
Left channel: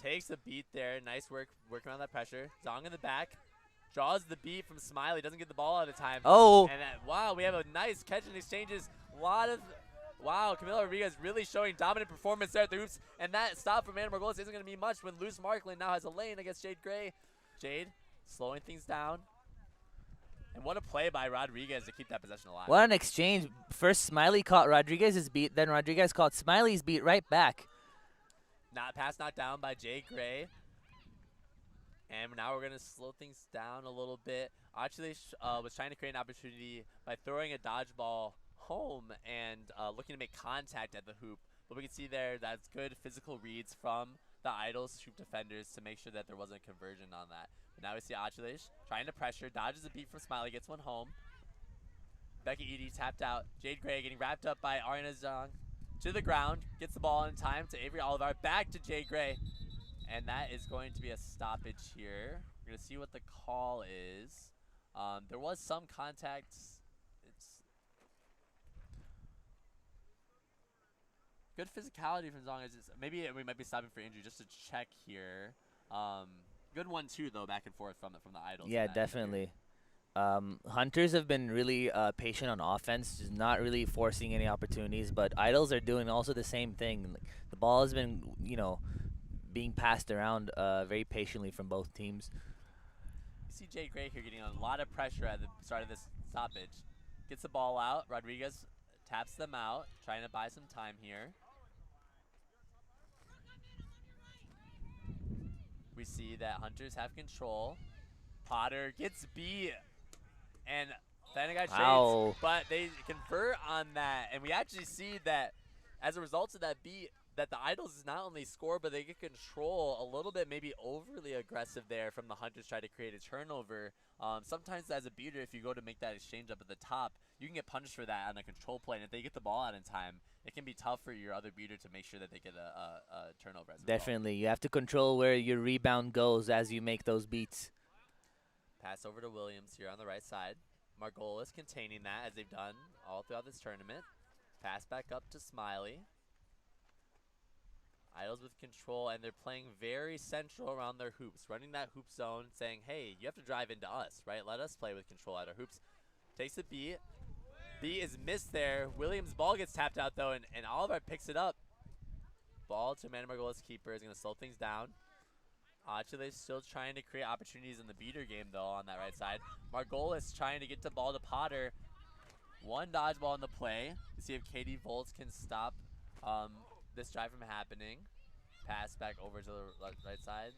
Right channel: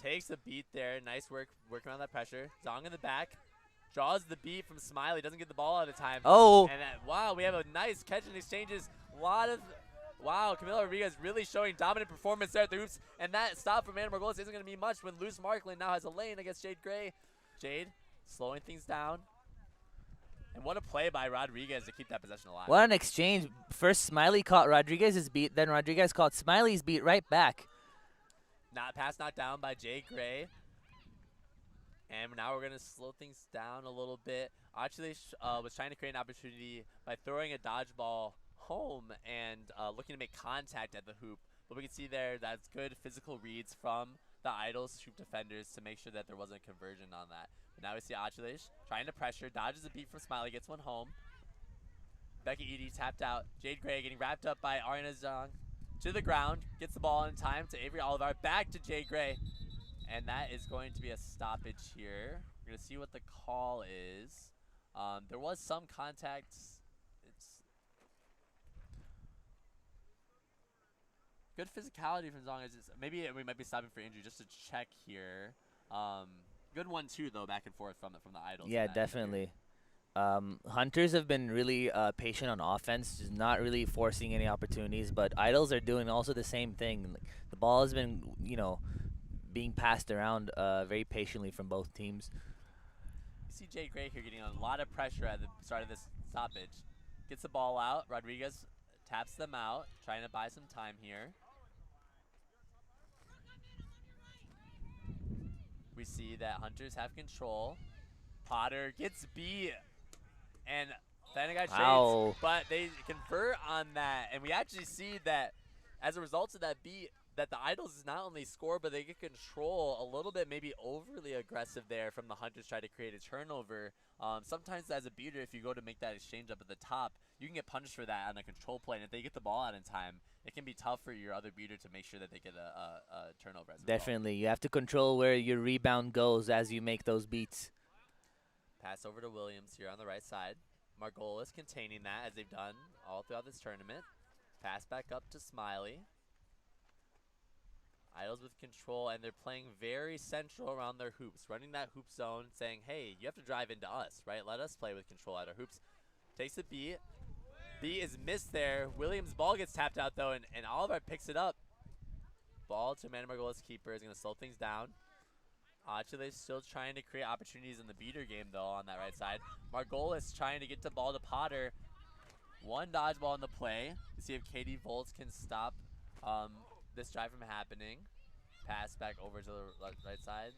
Takes a beat there. Nice work working on that pressure. Zhang in the back. Draws the beat from Smiley. Doesn't get the ball out of time. Oh! And wow, we have a nice catch and exchanges. Wow, Camilo Rodriguez really showing dominant performance there at the hoops. And that stop from Anna Margolis isn't going to be much when Luz Markland now has a lane against Jade Gray. Jade slowing things down. And what a play by Rodriguez to keep that possession alive. What an exchange. First Smiley caught Rodriguez's beat, then Rodriguez caught Smiley's beat right back. Pass knocked down by Jay Gray. And now we're going to slow things down a little bit. Actually, was trying to create an opportunity by throwing a dodgeball home and looking to make contact at the hoop. But we can see there that's good physical reads from the Idols hoop defenders to make sure that there wasn't a conversion on that. But now we see Achilesh trying to pressure, dodges a beat from Smiley, gets one home. Becky Edie tapped out. Jade Gray getting wrapped up by Ariana Zhang. To the ground, gets the ball in time to Avery Olivar, back to Jay Gray. And that is going to be a stoppage here. We're going to see what the call is. There was some contact. It's good physicality from Zhang. Maybe we might be stopping for injury just to check here. Good one too, though, back and forth from the Idols. Yeah, definitely. Hunters have been really patient on offense, just not really forcing any opportunities. But Idols are doing also the same thing. The ball has been, being passed around very patiently from both teams. You see Jay Gray here getting a lot of pressure at the start of this stoppage. Gets the ball out. Rodriguez taps them out, trying to buy some time here. We see that Hunters have control. Potter gets beat. And Thanagai trades, but they convert on that. And we actually see that as a result of that beat, that the Idols not only score, but they get control a little bit, maybe overly aggressive there from the Hunters try to create a turnover. Sometimes as a beater, if you go to make that exchange up at the top, you can get punished for that on a control play. And if they get the ball out in time, it can be tough for your other beater to make sure that they get a turnover as a Definitely. You have to control where your rebound goes as you make those beats. Pass over to Williams here on the right side. Margolis containing that as they've done all throughout this tournament. Pass back up to Smiley. Idols with control, and they're playing very central around their hoops, running that hoop zone, saying, hey, you have to drive into us, right? Let us play with control at our hoops. Takes the beat. Beat is missed there. Williams' ball gets tapped out, though, and Oliver picks it up. Ball to Amanda Margolis' keeper is going to slow things down. Achilles still trying to create opportunities in the beater game, though, on that right side. Margolis trying to get the ball to Potter. One dodgeball in the play to see if Katie Volts can stop this drive from happening. Pass back over to the right side.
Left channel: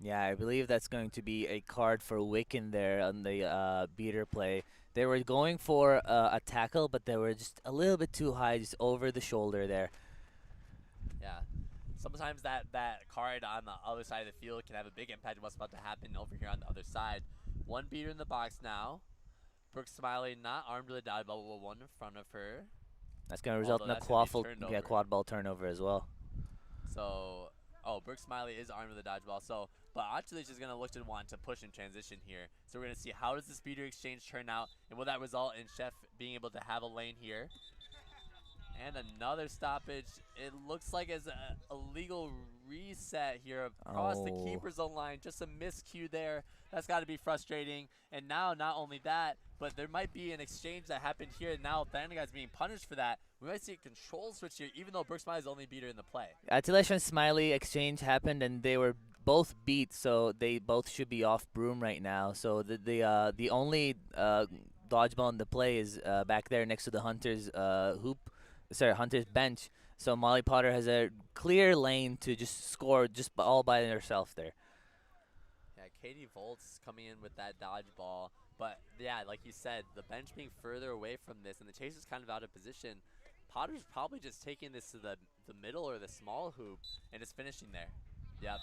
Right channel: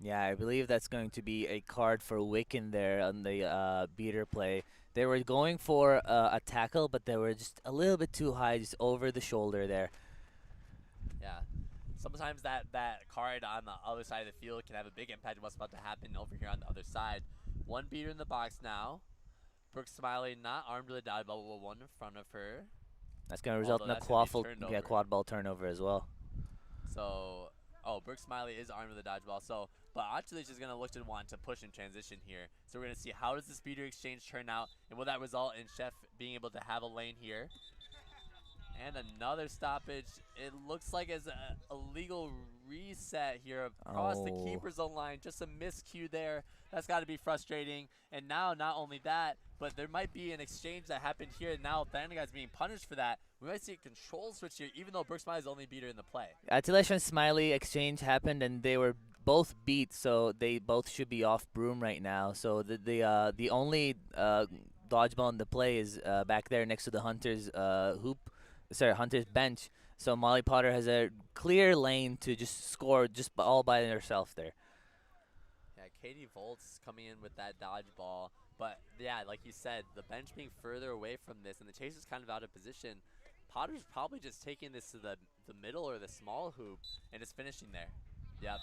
Yeah, I believe that's going to be a card for Wiccan there on the beater play. They were going for a tackle, but they were just a little bit too high, just over the shoulder there. Yeah. Sometimes that card on the other side of the field can have a big impact on what's about to happen over here on the other side. One beater in the box now. Brooke Smiley not armed with a dodgeball, but one in front of her. That's going to result in a quad ball turnover as well. So, Brooke Smiley is armed with a dodgeball. So, but Achilles is going to look to want to push in transition here. So we're going to see how does this beater exchange turn out, and will that result in Chef being able to have a lane here? And another stoppage. It looks like it's a legal reset here across the keeper zone line. Just a miscue there. That's got to be frustrating. And now, not only that, but there might be an exchange that happened here. And now Thunderguy's being punished for that. We might see a control switch here, even though Brooke Smiley's the only beater in the play. Attilation and Smiley exchange happened, and they were both beat, so they both should be off broom right now. So the only dodgeball in the play is back there next to the Hunter's Hunter's bench. So Molly Potter has a clear lane to just score just all by herself there. Yeah, Katie Volt's coming in with that dodgeball. But yeah, like you said, the bench being further away from this and the chaser's kind of out of position. Potter's probably just taking this to the middle or the small hoop and just finishing there. Yep.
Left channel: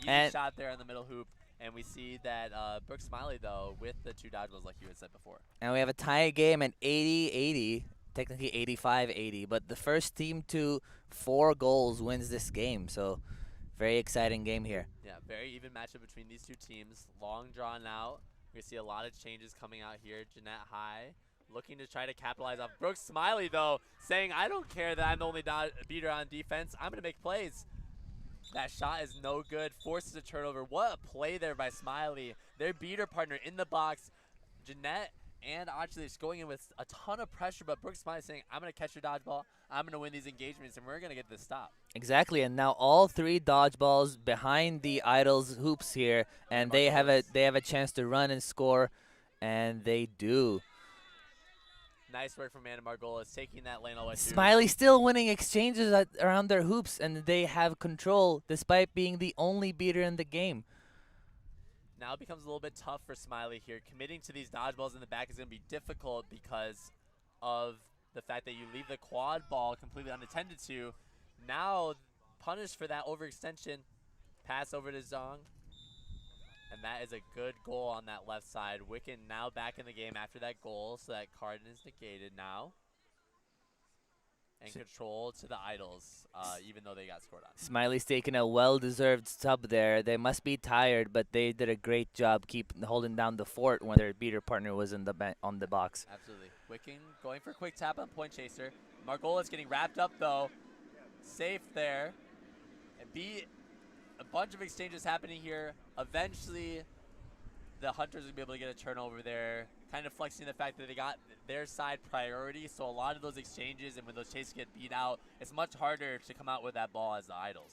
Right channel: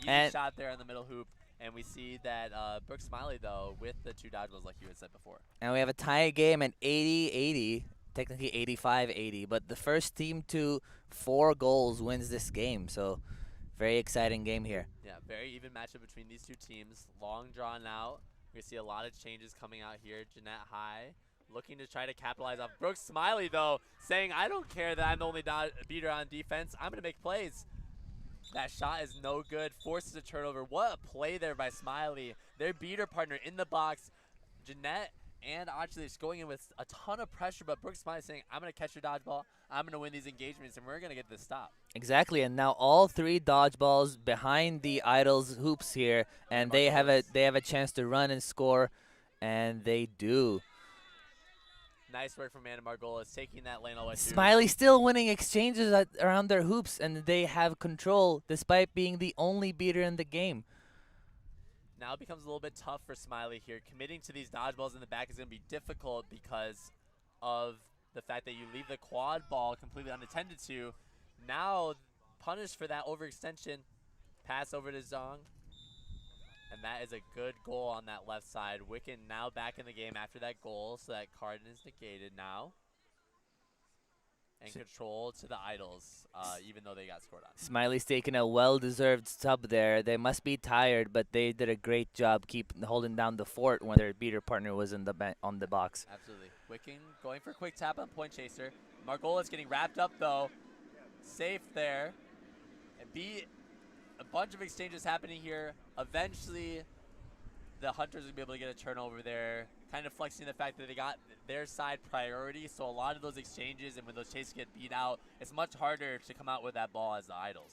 Easy shot there in the middle hoop. And we see that Brooke Smiley, though, with the 2 dodgeballs like you had said before. And we have a tie game at 80-80. Technically 85-80, but the first team to 4 goals wins this game. So very exciting game here. Yeah, very even matchup between these 2 teams. Long drawn out. We see a lot of changes coming out here. Jeanette High looking to try to capitalize off. Brooke Smiley, though, saying, I don't care that I'm the only beater on defense. I'm going to make plays. That shot is no good. Forces a turnover. What a play there by Smiley. Their beater partner in the box. Jeanette and actually just going in with a ton of pressure, but Brooke Smiley saying, I'm going to catch your dodgeball, I'm going to win these engagements, and we're going to get this stop. Exactly, and now all 3 dodgeballs behind the Idols hoops here, and they have a chance to run and score, and they do. Nice work from Amanda Margolis, taking that lane all the way through. Smiley still winning exchanges around their hoops, and they have control despite being the only beater in the game. Now it becomes a little bit tough for Smiley here. Committing to these dodgeballs in the back is going to be difficult because of the fact that you leave the quad ball completely unattended to. Now punished for that overextension. Pass over to Zong. And that is a good goal on that left side. Wiccan now back in the game after that goal, so that card is negated now. And control to the Idols, even though they got scored on. Smiley's taking a well-deserved sub there. They must be tired, but they did a great job holding down the fort when their beater partner was in on the box. Absolutely. Wiccan going for a quick tap on Point Chaser. Margola's getting wrapped up, though. Safe there. And a bunch of exchanges happening here. Eventually, the Hunters will be able to get a turnover there, kind of flexing the fact that they got their side priority. So a lot of those exchanges and when those chases get beat out, it's much harder to come out with that ball as the Idols.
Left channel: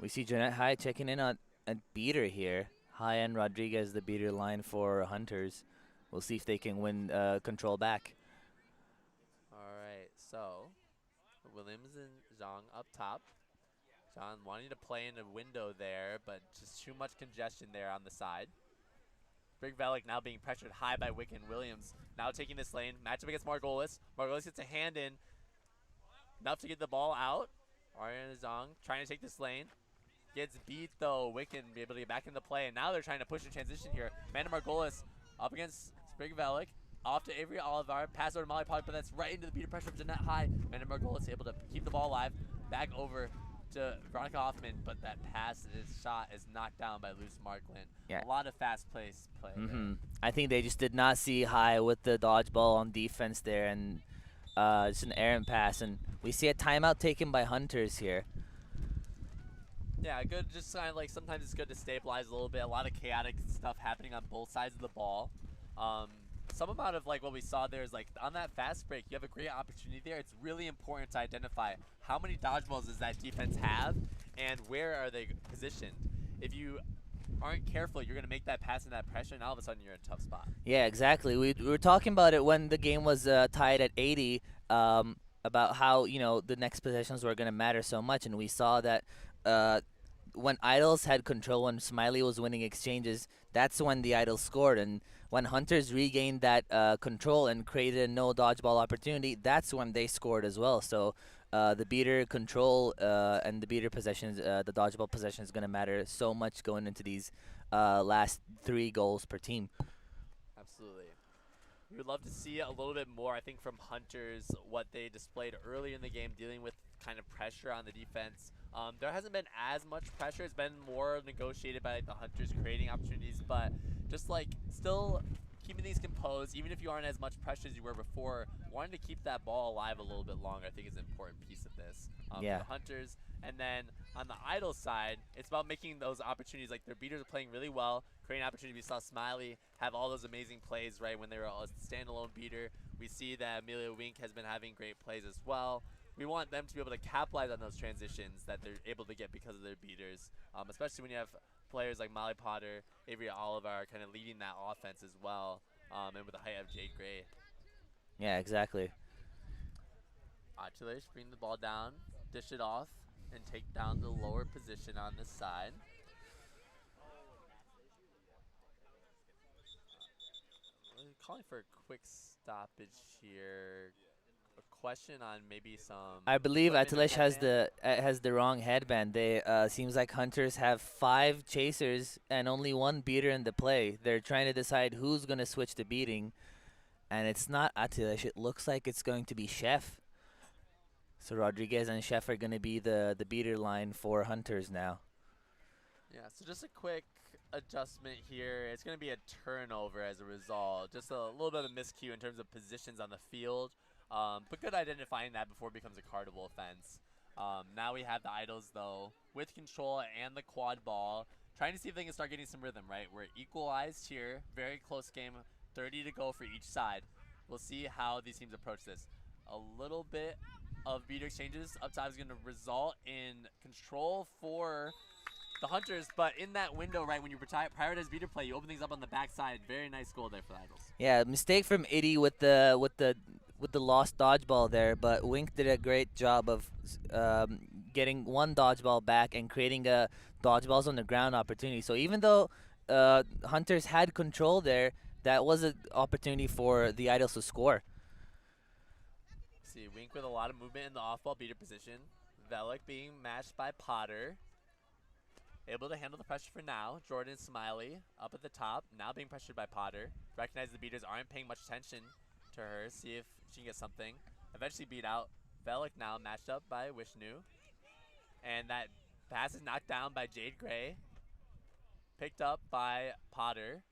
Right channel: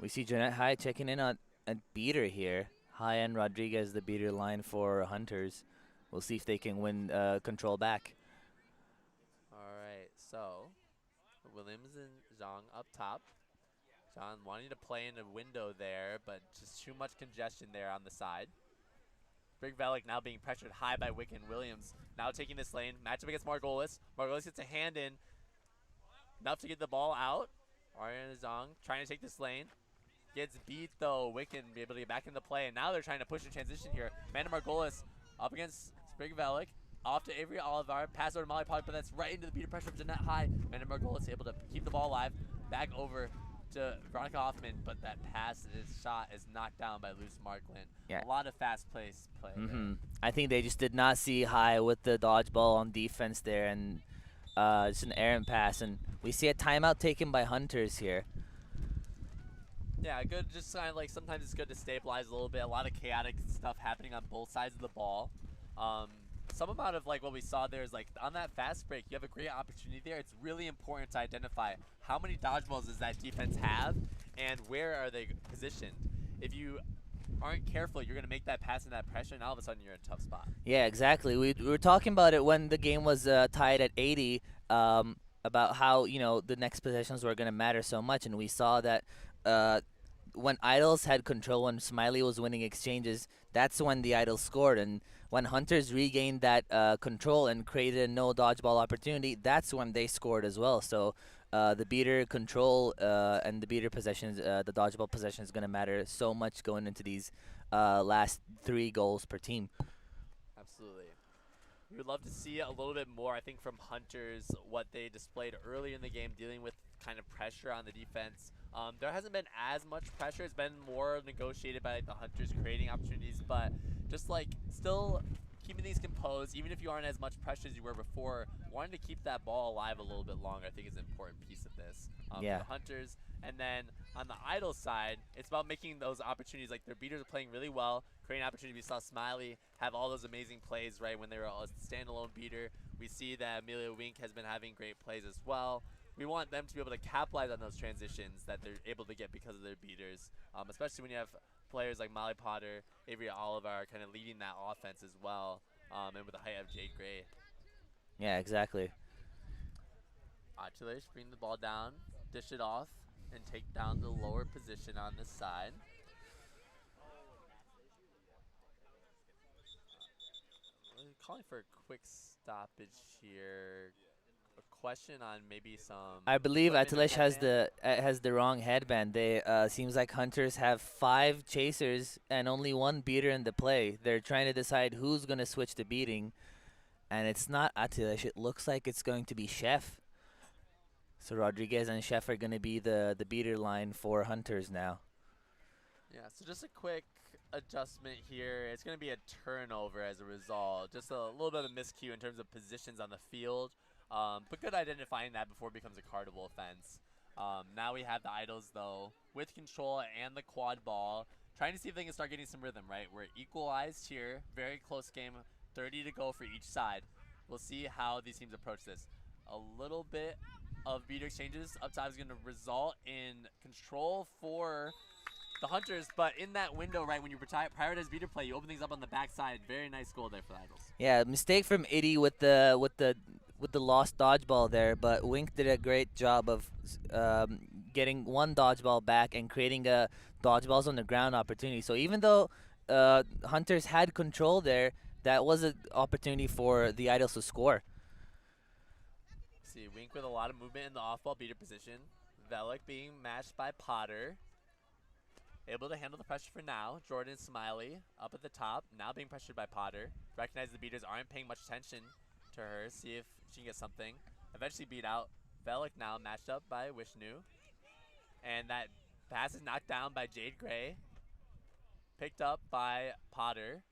We see Jeanette High checking in on a beater here. High and Rodriguez, the beater line for Hunters. We'll see if they can win control back. All right, so Williams and Zhang up top. Zhang wanting to play in a window there, but just too much congestion there on the side. Big Velik now being pressured high by Wiccan. Williams now taking this lane. Matchup against Margolis. Margolis gets a hand in. Enough to get the ball out. Ariana Zong trying to take this lane. Gets beat though. Wiccan be able to get back into play. And now they're trying to push in transition here. Amanda Margolis up against Sprig Velik. Off to Avery Olivar. Pass over to Molly Potter, but that's right into the beater pressure of Jeanette High. Amanda Margolis able to keep the ball alive. Back over to Veronica Hoffman, but that shot is knocked down by Luce Markland. Yeah. A lot of fast play there. I think they just did not see High with the dodgeball on defense there, and just an errant pass. And we see a timeout taken by Hunters here. Yeah, good. Just kind of like sometimes it's good to stabilize a little bit. A lot of chaotic stuff happening on both sides of the ball. Some amount of like what we saw there is like on that fast break, you have a great opportunity there. It's really important to identify how many dodgeballs does that defense have and where are they positioned. If you aren't careful, you're going to make that pass and that pressure, and all of a sudden you're in a tough spot. Yeah, exactly. We were talking about it when the game was tied at 80 about how, you know, the next possessions were going to matter so much, and we saw that when Idols had control, when Smiley was winning exchanges, that's when the Idols scored. And when Hunters regained that control and created a no dodgeball opportunity, that's when they scored as well. So the beater control and the beater possessions, the dodgeball possession is going to matter so much going into these last 3 goals per team. Absolutely. We would love to see a little bit more, I think, from Hunters, what they displayed early in the game, dealing with kind of pressure on the defense. There hasn't been as much pressure. It's been more negotiated by like, the Hunters creating opportunities, but just like still keeping things composed, even if you aren't as much pressure as you were before, wanting to keep that ball alive a little bit longer, I think is an important piece of this for Yeah. the Hunters. And then on the Idol side, it's about making those opportunities, like their beaters are playing really well, creating opportunities. We saw Smiley have all those amazing plays, right, when they were a standalone beater. We see that Amelia Wink has been having great plays as well. We want them to be able to capitalize on those transitions that they're able to get because of their beaters, especially when you have players like Molly Potter, Avery Oliver kind of leading that offense as well, and with the height of Jade Gray. Yeah, exactly. Achilles bring the ball down, dish it off, and take down the lower position on this side. Calling for a quick stoppage here. A question on maybe some. I believe equipment or Atilish headband. has the wrong headband. They seems like Hunters have 5 chasers and only 1 beater in the play. They're trying to decide who's gonna switch the beating, and it's not Atilish. It looks like it's going to be Chef. So Rodriguez and Chef are gonna be the beater line for Hunters now. Yeah, so just a quick adjustment here. It's going to be a turnover as a result. Just a little bit of a miscue in terms of positions on the field. But good identifying that before it becomes a cardable offense. Now we have the Idols, though, with control and the quad ball, trying to see if they can start getting some rhythm, right? We're equalized here. Very close game. 30 to go for each side. We'll see how these teams approach this. A little bit of beater exchanges up top is going to result in control for the Hunters, but in that window, right, when you prioritize beater play, you open things up on the backside. Very nice goal there for the Idols. Yeah, mistake from Itty with the lost dodgeball there, but Wink did a great job of getting 1 dodgeball back and creating a dodgeballs on the ground opportunity. So even though Hunters had control there, that was an opportunity for the Idols to score. See, Wink with a lot of movement in the off-ball beater position. Velik being matched by Potter. Able to handle the pressure for now. Jordan Smiley up at the top, now being pressured by Potter. Recognize the beaters aren't paying much attention to her. See if she can get something. Eventually beat out. Velik now matched up by Wishnu. And that pass is knocked down by Jade Gray. Picked up by Potter.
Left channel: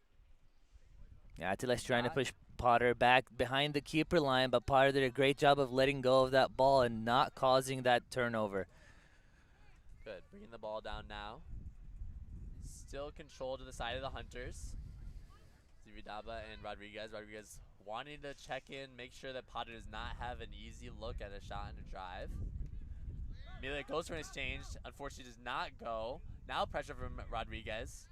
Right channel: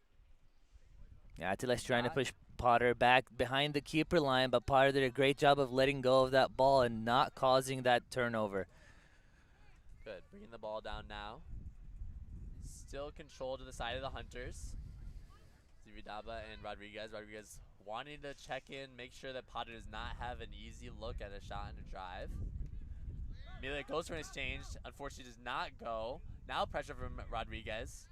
Yeah, Attila's trying to push Potter back behind the keeper line, but Potter did a great job of letting go of that ball and not causing that turnover. Good, bringing the ball down now. Still control to the side of the Hunters. Zividaba and Rodriguez. Rodriguez wanting to check in, make sure that Potter does not have an easy look at a shot and a drive. Amelia goes for an exchange. Unfortunately, does not go. Now pressure from Rodriguez.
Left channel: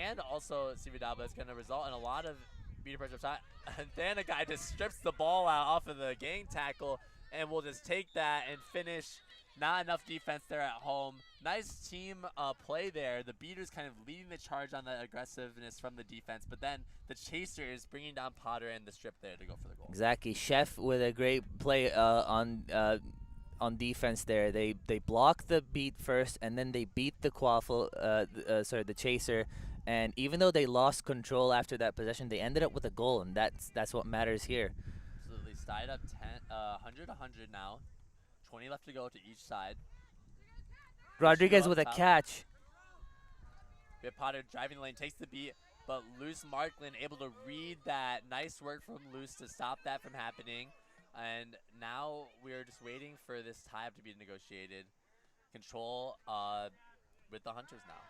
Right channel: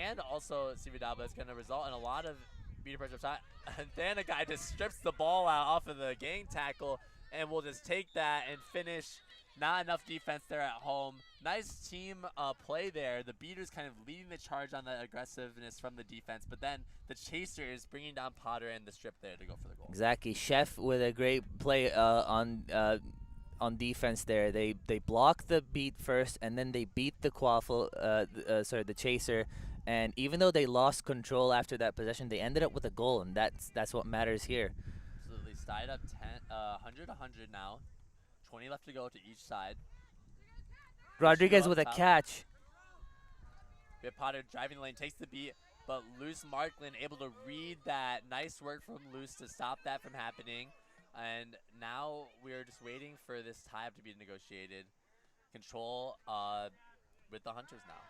And also, Zividaba is going to result in a lot of beater pressure shot. And then a guy just strips the ball out off of the gang tackle and will just take that and finish. Not enough defense there at home. Nice team play there. The beaters kind of leading the charge on the aggressiveness from the defense, but then the chaser is bringing down Potter and the strip there to go for the goal. Exactly. Chef with a great play on defense there. They block the beat first, and then they beat the the chaser. And even though they lost control after that possession, they ended up with a goal, and that's what matters here. Absolutely. Tied up 100-100 now. 20 left to go to each side. Rodriguez with a catch. We have Potter driving the lane, takes the beat, but Luce Markland able to read that. Nice work from Luce to stop that from happening. And now we're just waiting for this tie-up to be negotiated. Control with the Hunters now.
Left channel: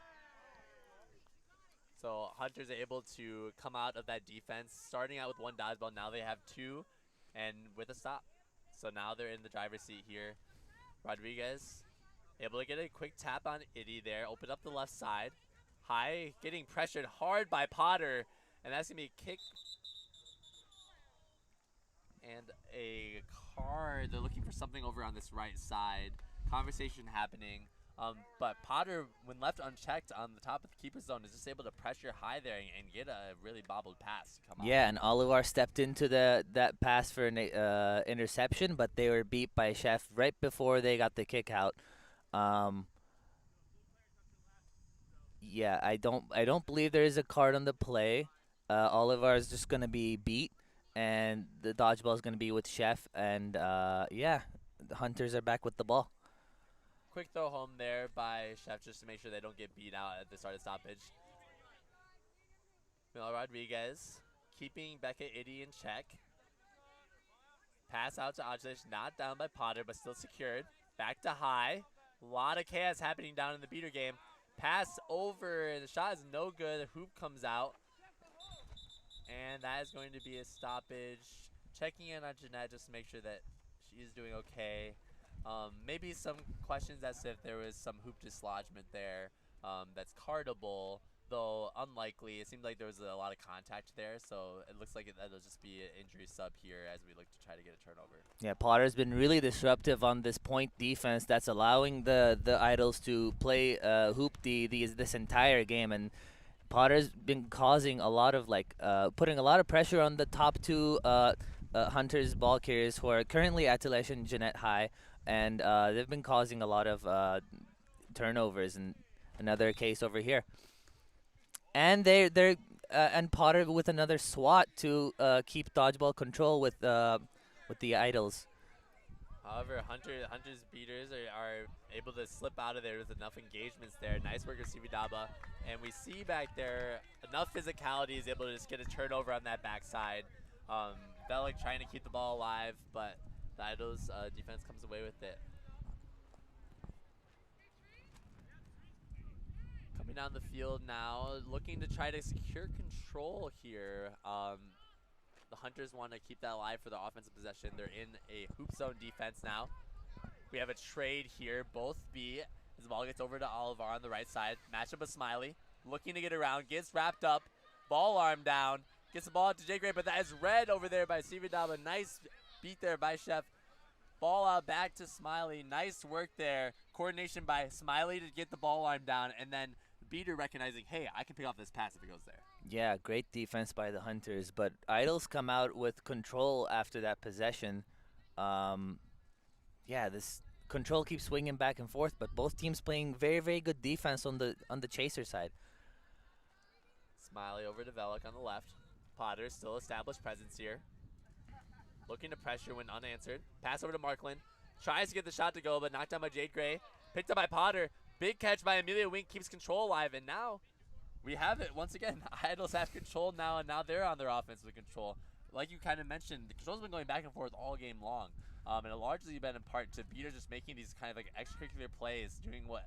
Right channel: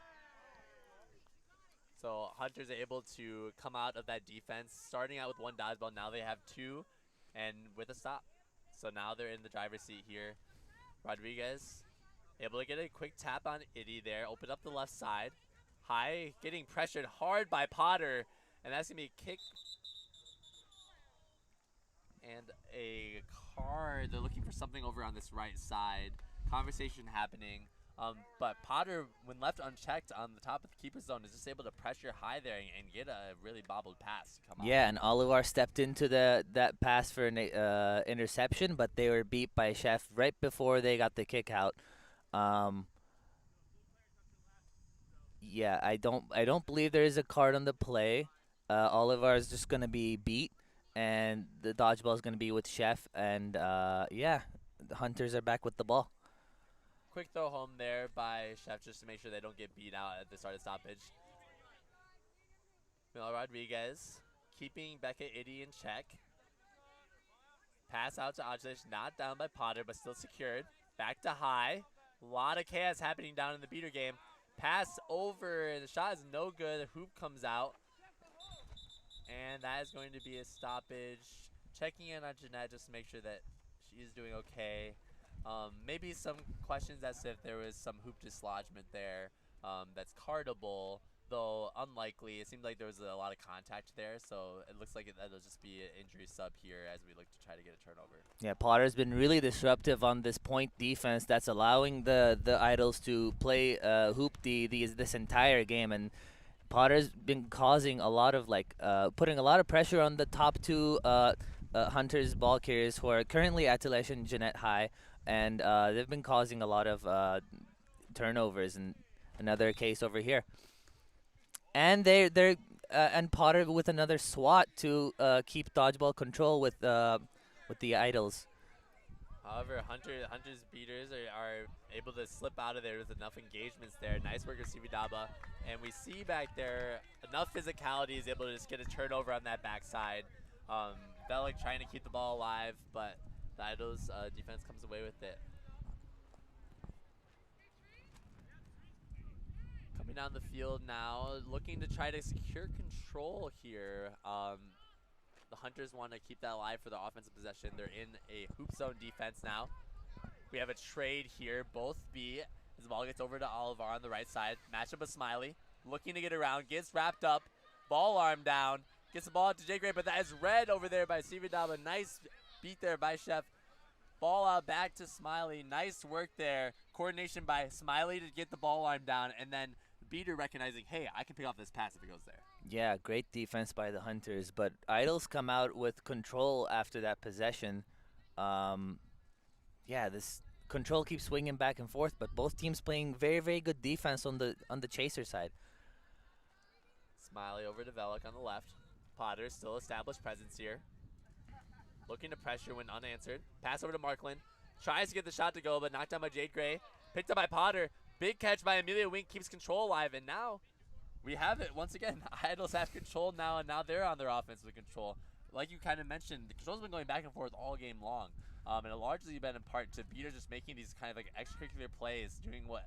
So Hunters are able to come out of that defense, starting out with 1 dodgeball. Now they have 2, and with a stop. So now they're in the driver's seat here. Rodriguez able to get a quick tap on Itty there. Open up the left side. High, getting pressured hard by Potter. And that's going to be a kick. And a card. They're looking for something over on this right side. Conversation happening. But Potter, when left unchecked on the top of the keeper zone, is just able to pressure high there and get a really bobbled pass to come out. Yeah, and Olivar stepped into that pass for an interception, but they were beat by Chef right before they got the kick out. Yeah, I don't believe there is a card on the play. Olivar is just gonna be beat, and the dodgeball is gonna be with Chef, and yeah, the Hunters are back with the ball. Quick throw home there by Chef just to make sure they don't get beat out at the start of stoppage. Mel Rodriguez keeping Becca Itty in check. Pass out to Ajlish, not down by Potter, but still secured. Back to high. A lot of chaos happening down in the beater game. Pass over, the shot is no good. The hoop comes out. And that is going to be a stoppage. Checking in on Jeanette just to make sure that she's doing okay. Maybe some questions as if there was some hoop dislodgement there that's cardable, though unlikely. It seemed like there was a lot of contact there, so it looks like that'll just be an injury sub here as we look to try to get a turnover. Yeah, Potter's been really disruptive on this point defense that's allowing the Idols to play hoop this entire game, and Potter's been causing a lot of putting a lot of pressure on the top two Hunters ball carriers who are currently Atilesh and Jeanette High, and they've been causing a lot of turnovers, and another case over here. And they're and Potter with another swat to keep dodgeball control with the Idols. However, Hunter's beaters are able to slip out of there with enough engagements there. Nice work of Sibidaba. And we see back there enough physicality is able to just get a turnover on that backside. Bellick trying to keep the ball alive, but the Idols defense comes away with it. Coming down the field now, looking to try to secure control here. The Hunters want to keep that alive for the offensive possession. They're in a hoop zone defense now. We have a trade here, both B, as the ball gets over to Oliver on the right side. Matchup with Smiley, looking to get around, gets wrapped up, ball arm down, gets the ball out to Jay Gray, but that is read over there by Sivadaba. Nice beat there by Chef. Ball out back to Smiley. Nice work there. Coordination by Smiley to get the ball arm down, and then Beater recognizing, hey, I can pick off this pass if it goes there. Yeah, great defense by the Hunters, but Idols come out with control after that possession. Yeah, this control keeps swinging back and forth, but both teams playing very, very good defense on the chaser side. Smiley over to Velik on the left. Potter still established presence here. Looking to pressure when unanswered. Pass over to Markland. Tries to get the shot to go, but knocked down by Jade Gray. Picked up by Potter. Big catch by Amelia Wink, keeps control alive, and now we have it once again. Idols have control now, and now they're on their offensive control. Like you kind of mentioned, the control's been going back and forth all game long. And it largely been in part to Beater just making these kind of like extracurricular plays, doing what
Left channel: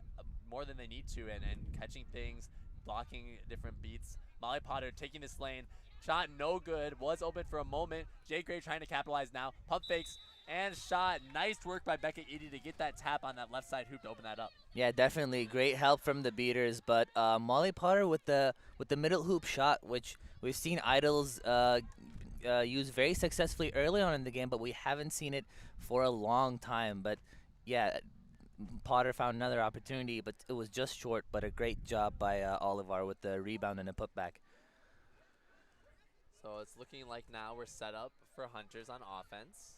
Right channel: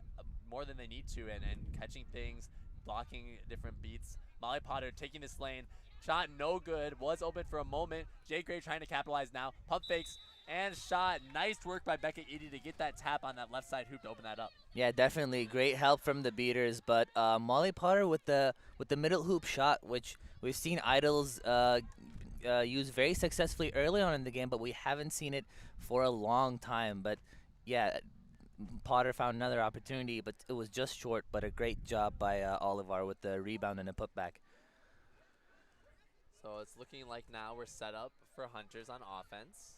more than they need to, and catching things, blocking different beats. Molly Potter taking this lane. Shot no good, was open for a moment. Jay Gray trying to capitalize now. Pump fakes and shot. Nice work by Becca Eady to get that tap on that left side hoop to open that up. Yeah, definitely great help from the Beaters, but Molly Potter with the middle hoop shot, which we've seen Idols use very successfully early on in the game, but we haven't seen it for a long time. But yeah, Potter found another opportunity, but it was just short, but a great job by Oliver with the rebound and a putback. So it's looking like now we're set up for Hunters on offense.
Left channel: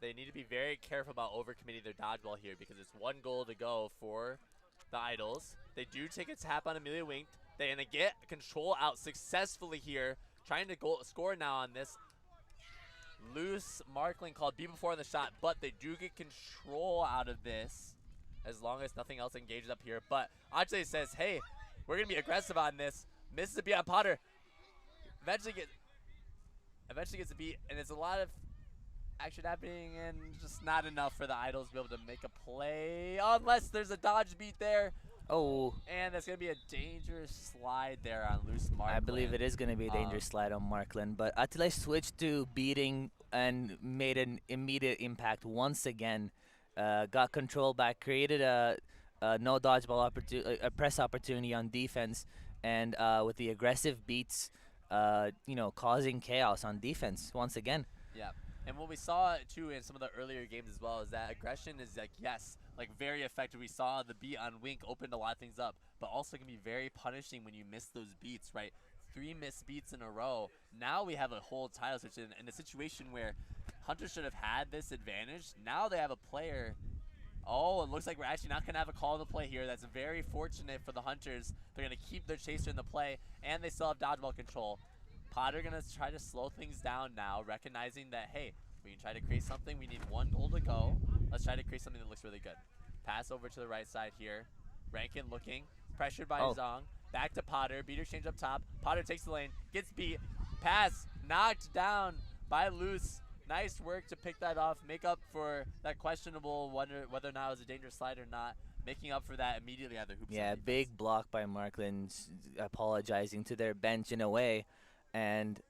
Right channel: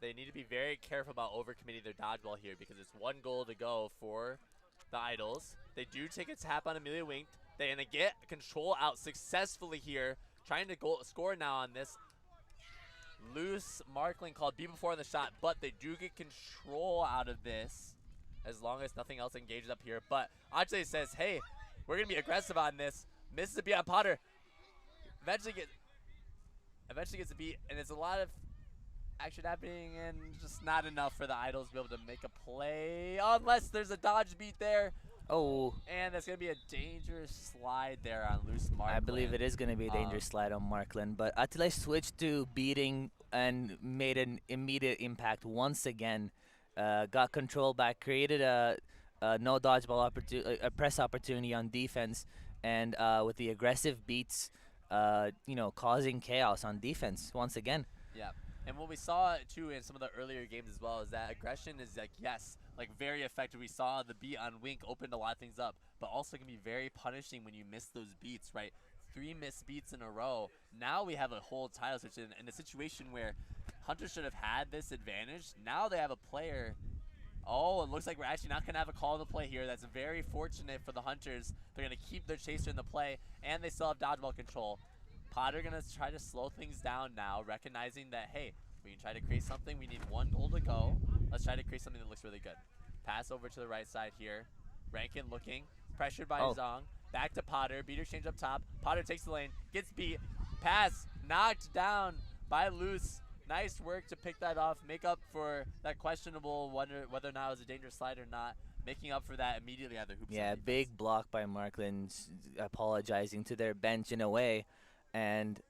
They need to be very careful about overcommitting their dodgeball here because it's one goal to go for the Idols. They do take a tap on Amelia Wink. They're going to get control out successfully here. Trying to score now on this. Loose Markling called B before on the shot, but they do get control out of this as long as nothing else engages up here. But Ajay says, hey, we're going to be aggressive on this. Misses a beat on Potter. Eventually gets a beat, and it's a lot of action happening and just not enough for the Idols to be able to make a play unless there's a dodge beat there. Oh. And that's going to be a dangerous slide there on Loose Markland. I believe it is going to be a dangerous slide on Markland, but Atilesh switched to beating and made an immediate impact once again. Got control back, created a no dodgeball opportunity, a press opportunity on defense, and with the aggressive beats, causing chaos on defense once again. Yeah. And what we saw, too, in some of the earlier games as well is that aggression is, very effective. We saw the beat on Wink opened a lot of things up, but also can be very punishing when you miss those beats, right? 3 missed beats in a row. Now we have a whole title switch in a situation where Hunters should have had this advantage. Now they have a player. Oh, it looks like we're actually not going to have a call in the play here. That's very fortunate for the Hunters. They're going to keep their chaser in the play, and they still have dodgeball control. Potter going to try to slow things down now, recognizing that, hey, we can try to create something. We need 1 goal to go. Let's try to create something that looks really good. Pass over to the right side here. Rankin looking, pressured by Zong. Back to Potter. Beater exchange up top. Potter takes the lane. Gets beat. Pass. Knocked down by Loose. Nice work to pick that off. Make up for that questionable whether or not it was a dangerous slide or not. Making up for that immediately at the hoop. Yeah, big block by Markland, apologizing to their bench in a way. And,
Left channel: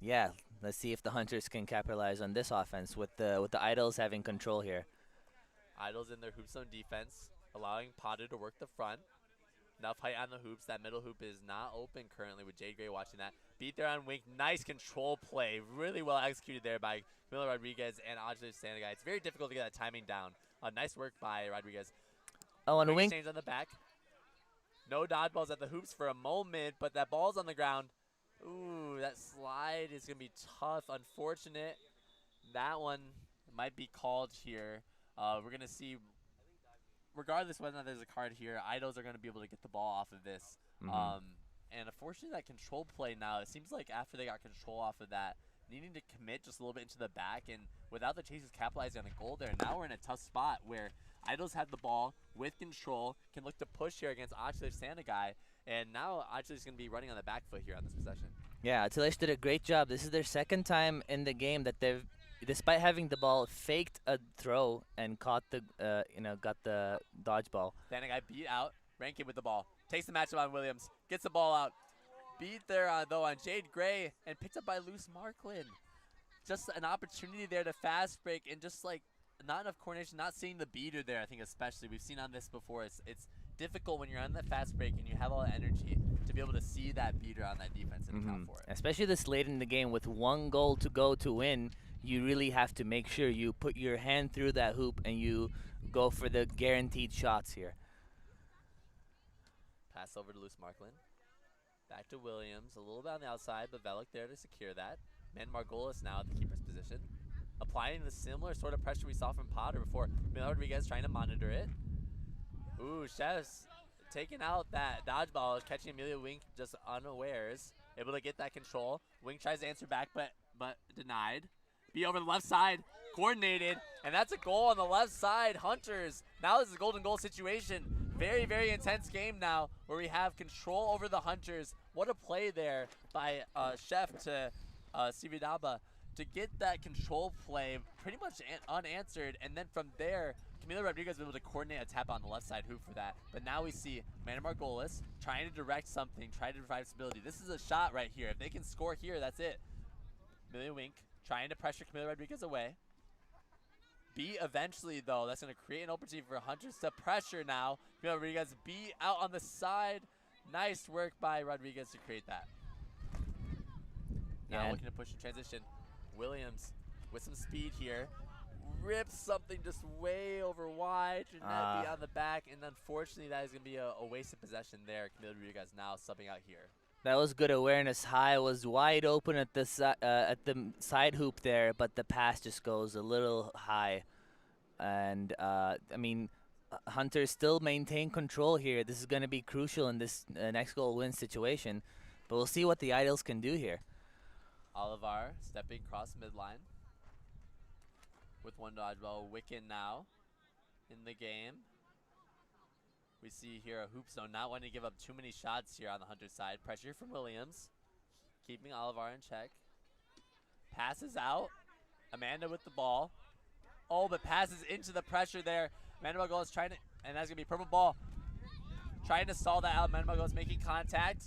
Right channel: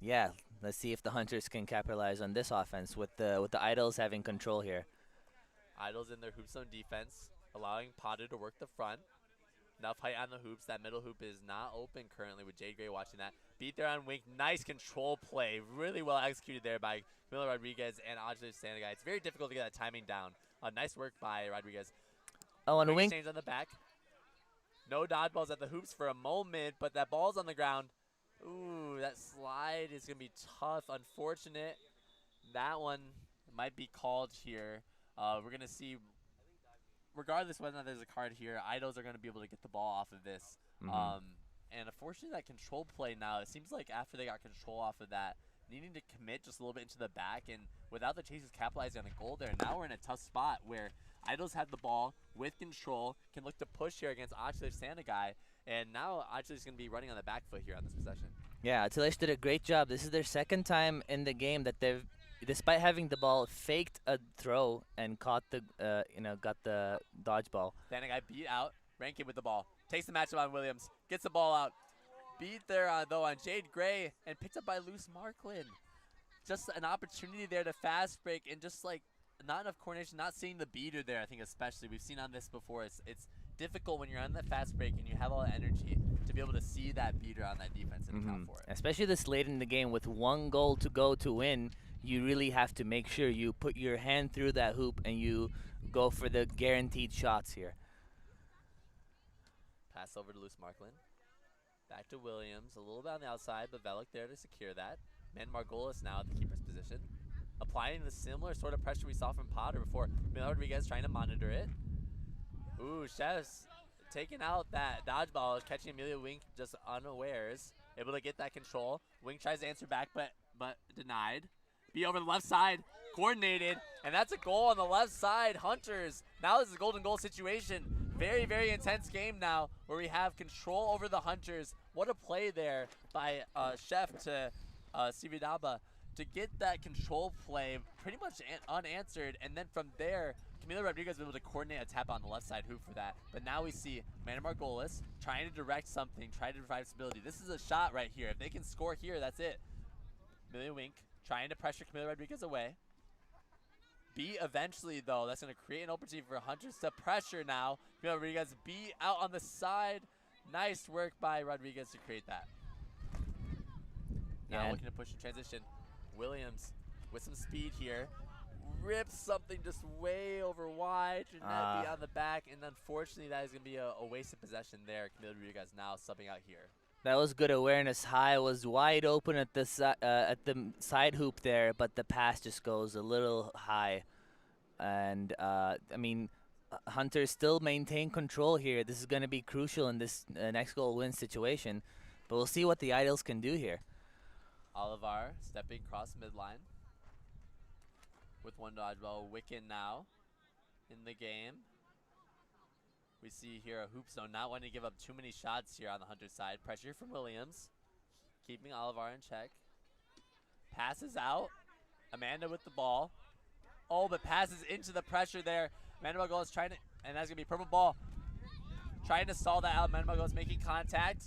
yeah, let's see if the Hunters can capitalize on this offense with the Idols having control here. Idols in their hoop zone defense, allowing Potter to work the front. Enough height on the hoops. That middle hoop is not open currently with Jade Gray watching that. Beat there on Wink. Nice control play. Really well executed there by Camilo Rodriguez and Ajay Sanagai. It's very difficult to get that timing down. Nice work by Rodriguez. Oh, and Wink exchange on the back. No dodgeballs at the hoops for a moment, but that ball's on the ground. Ooh, that slide is going to be tough. Unfortunate. That one might be called here. We're going to see, regardless whether or not there's a card here, Idols are going to be able to get the ball off of this. And unfortunately, that control play now, it seems like after they got control off of that, needing to commit just a little bit into the back, and without the Chasers capitalizing on a goal there, now we're in a tough spot where Idols had the ball with control, can look to push here against Achilles Sanagai, and now Achilles is going to be running on the back foot here on this possession. Yeah, Achilles did a great job. This is their second time in the game that they've, despite having the ball, faked a throw and caught the, got the dodgeball. Sanagai beat out, Rankin with the ball, takes the matchup on Williams, gets the ball out. Beat there, though, on Jade Gray, and picked up by Luce Marklin. Just an opportunity there to fast break, and just like not enough coordination, not seeing the beater there, I think especially. We've seen on this before. It's difficult when you're on that fast break and you have all the energy to be able to see that beater on that defense and account for it. Especially this late in the game with one goal to go to win, you really have to make sure you put your hand through that hoop and you go for the guaranteed shots here. Pass over to Luce Marklin. Back to Williams, a little bit on the outside, but Velik there to secure that. Man Margolis now at the keeper's position. Applying the similar sort of pressure we saw from Potter before. Miguel Rodriguez trying to monitor it. Ooh, Chef's taking out that dodgeball, catching Amelia Wink just unawares. Able to get that control. Wink tries to answer back, but denied. Be over the left side, coordinated, and that's a goal on the left side. Hunters, now this is a golden goal situation. Very, very intense game now where we have control over the Hunters. What a play there by Chef to Sividaba to get that control play pretty much unanswered. And then from there, Camilo Rodriguez was able to coordinate a tap on the left side hoop for that. But now we see Amanda Margolis trying to direct something, trying to provide stability. This is a shot right here. If they can score here, that's it. Amelia Wink trying to pressure Camilo Rodriguez away. B eventually, though, that's going to create an opportunity for Hunters to pressure now. Camilo Rodriguez, B out on the side. Nice work by Rodriguez to create that. Now looking to push in transition. Williams with some speed here. Rips something just way over wide. Should not be on the back. And unfortunately, that is going to be a wasted possession there. Camilo Rodriguez now subbing out here. That was good awareness. High was wide open at the side hoop there, but the pass just goes a little high. And, Hunters still maintain control here. This is going to be crucial in this next goal win situation. But we'll see what the Idols can do here. Olivar stepping across midline with one dodgeball. Wicken now in the game. We see here a hoop zone, not wanting to give up too many shots here on the Hunter side. Pressure from Williams, keeping Olivar in check. Passes out. Amanda with the ball. Oh, but passes into the pressure there. Amanda Margolis trying to, and that's going to be purple ball. Trying to stall that out. Amanda Margolis making contact.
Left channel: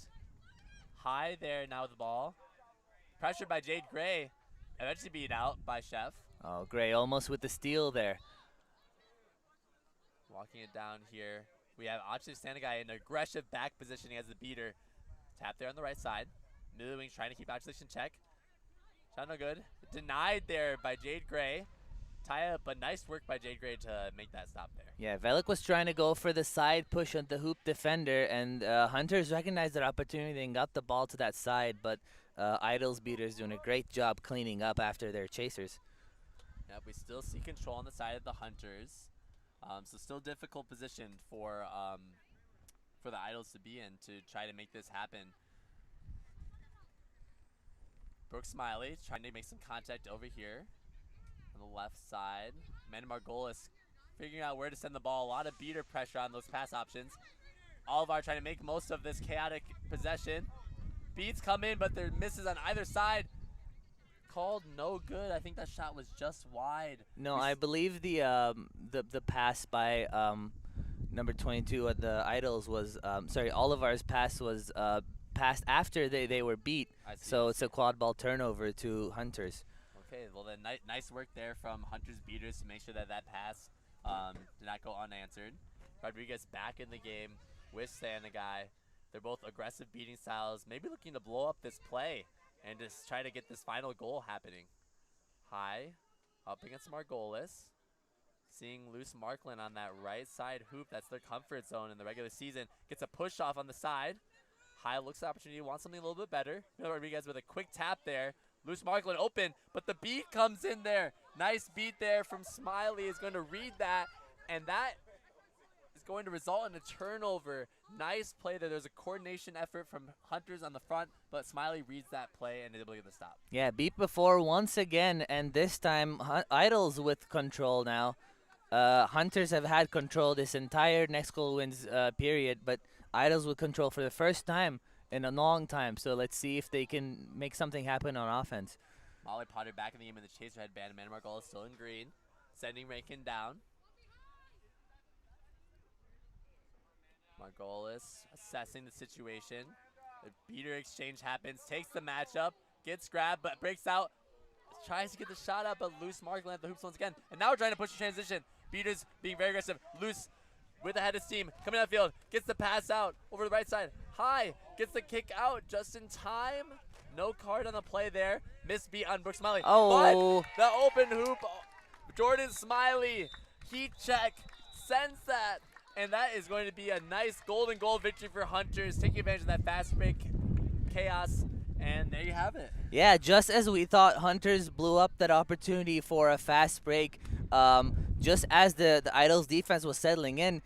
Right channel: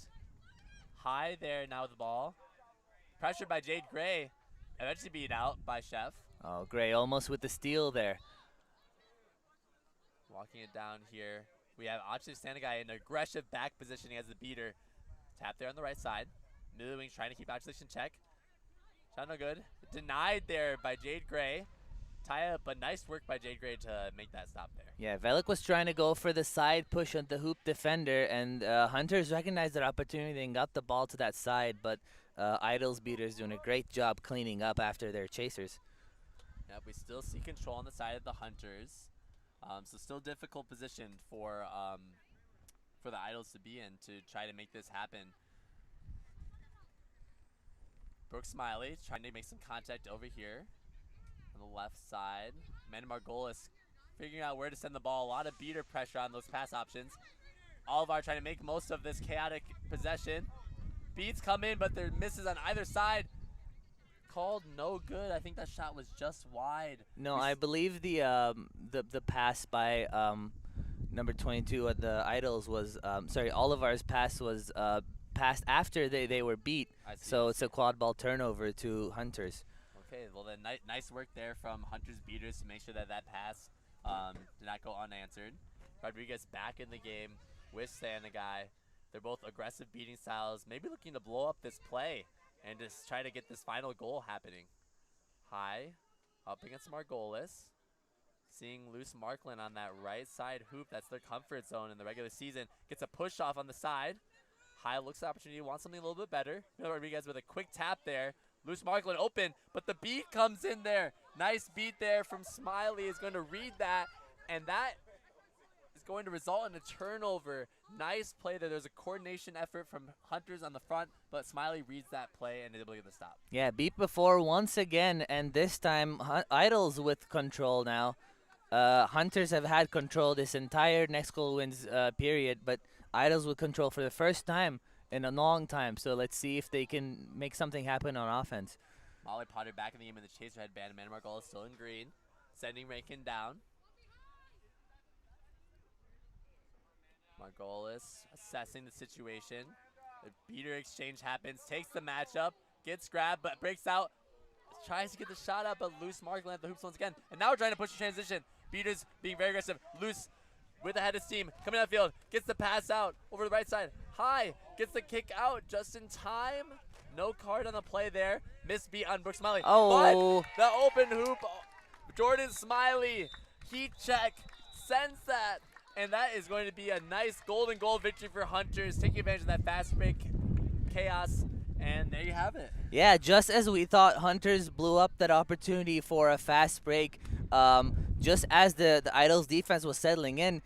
High there now with the ball. Pressured by Jade Gray. Eventually beat out by Chef. Oh, Gray almost with the steal there. Walking it down here. We have Achilles Sanagai in aggressive back positioning as the beater. Tap there on the right side. Middle wings trying to keep Achilles in check. Shot no good. Denied there by Jade Gray. Tie up, but nice work by Jade Gray to make that stop there. Yeah, Velik was trying to go for the side push on the hoop defender, and Hunters recognized that opportunity and got the ball to that side, but Idols beaters doing a great job cleaning up after their chasers. Yep, we still see control on the side of the Hunters. So still difficult position for the Idols to be in to try to make this happen. Brooke Smiley trying to make some contact over here on the left side. Amanda Margolis figuring out where to send the ball. A lot of beater pressure on those pass options. Olivar trying to make most of this chaotic possession. Beats come in, but there misses on either side. Called no good. I think that shot was just wide. No, I believe the pass by number 22 at the Idols was sorry, Olivar's pass was passed after they were beat. So it's a quad ball turnover to Hunters. Okay, well then nice work there from Hunters beaters to make sure that pass did not go unanswered. Rodriguez back in the game with Sanagai. They're both aggressive beating styles, maybe looking to blow up this play and just try to get this final goal happening. High, up against Margolis. Seeing loose Markland on that right side hoop. That's their comfort zone in the regular season. Gets a push off on the side. High looks the opportunity, wants something a little bit better. Rodriguez with a quick tap there. Loose Markland open, but the beat comes in there. Nice beat there from Smiley, is going to read that, and that is going to result in a turnover. Nice play there. There's a coordination effort from Hunters on the front, but Smiley reads that play and is able to get the stop. Yeah, beat before once again, and this time Idols with control now. Hunters have had control this entire next goal wins period, but Idols with control for the first time in a long time. So let's see if they can make something happen on offense. Molly Potter back in the game in the chaser headband. Amanda Margolis still in green. Sending Rankin down. Margolis assessing the situation. The beater exchange happens. Takes the matchup. Gets grabbed, but breaks out. Tries to get the shot up, but loose Markland at the hoops once again. And now we're trying to push the transition. Beaters being very aggressive. Loose with the head of steam. Coming out field. Gets the pass out over the right side. High. Gets the kick out just in time. No card on the play there. Missed beat on Brooke Smiley. Oh. But the open hoop. Jordan Smiley. Heat check. Sends that. And that is going to be a nice golden goal victory for Hunters. Taking advantage of that fast break chaos. And there you have it. Yeah, just as we thought Hunters blew up that opportunity for a fast break, just as the Idols defense was settling in,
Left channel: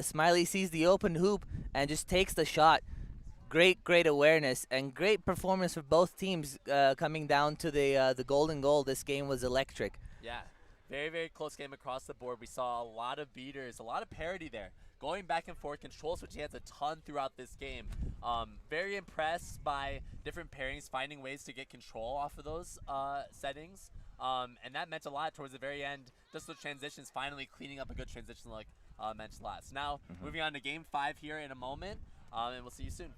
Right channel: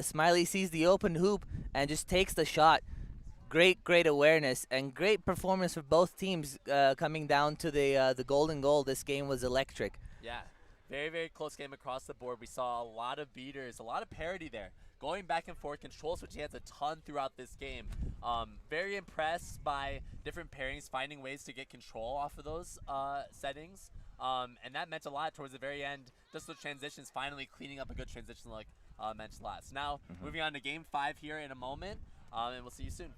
Smiley sees the open hoop and just takes the shot. Great awareness and great performance for both teams coming down to the golden goal. This game was electric. Yeah, very close game across the board. We saw a lot of beaters, a lot of parity there. Going back and forth, control switching hands a ton throughout this game. Very impressed by different pairings, finding ways to get control off of those settings. And that meant a lot towards the very end. Just the transitions, finally cleaning up a good transition like mentioned last. Now, moving on to game 5 here in a moment, and we'll see you soon.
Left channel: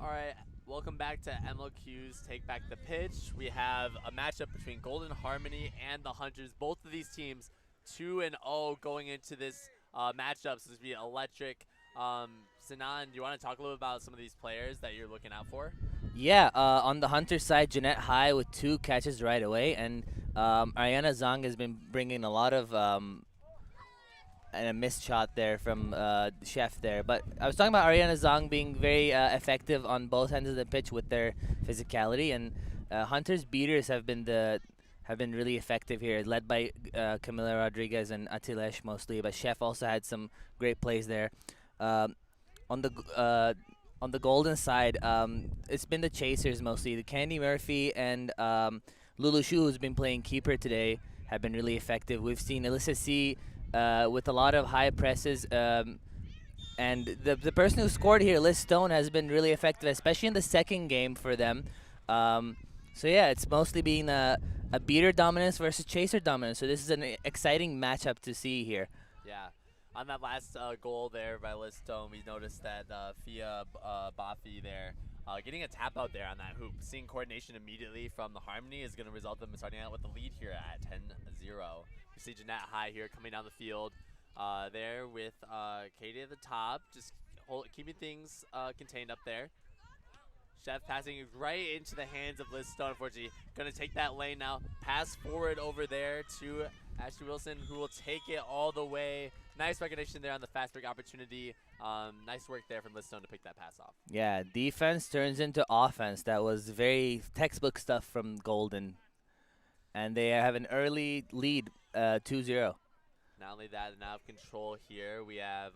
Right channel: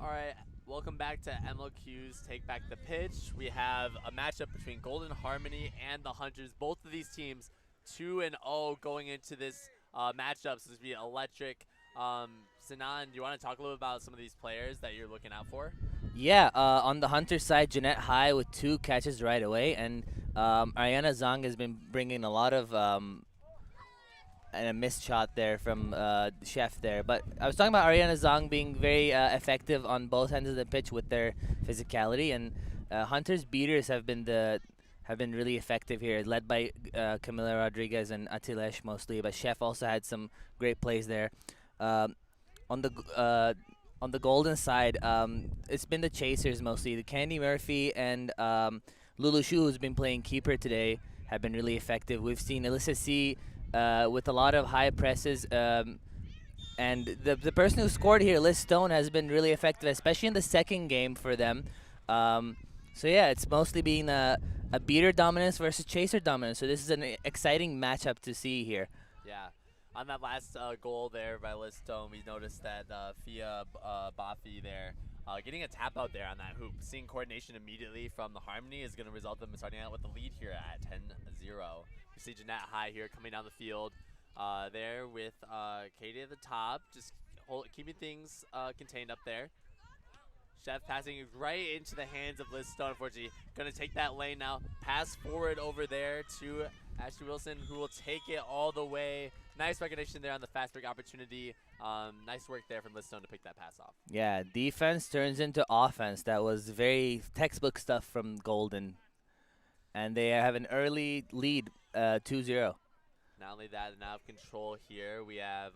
All right, welcome back to MLQ's Take Back the Pitch. We have a matchup between Golden Harmony and the Hunters. Both of these teams 2-0 going into this matchup, so this will be electric. Sinan, do you want to talk a little bit about some of these players that you're looking out for? Yeah, on the Hunter side, Jeanette High with 2 catches right away, and Ariana Zhang has been bringing a lot of and a missed shot there from Chef there. But I was talking about Ariana Zhang being very effective on both ends of the pitch with their physicality, and Hunter's beaters have been really effective here, led by Camila Rodriguez and Atilesh mostly. But Chef also had some great plays there. On the Golden side, it's been the chasers mostly. The Candy Murphy and Lulu Shu, who's been playing keeper today, have been really effective. We've seen Alyssa C with a lot of high presses. And the person who scored here, Liz Stone, has been really effective, especially in the second game for them. So yeah, it's mostly been a beater dominance versus chaser dominance. So this is an exciting matchup to see here. Yeah. On that last goal there by Liz Stone, we noticed that Fia Bafi there getting a tap out there on that hoop. Seeing coordination immediately from the Harmony is going to result in them starting out with the lead here at 10-0. We see Jeanette High here coming down the field there with Katie at the top, just keeping things contained up there. Chef passing right into the hands of Liz Stone, unfortunately. Going to take that lane now. Pass forward over there to Ashley Wilson, who will take it all the way. Nice recognition there on the fast break opportunity. Nice work there from Liz Stone to pick that pass off. Yeah, defense turns into offense. That was very textbook stuff from Golden. And they have an early lead, 2-0. Not only that, now have control here. We have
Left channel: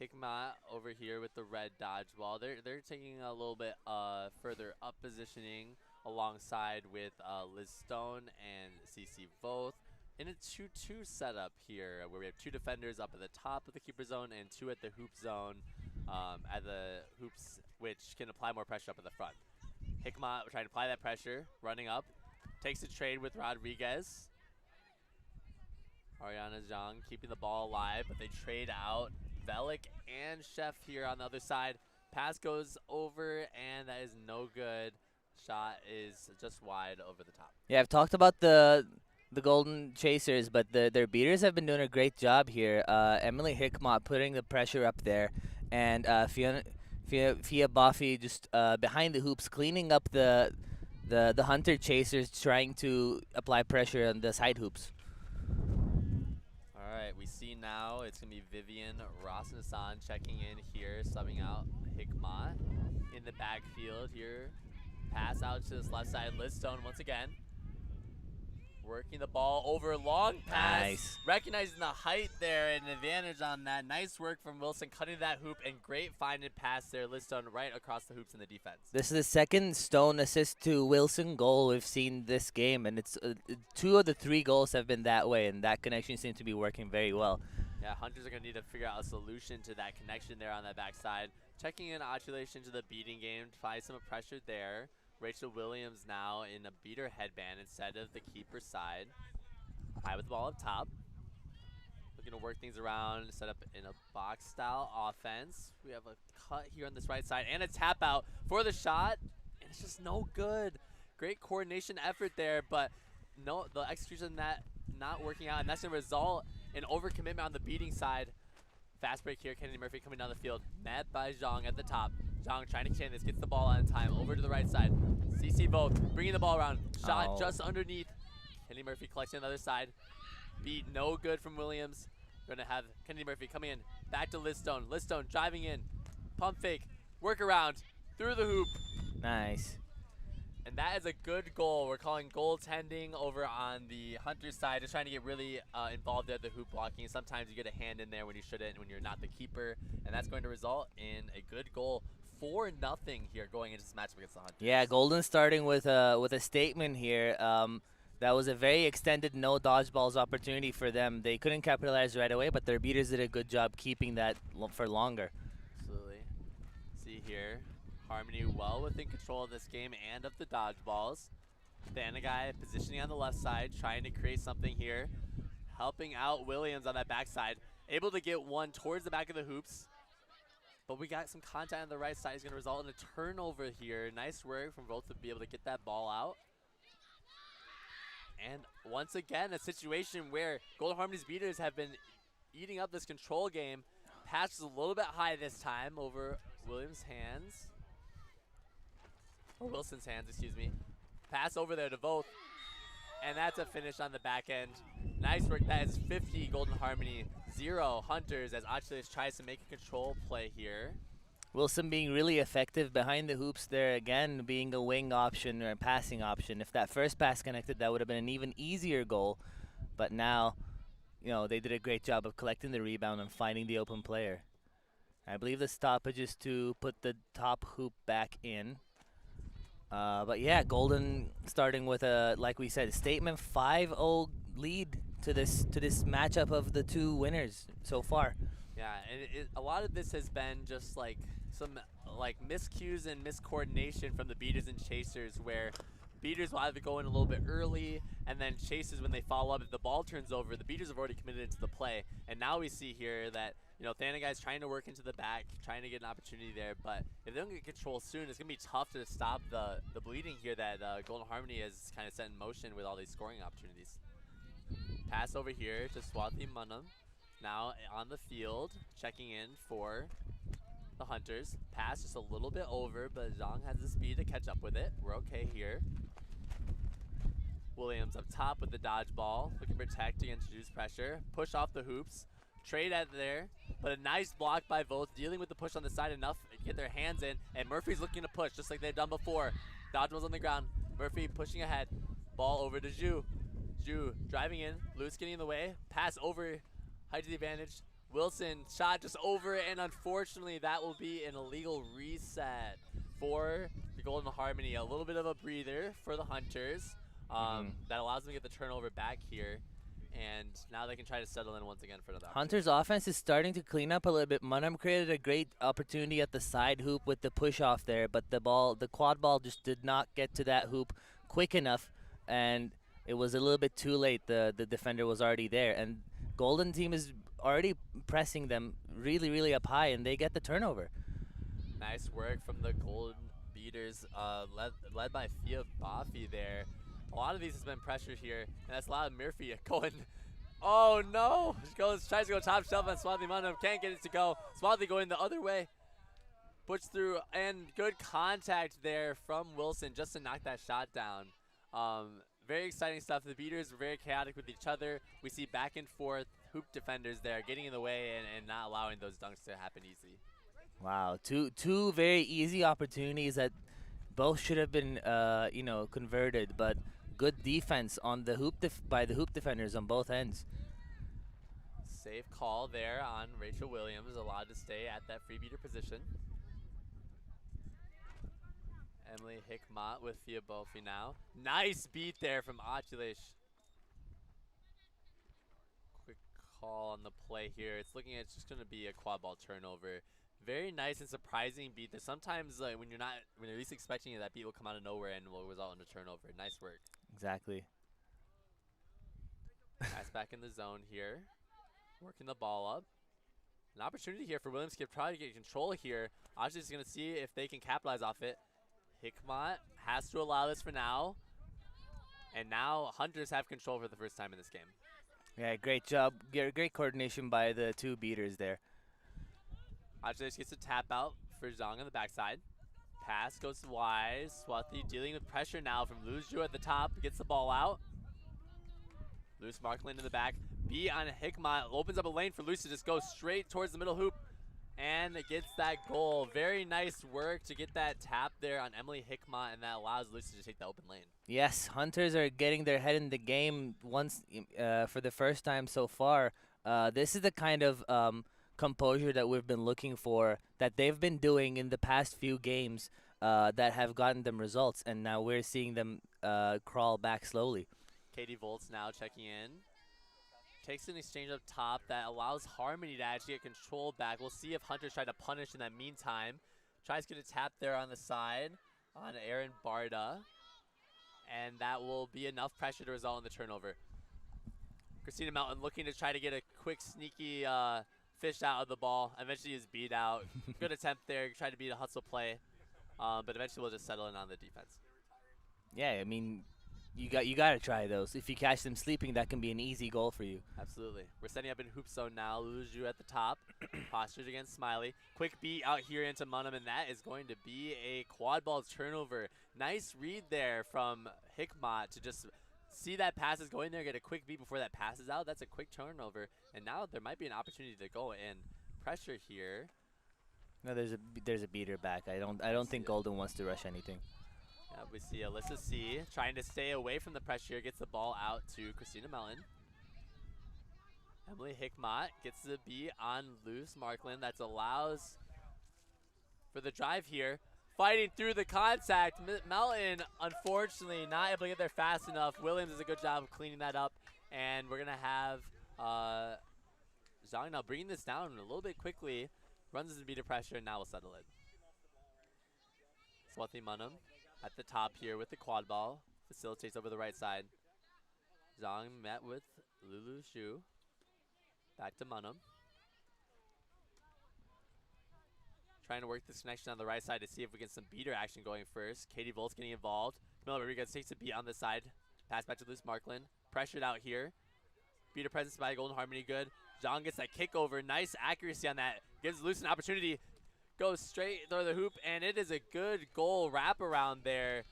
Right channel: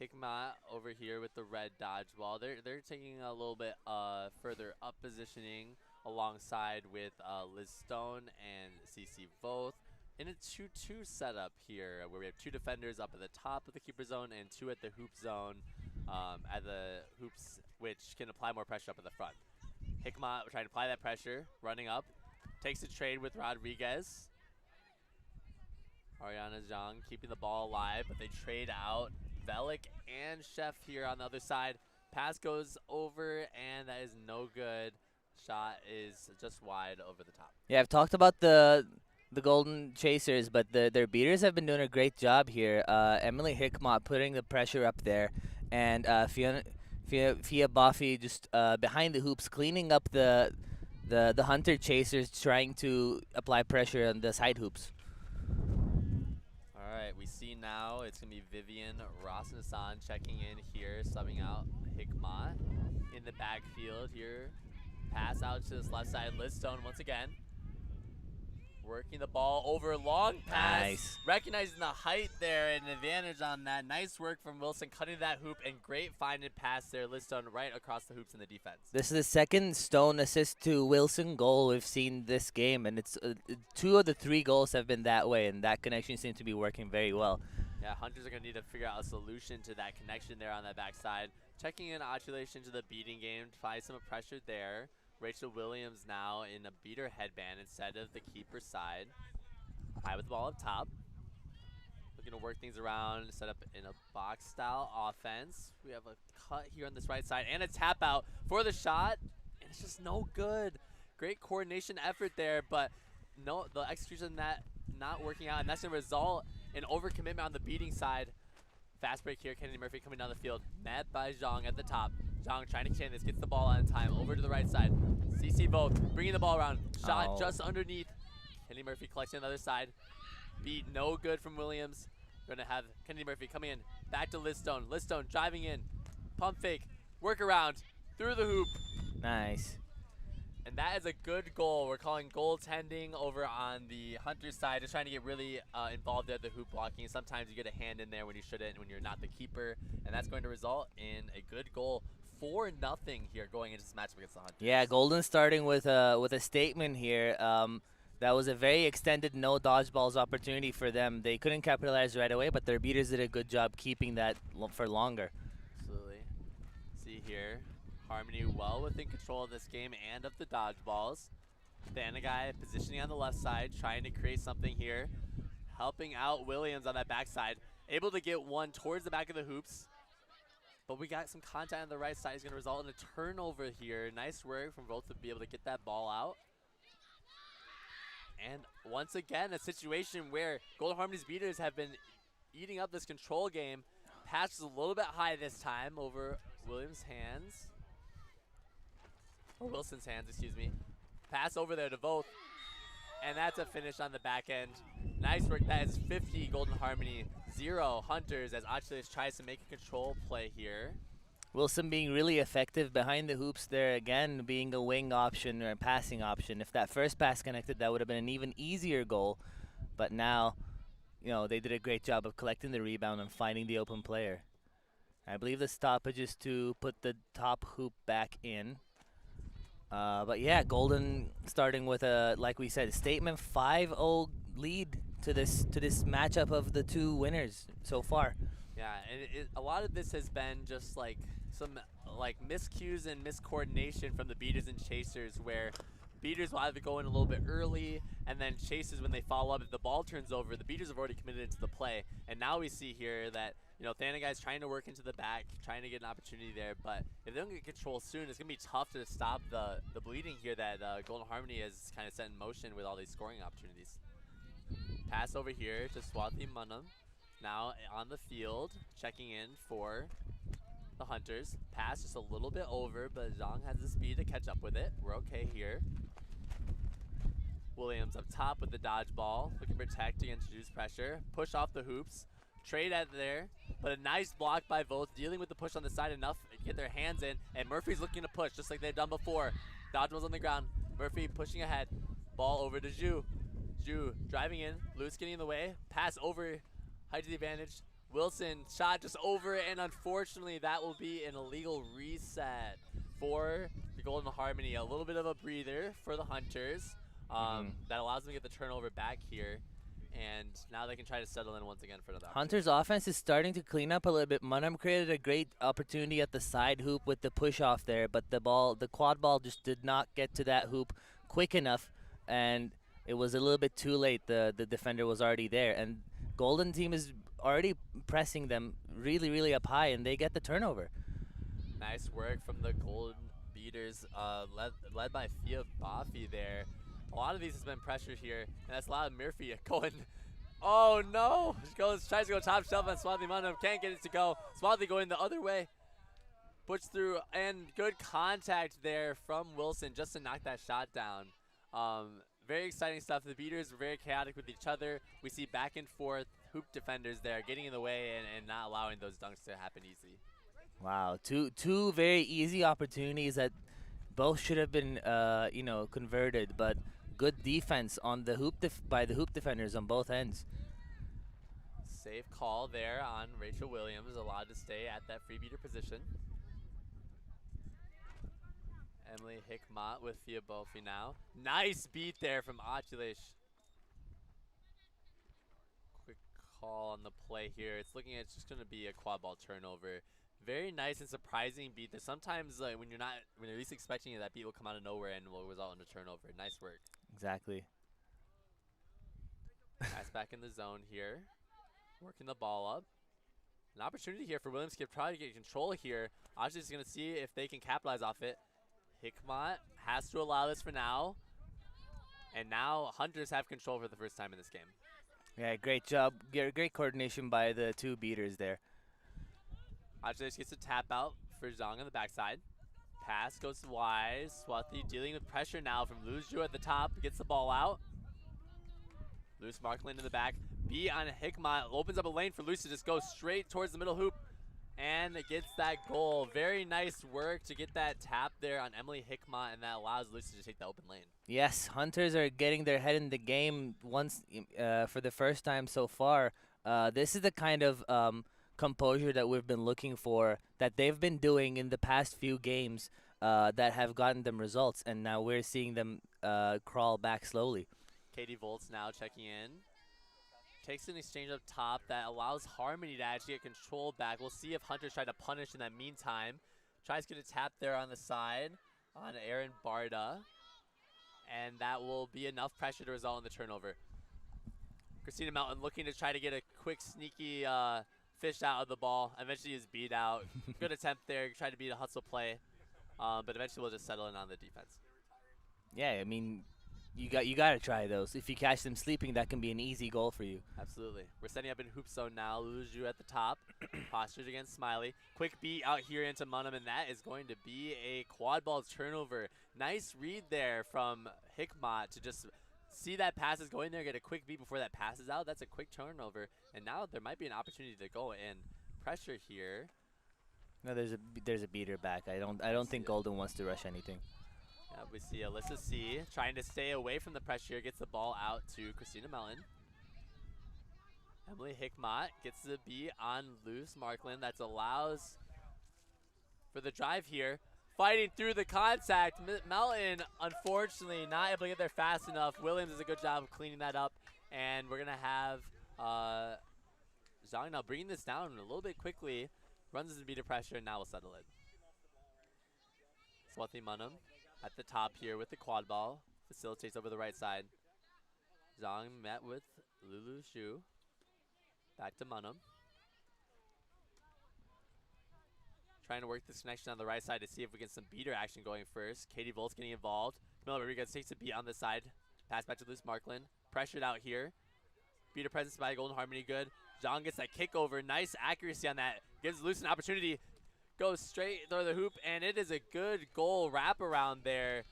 Hikmat over here with the red dodgeball. They're taking a little bit further up positioning alongside with Liz Stone and CC both in a 2-2 setup here, where we have 2 defenders up at the top of the keeper zone and 2 at the hoop zone at the hoops, which can apply more pressure up at the front. Hikmat trying to apply that pressure, running up, takes a trade with Rodriguez. Ariana Zhang keeping the ball alive, but they trade out. Velik and Chef here on the other side. Pass goes over, and that is no good. Shot is just wide over the top. Yeah, I've talked about the Golden Chasers, but their beaters have been doing a great job here. Emily Hickmott putting the pressure up there, and Fia Buffy just behind the hoops cleaning up the Hunter Chasers, trying to apply pressure on the side hoops. All right, we see now it's going to be Vivian Rosnasan checking in here, subbing out Hickmott in the backfield here. Pass out to this left side. Liz Stone once again. Working the ball over, long pass. Nice. Recognizing the height there, and an advantage on that. Nice work from Wilson cutting that hoop, and great find and pass there. Liz Stone right across the hoops in the defense. This is the second Stone assist to Wilson goal we've seen this game, and it's 2 of the 3 goals have been that way, and that connection seems to be working very well. Yeah, Hunters are going to need to figure out a solution to that connection there on that backside. Checking in Otulation to the beating game to find some pressure there. Rachel Williams now in a beater headband instead of the keeper side. High with the ball up top. Looking to work things around, set up in a box-style offense. We have a cut here on this right side and a tap out for the shot, and it's just no good. Great coordination effort there, but no, the execution of that not working out, and that's going to result in overcommitment on the beating side. Fast break here, Kennedy Murphy coming down the field. Met by Zhang at the top. Zhang trying to contain this, gets the ball on time. Over to the right side. CC both, bringing the ball around. Shot just underneath. Kennedy Murphy collecting on the other side. Beat no good from Williams. Going to have Kennedy Murphy coming in. Back to Liz Stone. Liz Stone driving in. Pump fake. Work around. Through the hoop. Nice. And that is a good goal. We're calling goaltending over on the Hunter side. Just trying to get really involved at the hoop blocking. Sometimes you get a hand in there when you shouldn't, when you're not the keeper. And that's going to result in a good goal. 4-0 here going into this matchup against the Hunters. Yeah, Golden starting with a statement here. That was a very extended no dodgeballs opportunity for them. They couldn't capitalize right away, but their beaters did a good job keeping that for longer. Absolutely. See here. Harmony well within control of this game and of the dodgeballs. Thanagai positioning on the left side, trying to create something here. Helping out Williams on that backside. Able to get one towards the back of the hoops. But we got some contact on the right side. Is going to result in a turnover here. Nice work from both to be able to get that ball out. And once again, a situation where Golden Harmony's beaters have been eating up this control game. Pass is a little bit high this time over Williams' hands. Or Wilson's hands, excuse me. Pass over there to both. And that's a finish on the back end. Nice work. That is 50 Golden Harmony, 0 Hunters as Achilles tries to make a control play here. Wilson being really effective behind the hoops there, again, being a wing option or a passing option. If that first pass connected, that would have been an even easier goal. But now, you know, they did a great job of collecting the rebound and finding the open player. I believe the stoppage is to put the top hoop back in. But yeah, Golden starting with a, like we said, statement 5-0 lead to this matchup of the two winners so far. Yeah, and a lot of this has been just like some miscues and miscoordination from the beaters and chasers, where beaters will either go in a little bit early, and then chasers, when they follow up, if the ball turns over, the beaters have already committed into the play. And now we see here that, you know, Thana guy's trying to work into the back, trying to get an opportunity there. But if they don't get control soon, it's going to be tough to stop the bleeding here that Golden Harmony has kind of set in motion with all these scoring opportunities. Pass over here to Swathi Munam. Now on the field, checking in for the Hunters. Pass just a little bit over, but Zhang has the speed to catch up with it. We're okay here. Williams up top with the dodgeball, looking to protect against Juice pressure. Push off the hoops. Trade out there, but a nice block by both, dealing with the push on the side enough to get their hands in, and Murphy's looking to push just like they've done before. Dodgeball's on the ground. Murphy pushing ahead. Ball over to Zhu. Zhu driving in. Luce getting in the way. Pass over. Height to the advantage. Wilson shot just over it, and unfortunately that will be an illegal reset for the Golden Harmony. A little bit of a breather for the Hunters. That allows them to get the turnover back here. And now they can try to settle in once again for another. Hunter's offense is starting to clean up a little bit. Munam created a great opportunity at the side hoop with the push off there, but the quad ball just did not get to that hoop quick enough, and it was a little bit too late. The defender was already there, and Golden team is already pressing them really, really up high, and they get the turnover. Nice work from the Golden beaters, led by Thea Bafi there. A lot of these has been pressured here, and that's a lot of Murphy going. Oh no! Tries to go top shelf on Swathi Munam, can't get it to go. Swathi going the other way. Puts through, and good contact there from Wilson just to knock that shot down. Very exciting stuff. The beaters were very chaotic with each other. We see back and forth hoop defenders there getting in the way and not allowing those dunks to happen easy. Wow, two very easy opportunities that both should have been you know, converted, but good defense on the hoop by the hoop defenders on both ends. Safe call there on Rachel Williams, allowed to stay at that free beater position. Emily Hickmott with Thea Bofi now. Nice beat there from Achilles. Quick call on the play here. It's looking at it's just going to be a quad ball turnover. Very nice and surprising beat. There's sometimes when you're least expecting it, that beat will come out of nowhere and will result in a turnover. Nice work. Exactly. Pass back in the zone here. Working the ball up. An opportunity here for Williams to try to get control here. Achilles is going to see if they can capitalize off it. Hickmott has to allow this for now. And now Hunters have control for the first time in this game. Yeah, great job. Great coordination by the two beaters there. Achilles gets a tap out for Zhang on the backside. Pass goes to Wise. Swathi dealing with pressure now from Luzju at the top. Gets the ball out. Loose Markland in the back. B on Hickmott. Opens up a lane for Luce to just go straight towards the middle hoop. And it gets that goal. Very nice work to get that tap there on Emily Hickmott, and that allows Luce to take the open lane. Yes, Hunters are getting their head in the game once for the first time so far. This is the kind of composure that we've been looking for, that they've been doing in the past few games that have gotten them results, and now we're seeing them crawl back slowly. Katie Volts now checking in. Takes an exchange up top that allows Harmony to actually get control back. We'll see if Hunters try to punish in that meantime. Tries to get a tap there on the side on Aaron Barda. And that will be enough pressure to result in the turnover. Christina Mountain looking to try to get a quick, sneaky fished out of the ball. Eventually he was beat out. Good attempt there. Tried to beat a hustle play. But eventually we'll just settle in on the defense. Yeah, I mean, you got to try those. If you catch them sleeping, that can be an easy goal for you. Absolutely. We're setting up in hoop zone now. Luju at the top. Postures against Smiley. Quick beat out here into Munham, and that is going to be a quad ball turnover. Nice read there from Hikmat to just see that pass is going there, get a quick beat before that passes out. That's a quick turnover, and now there might be an opportunity to go and pressure here. No, there's a beater back. I don't think Golden wants to rush anything. Yeah, we see Alyssa C trying to stay away from the pressure, gets the ball out to Christina Mellon. Emily Hickmott gets the beat on loose Markland. That allows for the drive here. Fighting through the contact. Melton, unfortunately, not able to get there fast enough. Williams does a good job of cleaning that up. And we're going to have Zhang now bringing this down a little bit quickly. Runs into beat of pressure, and now we'll settle it. Swati Munham at the top here with the quad ball. Facilitates over the right side. Zhang met with Lulu Shu. Back to Munham. Trying to work this connection on the right side to see if we get some beater action going first. Katie Volt's getting involved. Camila Rodriguez takes a beat on this side. Pass back to Luce Markland. Pressured out here. Beater presence by Golden Harmony good. Zhang gets that kick over. Nice accuracy on that. Gives Luce an opportunity. Goes straight through the hoop, and it is a good goal wraparound there.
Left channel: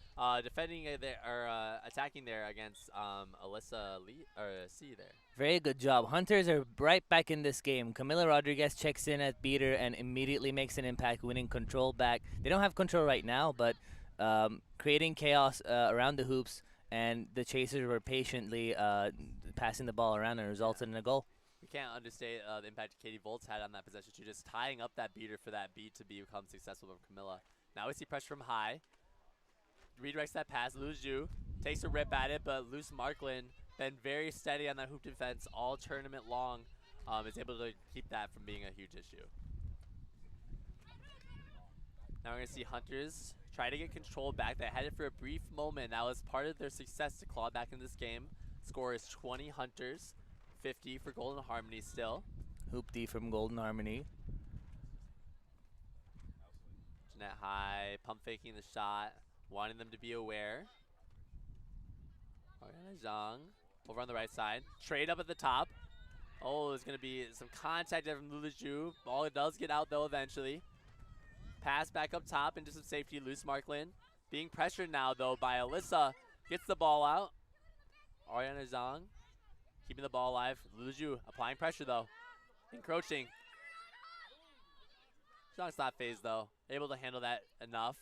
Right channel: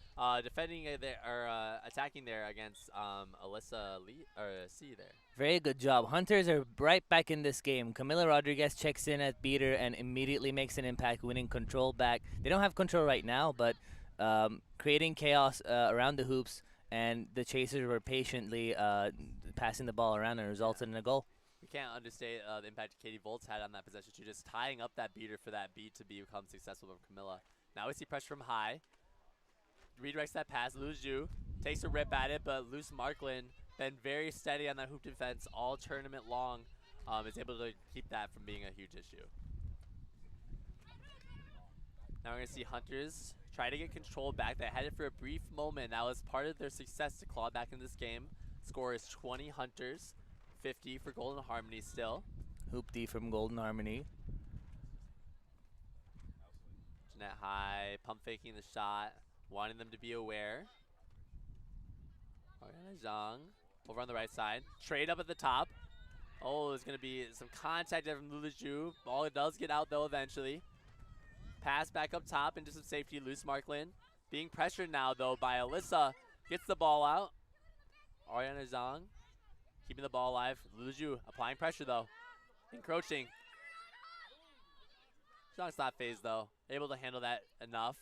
Defending there, or attacking there against Alyssa Lee, or C there. Very good job. Hunters are right back in this game. Camila Rodriguez checks in at beater and immediately makes an impact, winning control back. They don't have control right now, but creating chaos around the hoops, and the chasers were patiently passing the ball around and resulted in a goal. We can't understate the impact Katie Volt's had on that possession too, just tying up that beater for that beat to become successful from Camilla. Now we see pressure from high. Redirects that pass. Luju takes a rip at it, but Luce Markland been very steady on that hoop defense all tournament long. Is able to keep that from being a huge issue. Now we're going to see Hunters try to get control back. They had it for a brief moment. That was part of their success to claw back in this game. Score is 20 Hunters. 50 for Golden Harmony still. Hoop D from Golden Harmony. Jeanette High pump faking the shot, wanting them to be aware. Ariana Zhang over on the right side. Trade up at the top. Oh, there's going to be some contact there from Luluju. Ball does get out though eventually. Pass back up top into some safety. Loose Markland. Being pressured now though by Alyssa. Gets the ball out. Ariana Zhang keeping the ball alive. Luju applying pressure though. Encroaching. Zhang's not phased though. Able to handle that enough.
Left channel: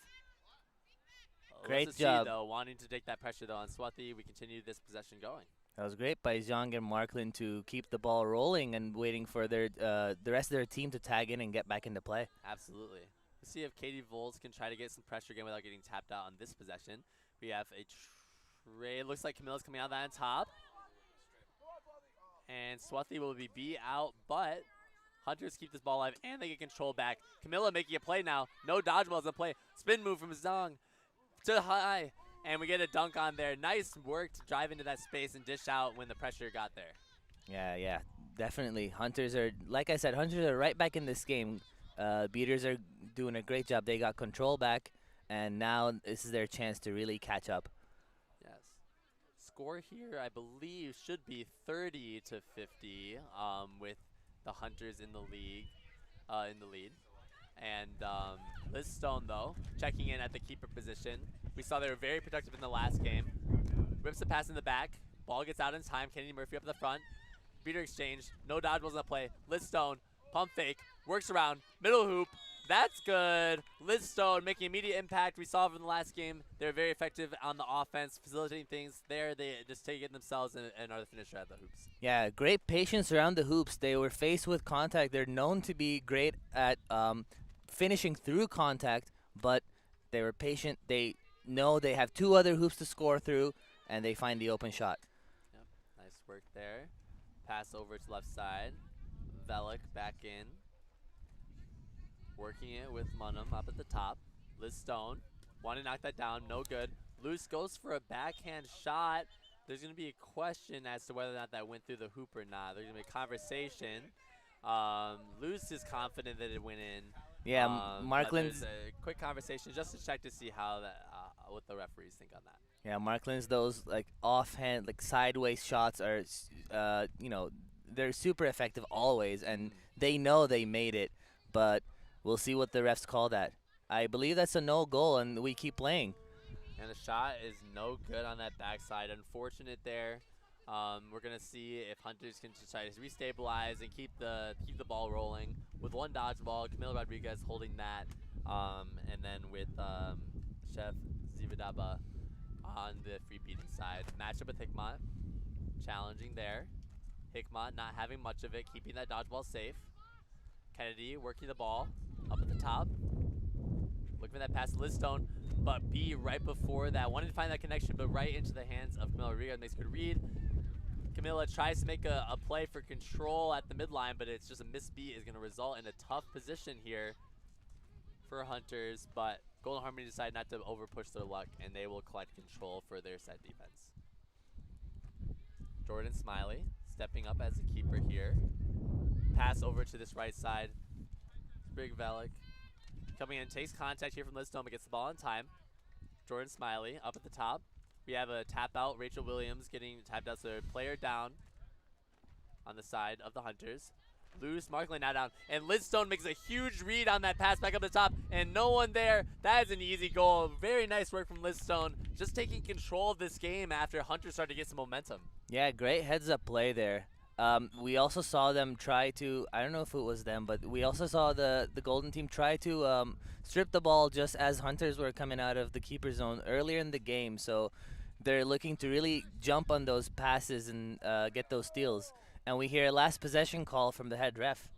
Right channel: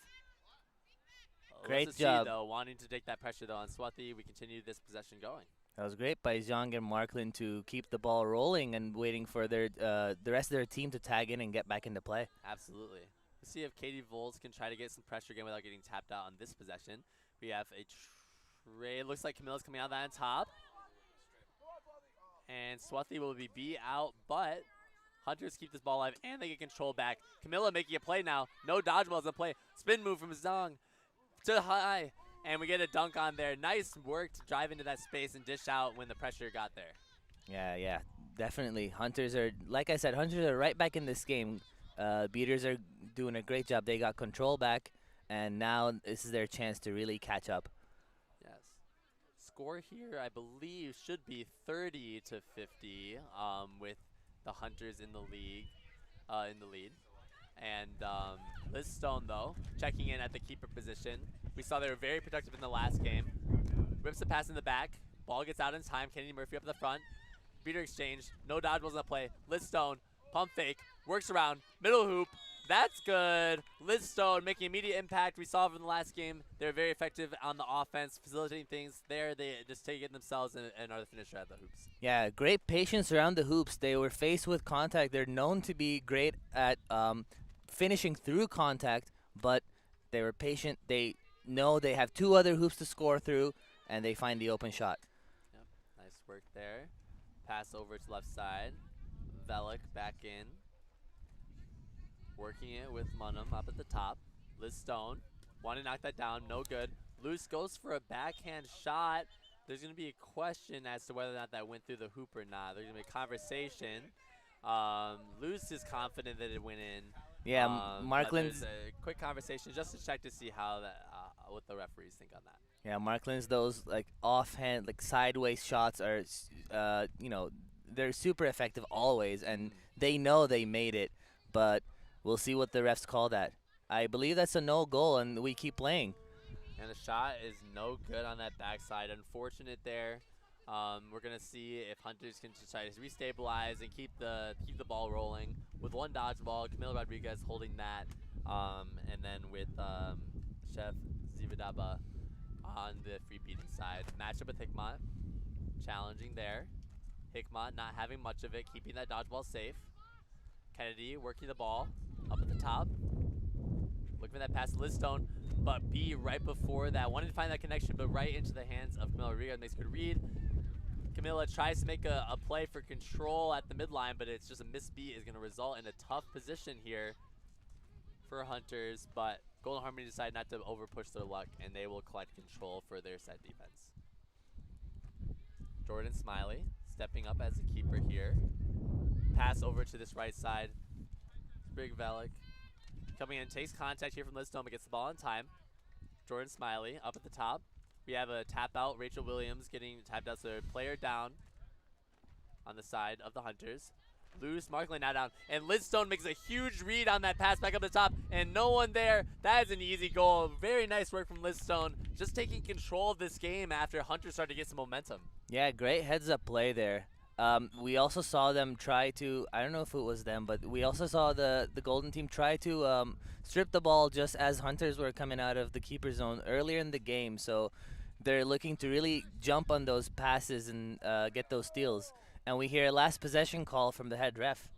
Great job. Though, wanting to take that pressure though on Swati. We continue this possession going. That was great by Zhang and Markland to keep the ball rolling and waiting for their the rest of their team to tag in and get back into play. Absolutely. Let's see if Katie Volz can try to get some pressure again without getting tapped out on this possession. We have a trade. Looks like Camilla's coming out of that on top. And Swati will be beat out, but Hunters keep this ball alive and they get control back. Camilla making a play now. No dodgeballs in play. Spin move from Zhang to high. And we get a dunk on there. Nice work to drive into that space and dish out when the pressure got there. Yeah, definitely. Hunters are, like I said, Hunters are right back in this game. Beaters are doing a great job. They got control back, and now this is their chance to really catch up. Yes. Score here, I believe, should be 30 to 50 with the Hunters in the league, in the lead. And Liz Stone, though, checking in at the keeper position. We saw they were very productive in the last game. Rips the pass in the back. Ball gets out in time. Kennedy Murphy up the front. Beater exchange. No dodgeballs in the play. Liz Stone, pump fake, works around. Middle hoop. That's good. Liz Stone making immediate impact. We saw from the last game. They're very effective on the offense, facilitating things. There, they just take it themselves and are the finisher at the hoops. Yeah, great patience around the hoops. They were faced with contact. They're known to be great at finishing through contact, but they were patient. They know they have two other hoops to score through, and they find the open shot. Yep, nice work there. Pass over to left side. Velik back in. Working it with Munham up at the top. Liz Stone, want to knock that down, no good. Luce goes for a backhand shot. There's going to be a question as to whether or not that went through the hoop or not. There's going to be a conversation. Luce is confident that it went in. Yeah, But there's Markland's a quick conversation just to check to see how that what the referees think on that. yeah, Markland's those like offhand, like sideways shots are, they're super effective always, and they know they made it, but we'll see what the refs call that. I believe that's a no goal, and we keep playing. And the shot is no good on that backside. Unfortunate there. We're gonna see if Hunters can just try to restabilize and keep the ball rolling with one dodgeball. Camilo Rodriguez holding that, and then with Chef Zivadaba on the free beating side. Matchup with Hickmott, challenging there. Hickmott not having much of it, keeping that dodgeball safe. Kennedy working the ball up at the top. Looking for that pass to Listone, but B right before that. Wanted to find that connection, but right into the hands of Camila Rodriguez. Makes a good read. Camila tries to make a play for control at the midline, but it's just a missed beat is going to result in a tough position here for Hunters, but Golden Harmony decide not to overpush their luck, and they will collect control for their set defense. Jordan Smiley stepping up as a keeper here. Pass over to this right side. Big Velik coming in, takes contact here from Listone, but gets the ball in time. Jordan Smiley up at the top. We have a tap out. Rachel Williams getting tapped out, so player down on the side of the Hunters. Loose, Markland now down, and Listone makes a huge read on that pass back up the top, and no one there. That is an easy goal. Very nice work from Listone, just taking control of this game after Hunters started to get some momentum. Yeah, great heads-up play there. We also saw them try to, I don't know if it was them, but we also saw the Golden team try to strip the ball just as Hunters were coming out of the keeper zone earlier in the game. So they're looking to really jump on those passes and get those steals. And we hear a last possession call from the head ref.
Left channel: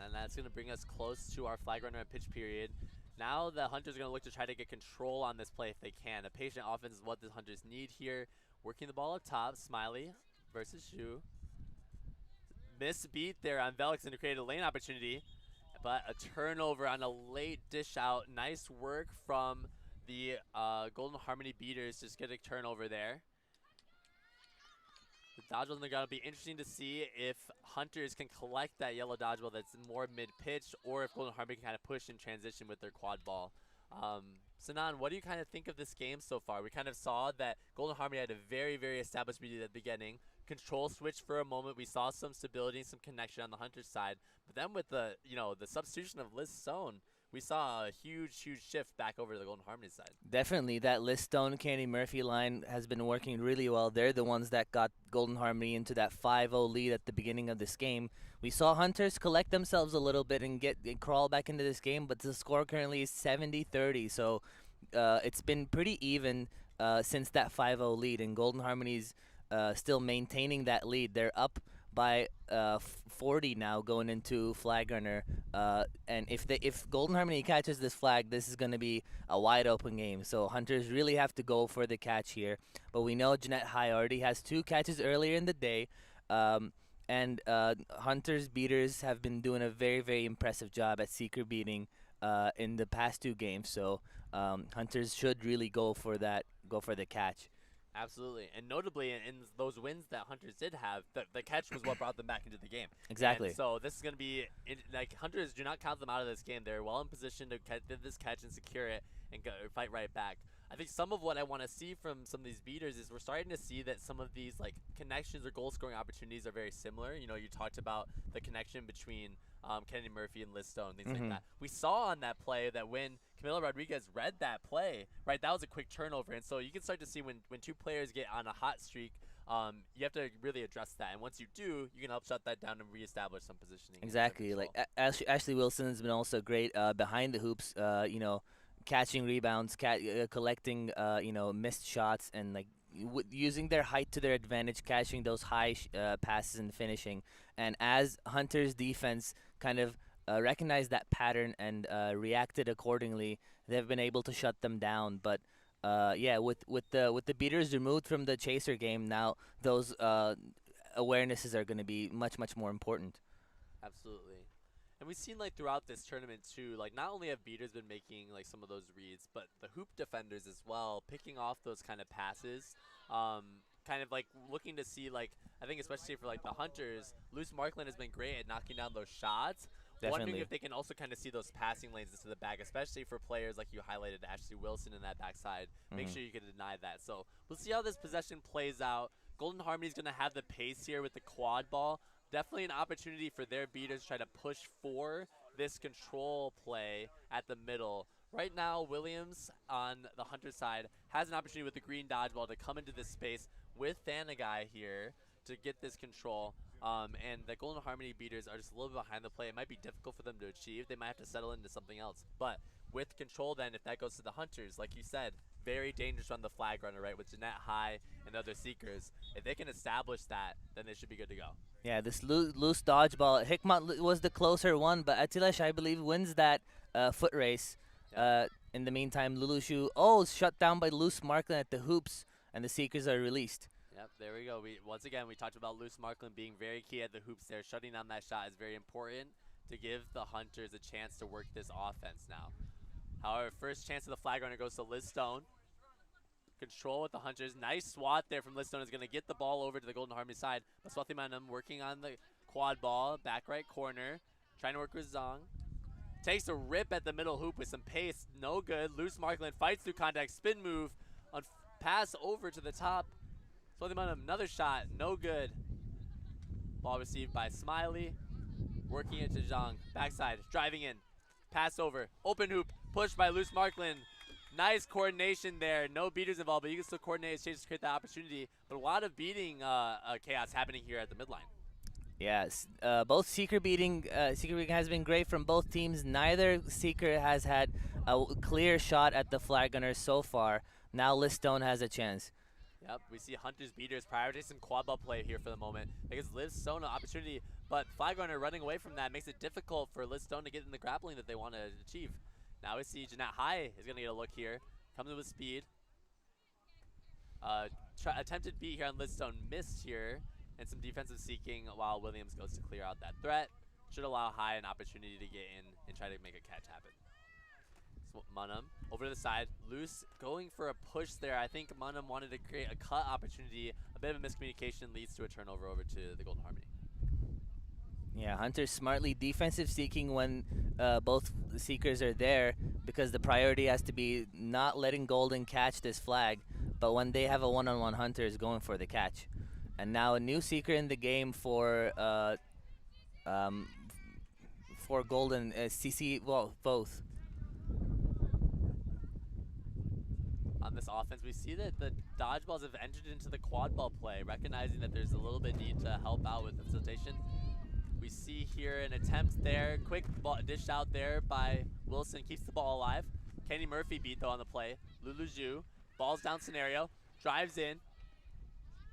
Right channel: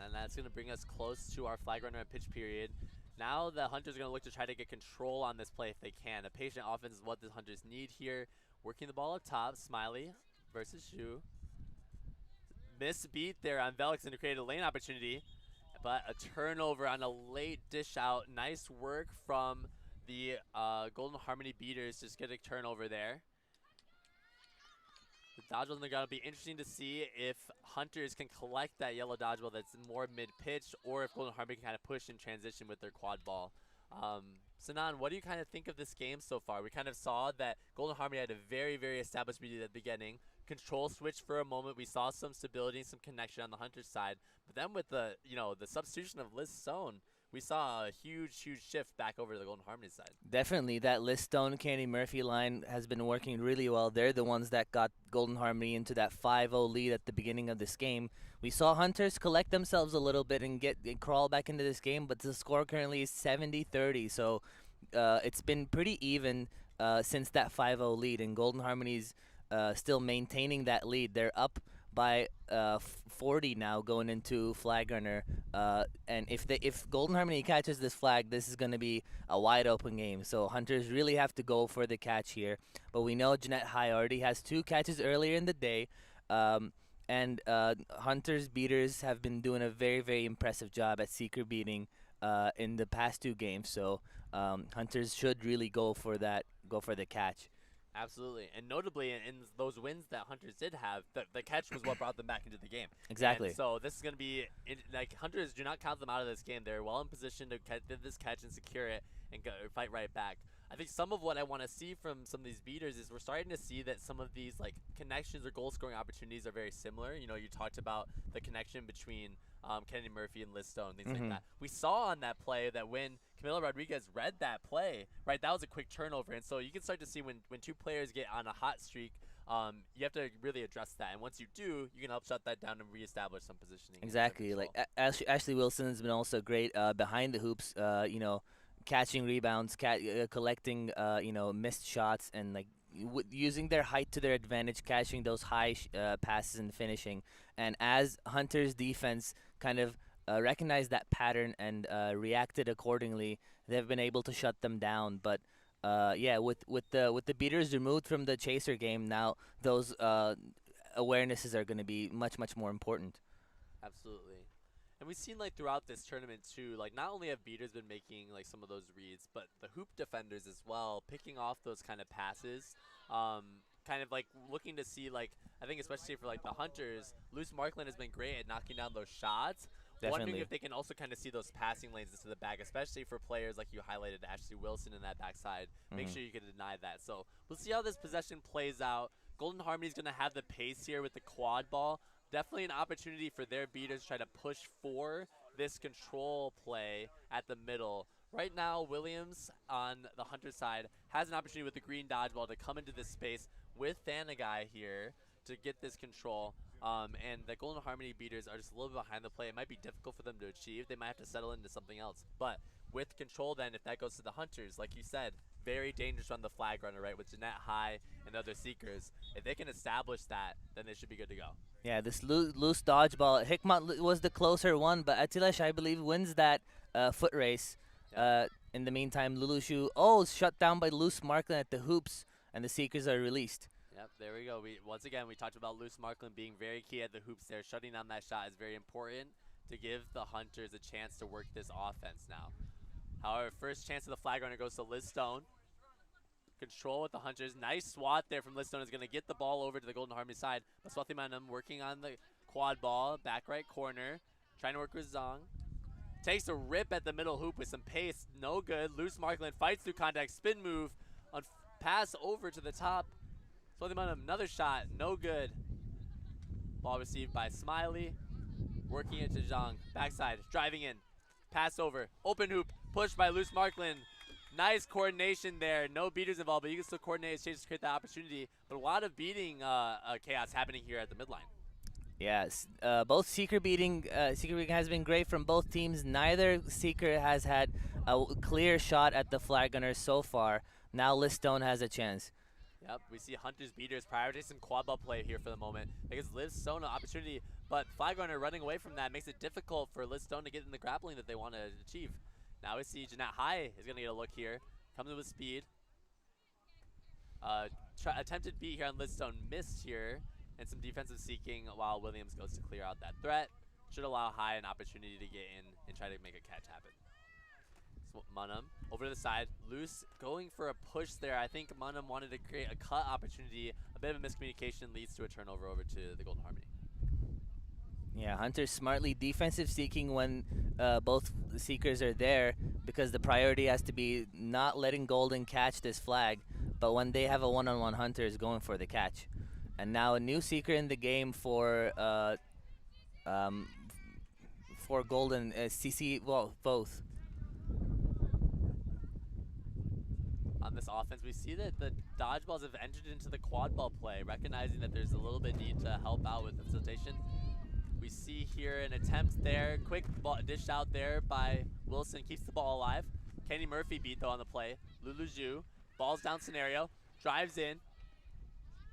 And that's going to bring us close to our flag runner and pitch period. Now the Hunters are going to look to try to get control on this play if they can. A patient offense is what the Hunters need here. Working the ball up top, Smiley versus Shu. Miss beat there on Velix and to create a lane opportunity, but a turnover on a late dish out. Nice work from the Golden Harmony beaters. Just get a turnover there. The dodgeball is going to be interesting to see if Hunters can collect that yellow dodgeball that's more mid-pitch, or if Golden Harmony can kind of push and transition with their quad ball. Sanan, what do you kind of think of this game so far? We kind of saw that Golden Harmony had a very, very established lead at the beginning. Control switch for a moment. We saw some stability and some connection on the Hunters side. But then with the, the substitution of Liz Stone, we saw a huge, huge shift back over to the Golden Harmony side. Definitely, that Liz Stone, Candy Murphy line has been working really well. They're the ones that got Golden Harmony into that 5-0 lead at the beginning of this game. We saw Hunters collect themselves a little bit and crawl back into this game, but the score currently is 70-30. So it's been pretty even since that 5-0 lead, and Golden Harmony's still maintaining that lead. They're up by 40 now going into flag runner, and if Golden Harmony catches this flag, this is going to be a wide open game. So Hunters really have to go for the catch here. But we know Jeanette High already has 2 catches earlier in the day, and Hunters beaters have been doing a very, very impressive job at seeker beating in the past 2 games. So Hunters should really go for the catch. Absolutely, and notably in those wins that Hunters did have, the catch was what brought them back into the game. Exactly. And so this is going to be, Hunters, do not count them out of this game. They're well in position to get this catch and secure it and fight right back. I think some of what I want to see from some of these beaters is we're starting to see that some of these connections or goal scoring opportunities are very similar. You talked about the connection between Kennedy Murphy and Liz Stone, things like that. We saw on that play that when Camilo Rodriguez read that play, right, that was a quick turnover. And so you can start to see when 2 players get on a hot streak, you have to really address that. And once you do, you can help shut that down and reestablish some positioning. Exactly. Ashley Wilson has been also great behind the hoops, catching rebounds, collecting, missed shots, and using their height to their advantage, catching those high passes and finishing. And as Hunter's defense kind of recognized that pattern and reacted accordingly, they've been able to shut them down. But with the beaters removed from the chaser game, now those awarenesses are going to be much, much more important. Absolutely. And we've seen throughout this tournament too, not only have beaters been making some of those reads, but the hoop defenders as well, picking off those kind of passes. kind of like looking to see, like, I think especially for like the Hunters, Loose Markland has been great at knocking down those shots. Wondering Definitely. if they can also kind of see those passing lanes into the back, especially for players like you highlighted, Ashley Wilson in that backside. Make sure you can deny that. So we'll see how this possession plays out. Golden Harmony's going to have the pace here with the quad ball. Definitely an opportunity for their beaters to try to push for this control play at the middle. Right now, Williams on the Hunter side has an opportunity with the green dodgeball to come into this space with Thanagai here to get this control. And the Golden Harmony beaters are just a little bit behind the play. It might be difficult for them to achieve. They might have to settle into something else. But with control then, if that goes to the Hunters, like you said, very dangerous on the flag runner, right, with Jeanette High and the other Seekers. If they can establish that, then they should be good to go. Yeah, this loose dodgeball. Hikmat was the closer one, but Atilesh, I believe, wins that foot race. Yep. In the meantime, Lulushu, shut down by Loose Markland at the hoops, and the Seekers are released. Yep, there we go. Once again, we talked about Loose Markland being very key at the hoops there. Shutting down that shot is very important to give the Hunters a chance to work this offense now. However, first chance of the flag runner goes to Liz Stone. Control with the Hunters. Nice swat there from Liz Stone. Is going to get the ball over to the Golden Harmony side. But Swathimanam working on the quad ball. Back right corner. Trying to work with Zong. Takes a rip at the middle hoop with some pace. No good. Loose Markland fights through contact. Spin move. On pass over to the top. Swathimanam, another shot. No good. Ball received by Smiley. Working it to Zhang. Backside. Driving in. Pass over. Open hoop. Pushed by Loose Markland. Nice coordination there. No beaters involved, but you can still coordinate his chances to create that opportunity. But a lot of beating chaos happening here at the midline. Yes, both Seeker beating has been great from both teams. Neither Seeker has had a clear shot at the flag gunner so far. Now Liz Stone has a chance. Yep, we see Hunters beaters prioritize some quad ball play here for the moment. Because Liz Stone an opportunity, but flag runner running away from that makes it difficult for Liz Stone to get in the grappling that they want to achieve. Now we see Jeanette High is going to get a look here. Comes in with speed. Attempted beat here on Liz Stone. Missed here. And some defensive seeking while Williams goes to clear out that threat. Should allow High an opportunity to get in and try to make a catch happen. So Munham over to the side. Loose going for a push there. I think Munham wanted to create a cut opportunity. A bit of a miscommunication leads to a turnover over to the Golden Harmony. Yeah, Hunter smartly defensive seeking when both the Seekers are there, because the priority has to be not letting Golden catch this flag, but when they have a one-on-one, Hunter is going for the catch. And now a new Seeker in the game for Golden, CC, well, both. On this offense, we see that the dodgeballs have entered into the quad ball play, recognizing that there's a little bit need to help out with the facilitation. We see here an attempt there, quick ball dish out there by Wilson, keeps the ball alive. Kenny Murphy beat though on the play. Lulu Zhu, balls down scenario, drives in,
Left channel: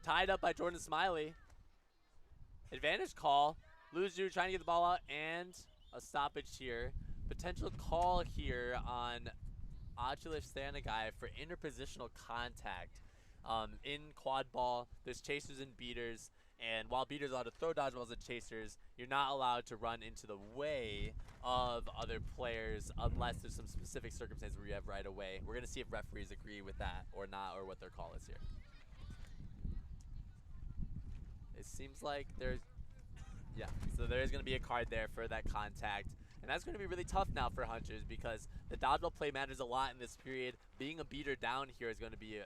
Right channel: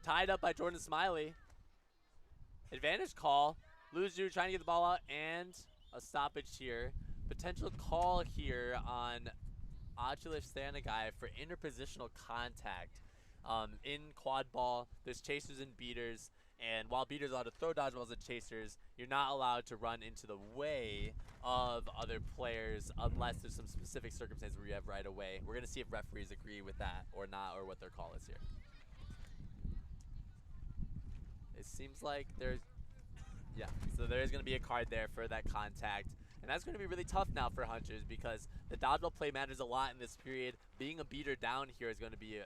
tied up by Jordan Smiley. Advantage call, Lulu Zhu trying to get the ball out and a stoppage here. Potential call here on Achilich Thanagai for interpositional contact. In quad ball, there's chasers and beaters. And while beaters are allowed to throw dodgeballs at chasers, you're not allowed to run into the way of other players unless there's some specific circumstances where you have right away. We're going to see if referees agree with that or not, or what their call is here. It seems like there's, yeah, so there is going to be a card there for that contact. And that's going to be really tough now for Hunters because the dodgeball play matters a lot in this period. Being a beater down here is going to be a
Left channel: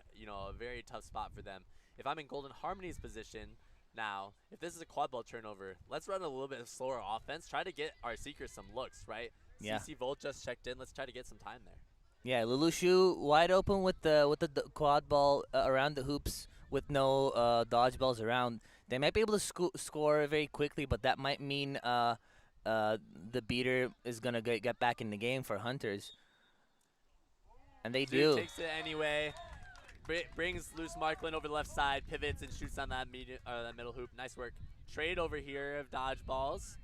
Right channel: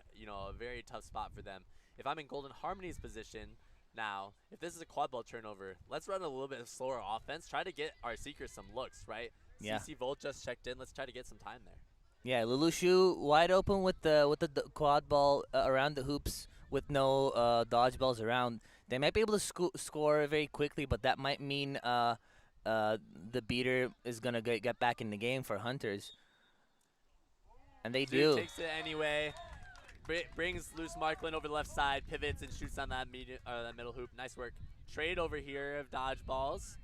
very tough spot for them. If I'm in Golden Harmony's position, now, if this is a quad ball turnover, let's run a little bit of slower offense. Try to get our Seekers some looks, right? Yeah. CC Volt just checked in. Let's try to get some time there. Yeah, Lulushu wide open with the quad ball around the hoops with no dodgeballs around. They might be able to score very quickly, but that might mean the beater is gonna get back in the game for Hunters, and they do. Takes it anyway. Brings Loose Markland over the left side, pivots and shoots on that middle hoop. Nice work. Trade over here of dodgeballs.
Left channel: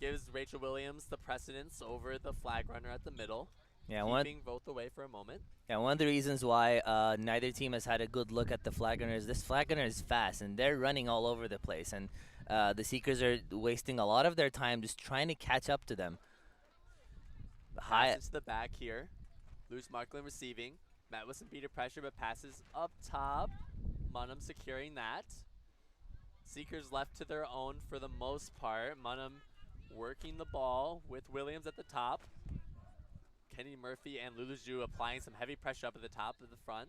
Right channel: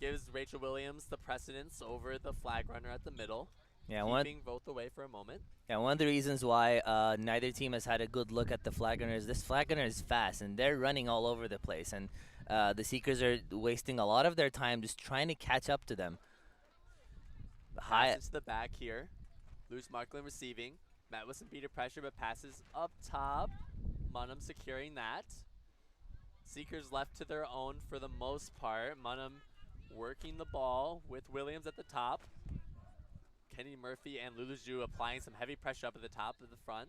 Gives Rachel Williams the precedence over the flag runner at the middle. Yeah, keeping both away for a moment. Yeah, one of the reasons why neither team has had a good look at the flag runner is this flag runner is fast and they're running all over the place, and the Seekers are wasting a lot of their time just trying to catch up to them. Pass into the back here. Loose Markland receiving. Met with some beater pressure, but passes up top. Munham securing that. Seekers left to their own for the most part. Munham working the ball with Williams at the top. Kenny Murphy and Lulu Zhu applying some heavy pressure up at the top of the front.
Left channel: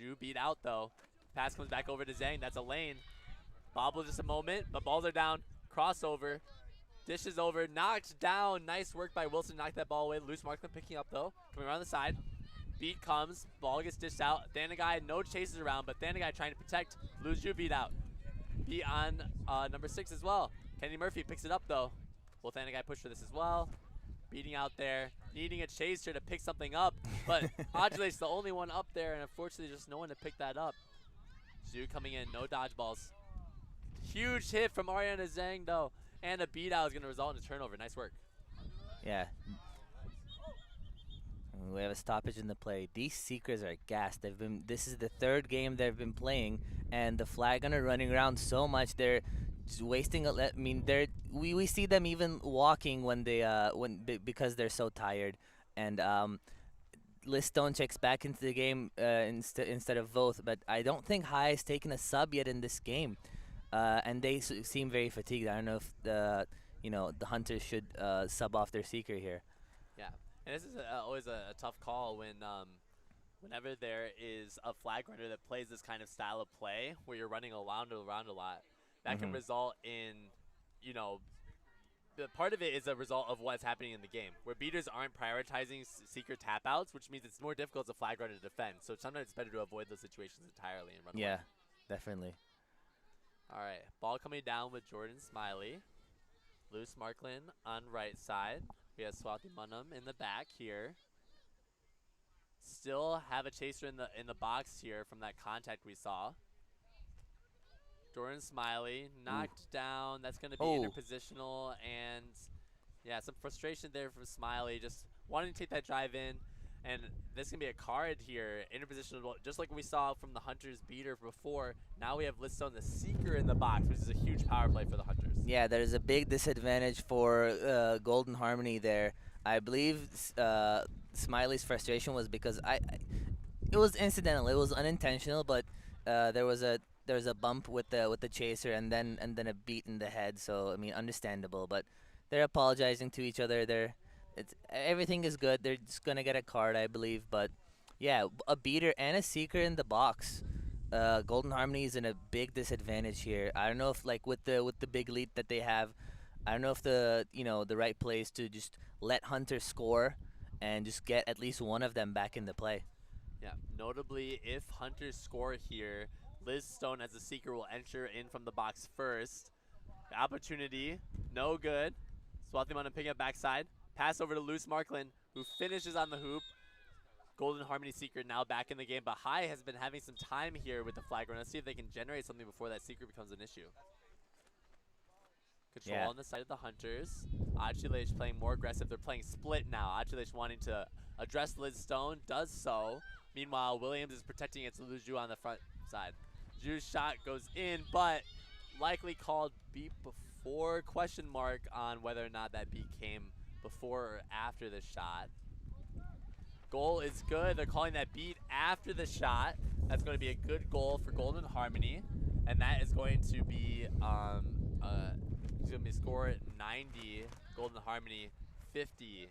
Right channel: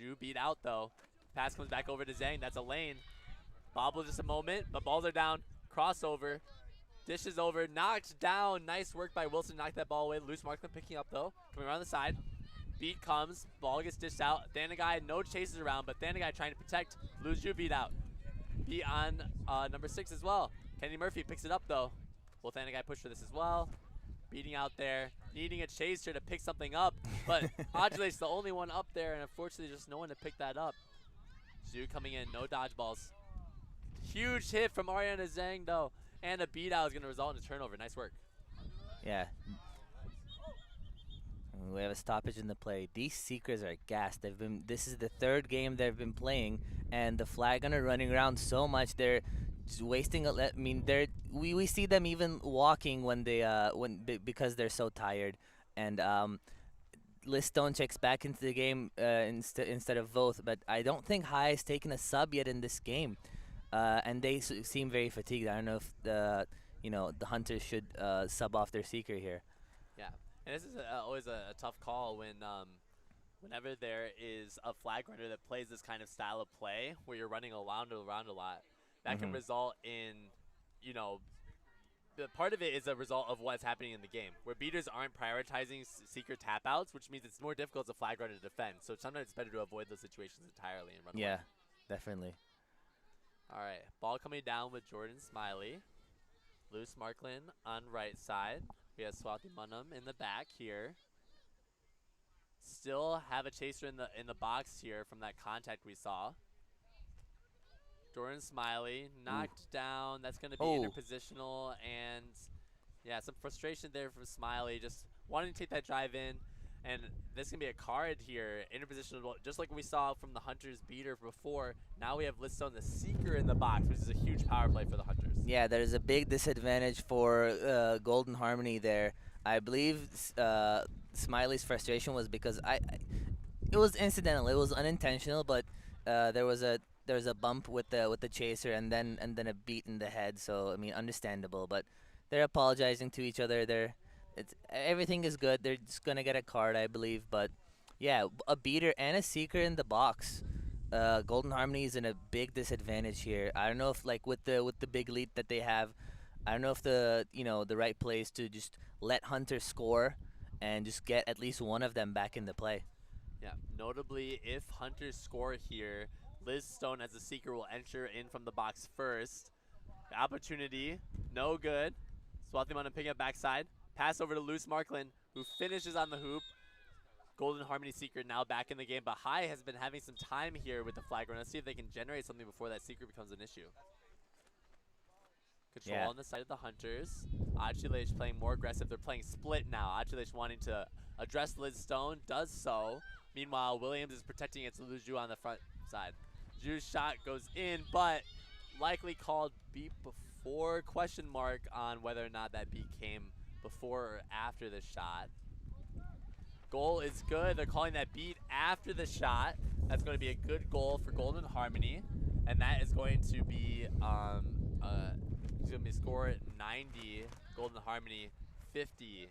Zhu beat out though. Pass comes back over to Zhang. That's a lane. Bobble just a moment, but balls are down. Crossover. Dishes over. Knocked down. Nice work by Wilson. Knocked that ball away. Loose Markman picking up though. Coming around the side. Beat comes. Ball gets dished out. Thanagai, no chases around, but Thanagai trying to protect. Lulu Zhu beat out. Beat on number 6 as well. Kenny Murphy picks it up though. Will Thanagai push for this as well? Beating out there, needing a chaser to pick something up, but Audulate's the only one up there, and unfortunately just no one to pick that up. Zhu coming in, no dodgeballs. Huge hit from Ariana Zhang though, and a beat out is going to result in a turnover. Nice work. Yeah. We have a stoppage in the play. These Seekers are gassed. This is the 3rd game they've been playing, and the flag gunner running around so much. They're just wasting. I mean, we see them even walking when because they're so tired. And Liz Stone checks back into the game instead of Voth, but I don't think High has taken a sub yet in this game, and they seem very fatigued. I don't know if the Hunters should sub off their Seeker here. Yeah, and this is always a tough call whenever there is a flag runner that plays this kind of style of play where you're running around a lot. That can result in, part of it is a result of what's happening in the game, where beaters aren't prioritizing Seeker tap outs, which means it's more difficult as a flag runner to defend. So sometimes it's better to avoid those situations entirely and run away. Yeah, definitely. All right, ball coming down with Jordan Smiley. Loose Marklin on right side. We have Swathi Munham in the back here. Still have a chaser in the box here from that contact we saw. Jordan Smiley knocked down. That's going to be interpositional, and yeah, some frustration there from Smiley, just wanting to take that drive in. And this is going to be a card here, interpositional, just like we saw from the Hunters beater before. Now we have Listone, the Seeker, in the box, which is a huge power play for the Hunters. Yeah, there's a big disadvantage for Golden Harmony there. I believe Smiley's frustration was because it was incidental, it was unintentional, but there was a bump with the chaser and then a beat in the head. So I mean, understandable, but they're apologizing to each other. Everything is good. They're just gonna get a card, I believe. But yeah, a beater and a Seeker in the box. Golden Harmony is in a big disadvantage here. I don't know if with the big lead that they have, I don't know if the right play is to just let Hunter score and just get at least one of them back in the play. Yeah, notably, if Hunters score here, Liz Stone as a Seeker will enter in from the box first. The opportunity, no good. Swathi Munham picking up backside. Pass over to Loose Marklin, who finishes on the hoop. Golden Harmony Seeker now back in the game, but High has been having some time here with the flag run. Let's see if they can generate something before that Seeker becomes an issue. Control on the side of the Hunters. Achilech playing more aggressive. They're playing split now. Achilech wanting to address Liz Stone, does so. Meanwhile, Williams is protecting against Lulu on the front side. Zhu's shot goes in, but likely called beat before, question mark on whether or not that beat came before or after the shot. Goal is good. They're calling that beat after the shot. That's going to be a good goal for Golden Harmony, and that is going to be score at 90. Golden Harmony 50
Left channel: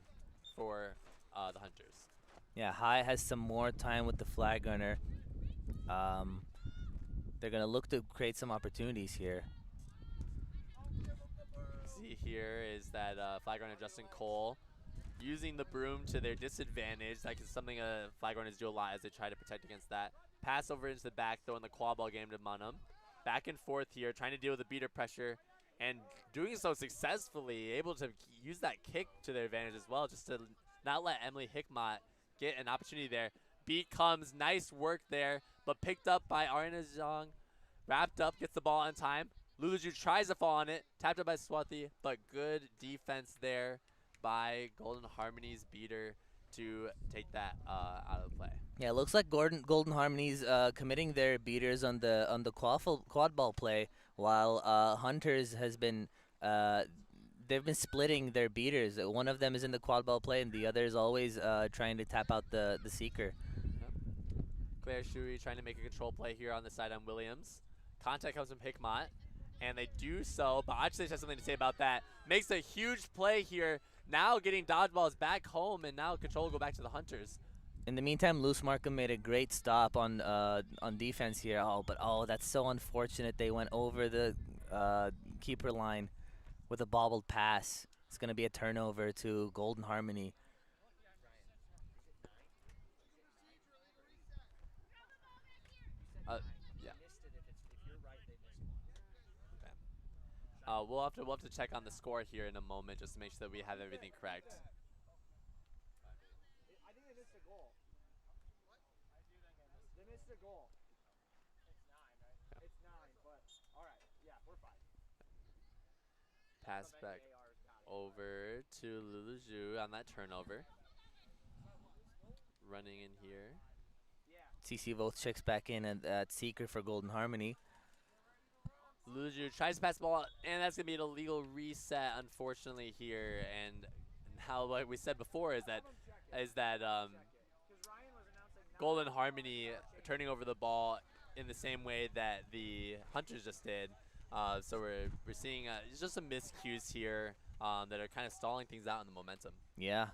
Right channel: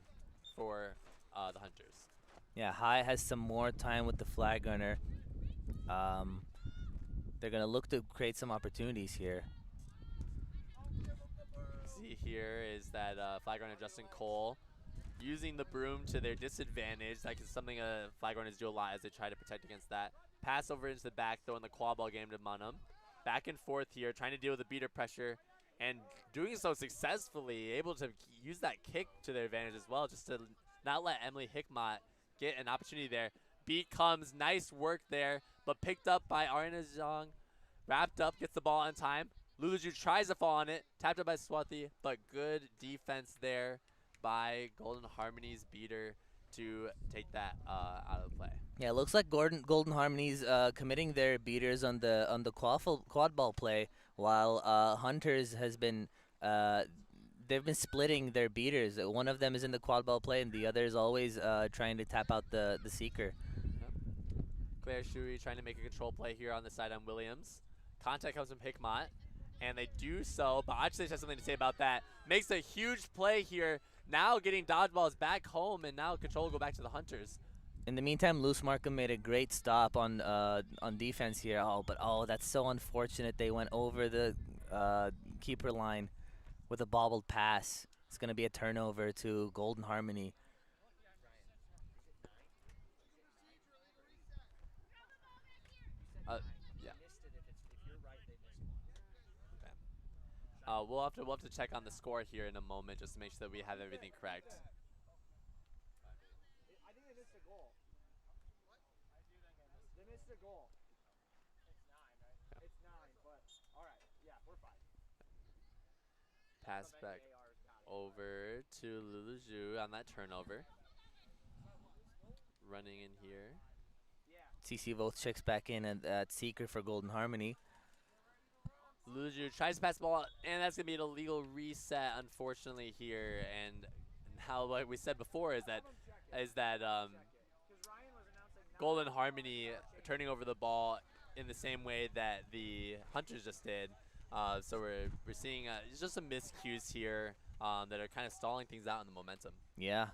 for the Hunters. Yeah, High has some more time with the flag gunner. They're going to look to create some opportunities here. See here is that flag runner Justin Cole using the broom to their disadvantage. That is something flag runners do a lot as they try to protect against that. Pass over into the back, throwing the quad-ball game to Munham. Back and forth here, trying to deal with the beater pressure, and doing so successfully, able to use that kick to their advantage as well, just to not let Emily Hickmott get an opportunity there. Beat comes, nice work there, but picked up by Ariana Zhang. Wrapped up, gets the ball on time. Luluju tries to fall on it, tapped up by Swathi, but good defense there by Golden Harmony's beater to take that out of play. Yeah, it looks like Golden Harmony's committing their beaters on the quad ball play, while Hunters has been they've been splitting their beaters. One of them is in the quad ball play, and the other is always trying to tap out the Seeker. Yep. Claire Shui trying to make a control play here on the side on Williams. Contact comes from Hickmott, and they do so, but Achilles has something to say about that. Makes a huge play here, now getting dodgeballs back home, and now control will go back to the Hunters. In the meantime, Loose Markham made a great stop on defense here. But that's so unfortunate. They went over the keeper line with a bobbled pass. It's going to be a turnover to Golden Harmony. Yeah. Okay. We'll have to check on the score here in a moment just to make sure that we have everything correct. I think they missed a goal. They missed a goal. It's 9, right? Yeah. It's 9, but all right. Yeah, we're fine. Pass back over to Luluju on that turnover. Running in here. CC Voth checks back in at Seeker for Golden Harmony. Luluju tries to pass the ball out, and that's going to be an illegal reset, unfortunately, here. And how, like we said before, is that Golden Harmony turning over the ball in the same way that the Hunters just did. So we're seeing just some miscues here that are kind of stalling things out in the momentum. Yeah.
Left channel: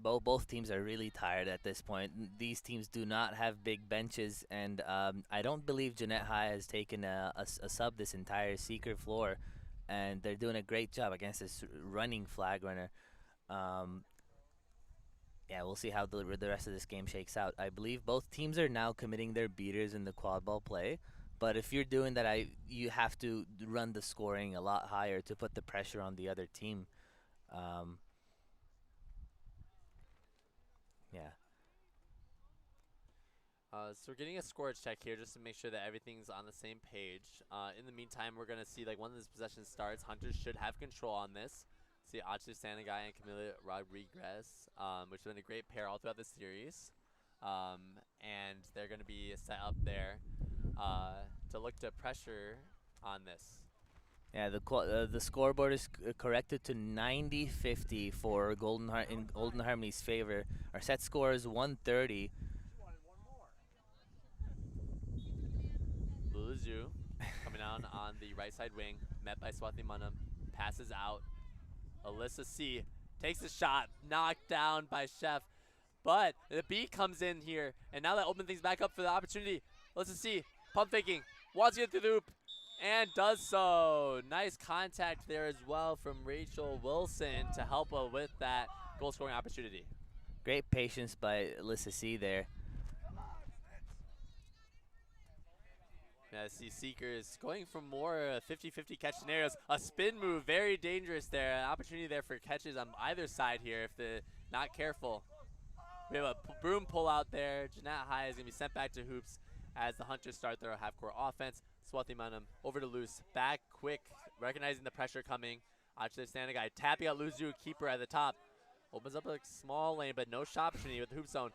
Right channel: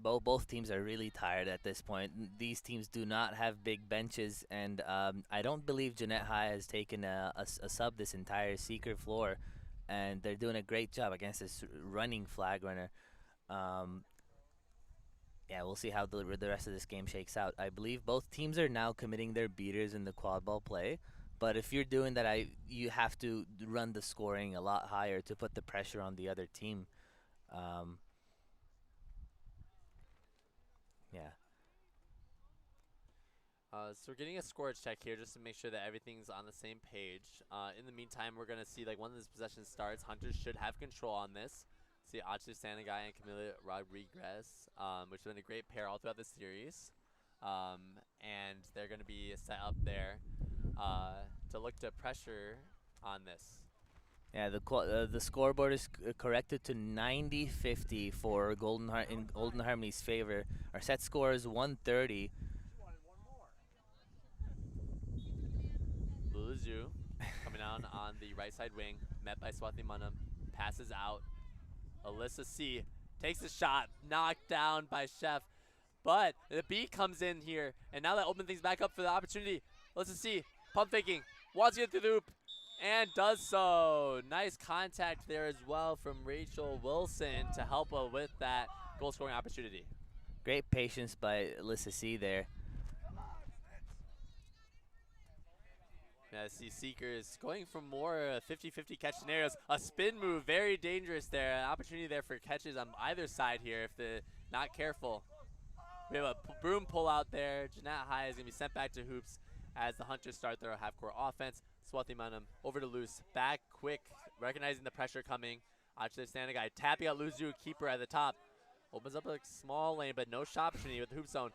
Both teams are really tired at this point. These teams do not have big benches, and I don't believe Jeanette High has taken a sub this entire Seeker floor, and they're doing a great job against this running flag runner. Yeah, we'll see how the rest of this game shakes out. I believe both teams are now committing their beaters in the quad ball play, but if you're doing that, you have to run the scoring a lot higher to put the pressure on the other team. Yeah. So we're getting a score check here just to make sure that everything's on the same page. In the meantime, we're going to see, like, when this possession starts, Hunters should have control on this. See Achu Sanagai and Camila Rodriguez, which have been a great pair all throughout the series. And they're going to be set up there to look to pressure on this. Yeah, the scoreboard is corrected to 90-50 for in Golden Harmony's favor. Our set score is 130. Luluzu coming down on the right side wing, met by Swati Munam, passes out. Alyssa C takes a shot, knocked down by Chef, but the beat comes in here, and now that opens things back up for the opportunity. Alyssa C, pump faking, wants to get through the hoop, and does so. Nice contact there as well from Rachel Wilson to help with that goal scoring opportunity. Great patience by Alyssa C there. Yeah, I see Seekers going for more 50-50 catch scenarios. A spin move, very dangerous there. An opportunity there for catches on either side here if they're not careful. We have a broom pull out there. Jeanette High is going to be sent back to hoops as the Hunters start their half-court offense. Swati Manam over to Loose, back quick, recognizing the pressure coming. Actually, standing guy tapping out Luzu, keeper at the top. Opens up a small lane, but no shot opportunity with the hoop zone.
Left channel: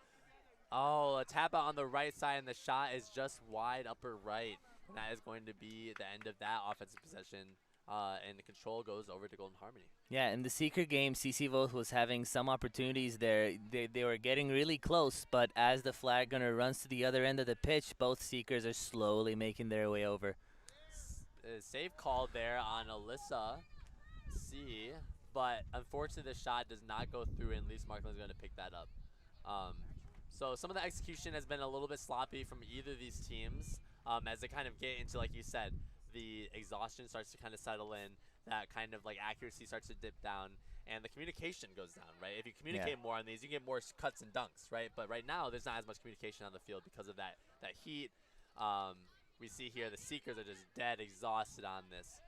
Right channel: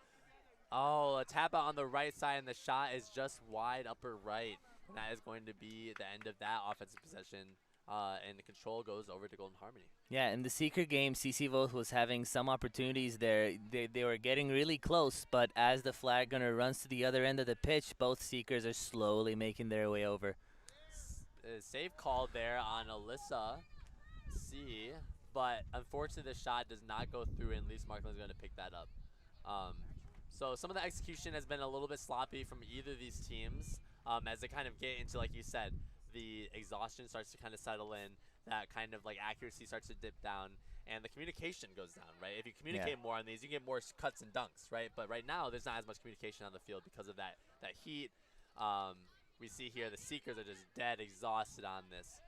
Oh, a tap out on the right side, and the shot is just wide upper right. And that is going to be the end of that offensive possession. And the control goes over to Golden Harmony. Yeah, in the Seeker game, CC Voth was having some opportunities there. They were getting really close, but as the flag gunner runs to the other end of the pitch, both Seekers are slowly making their way over. Save call there on Alyssa C, but unfortunately the shot does not go through, and Lise Markland is going to pick that up. So some of the execution has been a little bit sloppy from either of these teams as they kind of get into, like you said, the exhaustion starts to kind of settle in, that kind of like accuracy starts to dip down, and the communication goes down, right? If you communicate more on these, you get more cuts and dunks, right? But right now, there's not as much communication on the field because of that heat. We see here the Seekers are just dead exhausted on this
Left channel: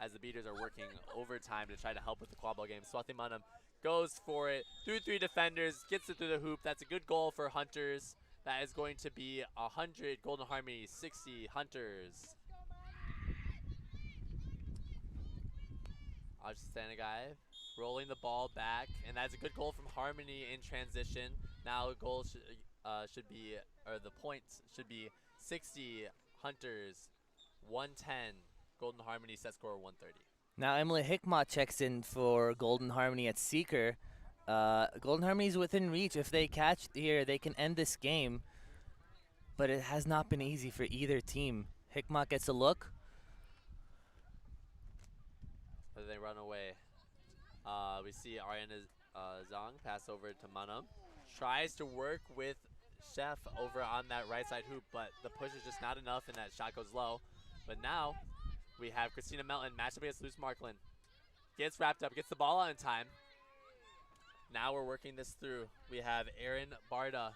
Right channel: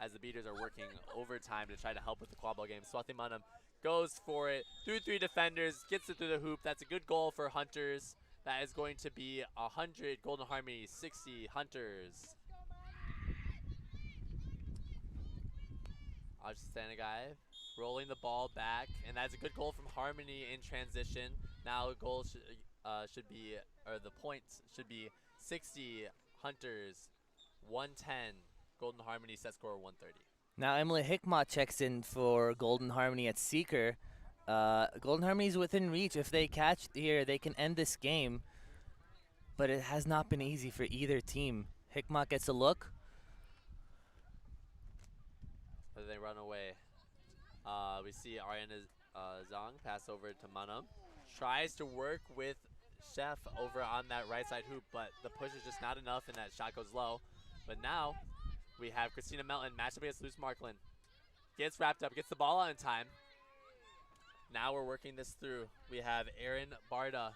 as the beaters are working overtime to try to help with the quad ball game. Swati Manam goes for it through 3 defenders, gets it through the hoop. That's a good goal for Hunters. That is going to be 100 Golden Harmony, 60 Hunters. Stanagai rolling the ball back, and that's a good goal from Harmony in transition. Now the goal should be, or the points should be 60 Hunters, 110 Golden Harmony, set score 130. Now Emily Hickmott checks in for Golden Harmony at Seeker, Golden Harmony's within reach. If they catch here, they can end this game. But it has not been easy for either team. Hikmat gets a look. But they run away. We see Ariana Zhang pass over to Manam. Tries to work with Chef over on that right side hoop, but the push is just not enough and that shot goes low. But now we have Christina Melton matched up against Luce Marklin. Gets wrapped up, gets the ball out in time. Now we're working this through. We have Aaron Barda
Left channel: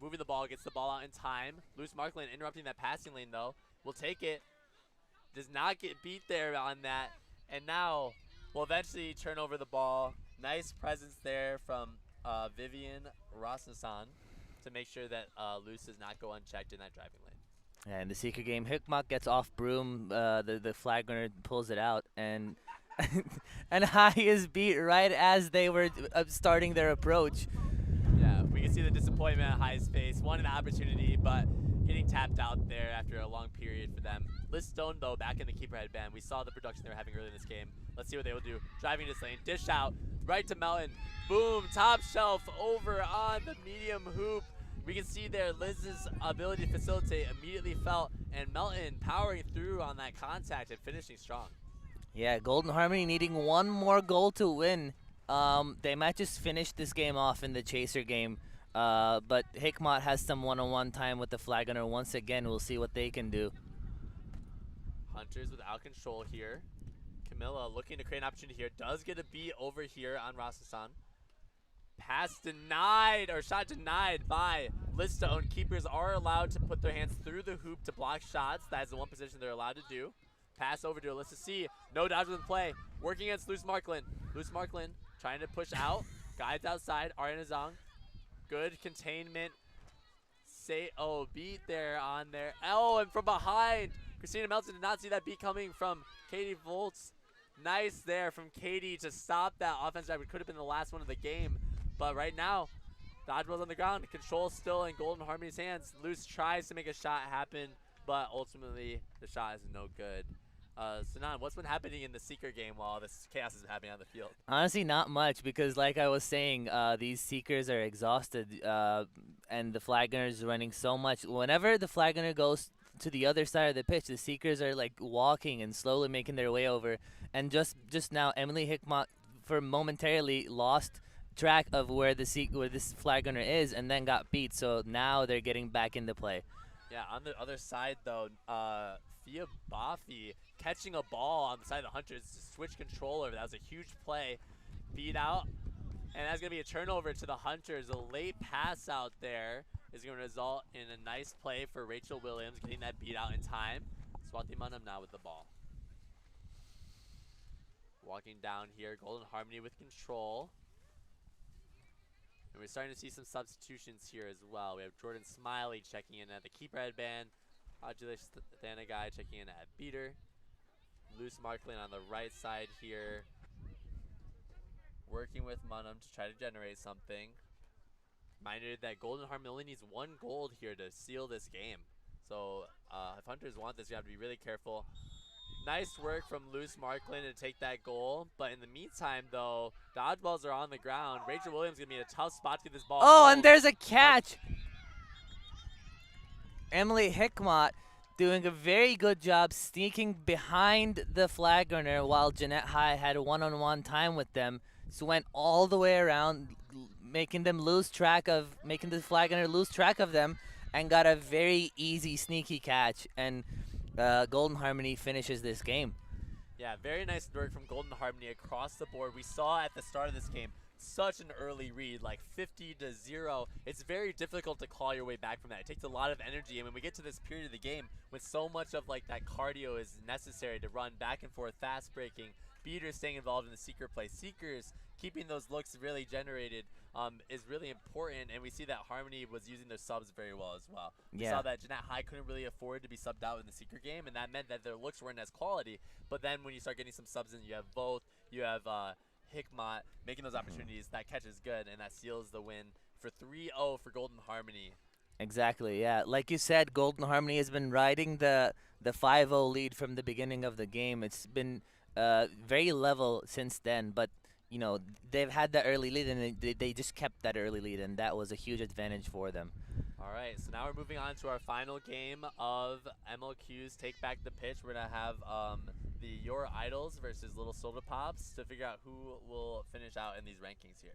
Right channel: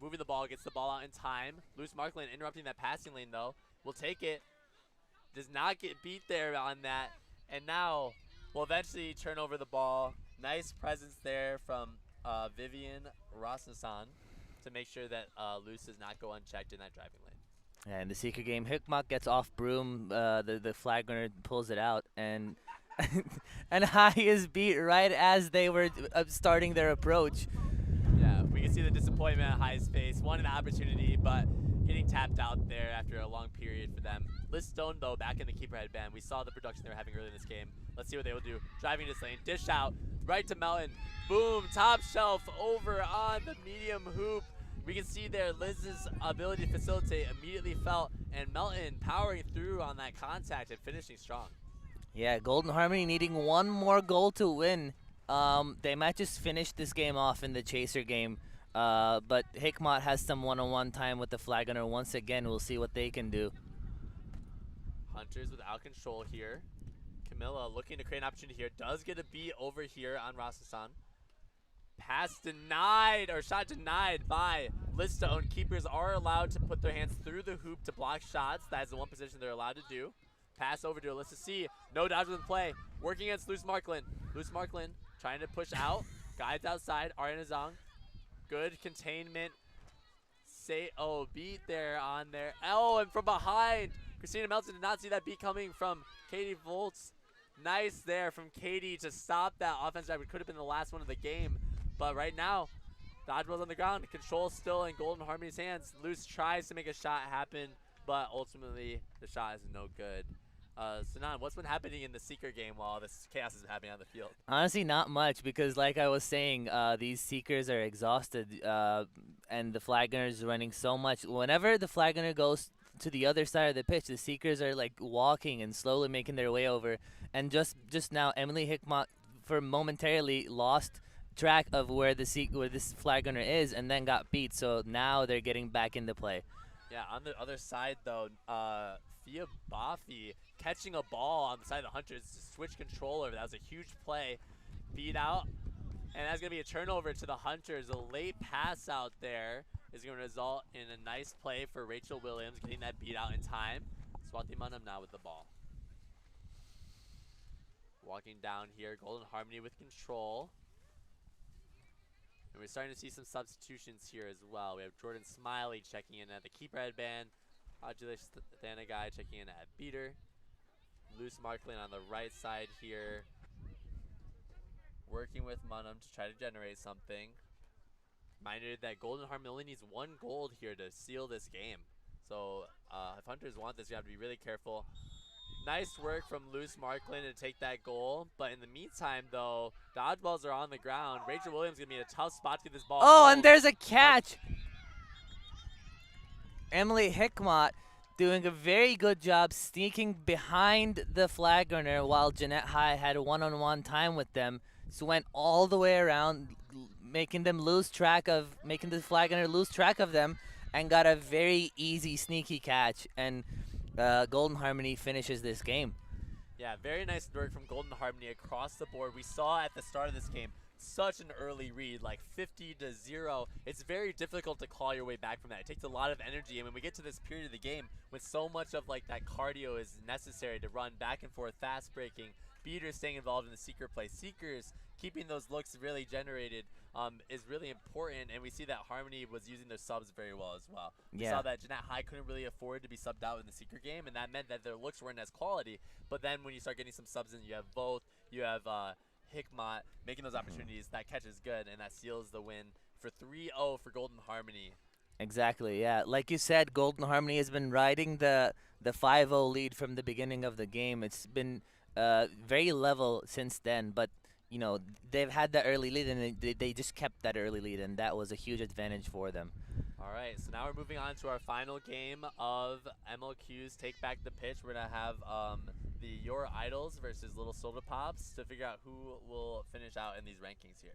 moving the ball, gets the ball out in time. Luce Marklin interrupting that passing lane though. Will take it. Does not get beat there on that. And now we'll eventually turn over the ball. Nice presence there from Vivian Rasmussen to make sure that Luce does not go unchecked in that driving lane. Yeah, in the Seeker game, Hikmat gets off broom. The flag runner pulls it out, and and High is beat right as they were starting their approach. Yeah, we can see the disappointment on High's face. Wanted an opportunity, but getting tapped out there after a long period for them. Liz Stone, though, back in the keeper headband. We saw the production they were having earlier in this game. Let's see what they will do. Driving this lane, dish out, right to Melton. Boom, top shelf over on the medium hoop. We can see there Liz's ability to facilitate immediately felt, and Melton powering through on that contact and finishing strong. Yeah, Golden Harmony needing one more goal to win. They might just finish this game off in the Chaser game, but Hikmat has some one-on-one time with the flag runner once again. We'll see what they can do. Hunters without control here. Camilla looking to create an opportunity here. Does get a beat over here on Rasasan. Pass denied, or shot denied by Listone. Keepers are allowed to put their hands through the hoop to block shots. That is the one position they're allowed to do. Pass over to Alyssa C. No dodge in play. Working against Luce Marklin. Luce Marklin trying to push out. Guides outside. Ariana Zhang. Good containment. Beat there on there. Oh, and from behind. Christina Melton did not see that beat coming from Katie Volts. Nice there from Katie to stop that offense drive. It could have been the last one of the game. But right now, Dodgeball's on the ground. Control still in Golden Harmony's hands. Luce tries to make a shot happen, but ultimately the shot is no good. Sanan, what's been happening in the Seeker game while this chaos has been happening on the field? Honestly, not much, because like I was saying, these Seekers are exhausted, and the flag gunner's running so much. Whenever the flag gunner goes to the other side of the pitch, the Seekers are like walking and slowly making their way over. And just now, Emily Hikmat for momentarily lost track of where this flag gunner is, and then got beat. So now they're getting back into play. Yeah, on the other side though, Fia Bafi catching a ball on the side of the Hunters to switch controller. That was a huge play. Beat out, and that's gonna be a turnover to the Hunters. A late pass out there is gonna result in a nice play for Rachel Williams, getting that beat out in time. Swati Manam now with the ball. Walking down here, Golden Harmony with control. And we're starting to see some substitutions here as well. We have Jordan Smiley checking in at the keeper headband. Ajula Thanagai checking in at beater. Luce Marklin on the right side here. Working with Munham to try to generate something. Minded that Golden Harmony only needs one gold here to seal this game. So if Hunters want this, you have to be really careful. Nice work from Luce Marklin to take that goal. But in the meantime, though, dodgeballs are on the ground. Rachel Williams going to be in a tough spot to get this ball. Oh, and there's a catch. Emily Hikmat doing a very good job sneaking behind the flag runner while Jeanette High had a one-on-one time with them. So went all the way around, making the flag runner lose track of them, and got a very easy, sneaky catch. And Golden Harmony finishes this game. Yeah, very nice work from Golden Harmony across the board. We saw at the start of this game such an early read, like 50-0. It's very difficult to claw your way back from that. It takes a lot of energy, and when we get to this period of the game, when so much of like that cardio is necessary to run back and forth, fast breaking, beaters staying involved in the Seeker play, Seekers keeping those looks really generated is really important, and we see that Harmony was using their subs very well as well. We saw that Jeanette High couldn't really afford to be subbed out in the Seeker game, and that meant that their looks weren't as quality. But then when you start getting some subs in, you have both, you have Hikmat making those opportunities, that catch is good, and that seals the win for 3-0 for Golden Harmony. Exactly, yeah. Like you said, Golden Harmony has been riding the 5-0 lead from the beginning of the game. It's been very level since then, but you know, they've had that early lead, and they just kept that early lead, and that was a huge advantage for them. All right, so now we're moving on to our final game of MLQ's Take Back the Pitch. We're going to have the Your Idols versus Little Soda Pops to figure out who will finish out in these rankings here.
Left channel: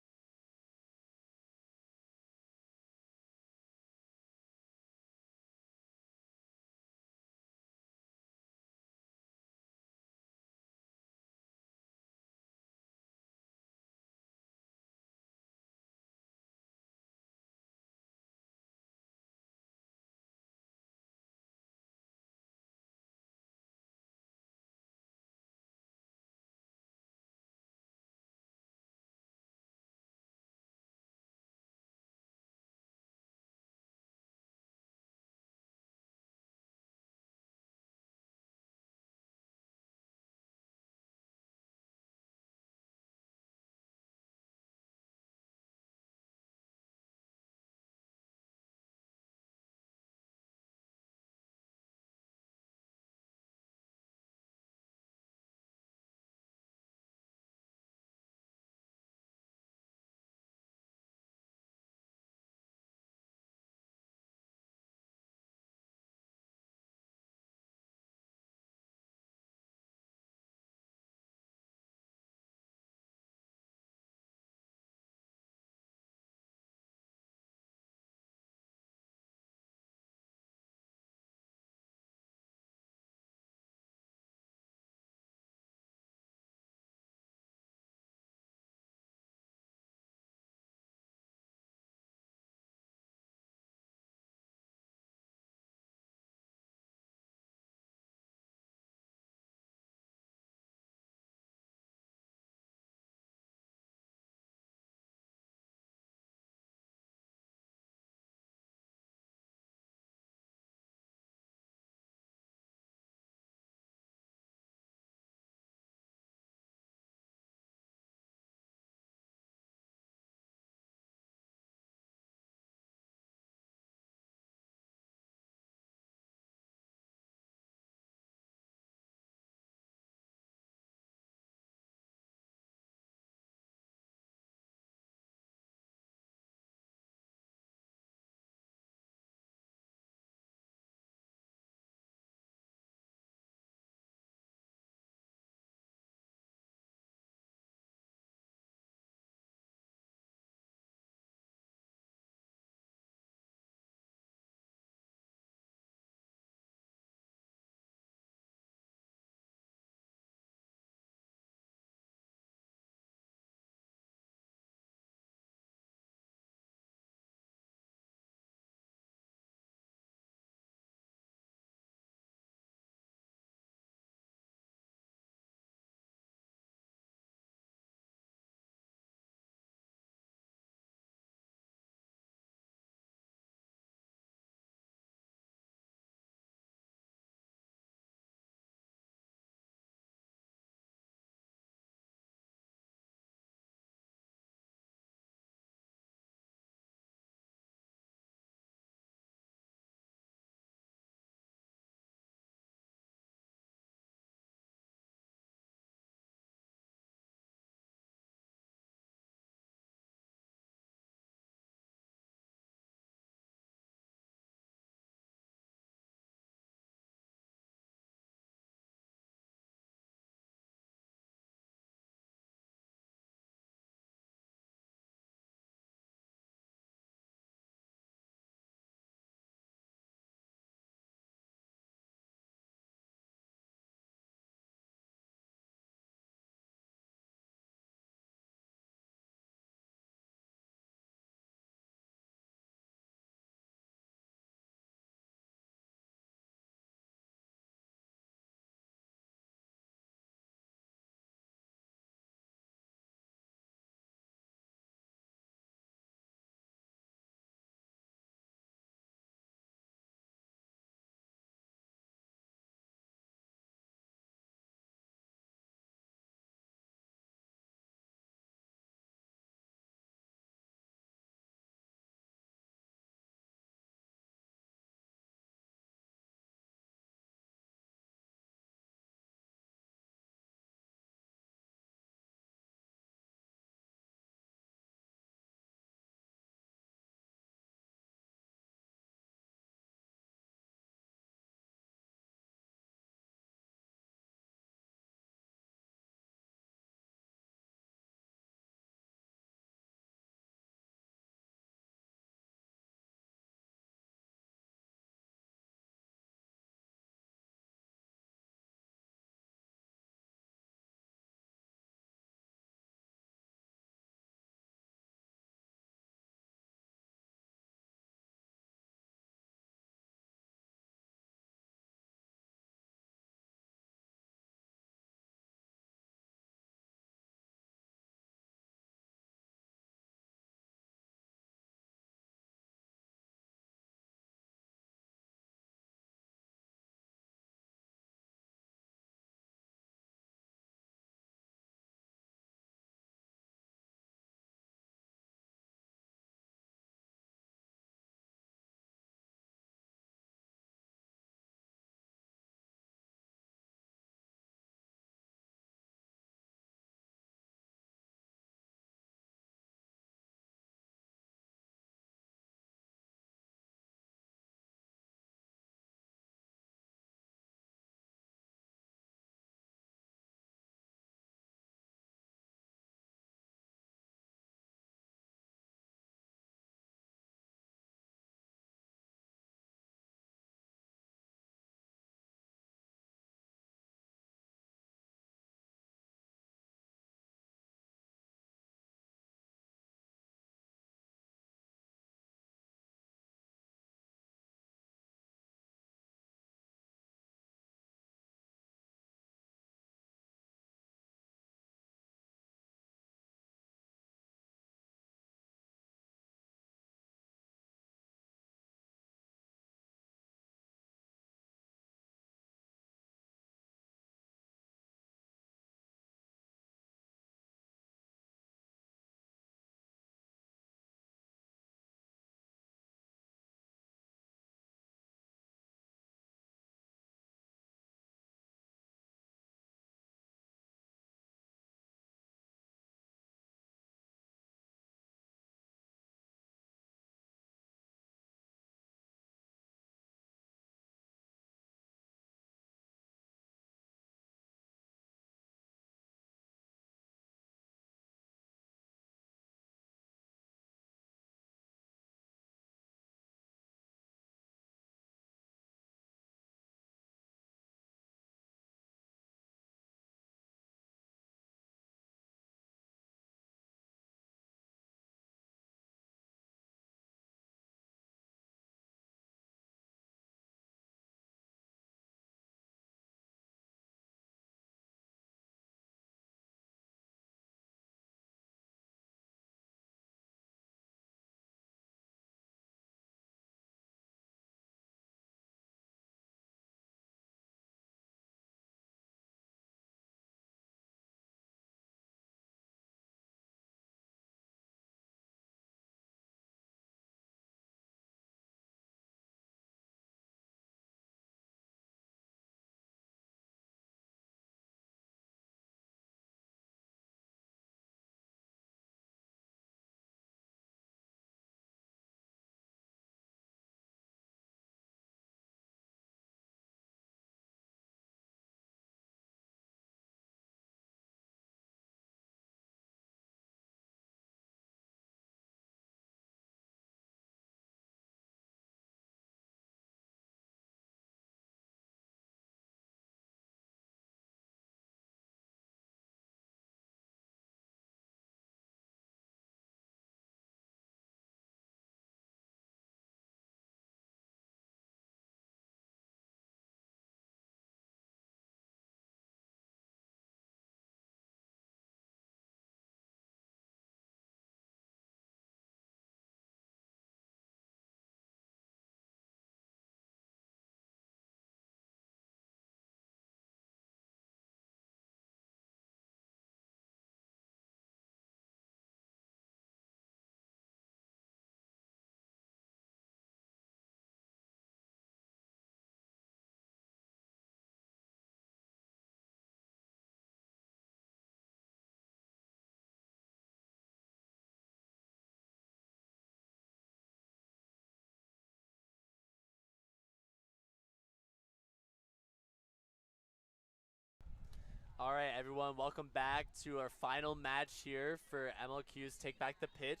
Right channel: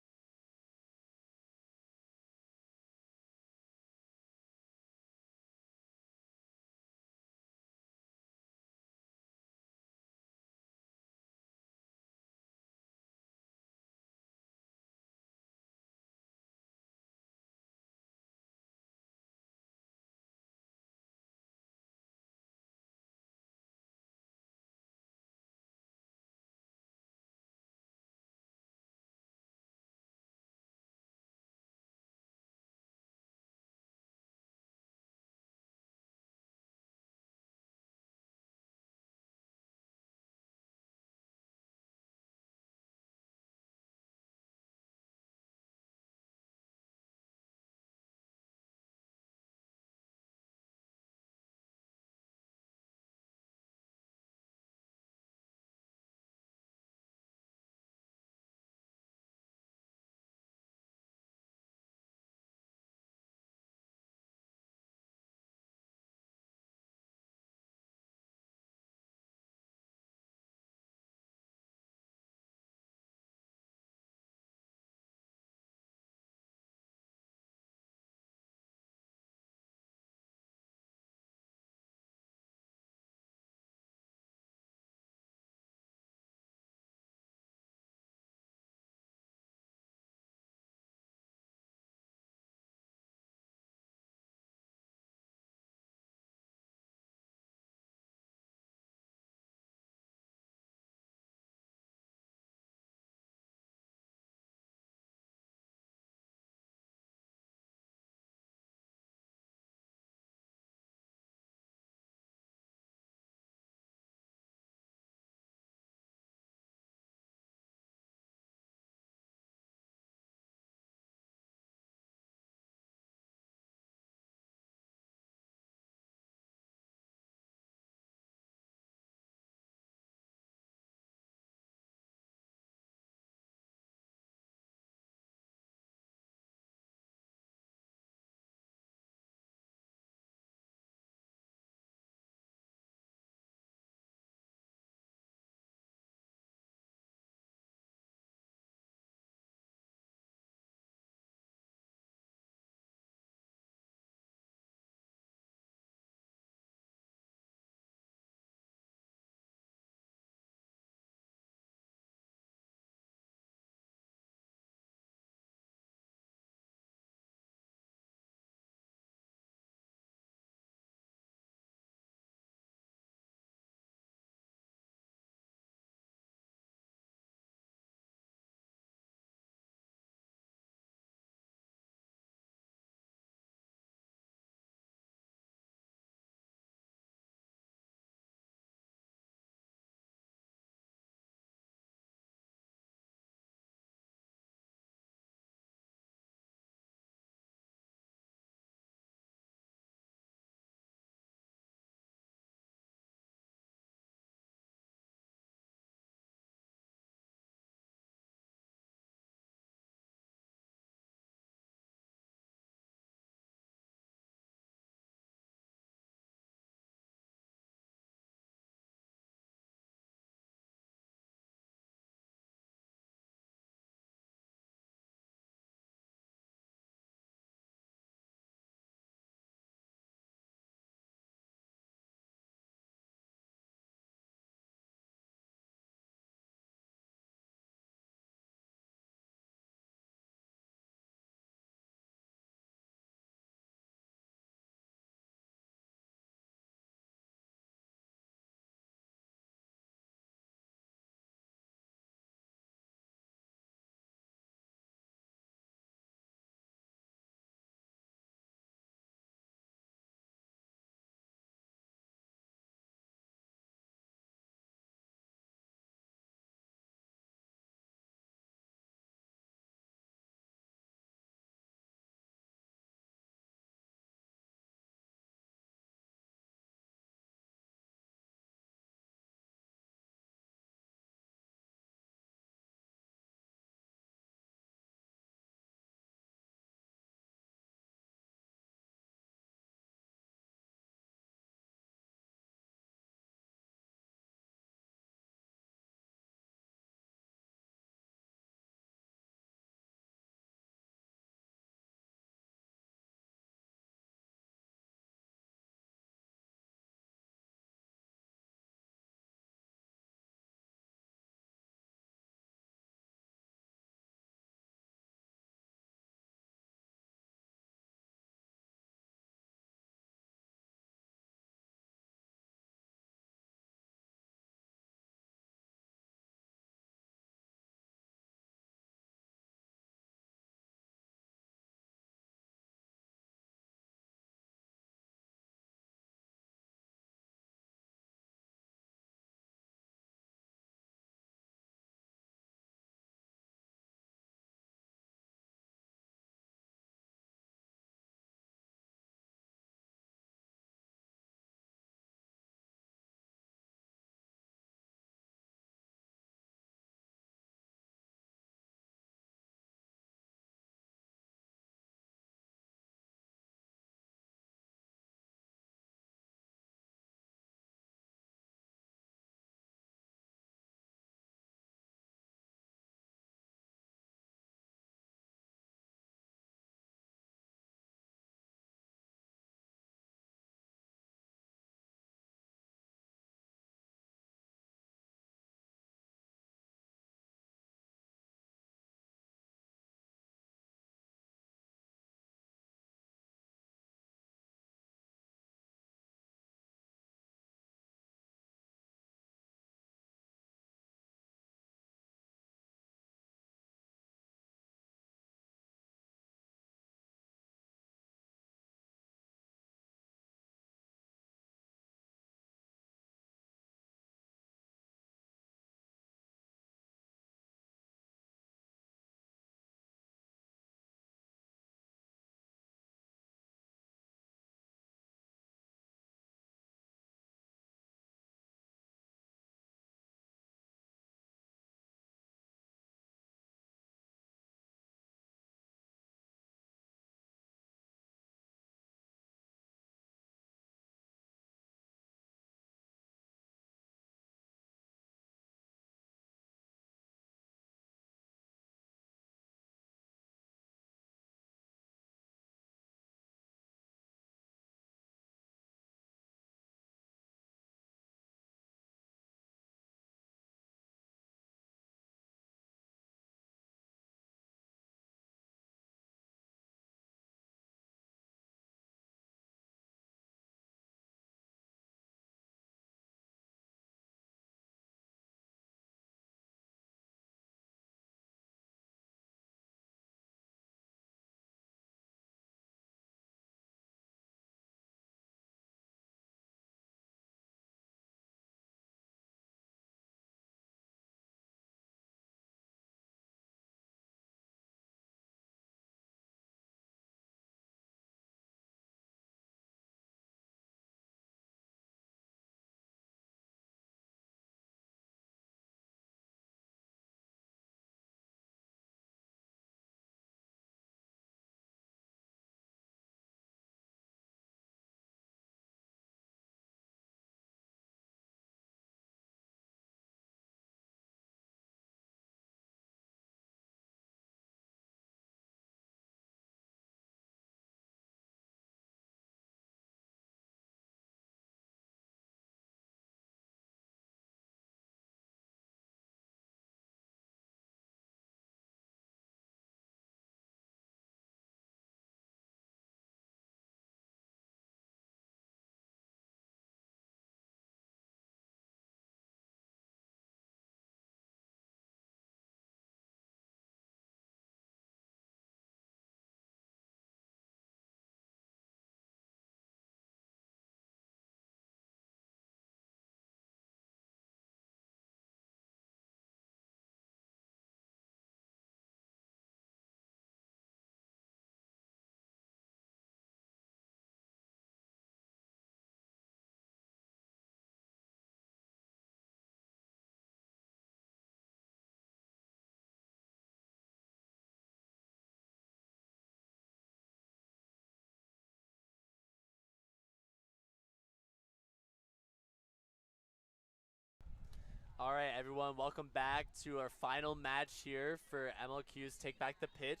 All right, everyone, welcome back to our final match here for MLQ's Take Back the Pitch.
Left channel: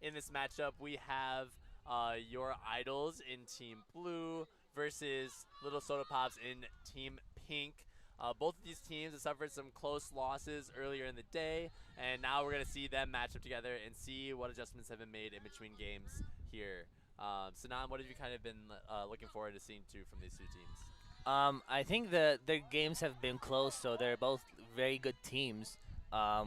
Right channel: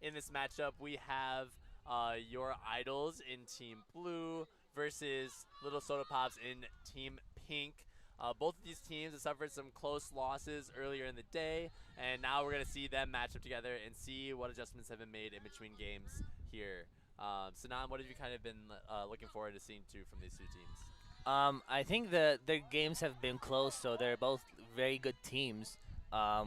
In this matchup, we have your Idols in Team Blue versus Little Soda Pops in Team Pink. Both of these teams have suffered some close losses earlier in the day, and now we're going to see them match up together and see what adjustments have been made in between games here. Sanan, what have you kind of been looking forward to seeing from these two teams? I think their games have been close, so they're both very good teams.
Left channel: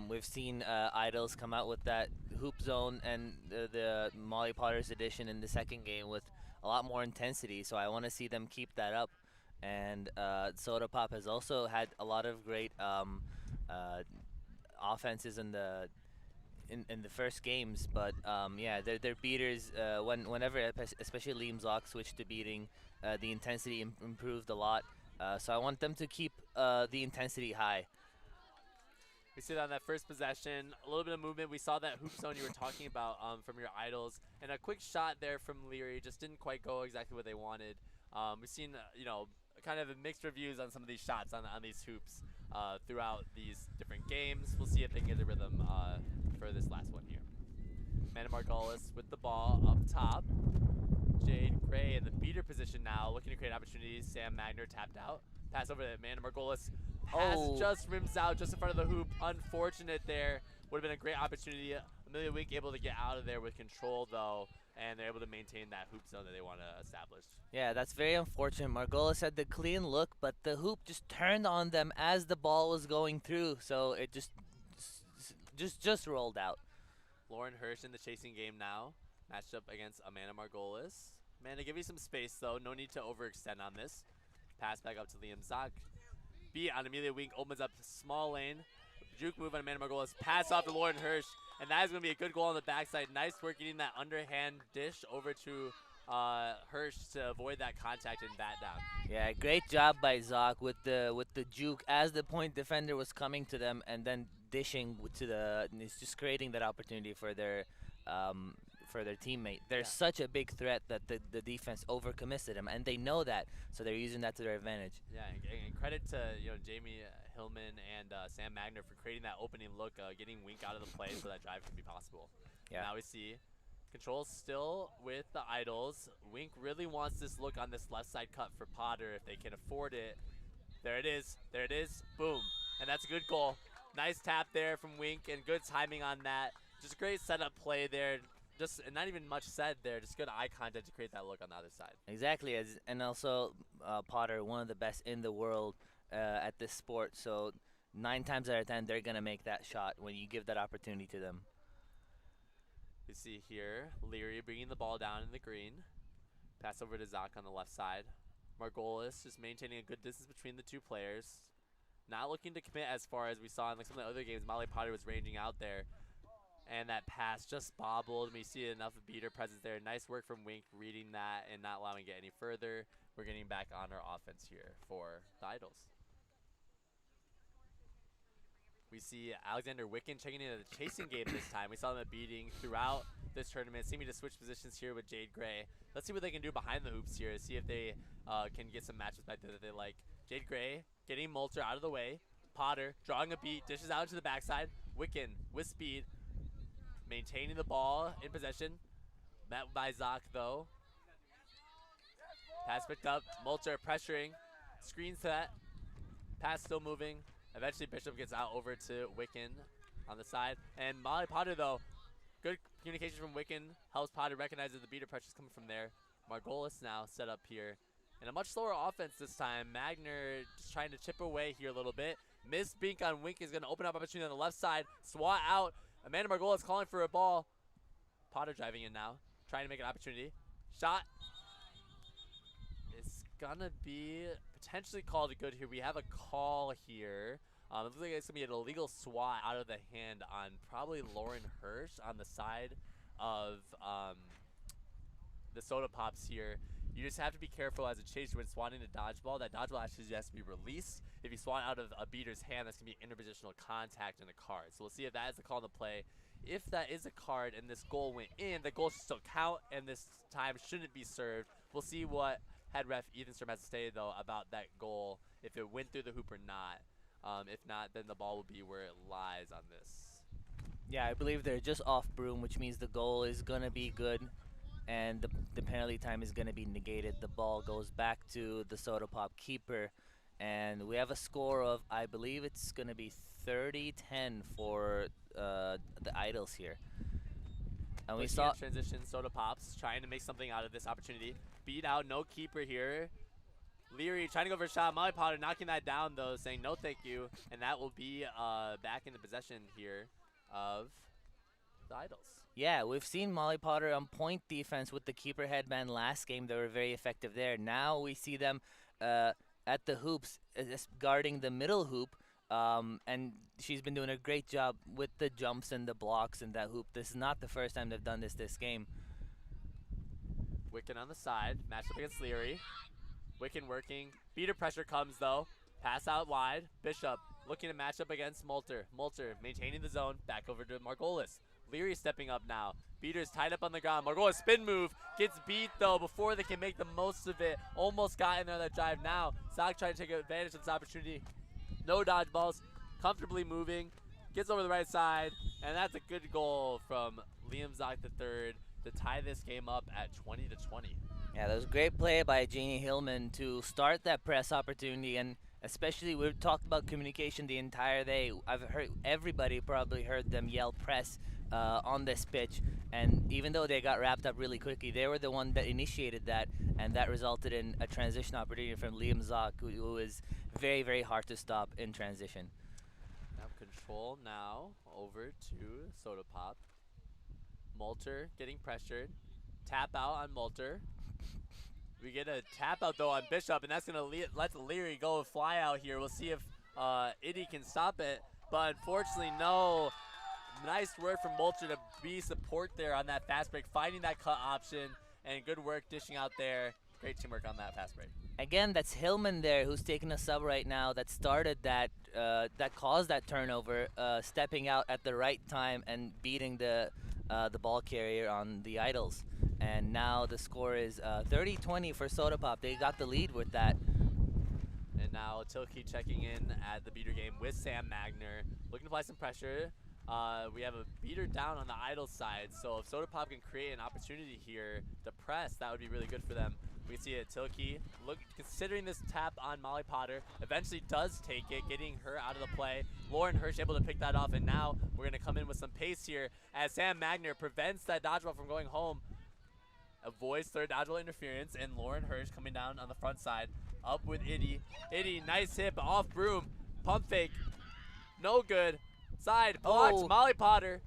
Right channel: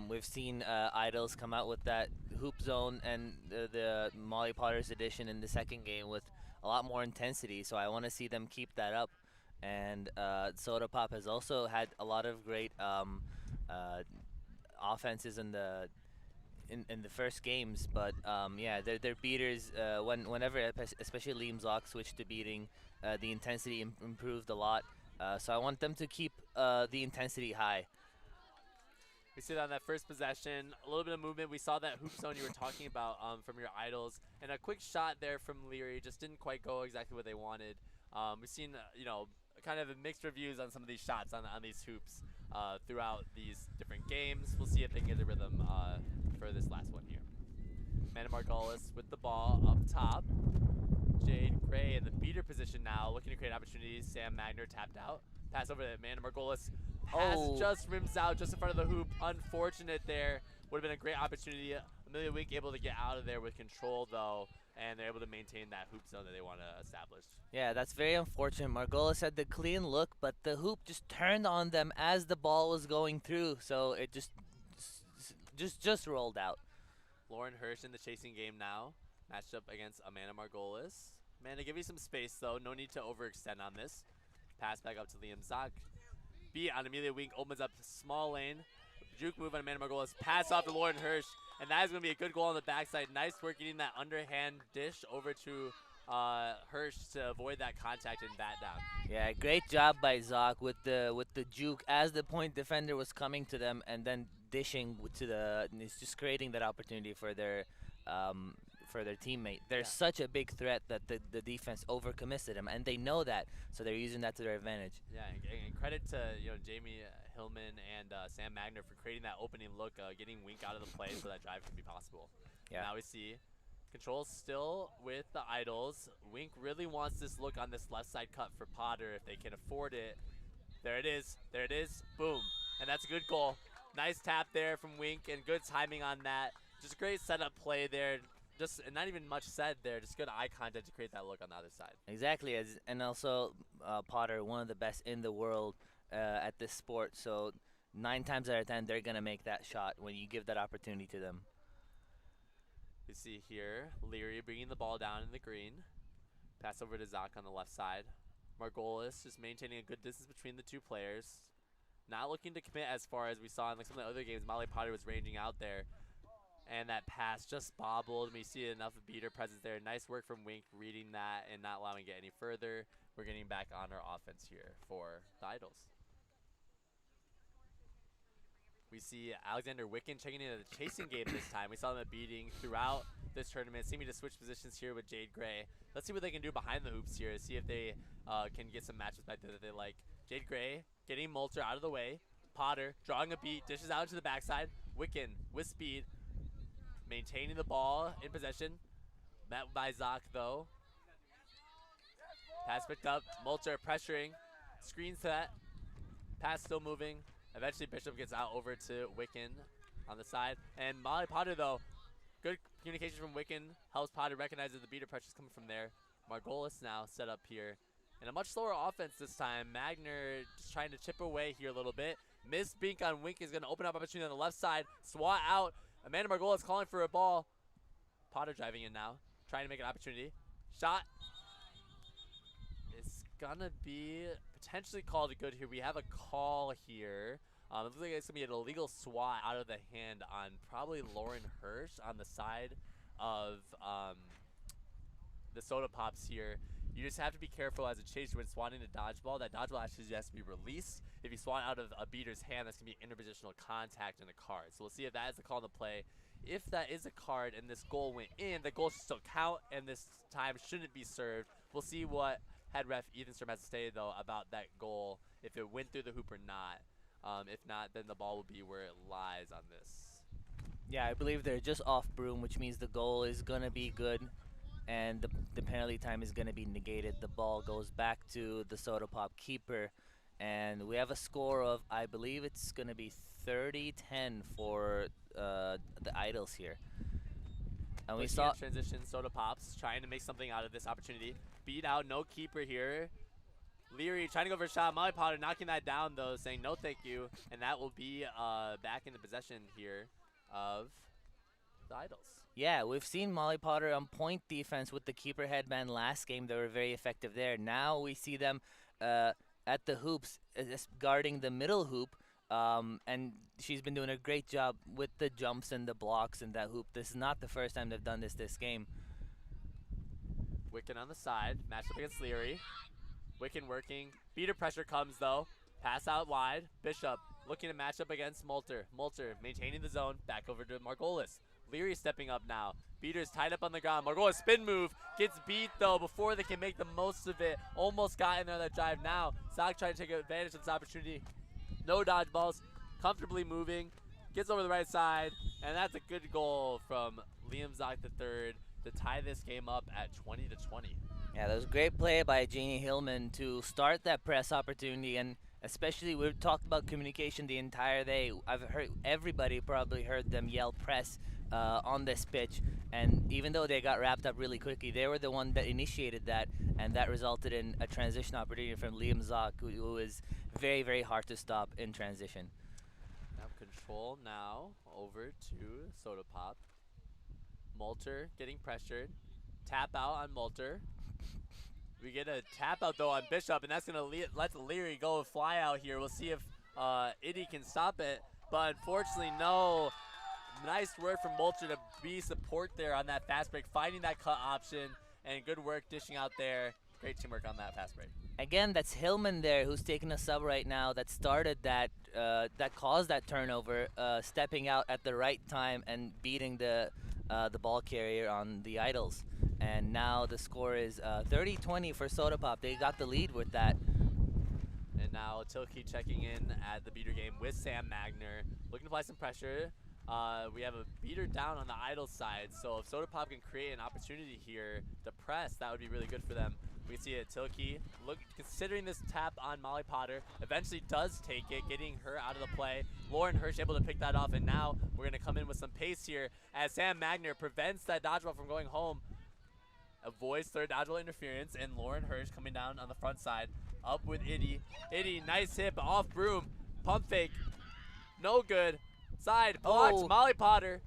We've seen Idols come out with that hoop zone and the Molly Potter's edition in the second game with a lot more intensity, so I want to see them keep that up. And Soda Pop has also had a lot of great offenses in the first games, but yeah, their beaters whenever especially Liam Zoc switched to beating, the intensity improved a lot. So I want them to keep the intensity high. We see that on that first possession, a little bit of movement. We saw that hoop zone you were talking about from your Idols, and a quick shot there from Leary just didn't quite go exactly what they wanted. We've seen kind of mixed reviews on some of these shots on these hoops throughout these different games. We'll see if they can get the rhythm for this last one here. Amanda Margolis with the ball up top. Jade Gray in the beater position now, looking to create opportunities. Sam Magner tapped out. Pass over to Amanda Margolis. Pass just rims out just in front of the hoop. Unfortunate there. Would have been a great opportunity. Amelia Wink able to get out of there with control though, and they're able to maintain that hoop zone that they want to establish. Yeah, that's very unfortunate. Margolis had the clean look, but the hoop just turned on them as the ball was going through, so it just rolled out. Lauren Hirsch in the chasing game now, matched up against Amanda Margolis. Amanda, give you some space though. No need to overextend on this. Pass back up to Liam Zoc. Beat on Amelia Wink opens up small lane. Juke move on Amanda Margolis. Pass off to Lauren Hirsch. And that is going to be a good goal on the backside. Nice work getting that underhand dish over to Hirsch to avoid that contact and bat down. Yeah, great job by Zoc with the juke as the point defender was coming to them, and then dishing to it's just creating that opportunity for their teammate. They're such a big threat that the defense overcommits to them, and they know that, so they're using that to their advantage. Yeah, and credit to Jamie Hillman and Sam Magner for creating that opening look, getting Wink out of the play so that drive can be possible. Yeah. Now we see control still with the Idols. Wink really wants this look on this left side cut for Potter if they can afford it. There it is. There it is. Boom. And that's a good goal. Nice tap there from Wink and good timing on that. Just great setup play there. Just not even much said there. Just good eye contact to create that look on the other side. Exactly. And also Potter, one of the best in the world at this sport. So 9 times out of 10, they're going to make that shot when you give that opportunity to them. You see here, Leary bringing the ball down in the green. Pass over to Zoc on the left side. Margolis just maintaining a good distance between the two players. Not looking to commit as far as we saw in some of the other games. Molly Potter was ranging out there. And that pass just bobbled. We see enough of beater presence there. Nice work from Wink reading that and not allowing it to get any further. We're getting back on our offense here for the Idols. We see Alexander Wicken checking into the chasing game this time. We saw them beating throughout this tournament. Seeming to switch positions here with Jade Gray. Let's see what they can do behind the hoops here. See if they can get some matches back there that they like. Jade Gray getting Moulter out of the way. Potter drawing a beat, dishes out to the backside. Wicken with speed, maintaining the ball in possession. Met by Zoc though. Pass picked up. Moulter pressuring. Screen set. Pass still moving. Eventually Bishop gets out over to Wicken on the side. And Molly Potter though, good communication from Wicken. Helps Potter recognize that the beater pressure is coming from there. Margolis now set up here. And a much slower offense this time. Magner just trying to chip away here a little bit. Miss Bink on Wink is going to open up opportunity on the left side. Swat out. Amanda Margolis calling for a ball. Potter driving in now. Trying to make an opportunity. Shot. It's going to be potentially called good here. We have a call here. It looks like it's going to be an illegal swat out of the hand on probably Lauren Hirsch on the side of the Soda Pops here. You just have to be careful as a chaser when swatting a dodgeball. That dodgeball actually has to be released. If you swat out of a beater's hand, that's going to be interpositional contact in a card. So we'll see if that is the call on the play. If that is a card and this goal went in, the goal should still count, and this time shouldn't be served. We'll see what head ref Ethan Sturm has to say, though, about that goal, if it went through the hoop or not. If not, then the ball will be where it lies on this. Yeah, I believe they're just off broom, which means the goal is going to be good, and the penalty time is going to be negated. The ball goes back to the Soda Pop keeper, and we have a score of, I believe it's going to be 30-10 for the Idols here. And we saw transition. Soda Pops trying to make something out of this opportunity. Beat out, no keeper here. Leary trying to go for a shot. Molly Potter knocking that down though, saying no thank you, and that will be back in the possession here of the Idols. Yeah, we've seen Molly Potter on point defense with the keeper headband last game. They were very effective there. Now we see them at the hoops, guarding the middle hoop, and she's been doing a great job with the jumps and the blocks in that hoop. This is not the first time they've done this game. Wicken on the side, matched up against Leary. Wicken working. Beater pressure comes though. Pass out wide. Bishop looking to match up against Molter. Molter maintaining the zone. Back over to Margolis. Leary stepping up now. Beater's tied up on the ground. Margolis spin move. Gets beat though before they can make the most of it. Almost got in there that drive now. Zach trying to take advantage of this opportunity. No dodgeballs. Comfortably moving. Gets over the right side. And that's a good goal from Liam Zach III to tie this game up at 20-20. Yeah, that was a great play by Janie Hillman to start that press opportunity, and especially we've talked about communication the entire day. I've heard everybody probably heard them yell press on this pitch, and even though they got wrapped up really quickly, they were the one that initiated that, and that resulted in a transition opportunity from Liam Zock, who is very, very hard to stop in transition. Now control now over to Soda Pop. Molter getting pressured. Tap out on Molter. We get a tap out though on Bishop, and that's gonna let Leary go fly out here. We'll see if Iddy can stop it, but unfortunately no. Nice work from Molter to be support there on that fast break, finding that cut option, and good work dishing out there. Great teamwork on that fast break. Again, that's Hillman there who's taking a sub right now that started that, that caused that turnover, stepping out at the right time and beating the ball carrier on the Idols. And now the score is 30-20 for Soda Pop. They got the lead with that. And now Tilke checking in at the beater game with Sam Magner, looking to apply some pressure. We have a beater down on the Idols side, so if Soda Pop can create an opportunity here to press, that would be really good for them. We can see it, Tilke, considering this tap on Molly Potter, eventually does take it, getting her out of the play. Lauren Hirsch able to pick that off, and now we're going to come in with some pace here as Sam Magner prevents that dodgeball from going home. Avoids third dodgeball interference, and Lauren Hirsch coming down on the front side, up with Iddy. Iddy, nice hit, but off broom. Pump fake, no good. Side, blocked, Oh. Molly Potter,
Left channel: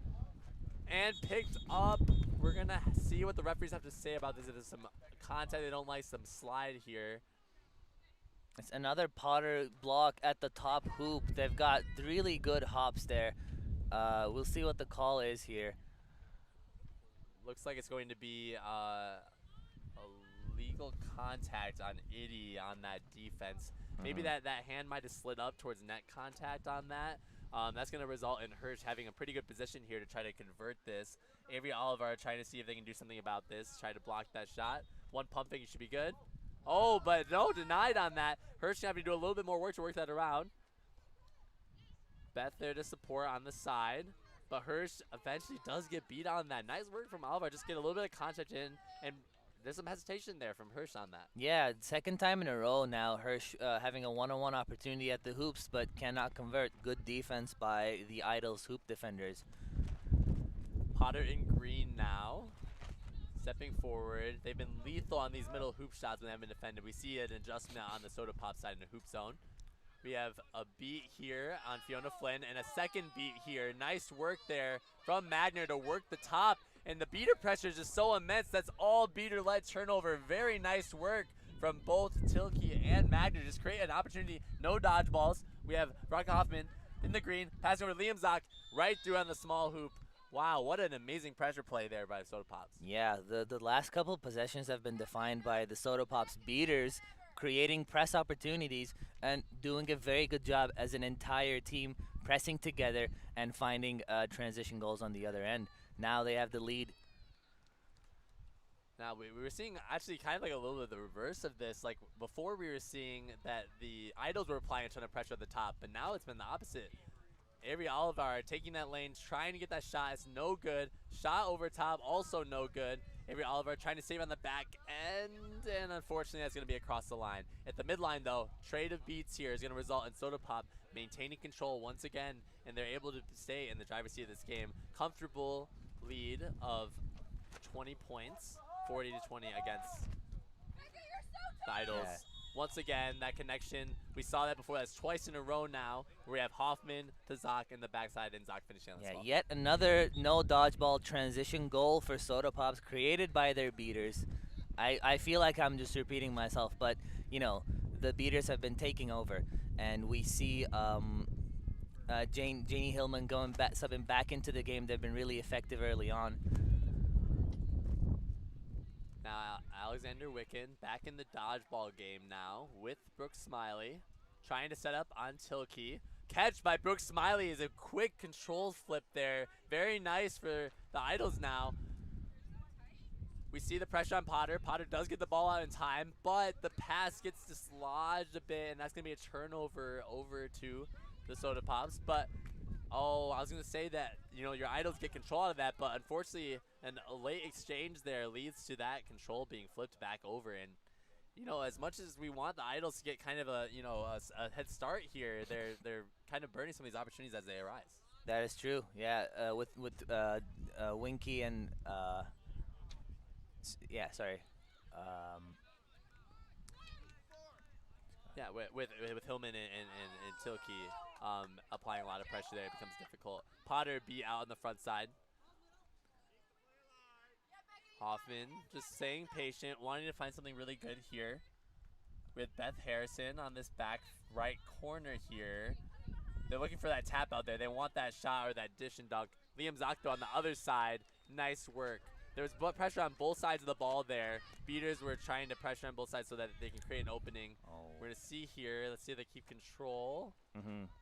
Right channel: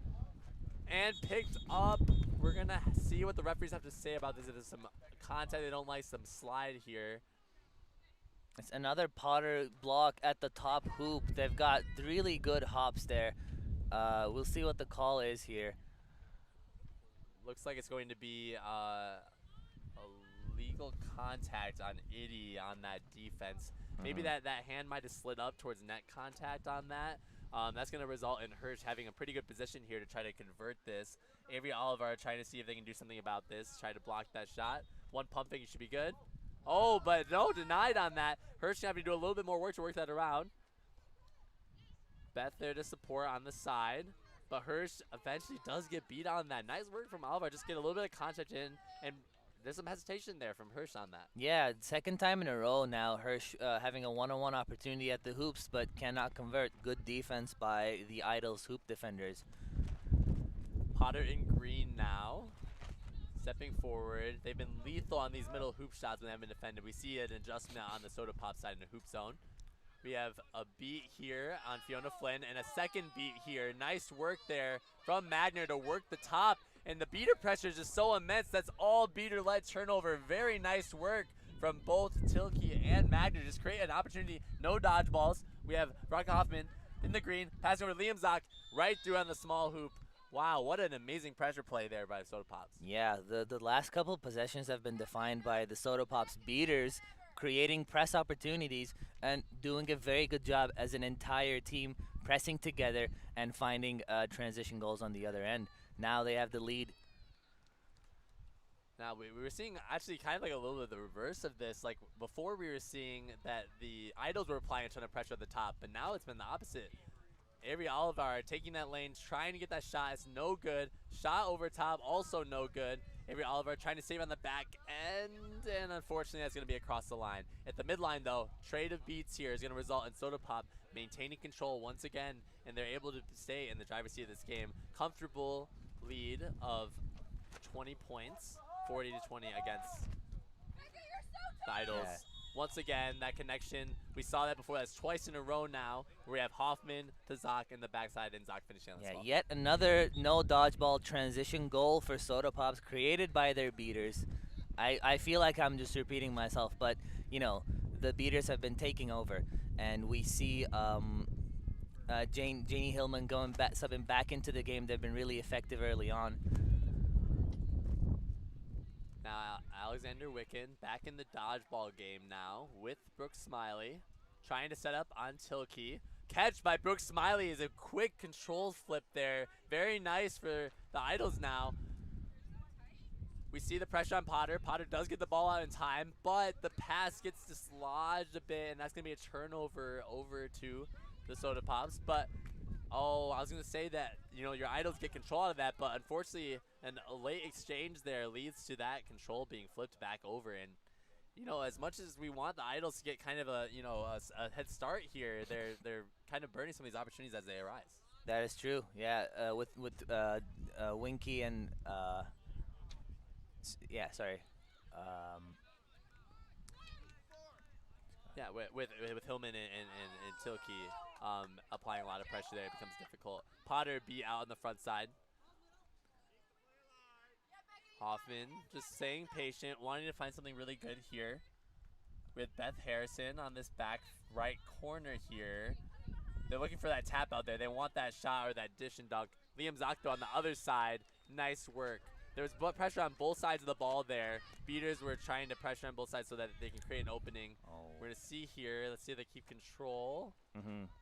and picked up. We're going to see what the referees have to say about this. If there's some contact they don't like, some slide here. It's another Potter block at the top hoop. They've got really good hops there. We'll see what the call is here. Looks like it's going to be a legal contact on Iddy on that defense. Maybe that hand might have slid up towards net contact on that. That's going to result in Hirsch having a pretty good position here to try to convert this. Avery Oliver trying to see if they can do something about this, try to block that shot. One pump fake, should be good. Oh, but no, denied on that. Hirsch going to have to do a little bit more work to work that around. Beth there to support on the side. But Hirsch eventually does get beat on that. Nice work from Oliver. Just get a little bit of contact in, and there's some hesitation there from Hirsch on that. Yeah, second time in a row now, Hirsch having a one-on-one opportunity at the hoops, but cannot convert. Good defense by the Idols hoop defenders. Potter in green now, stepping forward. They've been lethal on these middle hoop shots when they haven't been defended. We see an adjustment on the Soda Pop side in the hoop zone. We have a beat here on Fiona Flynn and a second beat here. Nice work there from Magner to work the top. And the beater pressure is just so immense. That's all beater-led turnover. Very nice work from both Tilke and Magner. Just create an opportunity. No dodgeballs. We have Veronica Hoffman in the green. Passing over to Liam Zock right through on the small hoop. Wow, what an amazing pressure play there by the Soda Pops. Yeah, the last couple of possessions have been defined by the Soda Pops beaters creating press opportunities and doing a very good job as an entire team pressing together and finding transition goals on the other end. Now they have the lead. Now we were seeing actually kind of like a little bit of the reverse of this. Like before we were seeing that the Idols were applying a ton of pressure at the top, but now it's been the opposite. Avery Oliver taking that lane, trying to get that shot. It's no good. Shot over top, also no good. Avery Oliver trying to save on the back end, and unfortunately that's going to be across the line. At the midline though, trade of beats here is going to result in Soda Pop maintaining control once again, and they're able to stay in the driver's seat of this game. Comfortable lead of 20 points, 40 to 20 against the Idols. Yeah. Once again, that connection, we saw that before. That's twice in a row now, where we have Hoffman to Zoc in the backside and Zoc finishing on the spot. Yet another no dodgeball transition goal for Soda Pops created by their beaters. I feel like I'm just repeating myself, but you know, the beaters have been taking over, and we see Janie Hillman subbing back into the game. They've been really effective early on. Now Alexander Wicken back in the dodgeball game now with Brooks Smiley, trying to set up on Tilkey. Catch by Brooks Smiley is a quick control flip there. Very nice for the Idols now. We see the pressure on Potter. Potter does get the ball out in time, but the pass gets dislodged a bit, and that's going to be a turnover over to the Soda Pops. But, oh, I was going to say that, you know, your Idols get control out of that, but unfortunately, a late exchange there leads to that control being flipped back over. And, you know, as much as we want the Idols to get kind of a, you know, a head start here, they're kind of burning some of these opportunities as they arise. That is true. Yeah, with Winky and Yeah, with Hillman and Tilkey applying a lot of pressure there, it becomes difficult. Potter be out on the front side. Hoffman just staying patient, wanting to find something really good here. With Beth Harrison on this back right corner here. They're looking for that tap out there. They want that shot or that dish and dunk. Liam Zocto on the other side. Nice work. There was pressure on both sides of the ball there. Beaters were trying to pressure on both sides so that they can create an opening. We're going to see here. Let's see if they keep control.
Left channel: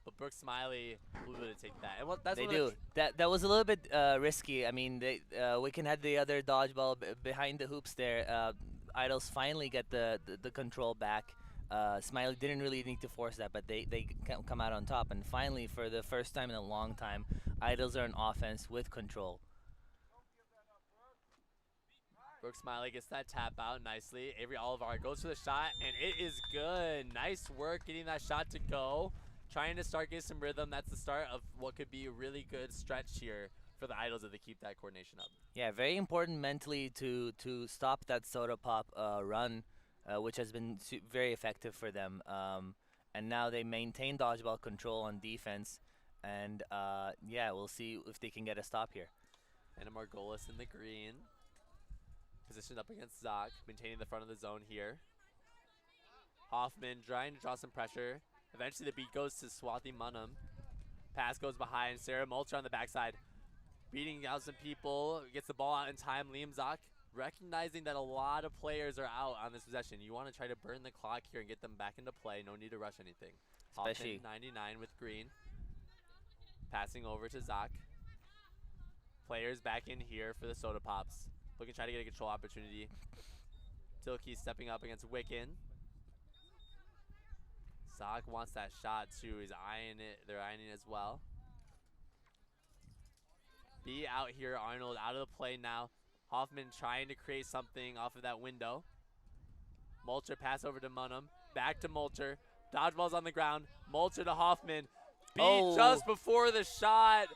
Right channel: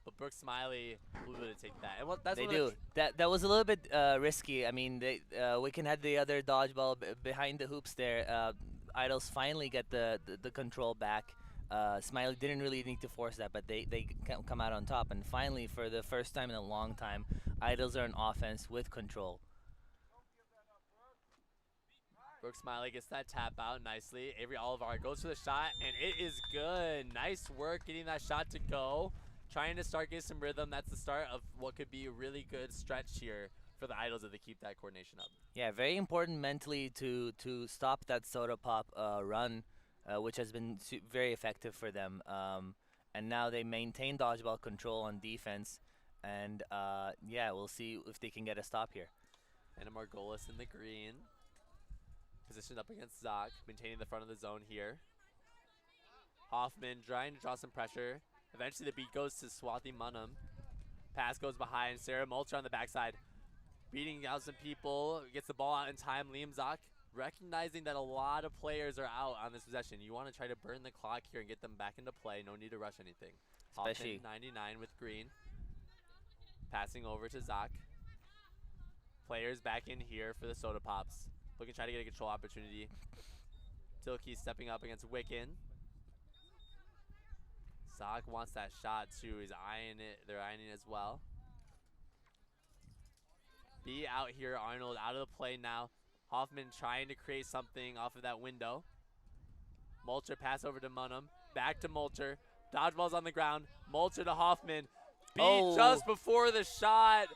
But Brooks Smiley blew to take that. And that's they do. That was a little bit risky. I mean, Wicken had the other dodgeball behind the hoops there. Idols finally get the control back. Smiley didn't really need to force that, but they come out on top. And finally, for the first time in a long time, Idols are on offense with control. Brooks Smiley gets that tap out nicely. Avery Oliver goes for the shot, and it is good. Nice work getting that shot to go. Trying to start getting some rhythm. That's the start of what could be a really good stretch here for the Idols if they keep that coordination up. Yeah, very important mentally to stop that Soda Pop run, which has been very effective for them. And now they maintain dodgeball control on defense. And yeah, we'll see if they can get a stop here. Anna Margolis in the green. Positioned up against Zoc, maintaining the front of the zone here. Hoffman trying to draw some pressure. Eventually the beat goes to Swathi Munham. Pass goes behind. Sarah Mulcher on the backside. Beating out some people. Gets the ball out in time. Liam Zoc recognizing that a lot of players are out on this possession. You want to try to burn the clock here and get them back into play. No need to rush anything. Especially Hoffman 99 with green. Passing over to Zoc. Players back in here for the Soda Pops. Looking to try to get a control opportunity. Tilkey stepping up against Wicken. Zoc wants that shot too. He's eyeing it. They're eyeing it as well. B out here. Arnold out of the play now. Hoffman trying to create something off of that window. Mulcher pass over to Munham. Back to Mulcher. Dodgeball's on the ground. Mulcher to Hoffman. B just before the shot.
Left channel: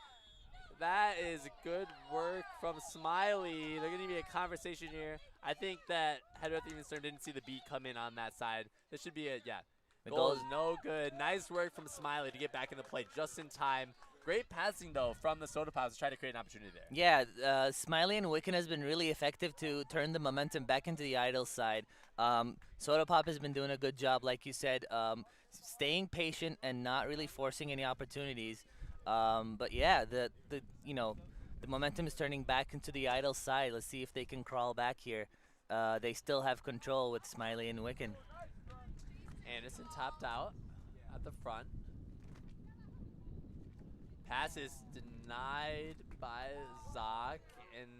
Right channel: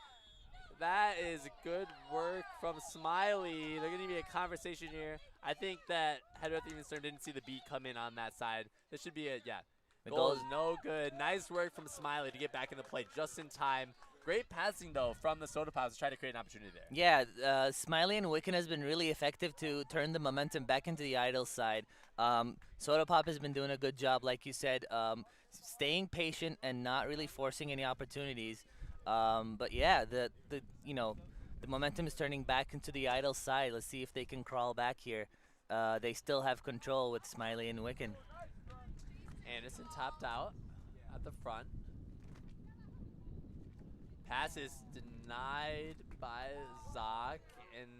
That is good work from Smiley. They're going to be a conversation here. I think that Hedwig Evenstern didn't see the beat come in on that side. This should be a, yeah. The goal is no good. Nice work from Smiley to get back in the play just in time. Great passing, though, from the Soda Pops to try to create an opportunity there. Yeah, Smiley and Wicken has been really effective to turn the momentum back into the Idols side. Soda Pop has been doing a good job, like you said, staying patient and not really forcing any opportunities. But yeah, the momentum is turning back into the Idols side. Let's see if they can crawl back here. They still have control with Smiley and Wicken. Anderson topped out at the front. Pass is denied by Zoc, and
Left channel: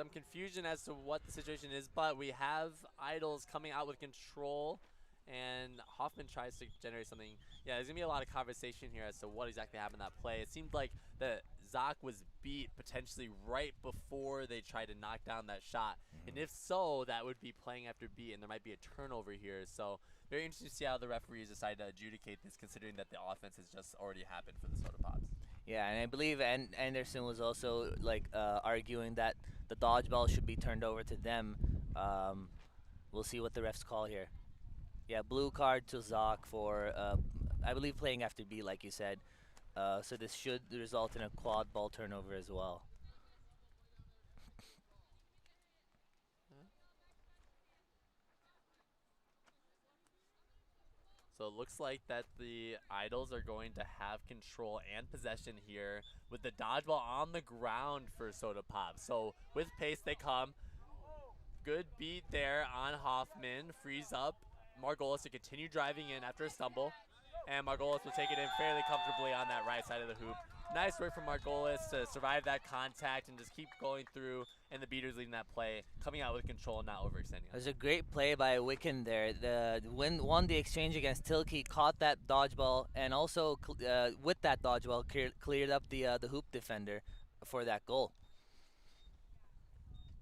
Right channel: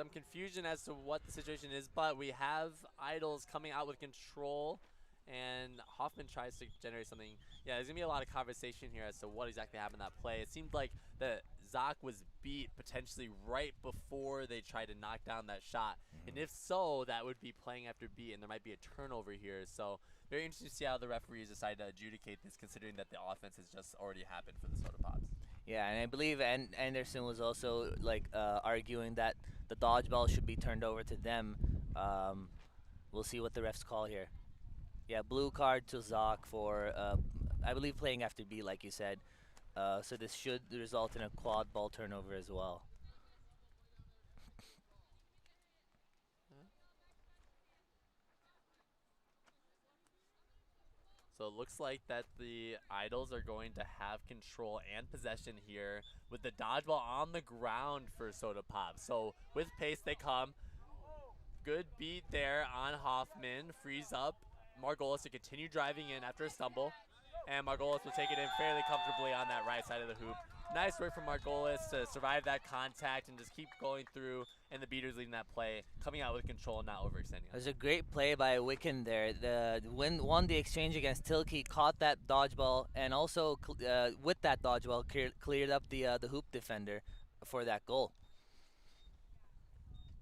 some confusion as to what the situation is, but we have Idols coming out with control, and Hoffman tries to generate something. Yeah, there's going to be a lot of conversation here as to what exactly happened in that play. It seemed like that Zoc was beat potentially right before they tried to knock down that shot. And if so, that would be playing after beat, and there might be a turnover here. So very interesting to see how the referees decide to adjudicate this, considering that the offense has just already happened for the Soda Pops. Yeah, and I believe Anderson was also like arguing that the dodgeball should be turned over to them. We'll see what the refs call here. Yeah, blue card to Zoc for I believe playing after B, like you said. So this should result in a quad ball turnover as well. So it looks like that the Idols are going to have control and possession here with the dodgeball on the ground for Soda Pop. So with pace they come. Good beat there on Hoffman. Frees up Margolis to continue driving in after a stumble. And Margolis will take it in fairly comfortably on that right side of the hoop. Nice work from Margolis to survive that contact and just keep going through, and the beaters leading that play, coming out with control, not overextending. There's a great play by Wiccan there. Won the exchange against Tilke, caught that dodgeball, and also with that dodgeball cleared up the hoop defender for that goal.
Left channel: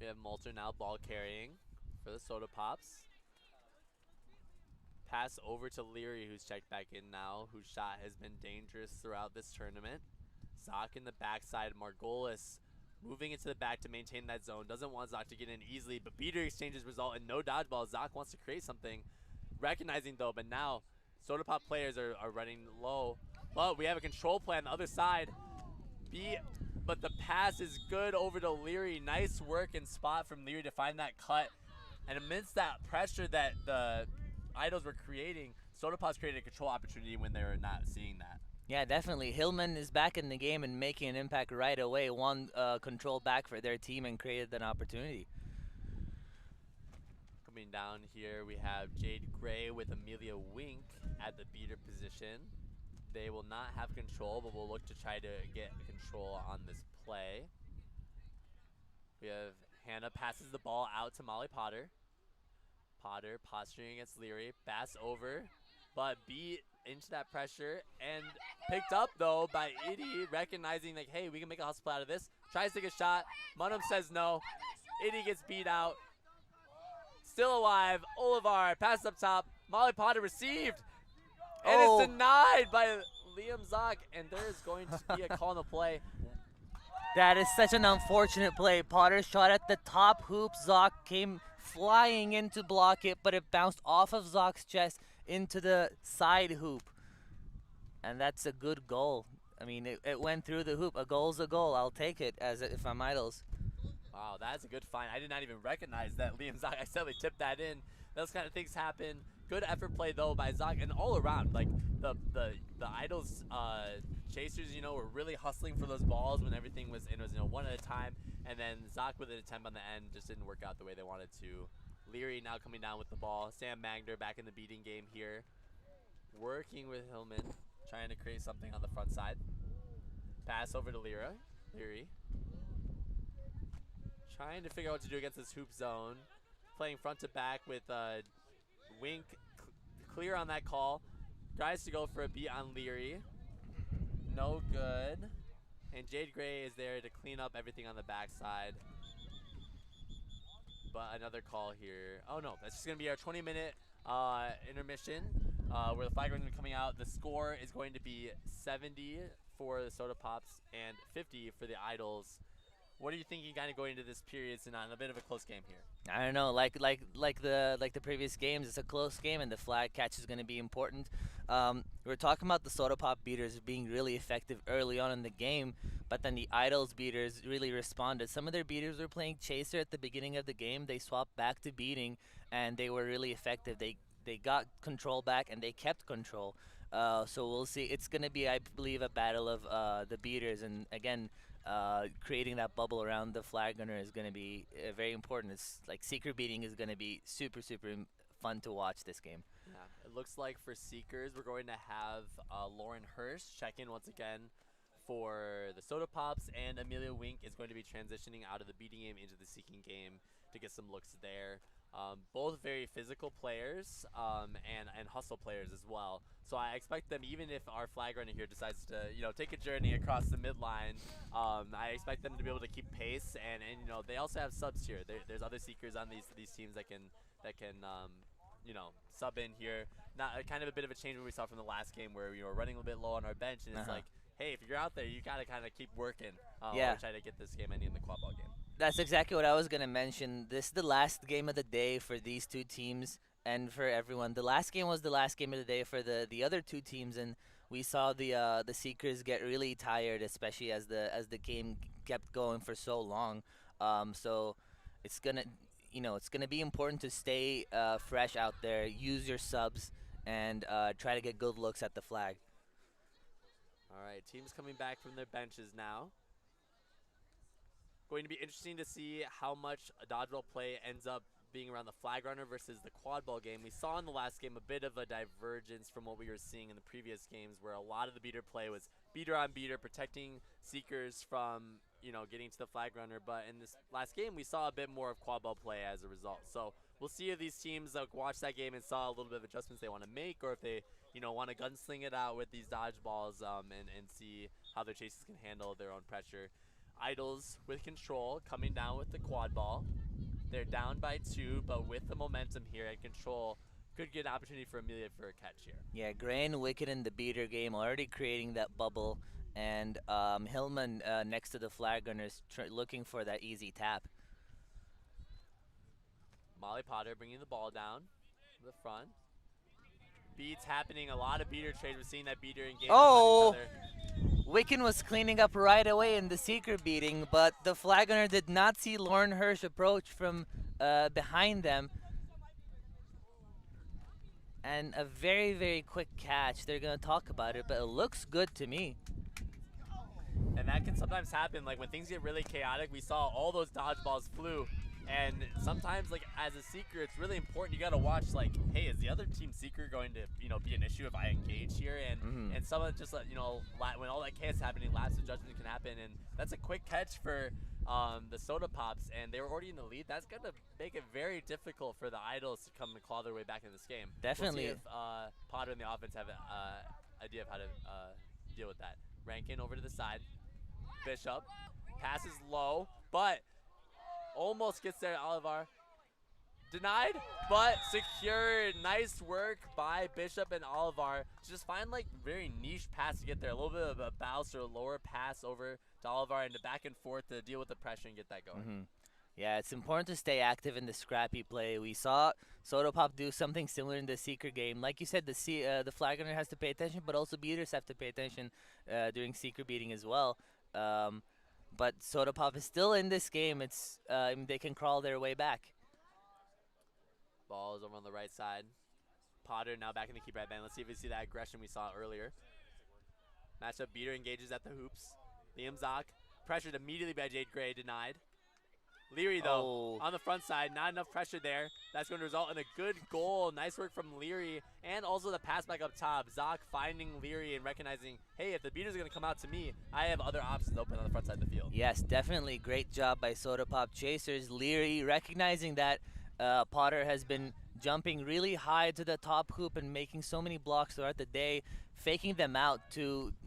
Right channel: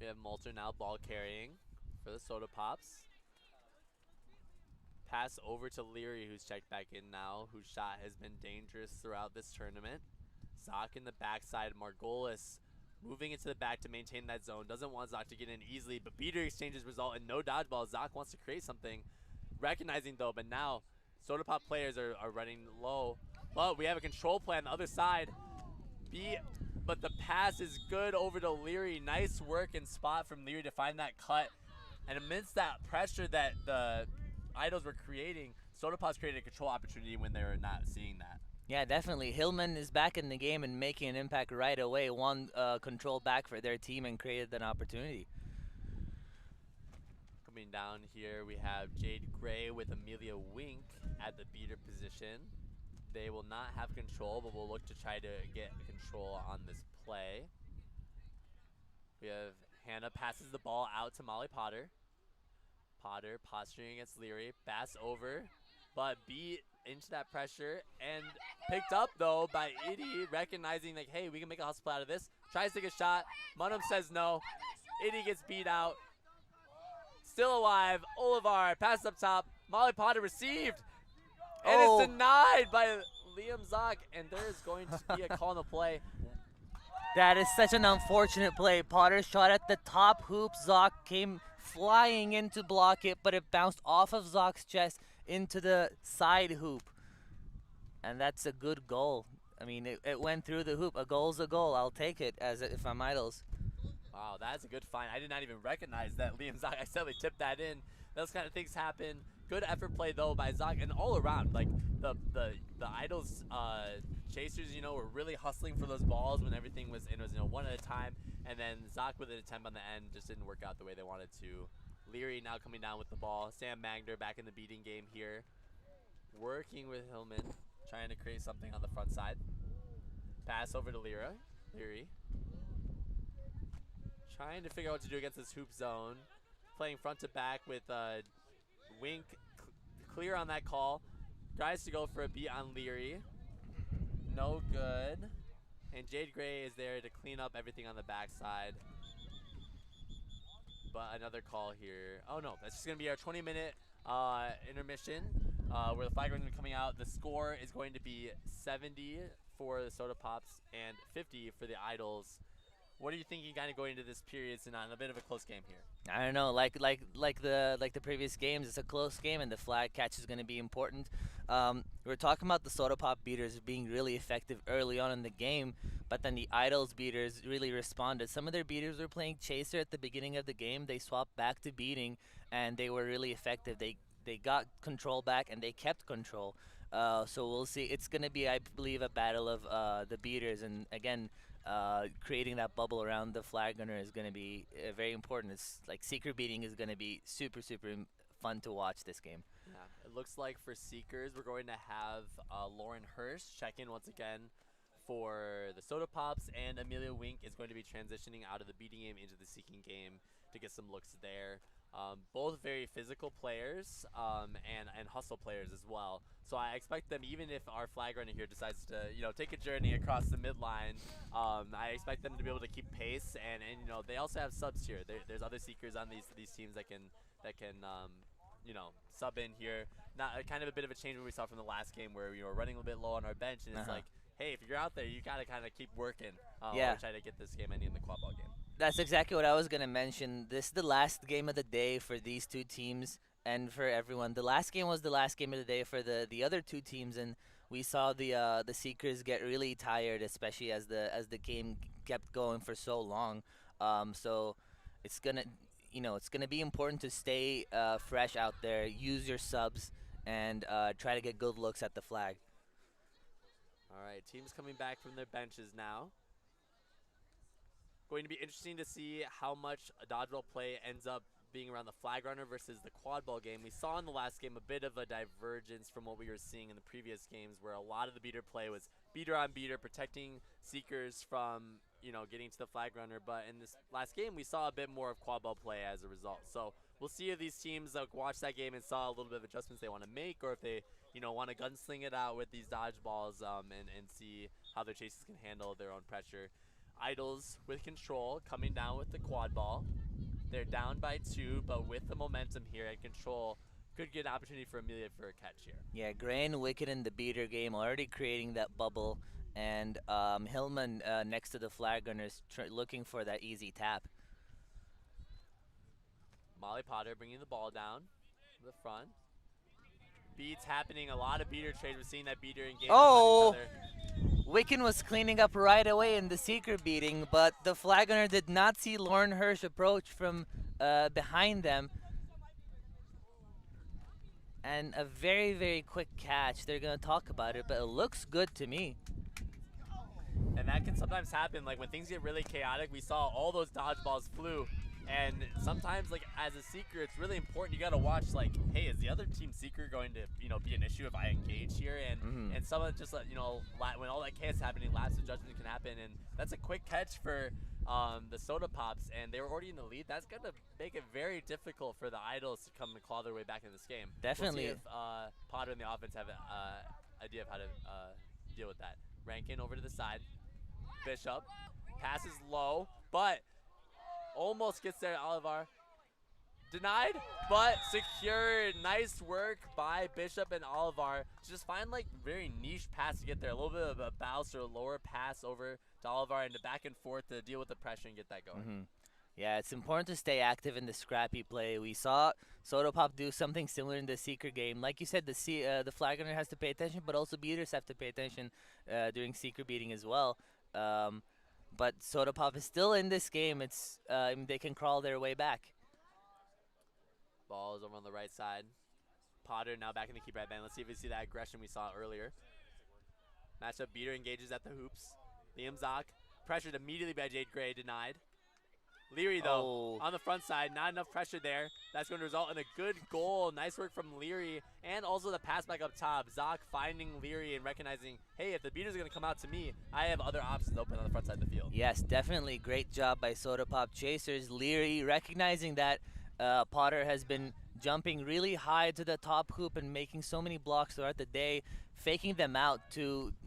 We have Malter now ball carrying for the Soda Pops. Pass over to Leary, who's checked back in now, whose shot has been dangerous throughout this tournament. Zoc in the backside. Margolis moving into the back to maintain that zone. Doesn't want Zoc to get in easily, but beater exchanges result in no dodgeball. Zoc wants to create something. Recognizing though, but now Soda Pop players are running low. But we have a control play on the other side. But the pass is good over to Leary. Nice work and spot from Leary to find that cut. And amidst that pressure that the Idols were creating, Soda Pop's created a control opportunity when they were not seeing that. Yeah, definitely. Hillman is back in the game and making an impact right away. Won control back for their team and created an opportunity. Coming down here, we have Jade Gray with Amelia Wink at the beater position. They will not have control, but will look to try to get control on this play. We have Hannah passes the ball out to Molly Potter. Potter posturing against Leary. Bass over, but beat into that pressure and picked up though by Iddy, recognizing like, hey, we can make a hustle play out of this. Tries to take a shot. Munham says no. Iddy gets beat out. Still alive. Olivar passes up top. Molly Potter received. And it's denied by Liam Zoc, and there is going to be a call on the play. That is such an unfortunate play. Potter shot at the top hoop. Zoc came flying in to block it, but it bounced off of Zoc's chest into the side hoop. And that's a good goal. I mean, it went through the hoop. A goal's a goal. I'll take it if I'm Idols. Wow, that's a good find. I did not even recognize that Liam Zoc accidentally tipped that in. Those kind of things happen. Good effort play though by Zoc, and all around, like the Idols chasers, you know, were really hustling for those balls when everything was one at a time, and then Zoc with an attempt on the end just didn't work out the way they wanted to. Leary now coming down with the ball. Sam Magner back in the beating game here, working with Hillman, trying to create something on the front side. Pass over to Leary. Trying to figure out what to do against this hoop zone. Playing front to back with Wink clear on that call. Tries to go for a beat on Leary. No good. And Jade Gray is there to clean up everything on the backside. But another call here. Oh no, that's just going to be our 20-minute intermission where the flag is going to be coming out. The score is going to be 70 for the Soda Pops and 50 for the Idols. What are you thinking kind of going into this period, Sinan? A bit of a close game here. I don't know, like the previous games, it's a close game, and the flag catch is going to be important. We're talking about the Soda Pop beaters being really effective early on in the game, but then the Idols beaters really responded. Some of their beaters were playing chaser at the beginning of the game. They swapped back to beating, and they were really effective. They got control back, and they kept control. So we'll see. It's going to be, I believe, a battle of the beaters, and again, creating that bubble around the flag gunner is going to be very important. It's like Seeker beating is going to be super fun to watch this game. Yeah, it looks like for Seekers, we're going to have Lauren Hirsch check in once again for the Soda Pops, and Amelia Wink is going to be transitioning out of the beating game into the seeking game to get some looks there. Both very physical players and hustle players as well. So I expect them, even if our flag runner here decides to take a journey across the midline, I expect them to be able to keep pace. And they also have subs here. There's other seekers on these teams that can sub in here. Not kind of a bit of a change what we saw from the last game where we were running a bit low on our bench, and it's like, hey, if you're out there, you gotta kind of keep working. Yeah. Or try to get this game ending in the quad ball game. That's exactly what I was going to mention. This is the last game of the day for these two teams and for everyone. The last game was the last game of the day for the other two teams, and we saw the Seekers get really tired, especially as the game kept going for so long. So it's gonna it's gonna be important to stay fresh out there, use your subs, and try to get good looks at the flag. All right, teams coming back from their benches now. Going to be interesting to see how much a dodgeball play ends up being around the flag runner versus the quad ball game. We saw in the last game a bit of a divergence from what we were seeing in the previous games, where a lot of the beater play was beater on beater, protecting seekers from getting to the flag runner. But in this last game, we saw a bit more of quad ball play as a result. So we'll see if these teams watched that game and saw a little bit of adjustments they want to make, or if they want to gunsling it out with these dodgeballs and see how their chases can handle their own pressure. Idols with control, coming down with the quad ball. They're down by 2, but with the momentum here at control, could get an opportunity for Amelia for a catch here. Yeah, Gray and Wicked in the beater game already creating that bubble, and Hillman next to the flag runners looking for that easy tap. Molly Potter bringing the ball down to the front. Beats happening, a lot of beater trades. We're seeing that beater engage with each other. Wiccan was cleaning up right away in the Seeker beating, but the flag runner did not see Lauren Hirsch approach from behind them. And a very, very quick catch. They're going to talk about it, but it looks good to me. And that can sometimes happen. Like when things get really chaotic, we saw all those dodgeballs flew. And sometimes, like as a seeker, it's really important. You got to watch, like, hey, is the other team seeker going to, be an issue if I engage here? And and some of just when all that chaos is happening, lapse of judgment can happen. And that's a quick catch for the Soda Pops, and they were already in the lead. That's gonna make it very difficult for the Idols to come and claw their way back in this game. Definitely. We'll see if Potter and the offense have an idea of how to deal with that. Rankin over to the side. Bishop passes low, but almost gets there. Olivar denied, but secured. Nice work by Bishop and Olivar to just find like very niche pass to get there. A little bit of a bounce or a lower pass over to Olivar and the back and forth to deal with the pressure and get that going. Yeah, it's important to stay active in the scrappy play. We saw Soda Pop do something similar in the Seeker game. Like you said, the flag runner has to pay attention, but also beaters have to pay attention during Seeker beating as well. But Soda Pop is still in this game. It's they can crawl their way back. Ball is over on the right side. Potter now back in the keeper at band. Let's see if we see that aggression we saw earlier. Matchup beater engages at the hoops. Liam Zock pressured immediately by Jade Gray, denied. Leary, though, on the front side, not enough pressure there. That's going to result in a good goal. Nice work from Leary, and also the pass back up top. Zock finding Leary and recognizing, hey, if the beaters are going to come out to me, I have other options open on the front side of the field. Yes, definitely great job by Soda Pop Chasers. Leary recognizing that Potter has been jumping really high to the top hoop and making so many blocks throughout the day, faking them out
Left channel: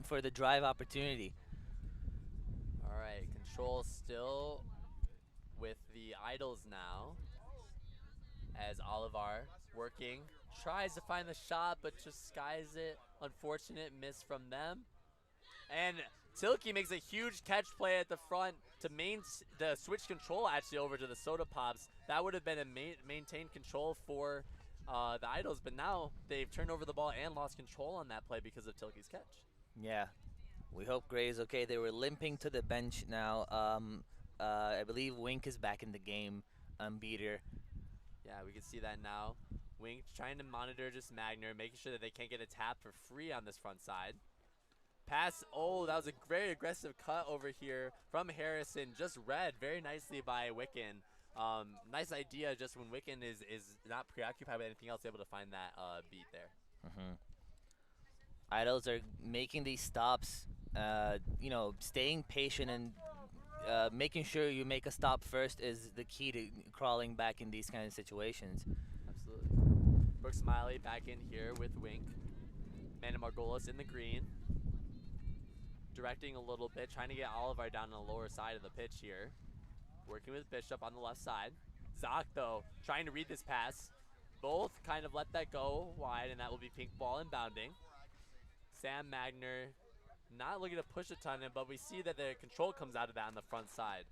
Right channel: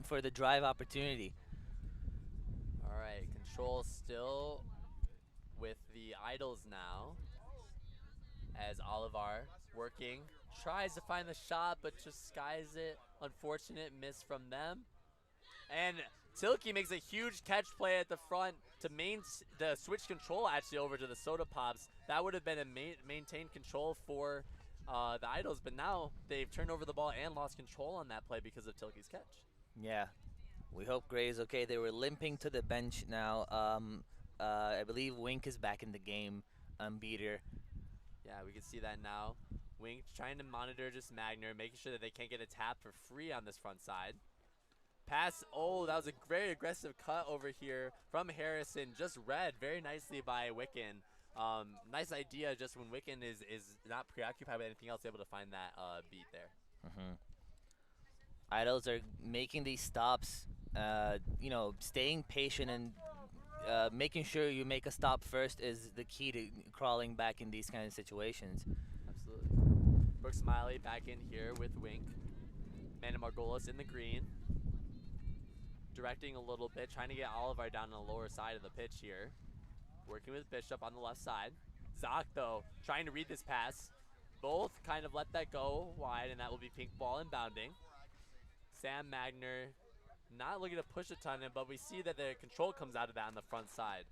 for the drive opportunity. All right, control still with the Idols now, as Olivar working, tries to find the shot, but just skies it. Unfortunate miss from them. And Tilke makes a huge catch play at the front to switch control actually over to the Soda Pops. That would have been a maintained control for the Idols, but now they've turned over the ball and lost control on that play because of Tilke's catch. Yeah, we hope Gray is okay. They were limping to the bench now. I believe Wink is back in the game, beater. Yeah, we can see that now. Wink trying to monitor just Magner, making sure that they can't get a tap for free on this front side. Pass, that was a very aggressive cut over here from Harrison, just read very nicely by Wicken. Nice idea just when Wicken is not preoccupied with anything else, able to find that beat there. Idols are making these stops You know, staying patient and making sure you make a stop first is the key to crawling back in these kind of situations. Absolutely. Brooke Smiley back in here with Wink. Amanda Margolis in the green. Directing a little bit, trying to get Oliver down on the lower side of the pitch here. Working with Bishop on the left side. Zoc, though, trying to read this pass. Both kind of let that go wide, and that will be pink ball inbounding. Sam Magner not looking to push a ton, but we see that the control comes out of that on the front side.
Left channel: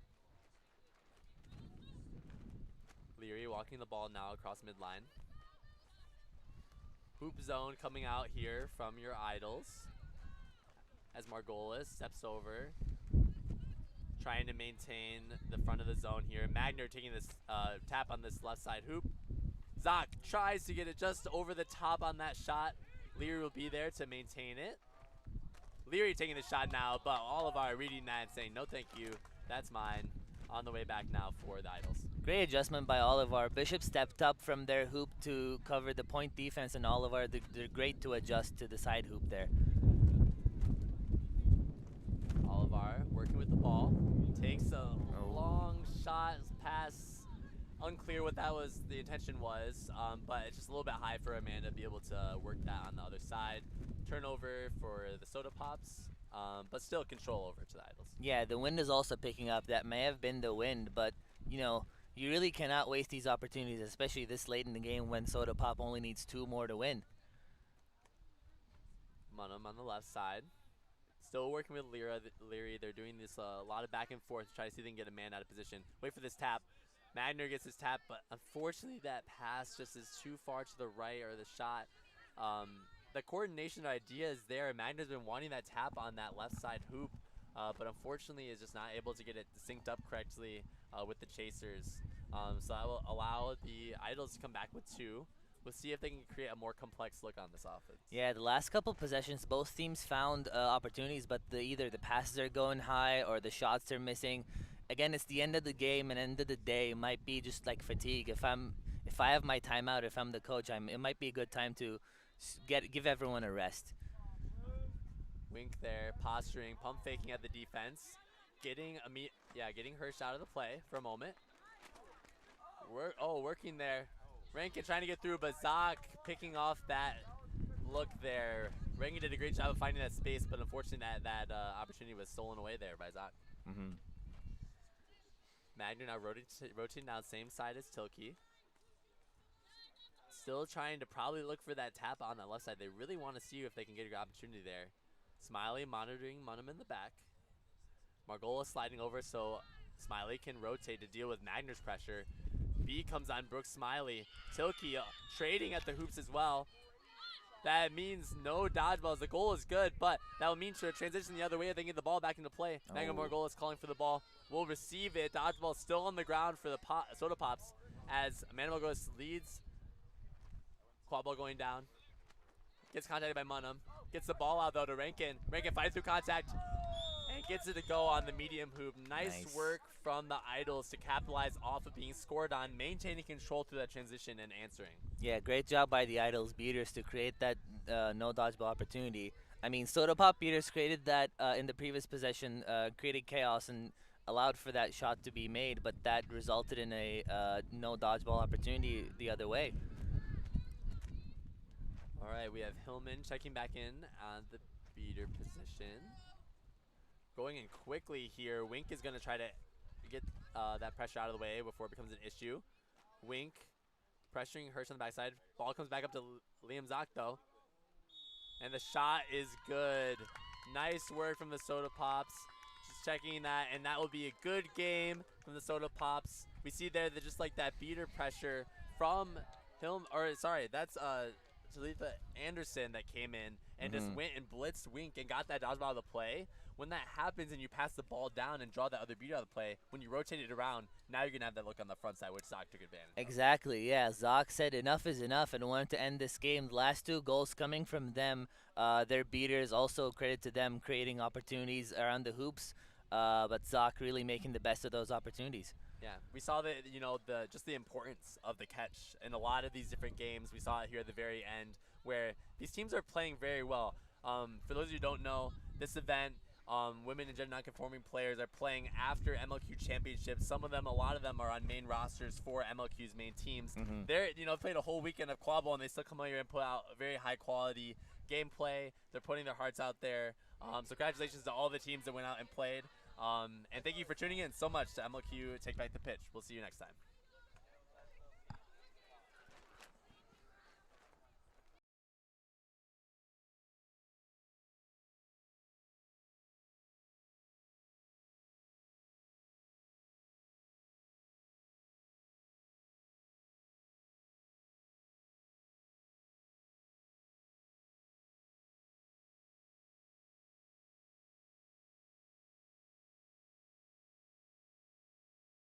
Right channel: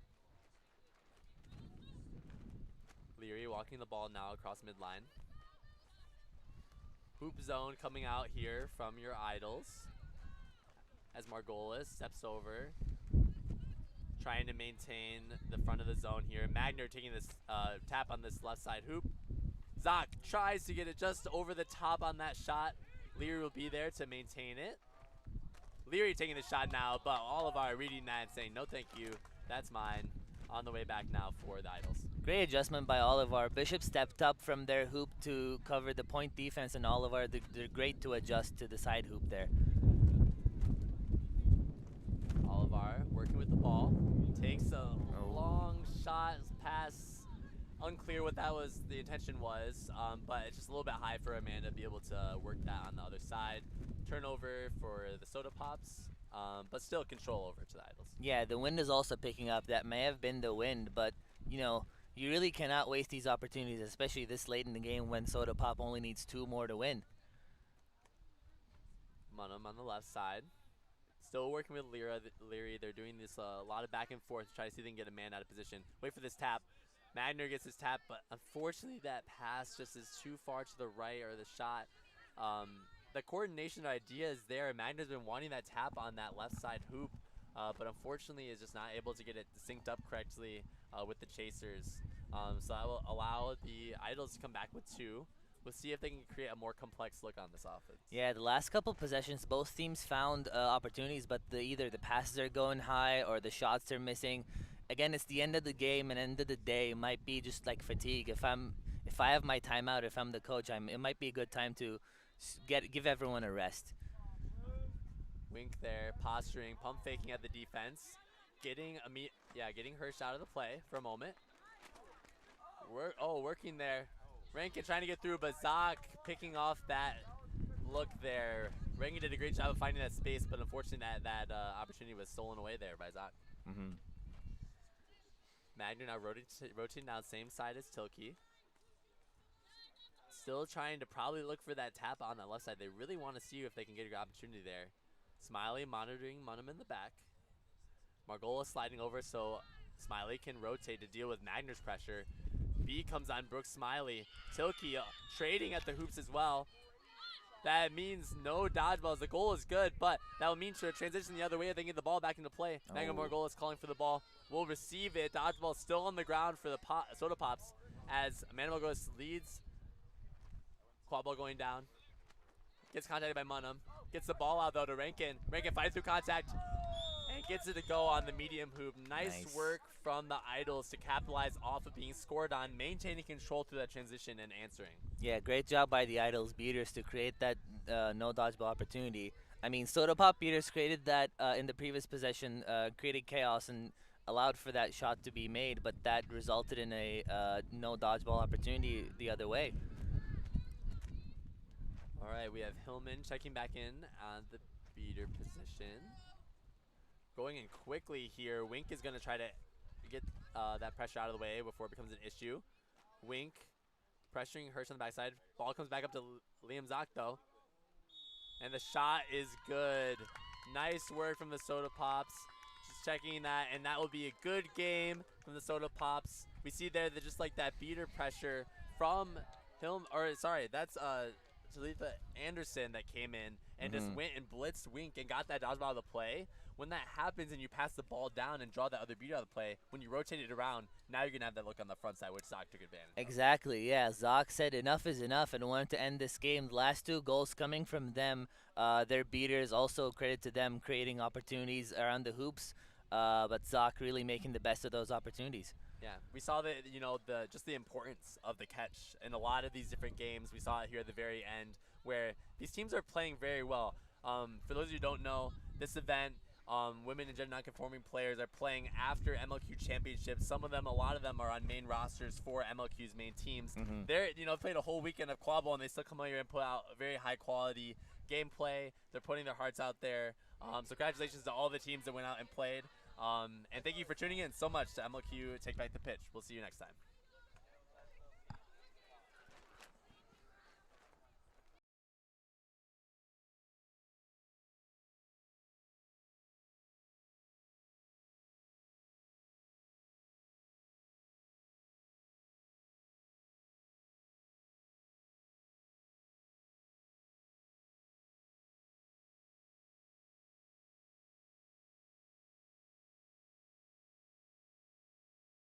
Leary walking the ball now across midline. Hoop zone coming out here from your Idols. As Margolis steps over, trying to maintain the front of the zone here. Magner taking this tap on this left side hoop. Zoc tries to get it just over the top on that shot. Leary will be there to maintain it. Leary taking the shot now, but Oliver reading that and saying, no thank you, that's mine. On the way back now for the Idols. Great adjustment by Oliver. Bishop stepped up from their hoop to cover the point defense, and Oliver, they're great to adjust to the side hoop there. Oliver working with the ball. Takes a long shot, pass. Unclear what that was, the intention was, but it's just a little bit high for Amanda to be able to work that on the other side. Turnover for the Soda Pops, but still control over to the Idols. Yeah, the wind is also picking up. That may have been the wind, but, you know, you really cannot waste these opportunities, especially this late in the game when Soda Pop only needs 2 more to win. Munham on the left side. Still working with Leary. They're doing this a lot of back and forth to try to see if they can get a man out of position. Wait for this tap. Magner gets his tap, but unfortunately that pass just is too far to the right, or the shot. The coordination idea is there. Magner's been wanting that tap on that left side hoop, but unfortunately is just not able to get it synced up correctly with the chasers. So that will allow the Idols to come back with 2. We'll see if they can create a more complex look on this offense. Yeah, the last couple possessions, both teams found opportunities, but either the passes are going high or the shots are missing. Again, it's the end of the game, and end of the day, it might be just like fatigue. If I have my timeout, if I'm the coach, it might be a good time to give everyone a rest. Wink there, posturing, pump faking at the defense, getting Hirsch out of the play for a moment. Working there. Rankin trying to get through, but Zoc picking off that look there. Rankin did a great job of finding that space, but unfortunately that opportunity was stolen away there by Zoc. Magner now rotating down same side as Tilke. Still trying to probably look for that tap on that left side. They really want to see if they can get a good opportunity there. Smiley monitoring Munham in the back. Margolis sliding over so Smiley can rotate to deal with Magner's pressure. B comes on Brooke Smiley. Tilke trading at the hoops as well. That means no dodgeballs. The goal is good, but that will mean to transition the other way if they can get the ball back into play. Magna Margolis calling for the ball. Will receive it. Dodgeball still on the ground for the Soda Pops as Amanda Margolis leads. Quadball going down. Gets contacted by Munham. Gets the ball out though to Rankin. Rankin fights through contact and gets it to go on the medium hoop. Nice work from the Idols to capitalize off of being scored on, maintaining control through that transition and answering. Yeah, great job by the Idols beaters to create that no dodgeball opportunity. I mean, Soda Pop beaters created that in the previous possession, created chaos and allowed for that shot to be made, but that resulted in a no dodgeball opportunity the other way. All right, we have Hillman checking back in on the beater position. Going in quickly here. Wink is going to try to get that pressure out of the way before it becomes an issue. Wink pressuring Hirsch on the backside. Ball comes back up to Liam Zoc though. And the shot is good. Nice work from the Soda Pops. Just checking that, and that will be a good game from the Soda Pops. We see there that just like that beater pressure from that's Talitha Anderson that came in and just went and blitzed Wink and got that dodgeball out of the play. When that happens and you pass the ball down and draw that other beater out of the play, when you rotate it around, now you're going to have that look on the front side, which Zoc took advantage of. Exactly, yeah. Zoc said enough is enough and wanted to end this game. The last 2 goals coming from them, their beaters, also credit to them creating opportunities around the hoops, but Zoc really making the best of those opportunities. Yeah, we saw that, just the importance of the catch in a lot of these different games. We saw it here at the very end where these teams are playing very well. For those of you who don't know, this event women and gender non-conforming players are playing after MLQ championships. Some of them, a lot of them, are on main rosters for MLQ's main teams. They're, played a whole weekend of quadball, and they still come out here and put out very high quality gameplay. They're putting their hearts out there. So congratulations to all the teams that went out and played. And thank you for tuning in so much to MLQ Take Back the Pitch. We'll see you next time.